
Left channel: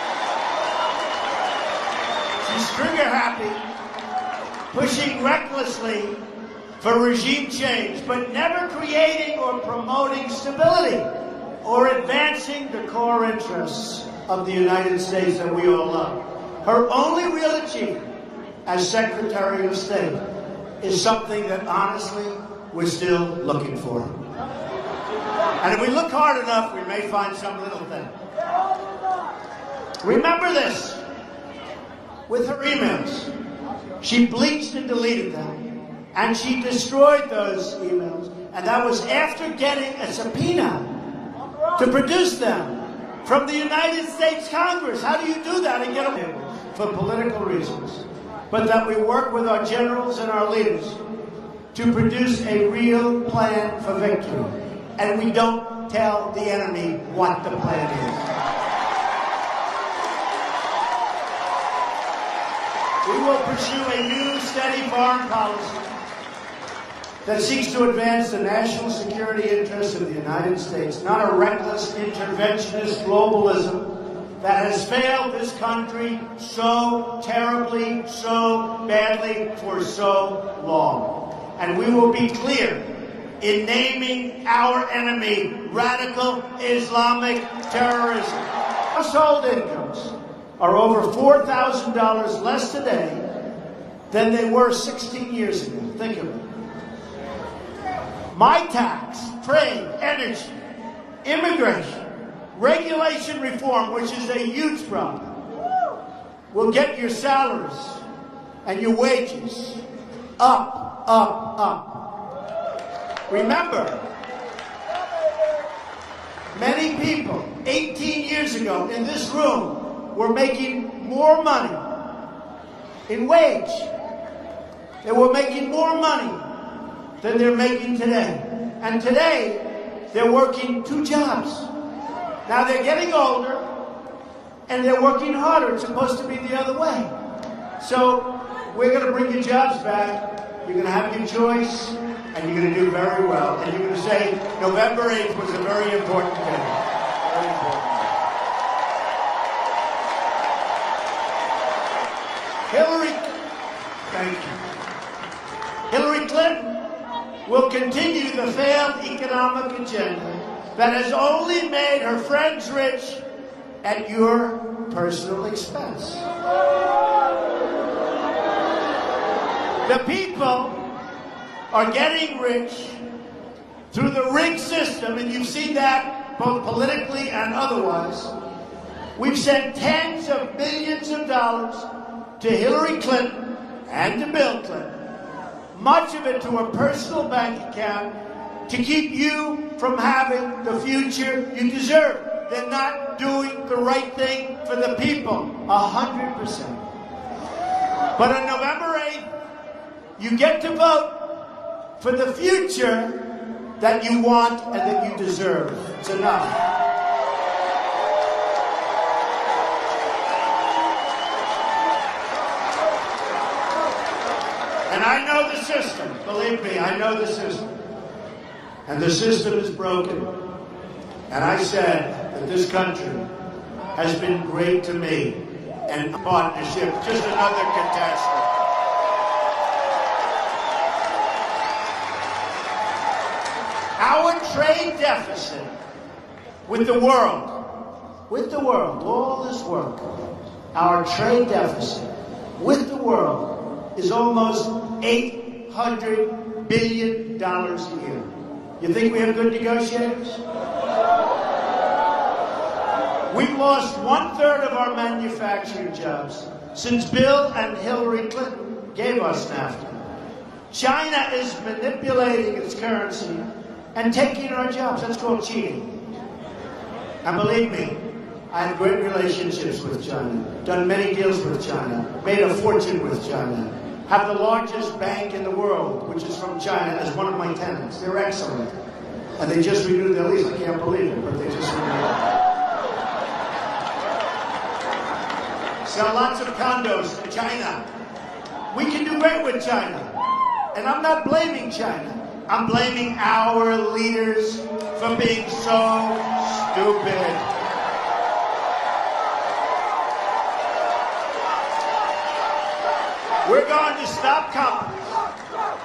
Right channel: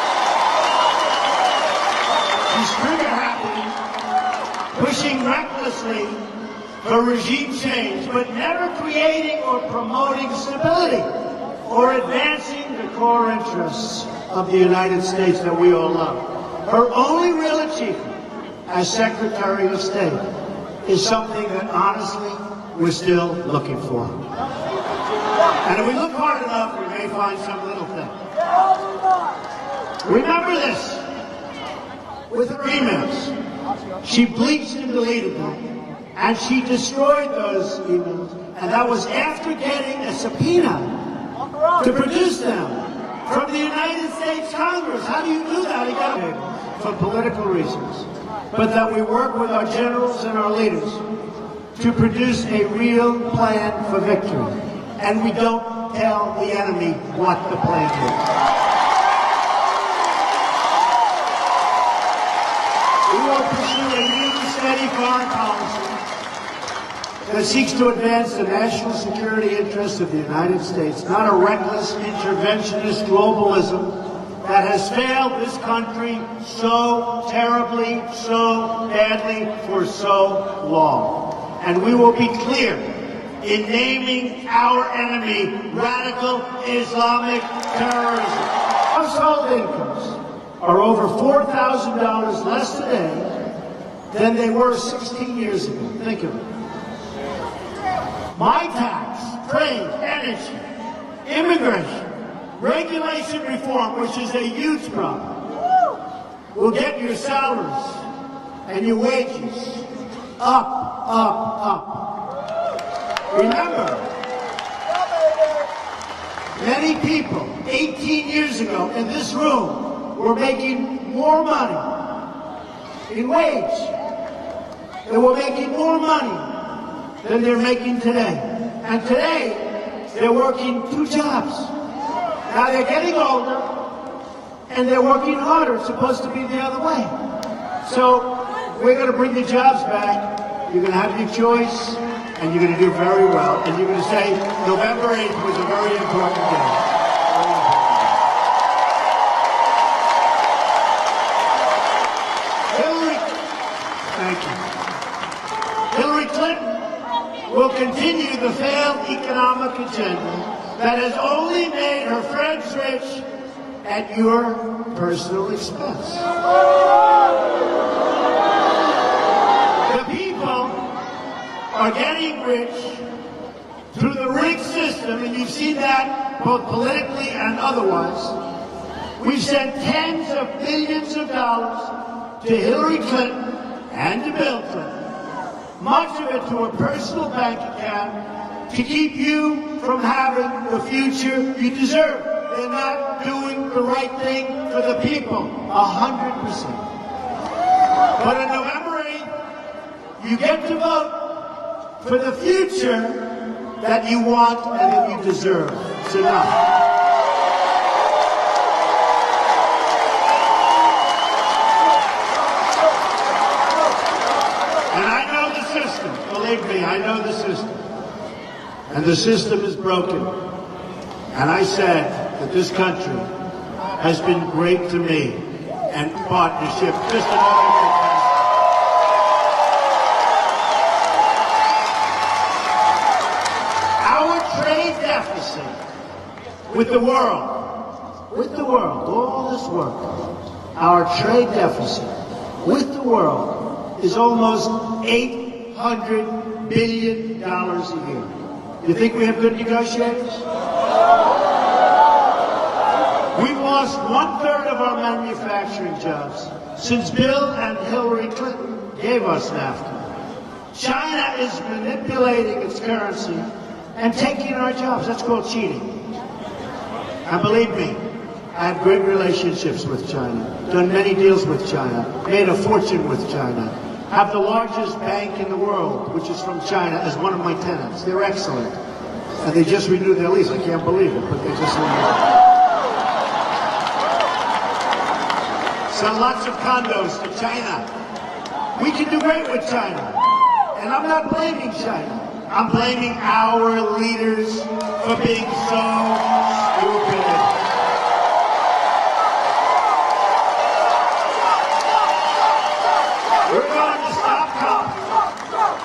tirelessly for regime change, but never creating or promoting stability or advancing the core interests of the United States that we all love. Her only real achievement as Secretary of State is something that honestly we're still looking for. And if we look hard enough, we may find some little thing. Remember this. With her emails, she bleached and deleted them, and she destroyed those emails, and that was after getting a subpoena to produce them from the United States Congress. How do you do that again? For political reasons. But that we work with our generals and our leaders to produce a real plan for victory. And we don't tell the enemy what the plan is. We will pursue a new, steady foreign policy that seeks to advance the national security interests of the United States, not a reckless, interventionist globalism that has failed this country so terribly, so badly, for so long. And we will be clear in naming our enemy radical Islamic terrorism. Household incomes are over $4,000 less today than they were 16 years ago. Think of it. My tax, trade, energy, immigration, regulation reform, which is a huge problem, will get your salaries and your wages up, up, up. Remember, many people 18 years ago in this room were making more money in wage. They were making more money than they're making today. And today, they're working 2 jobs. Now they're getting older, and they're working harder. It's supposed to be the other way. So we're going to bring the jobs back. You're going to have your choice, and you're going to do very well. And you're going to say November 8th was a very important day. Hillary Clinton will continue the failed economic agenda that has only made her friends rich at your personal expense. The people are getting rich through the rigged system, and you see that both politically and otherwise. We've sent tens of billions of dollars to Hillary Clinton and to Bill Clinton, much of it to a personal bank account, to keep you from having the future you deserve. They're not doing the right thing for the people, 100%. But on November 8th, you get to vote for the future that you want and that you deserve. It's enough. And I know the system. Believe me, I know the system. And the system is broken. And I said that this country has been great to me. And partnership, just another fantastic. Our trade deficit with the world, all this world, our trade deficit with the world is almost $800 billion a year. You think we have good negotiators? We've lost 1/3 of our manufacturing jobs since Bill and Hillary Clinton gave us NAFTA. China is manipulating its currency and taking our jobs. That's called cheating. And believe me, I have great relationships with China, done many deals with China, made a fortune with China, have the largest bank in the world, which is from China, as one of my tenants. They're excellent. And they just renewed their lease. I can't believe it, but they just renewed it. Sell lots of condos to China. We can do great with China. And I'm not blaming China. I'm blaming our leaders for being so stupid. We're going to stop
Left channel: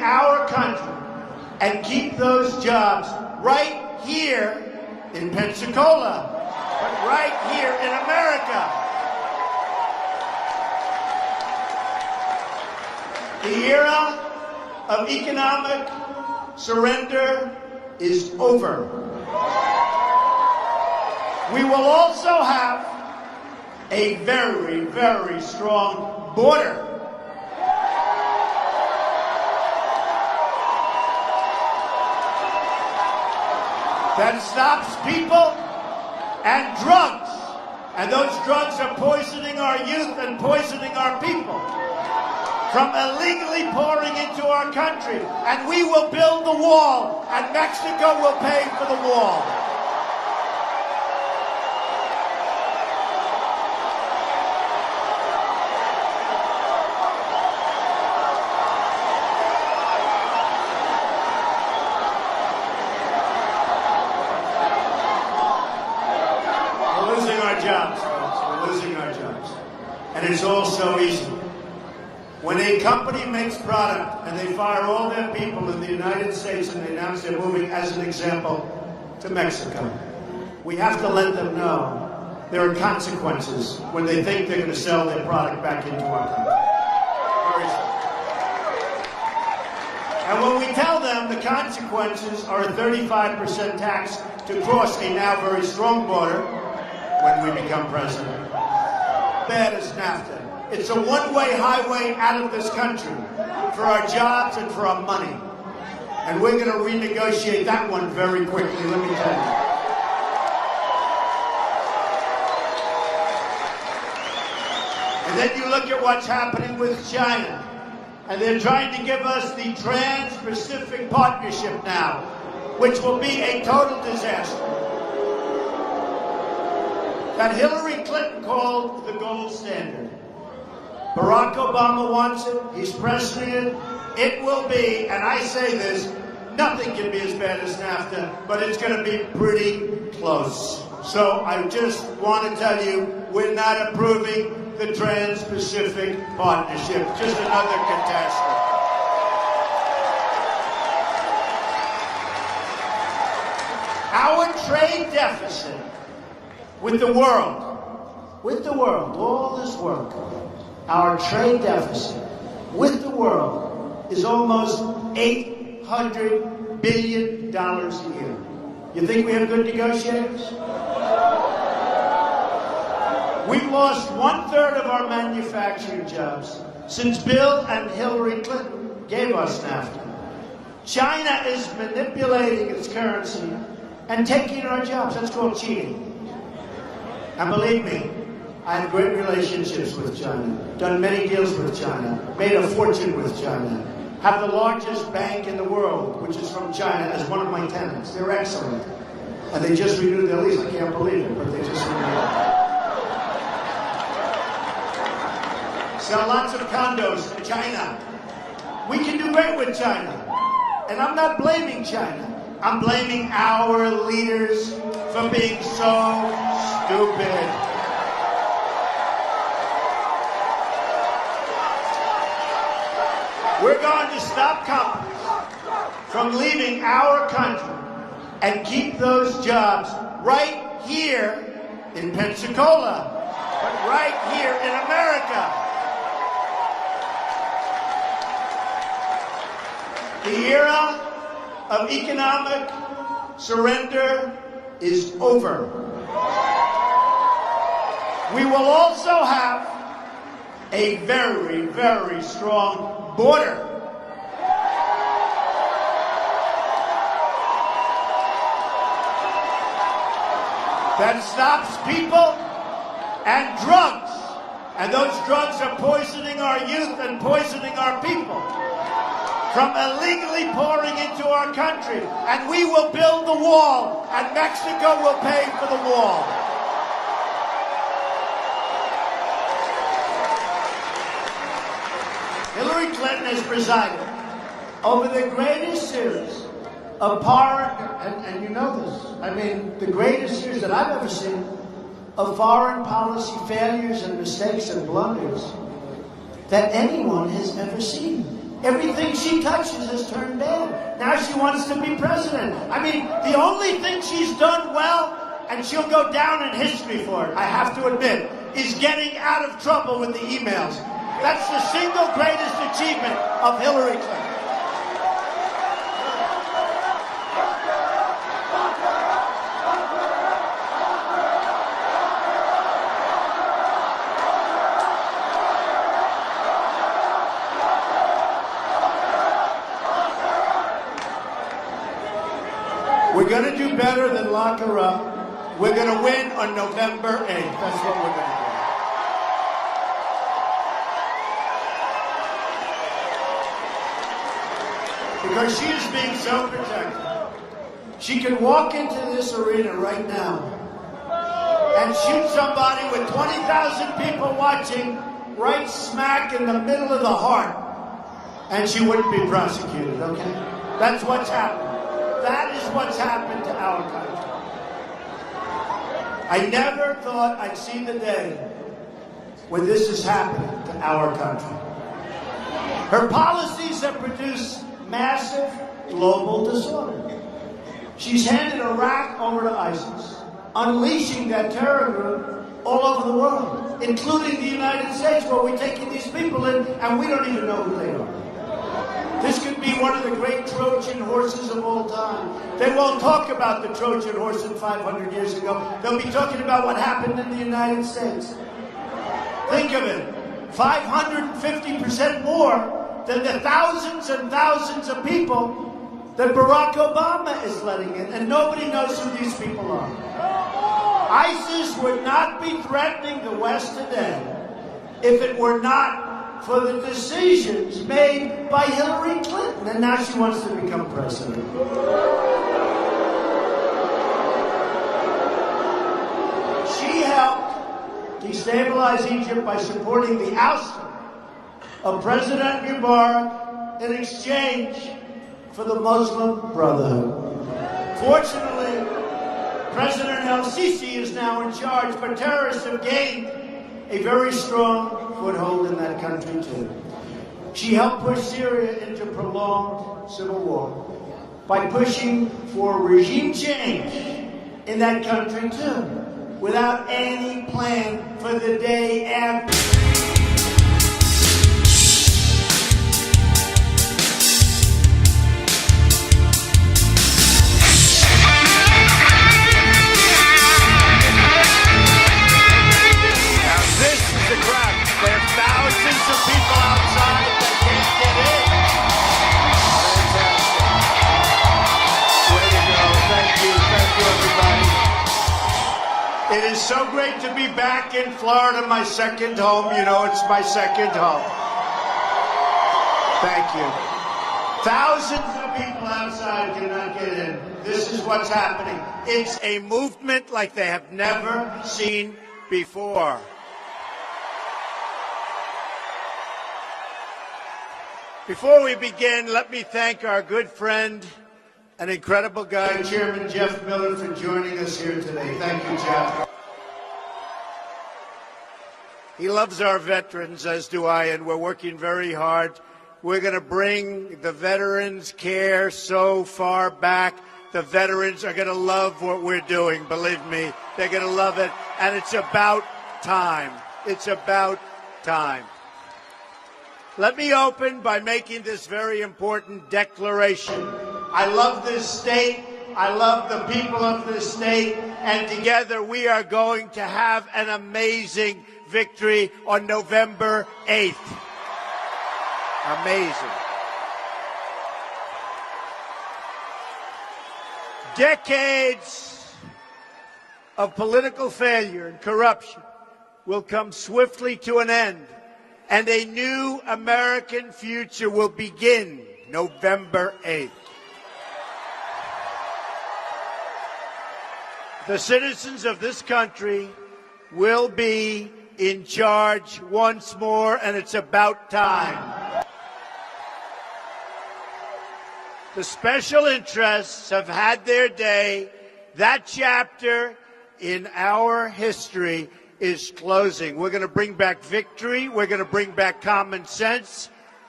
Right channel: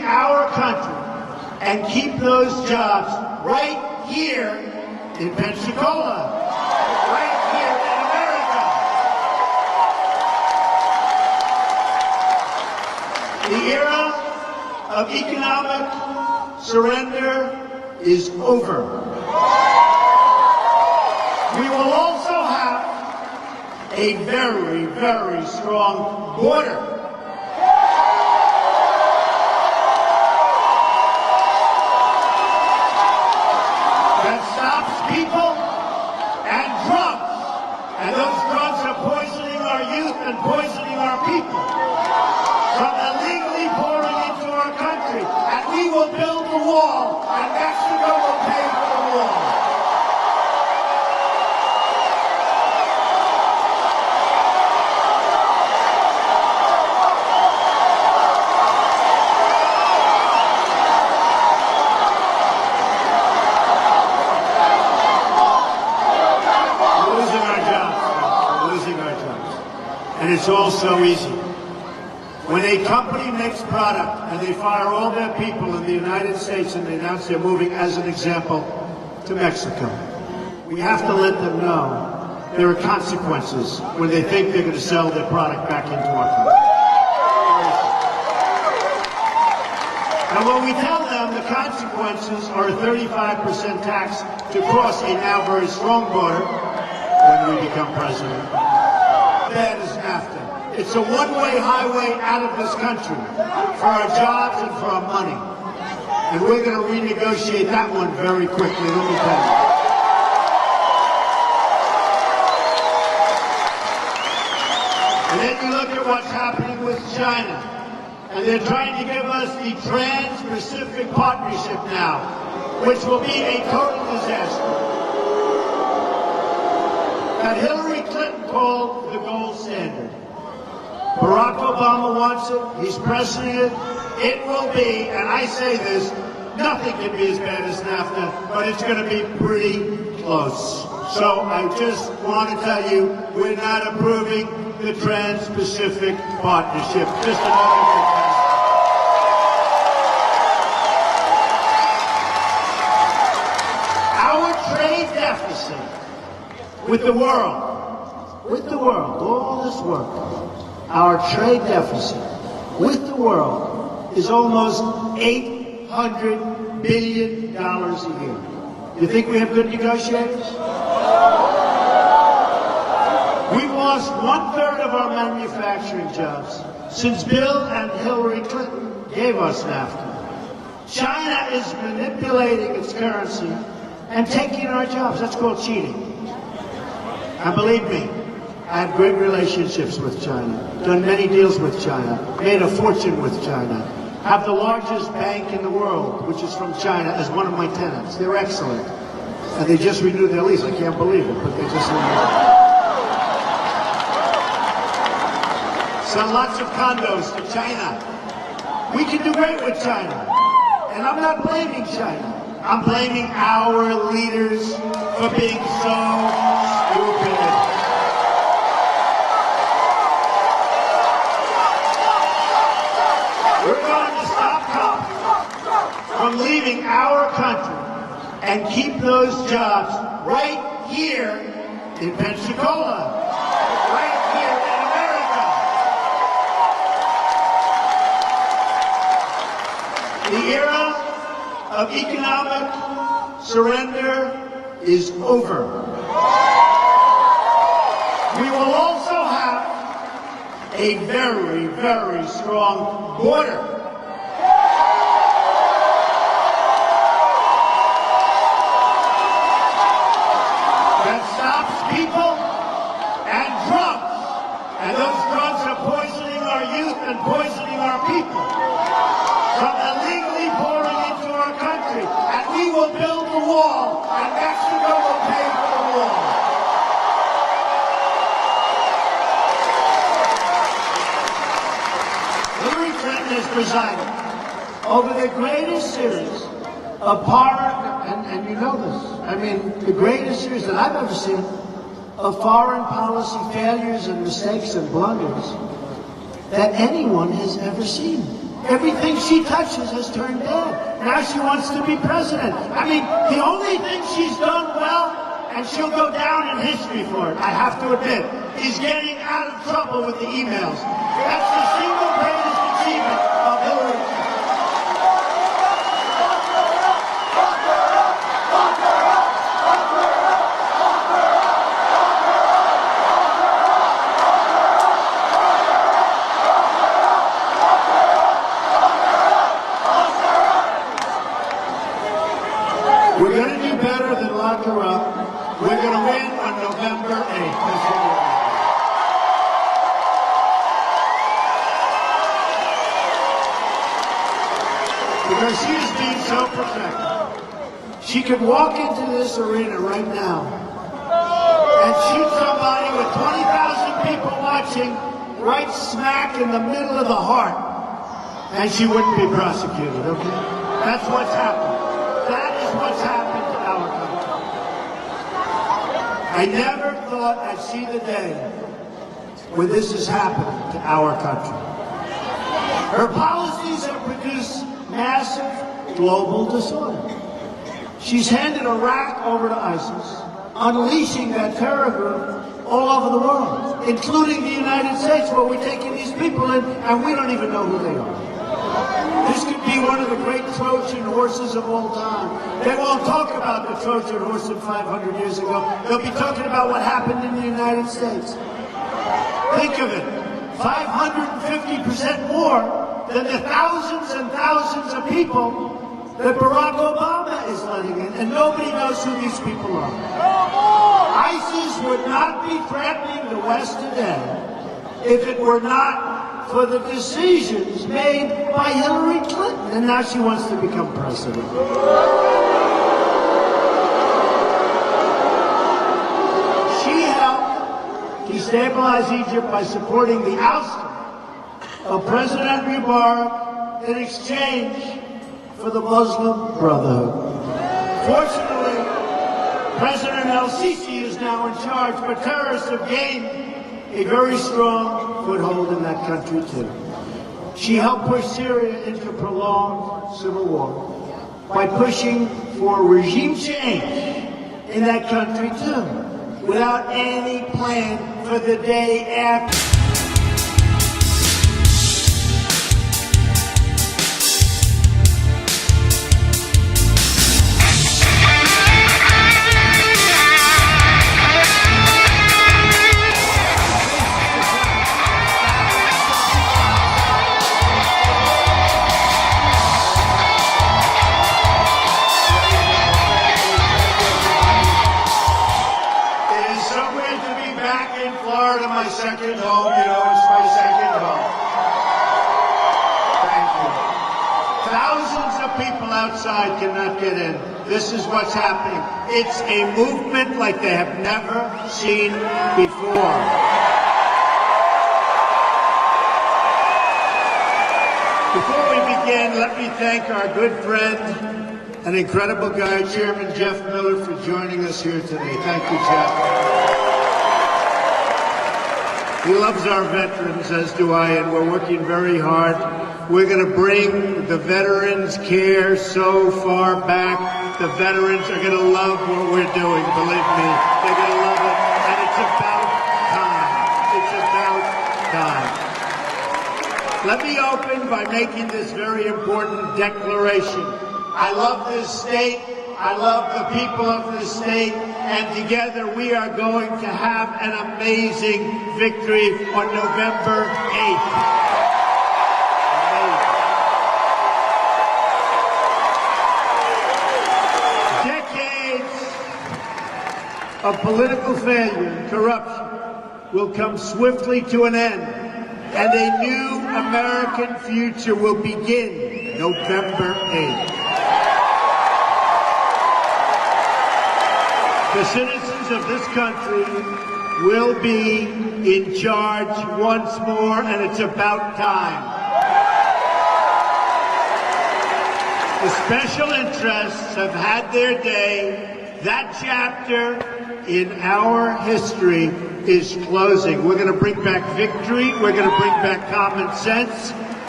bring our country and keep those jobs right here in Pensacola, right here in America. The era of economic surrender is over. We will also have a very, very strong border. That stops people and drugs. And those drugs are poisoning our youth and poisoning our people from illegally pouring into our country. And we will build the wall, and Mexico will pay for the wall. And it's all so easy. When a company makes product and they fire all their people in the United States and they announce they're moving, as an example, to Mexico, we have to let them know there are consequences when they think they're going to sell their product back into our country. And when we tell them the consequences are a 35% tax to cross a now very strong border when we become president, that is NAFTA. It's a one-way highway out of this country for our jobs and for our money. And we're going to renegotiate that one very quickly. Let me tell you. And then you look at what's happening with China. And they're trying to give us the Trans-Pacific Partnership now, which will be a total disaster. That Hillary Clinton called the gold standard. Barack Obama wants it. He's pressing it. It will be, and I say this, nothing can be as bad as NAFTA, but it's going to be pretty close. So I just want to tell you, we're not approving the Trans-Pacific Partnership. Just another catastrophe. Our trade deficit with the world, all this work, our trade deficit with the world is almost $800 billion a year. You think we have good negotiators? We lost 1/3 of our manufacturing jobs since Bill and Hillary Clinton gave us NAFTA. China is manipulating its currency and taking our jobs. That's called cheating. And believe me, I have great relationships with China, done many deals with China, made a fortune with China, have the largest bank in the world, which is from China, as one of my tenants. They're excellent. And they just renewed their lease. I can't believe it, but they just renewed it. Sell lots of condos to China. We can do great with China. And I'm not blaming China. I'm blaming our leaders for being so stupid. We're going to stop companies from leaving our country and keep those jobs right here in Pensacola, right here in America. The era of economic surrender is over. We will also have a very, very strong border. That stops people and drugs. And those drugs are poisoning our youth and poisoning our people from illegally pouring into our country. And we will build the wall, and Mexico will pay for the wall. Hillary Clinton has presided over the greatest series of foreign, and you know this, I mean, the greatest series that I've ever seen of foreign policy failures and mistakes and blunders that anyone has ever seen. Everything she touches has turned bad. Now she wants to be president. I mean, the only thing she's done well, and she'll go down in history for it, I have to admit, is getting out of trouble with the emails. That's the single greatest achievement of Hillary Clinton. We're going to do better than lock her up. We're going to win on November 8th. That's what we're going to do. Because she is being so protected. She could walk into this arena right now and shoot somebody with 20,000 people watching right smack in the middle of the heart, and she wouldn't be prosecuted, okay? That's what's happened. That is what's happened to our country. I never thought I'd see the day when this has happened to our country. Her policies have produced massive global disorder. She's handed Iraq over to ISIS, unleashing that terror group all over the world, including the United States, where we're taking these people in and we don't even know who they are. This could be one of the great Trojan horses of all time. They won't talk about the Trojan horse of 500 years ago. They'll be talking about what happened in the United States. Think of it, 550% more than the thousands and thousands of people that Barack Obama is letting in, and nobody knows who these people are. ISIS would not be threatening the West today if it were not for the decisions made by Hillary Clinton, and now she wants to become president. She helped destabilize Egypt by supporting the ousting of President Mubarak in exchange for the Muslim Brotherhood. Fortunately, President El-Sisi is now in charge, but terrorists have gained a very strong foothold in that country, too. She helped push Syria into a prolonged civil war by pushing for regime change in that country, too, without any plan for the day after. Florida, my second home. You know, it's my second home. Thank you. Thousands of people outside cannot get in. This is what's happening. It's a movement like they have never seen before. Before we begin, let me thank our good friend and incredible guy, Chairman Jeff Miller, for joining us here today. Thank you, Jeff. He loves our veterans, as do I, and we're working very hard. We're going to bring the veterans' care so far back. The veterans are going to love what we're doing, believe me. They're going to love it, and it's about time. It's about time. Let me open by making this very important declaration. I love this state. I love the people of this state, and together we are going to have an amazing victory on November 8th. Amazing. Decades of political failure and corruption will come swiftly to an end, and a new American future will begin November 8th. The citizens of this country will be in charge once more, and it's about time. The special interests have had their day. That chapter in our history is closing. We're going to bring back victory. We're going to bring back common sense.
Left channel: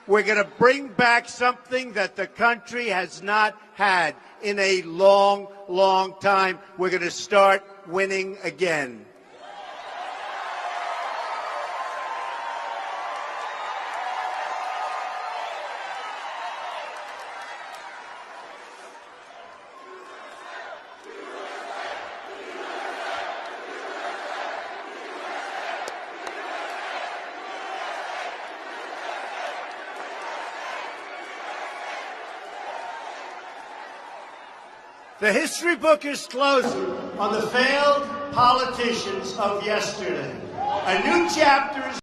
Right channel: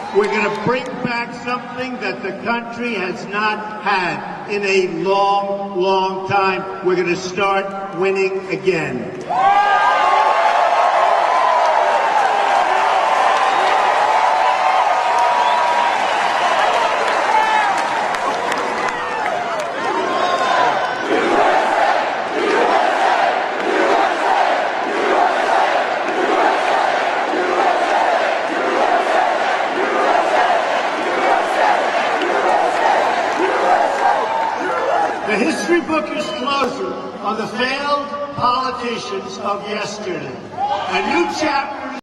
We're going to bring back something that the country has not had in a long, long time. We're going to start winning again. The history book is closing on the failed politicians of yesterday. A new chapter is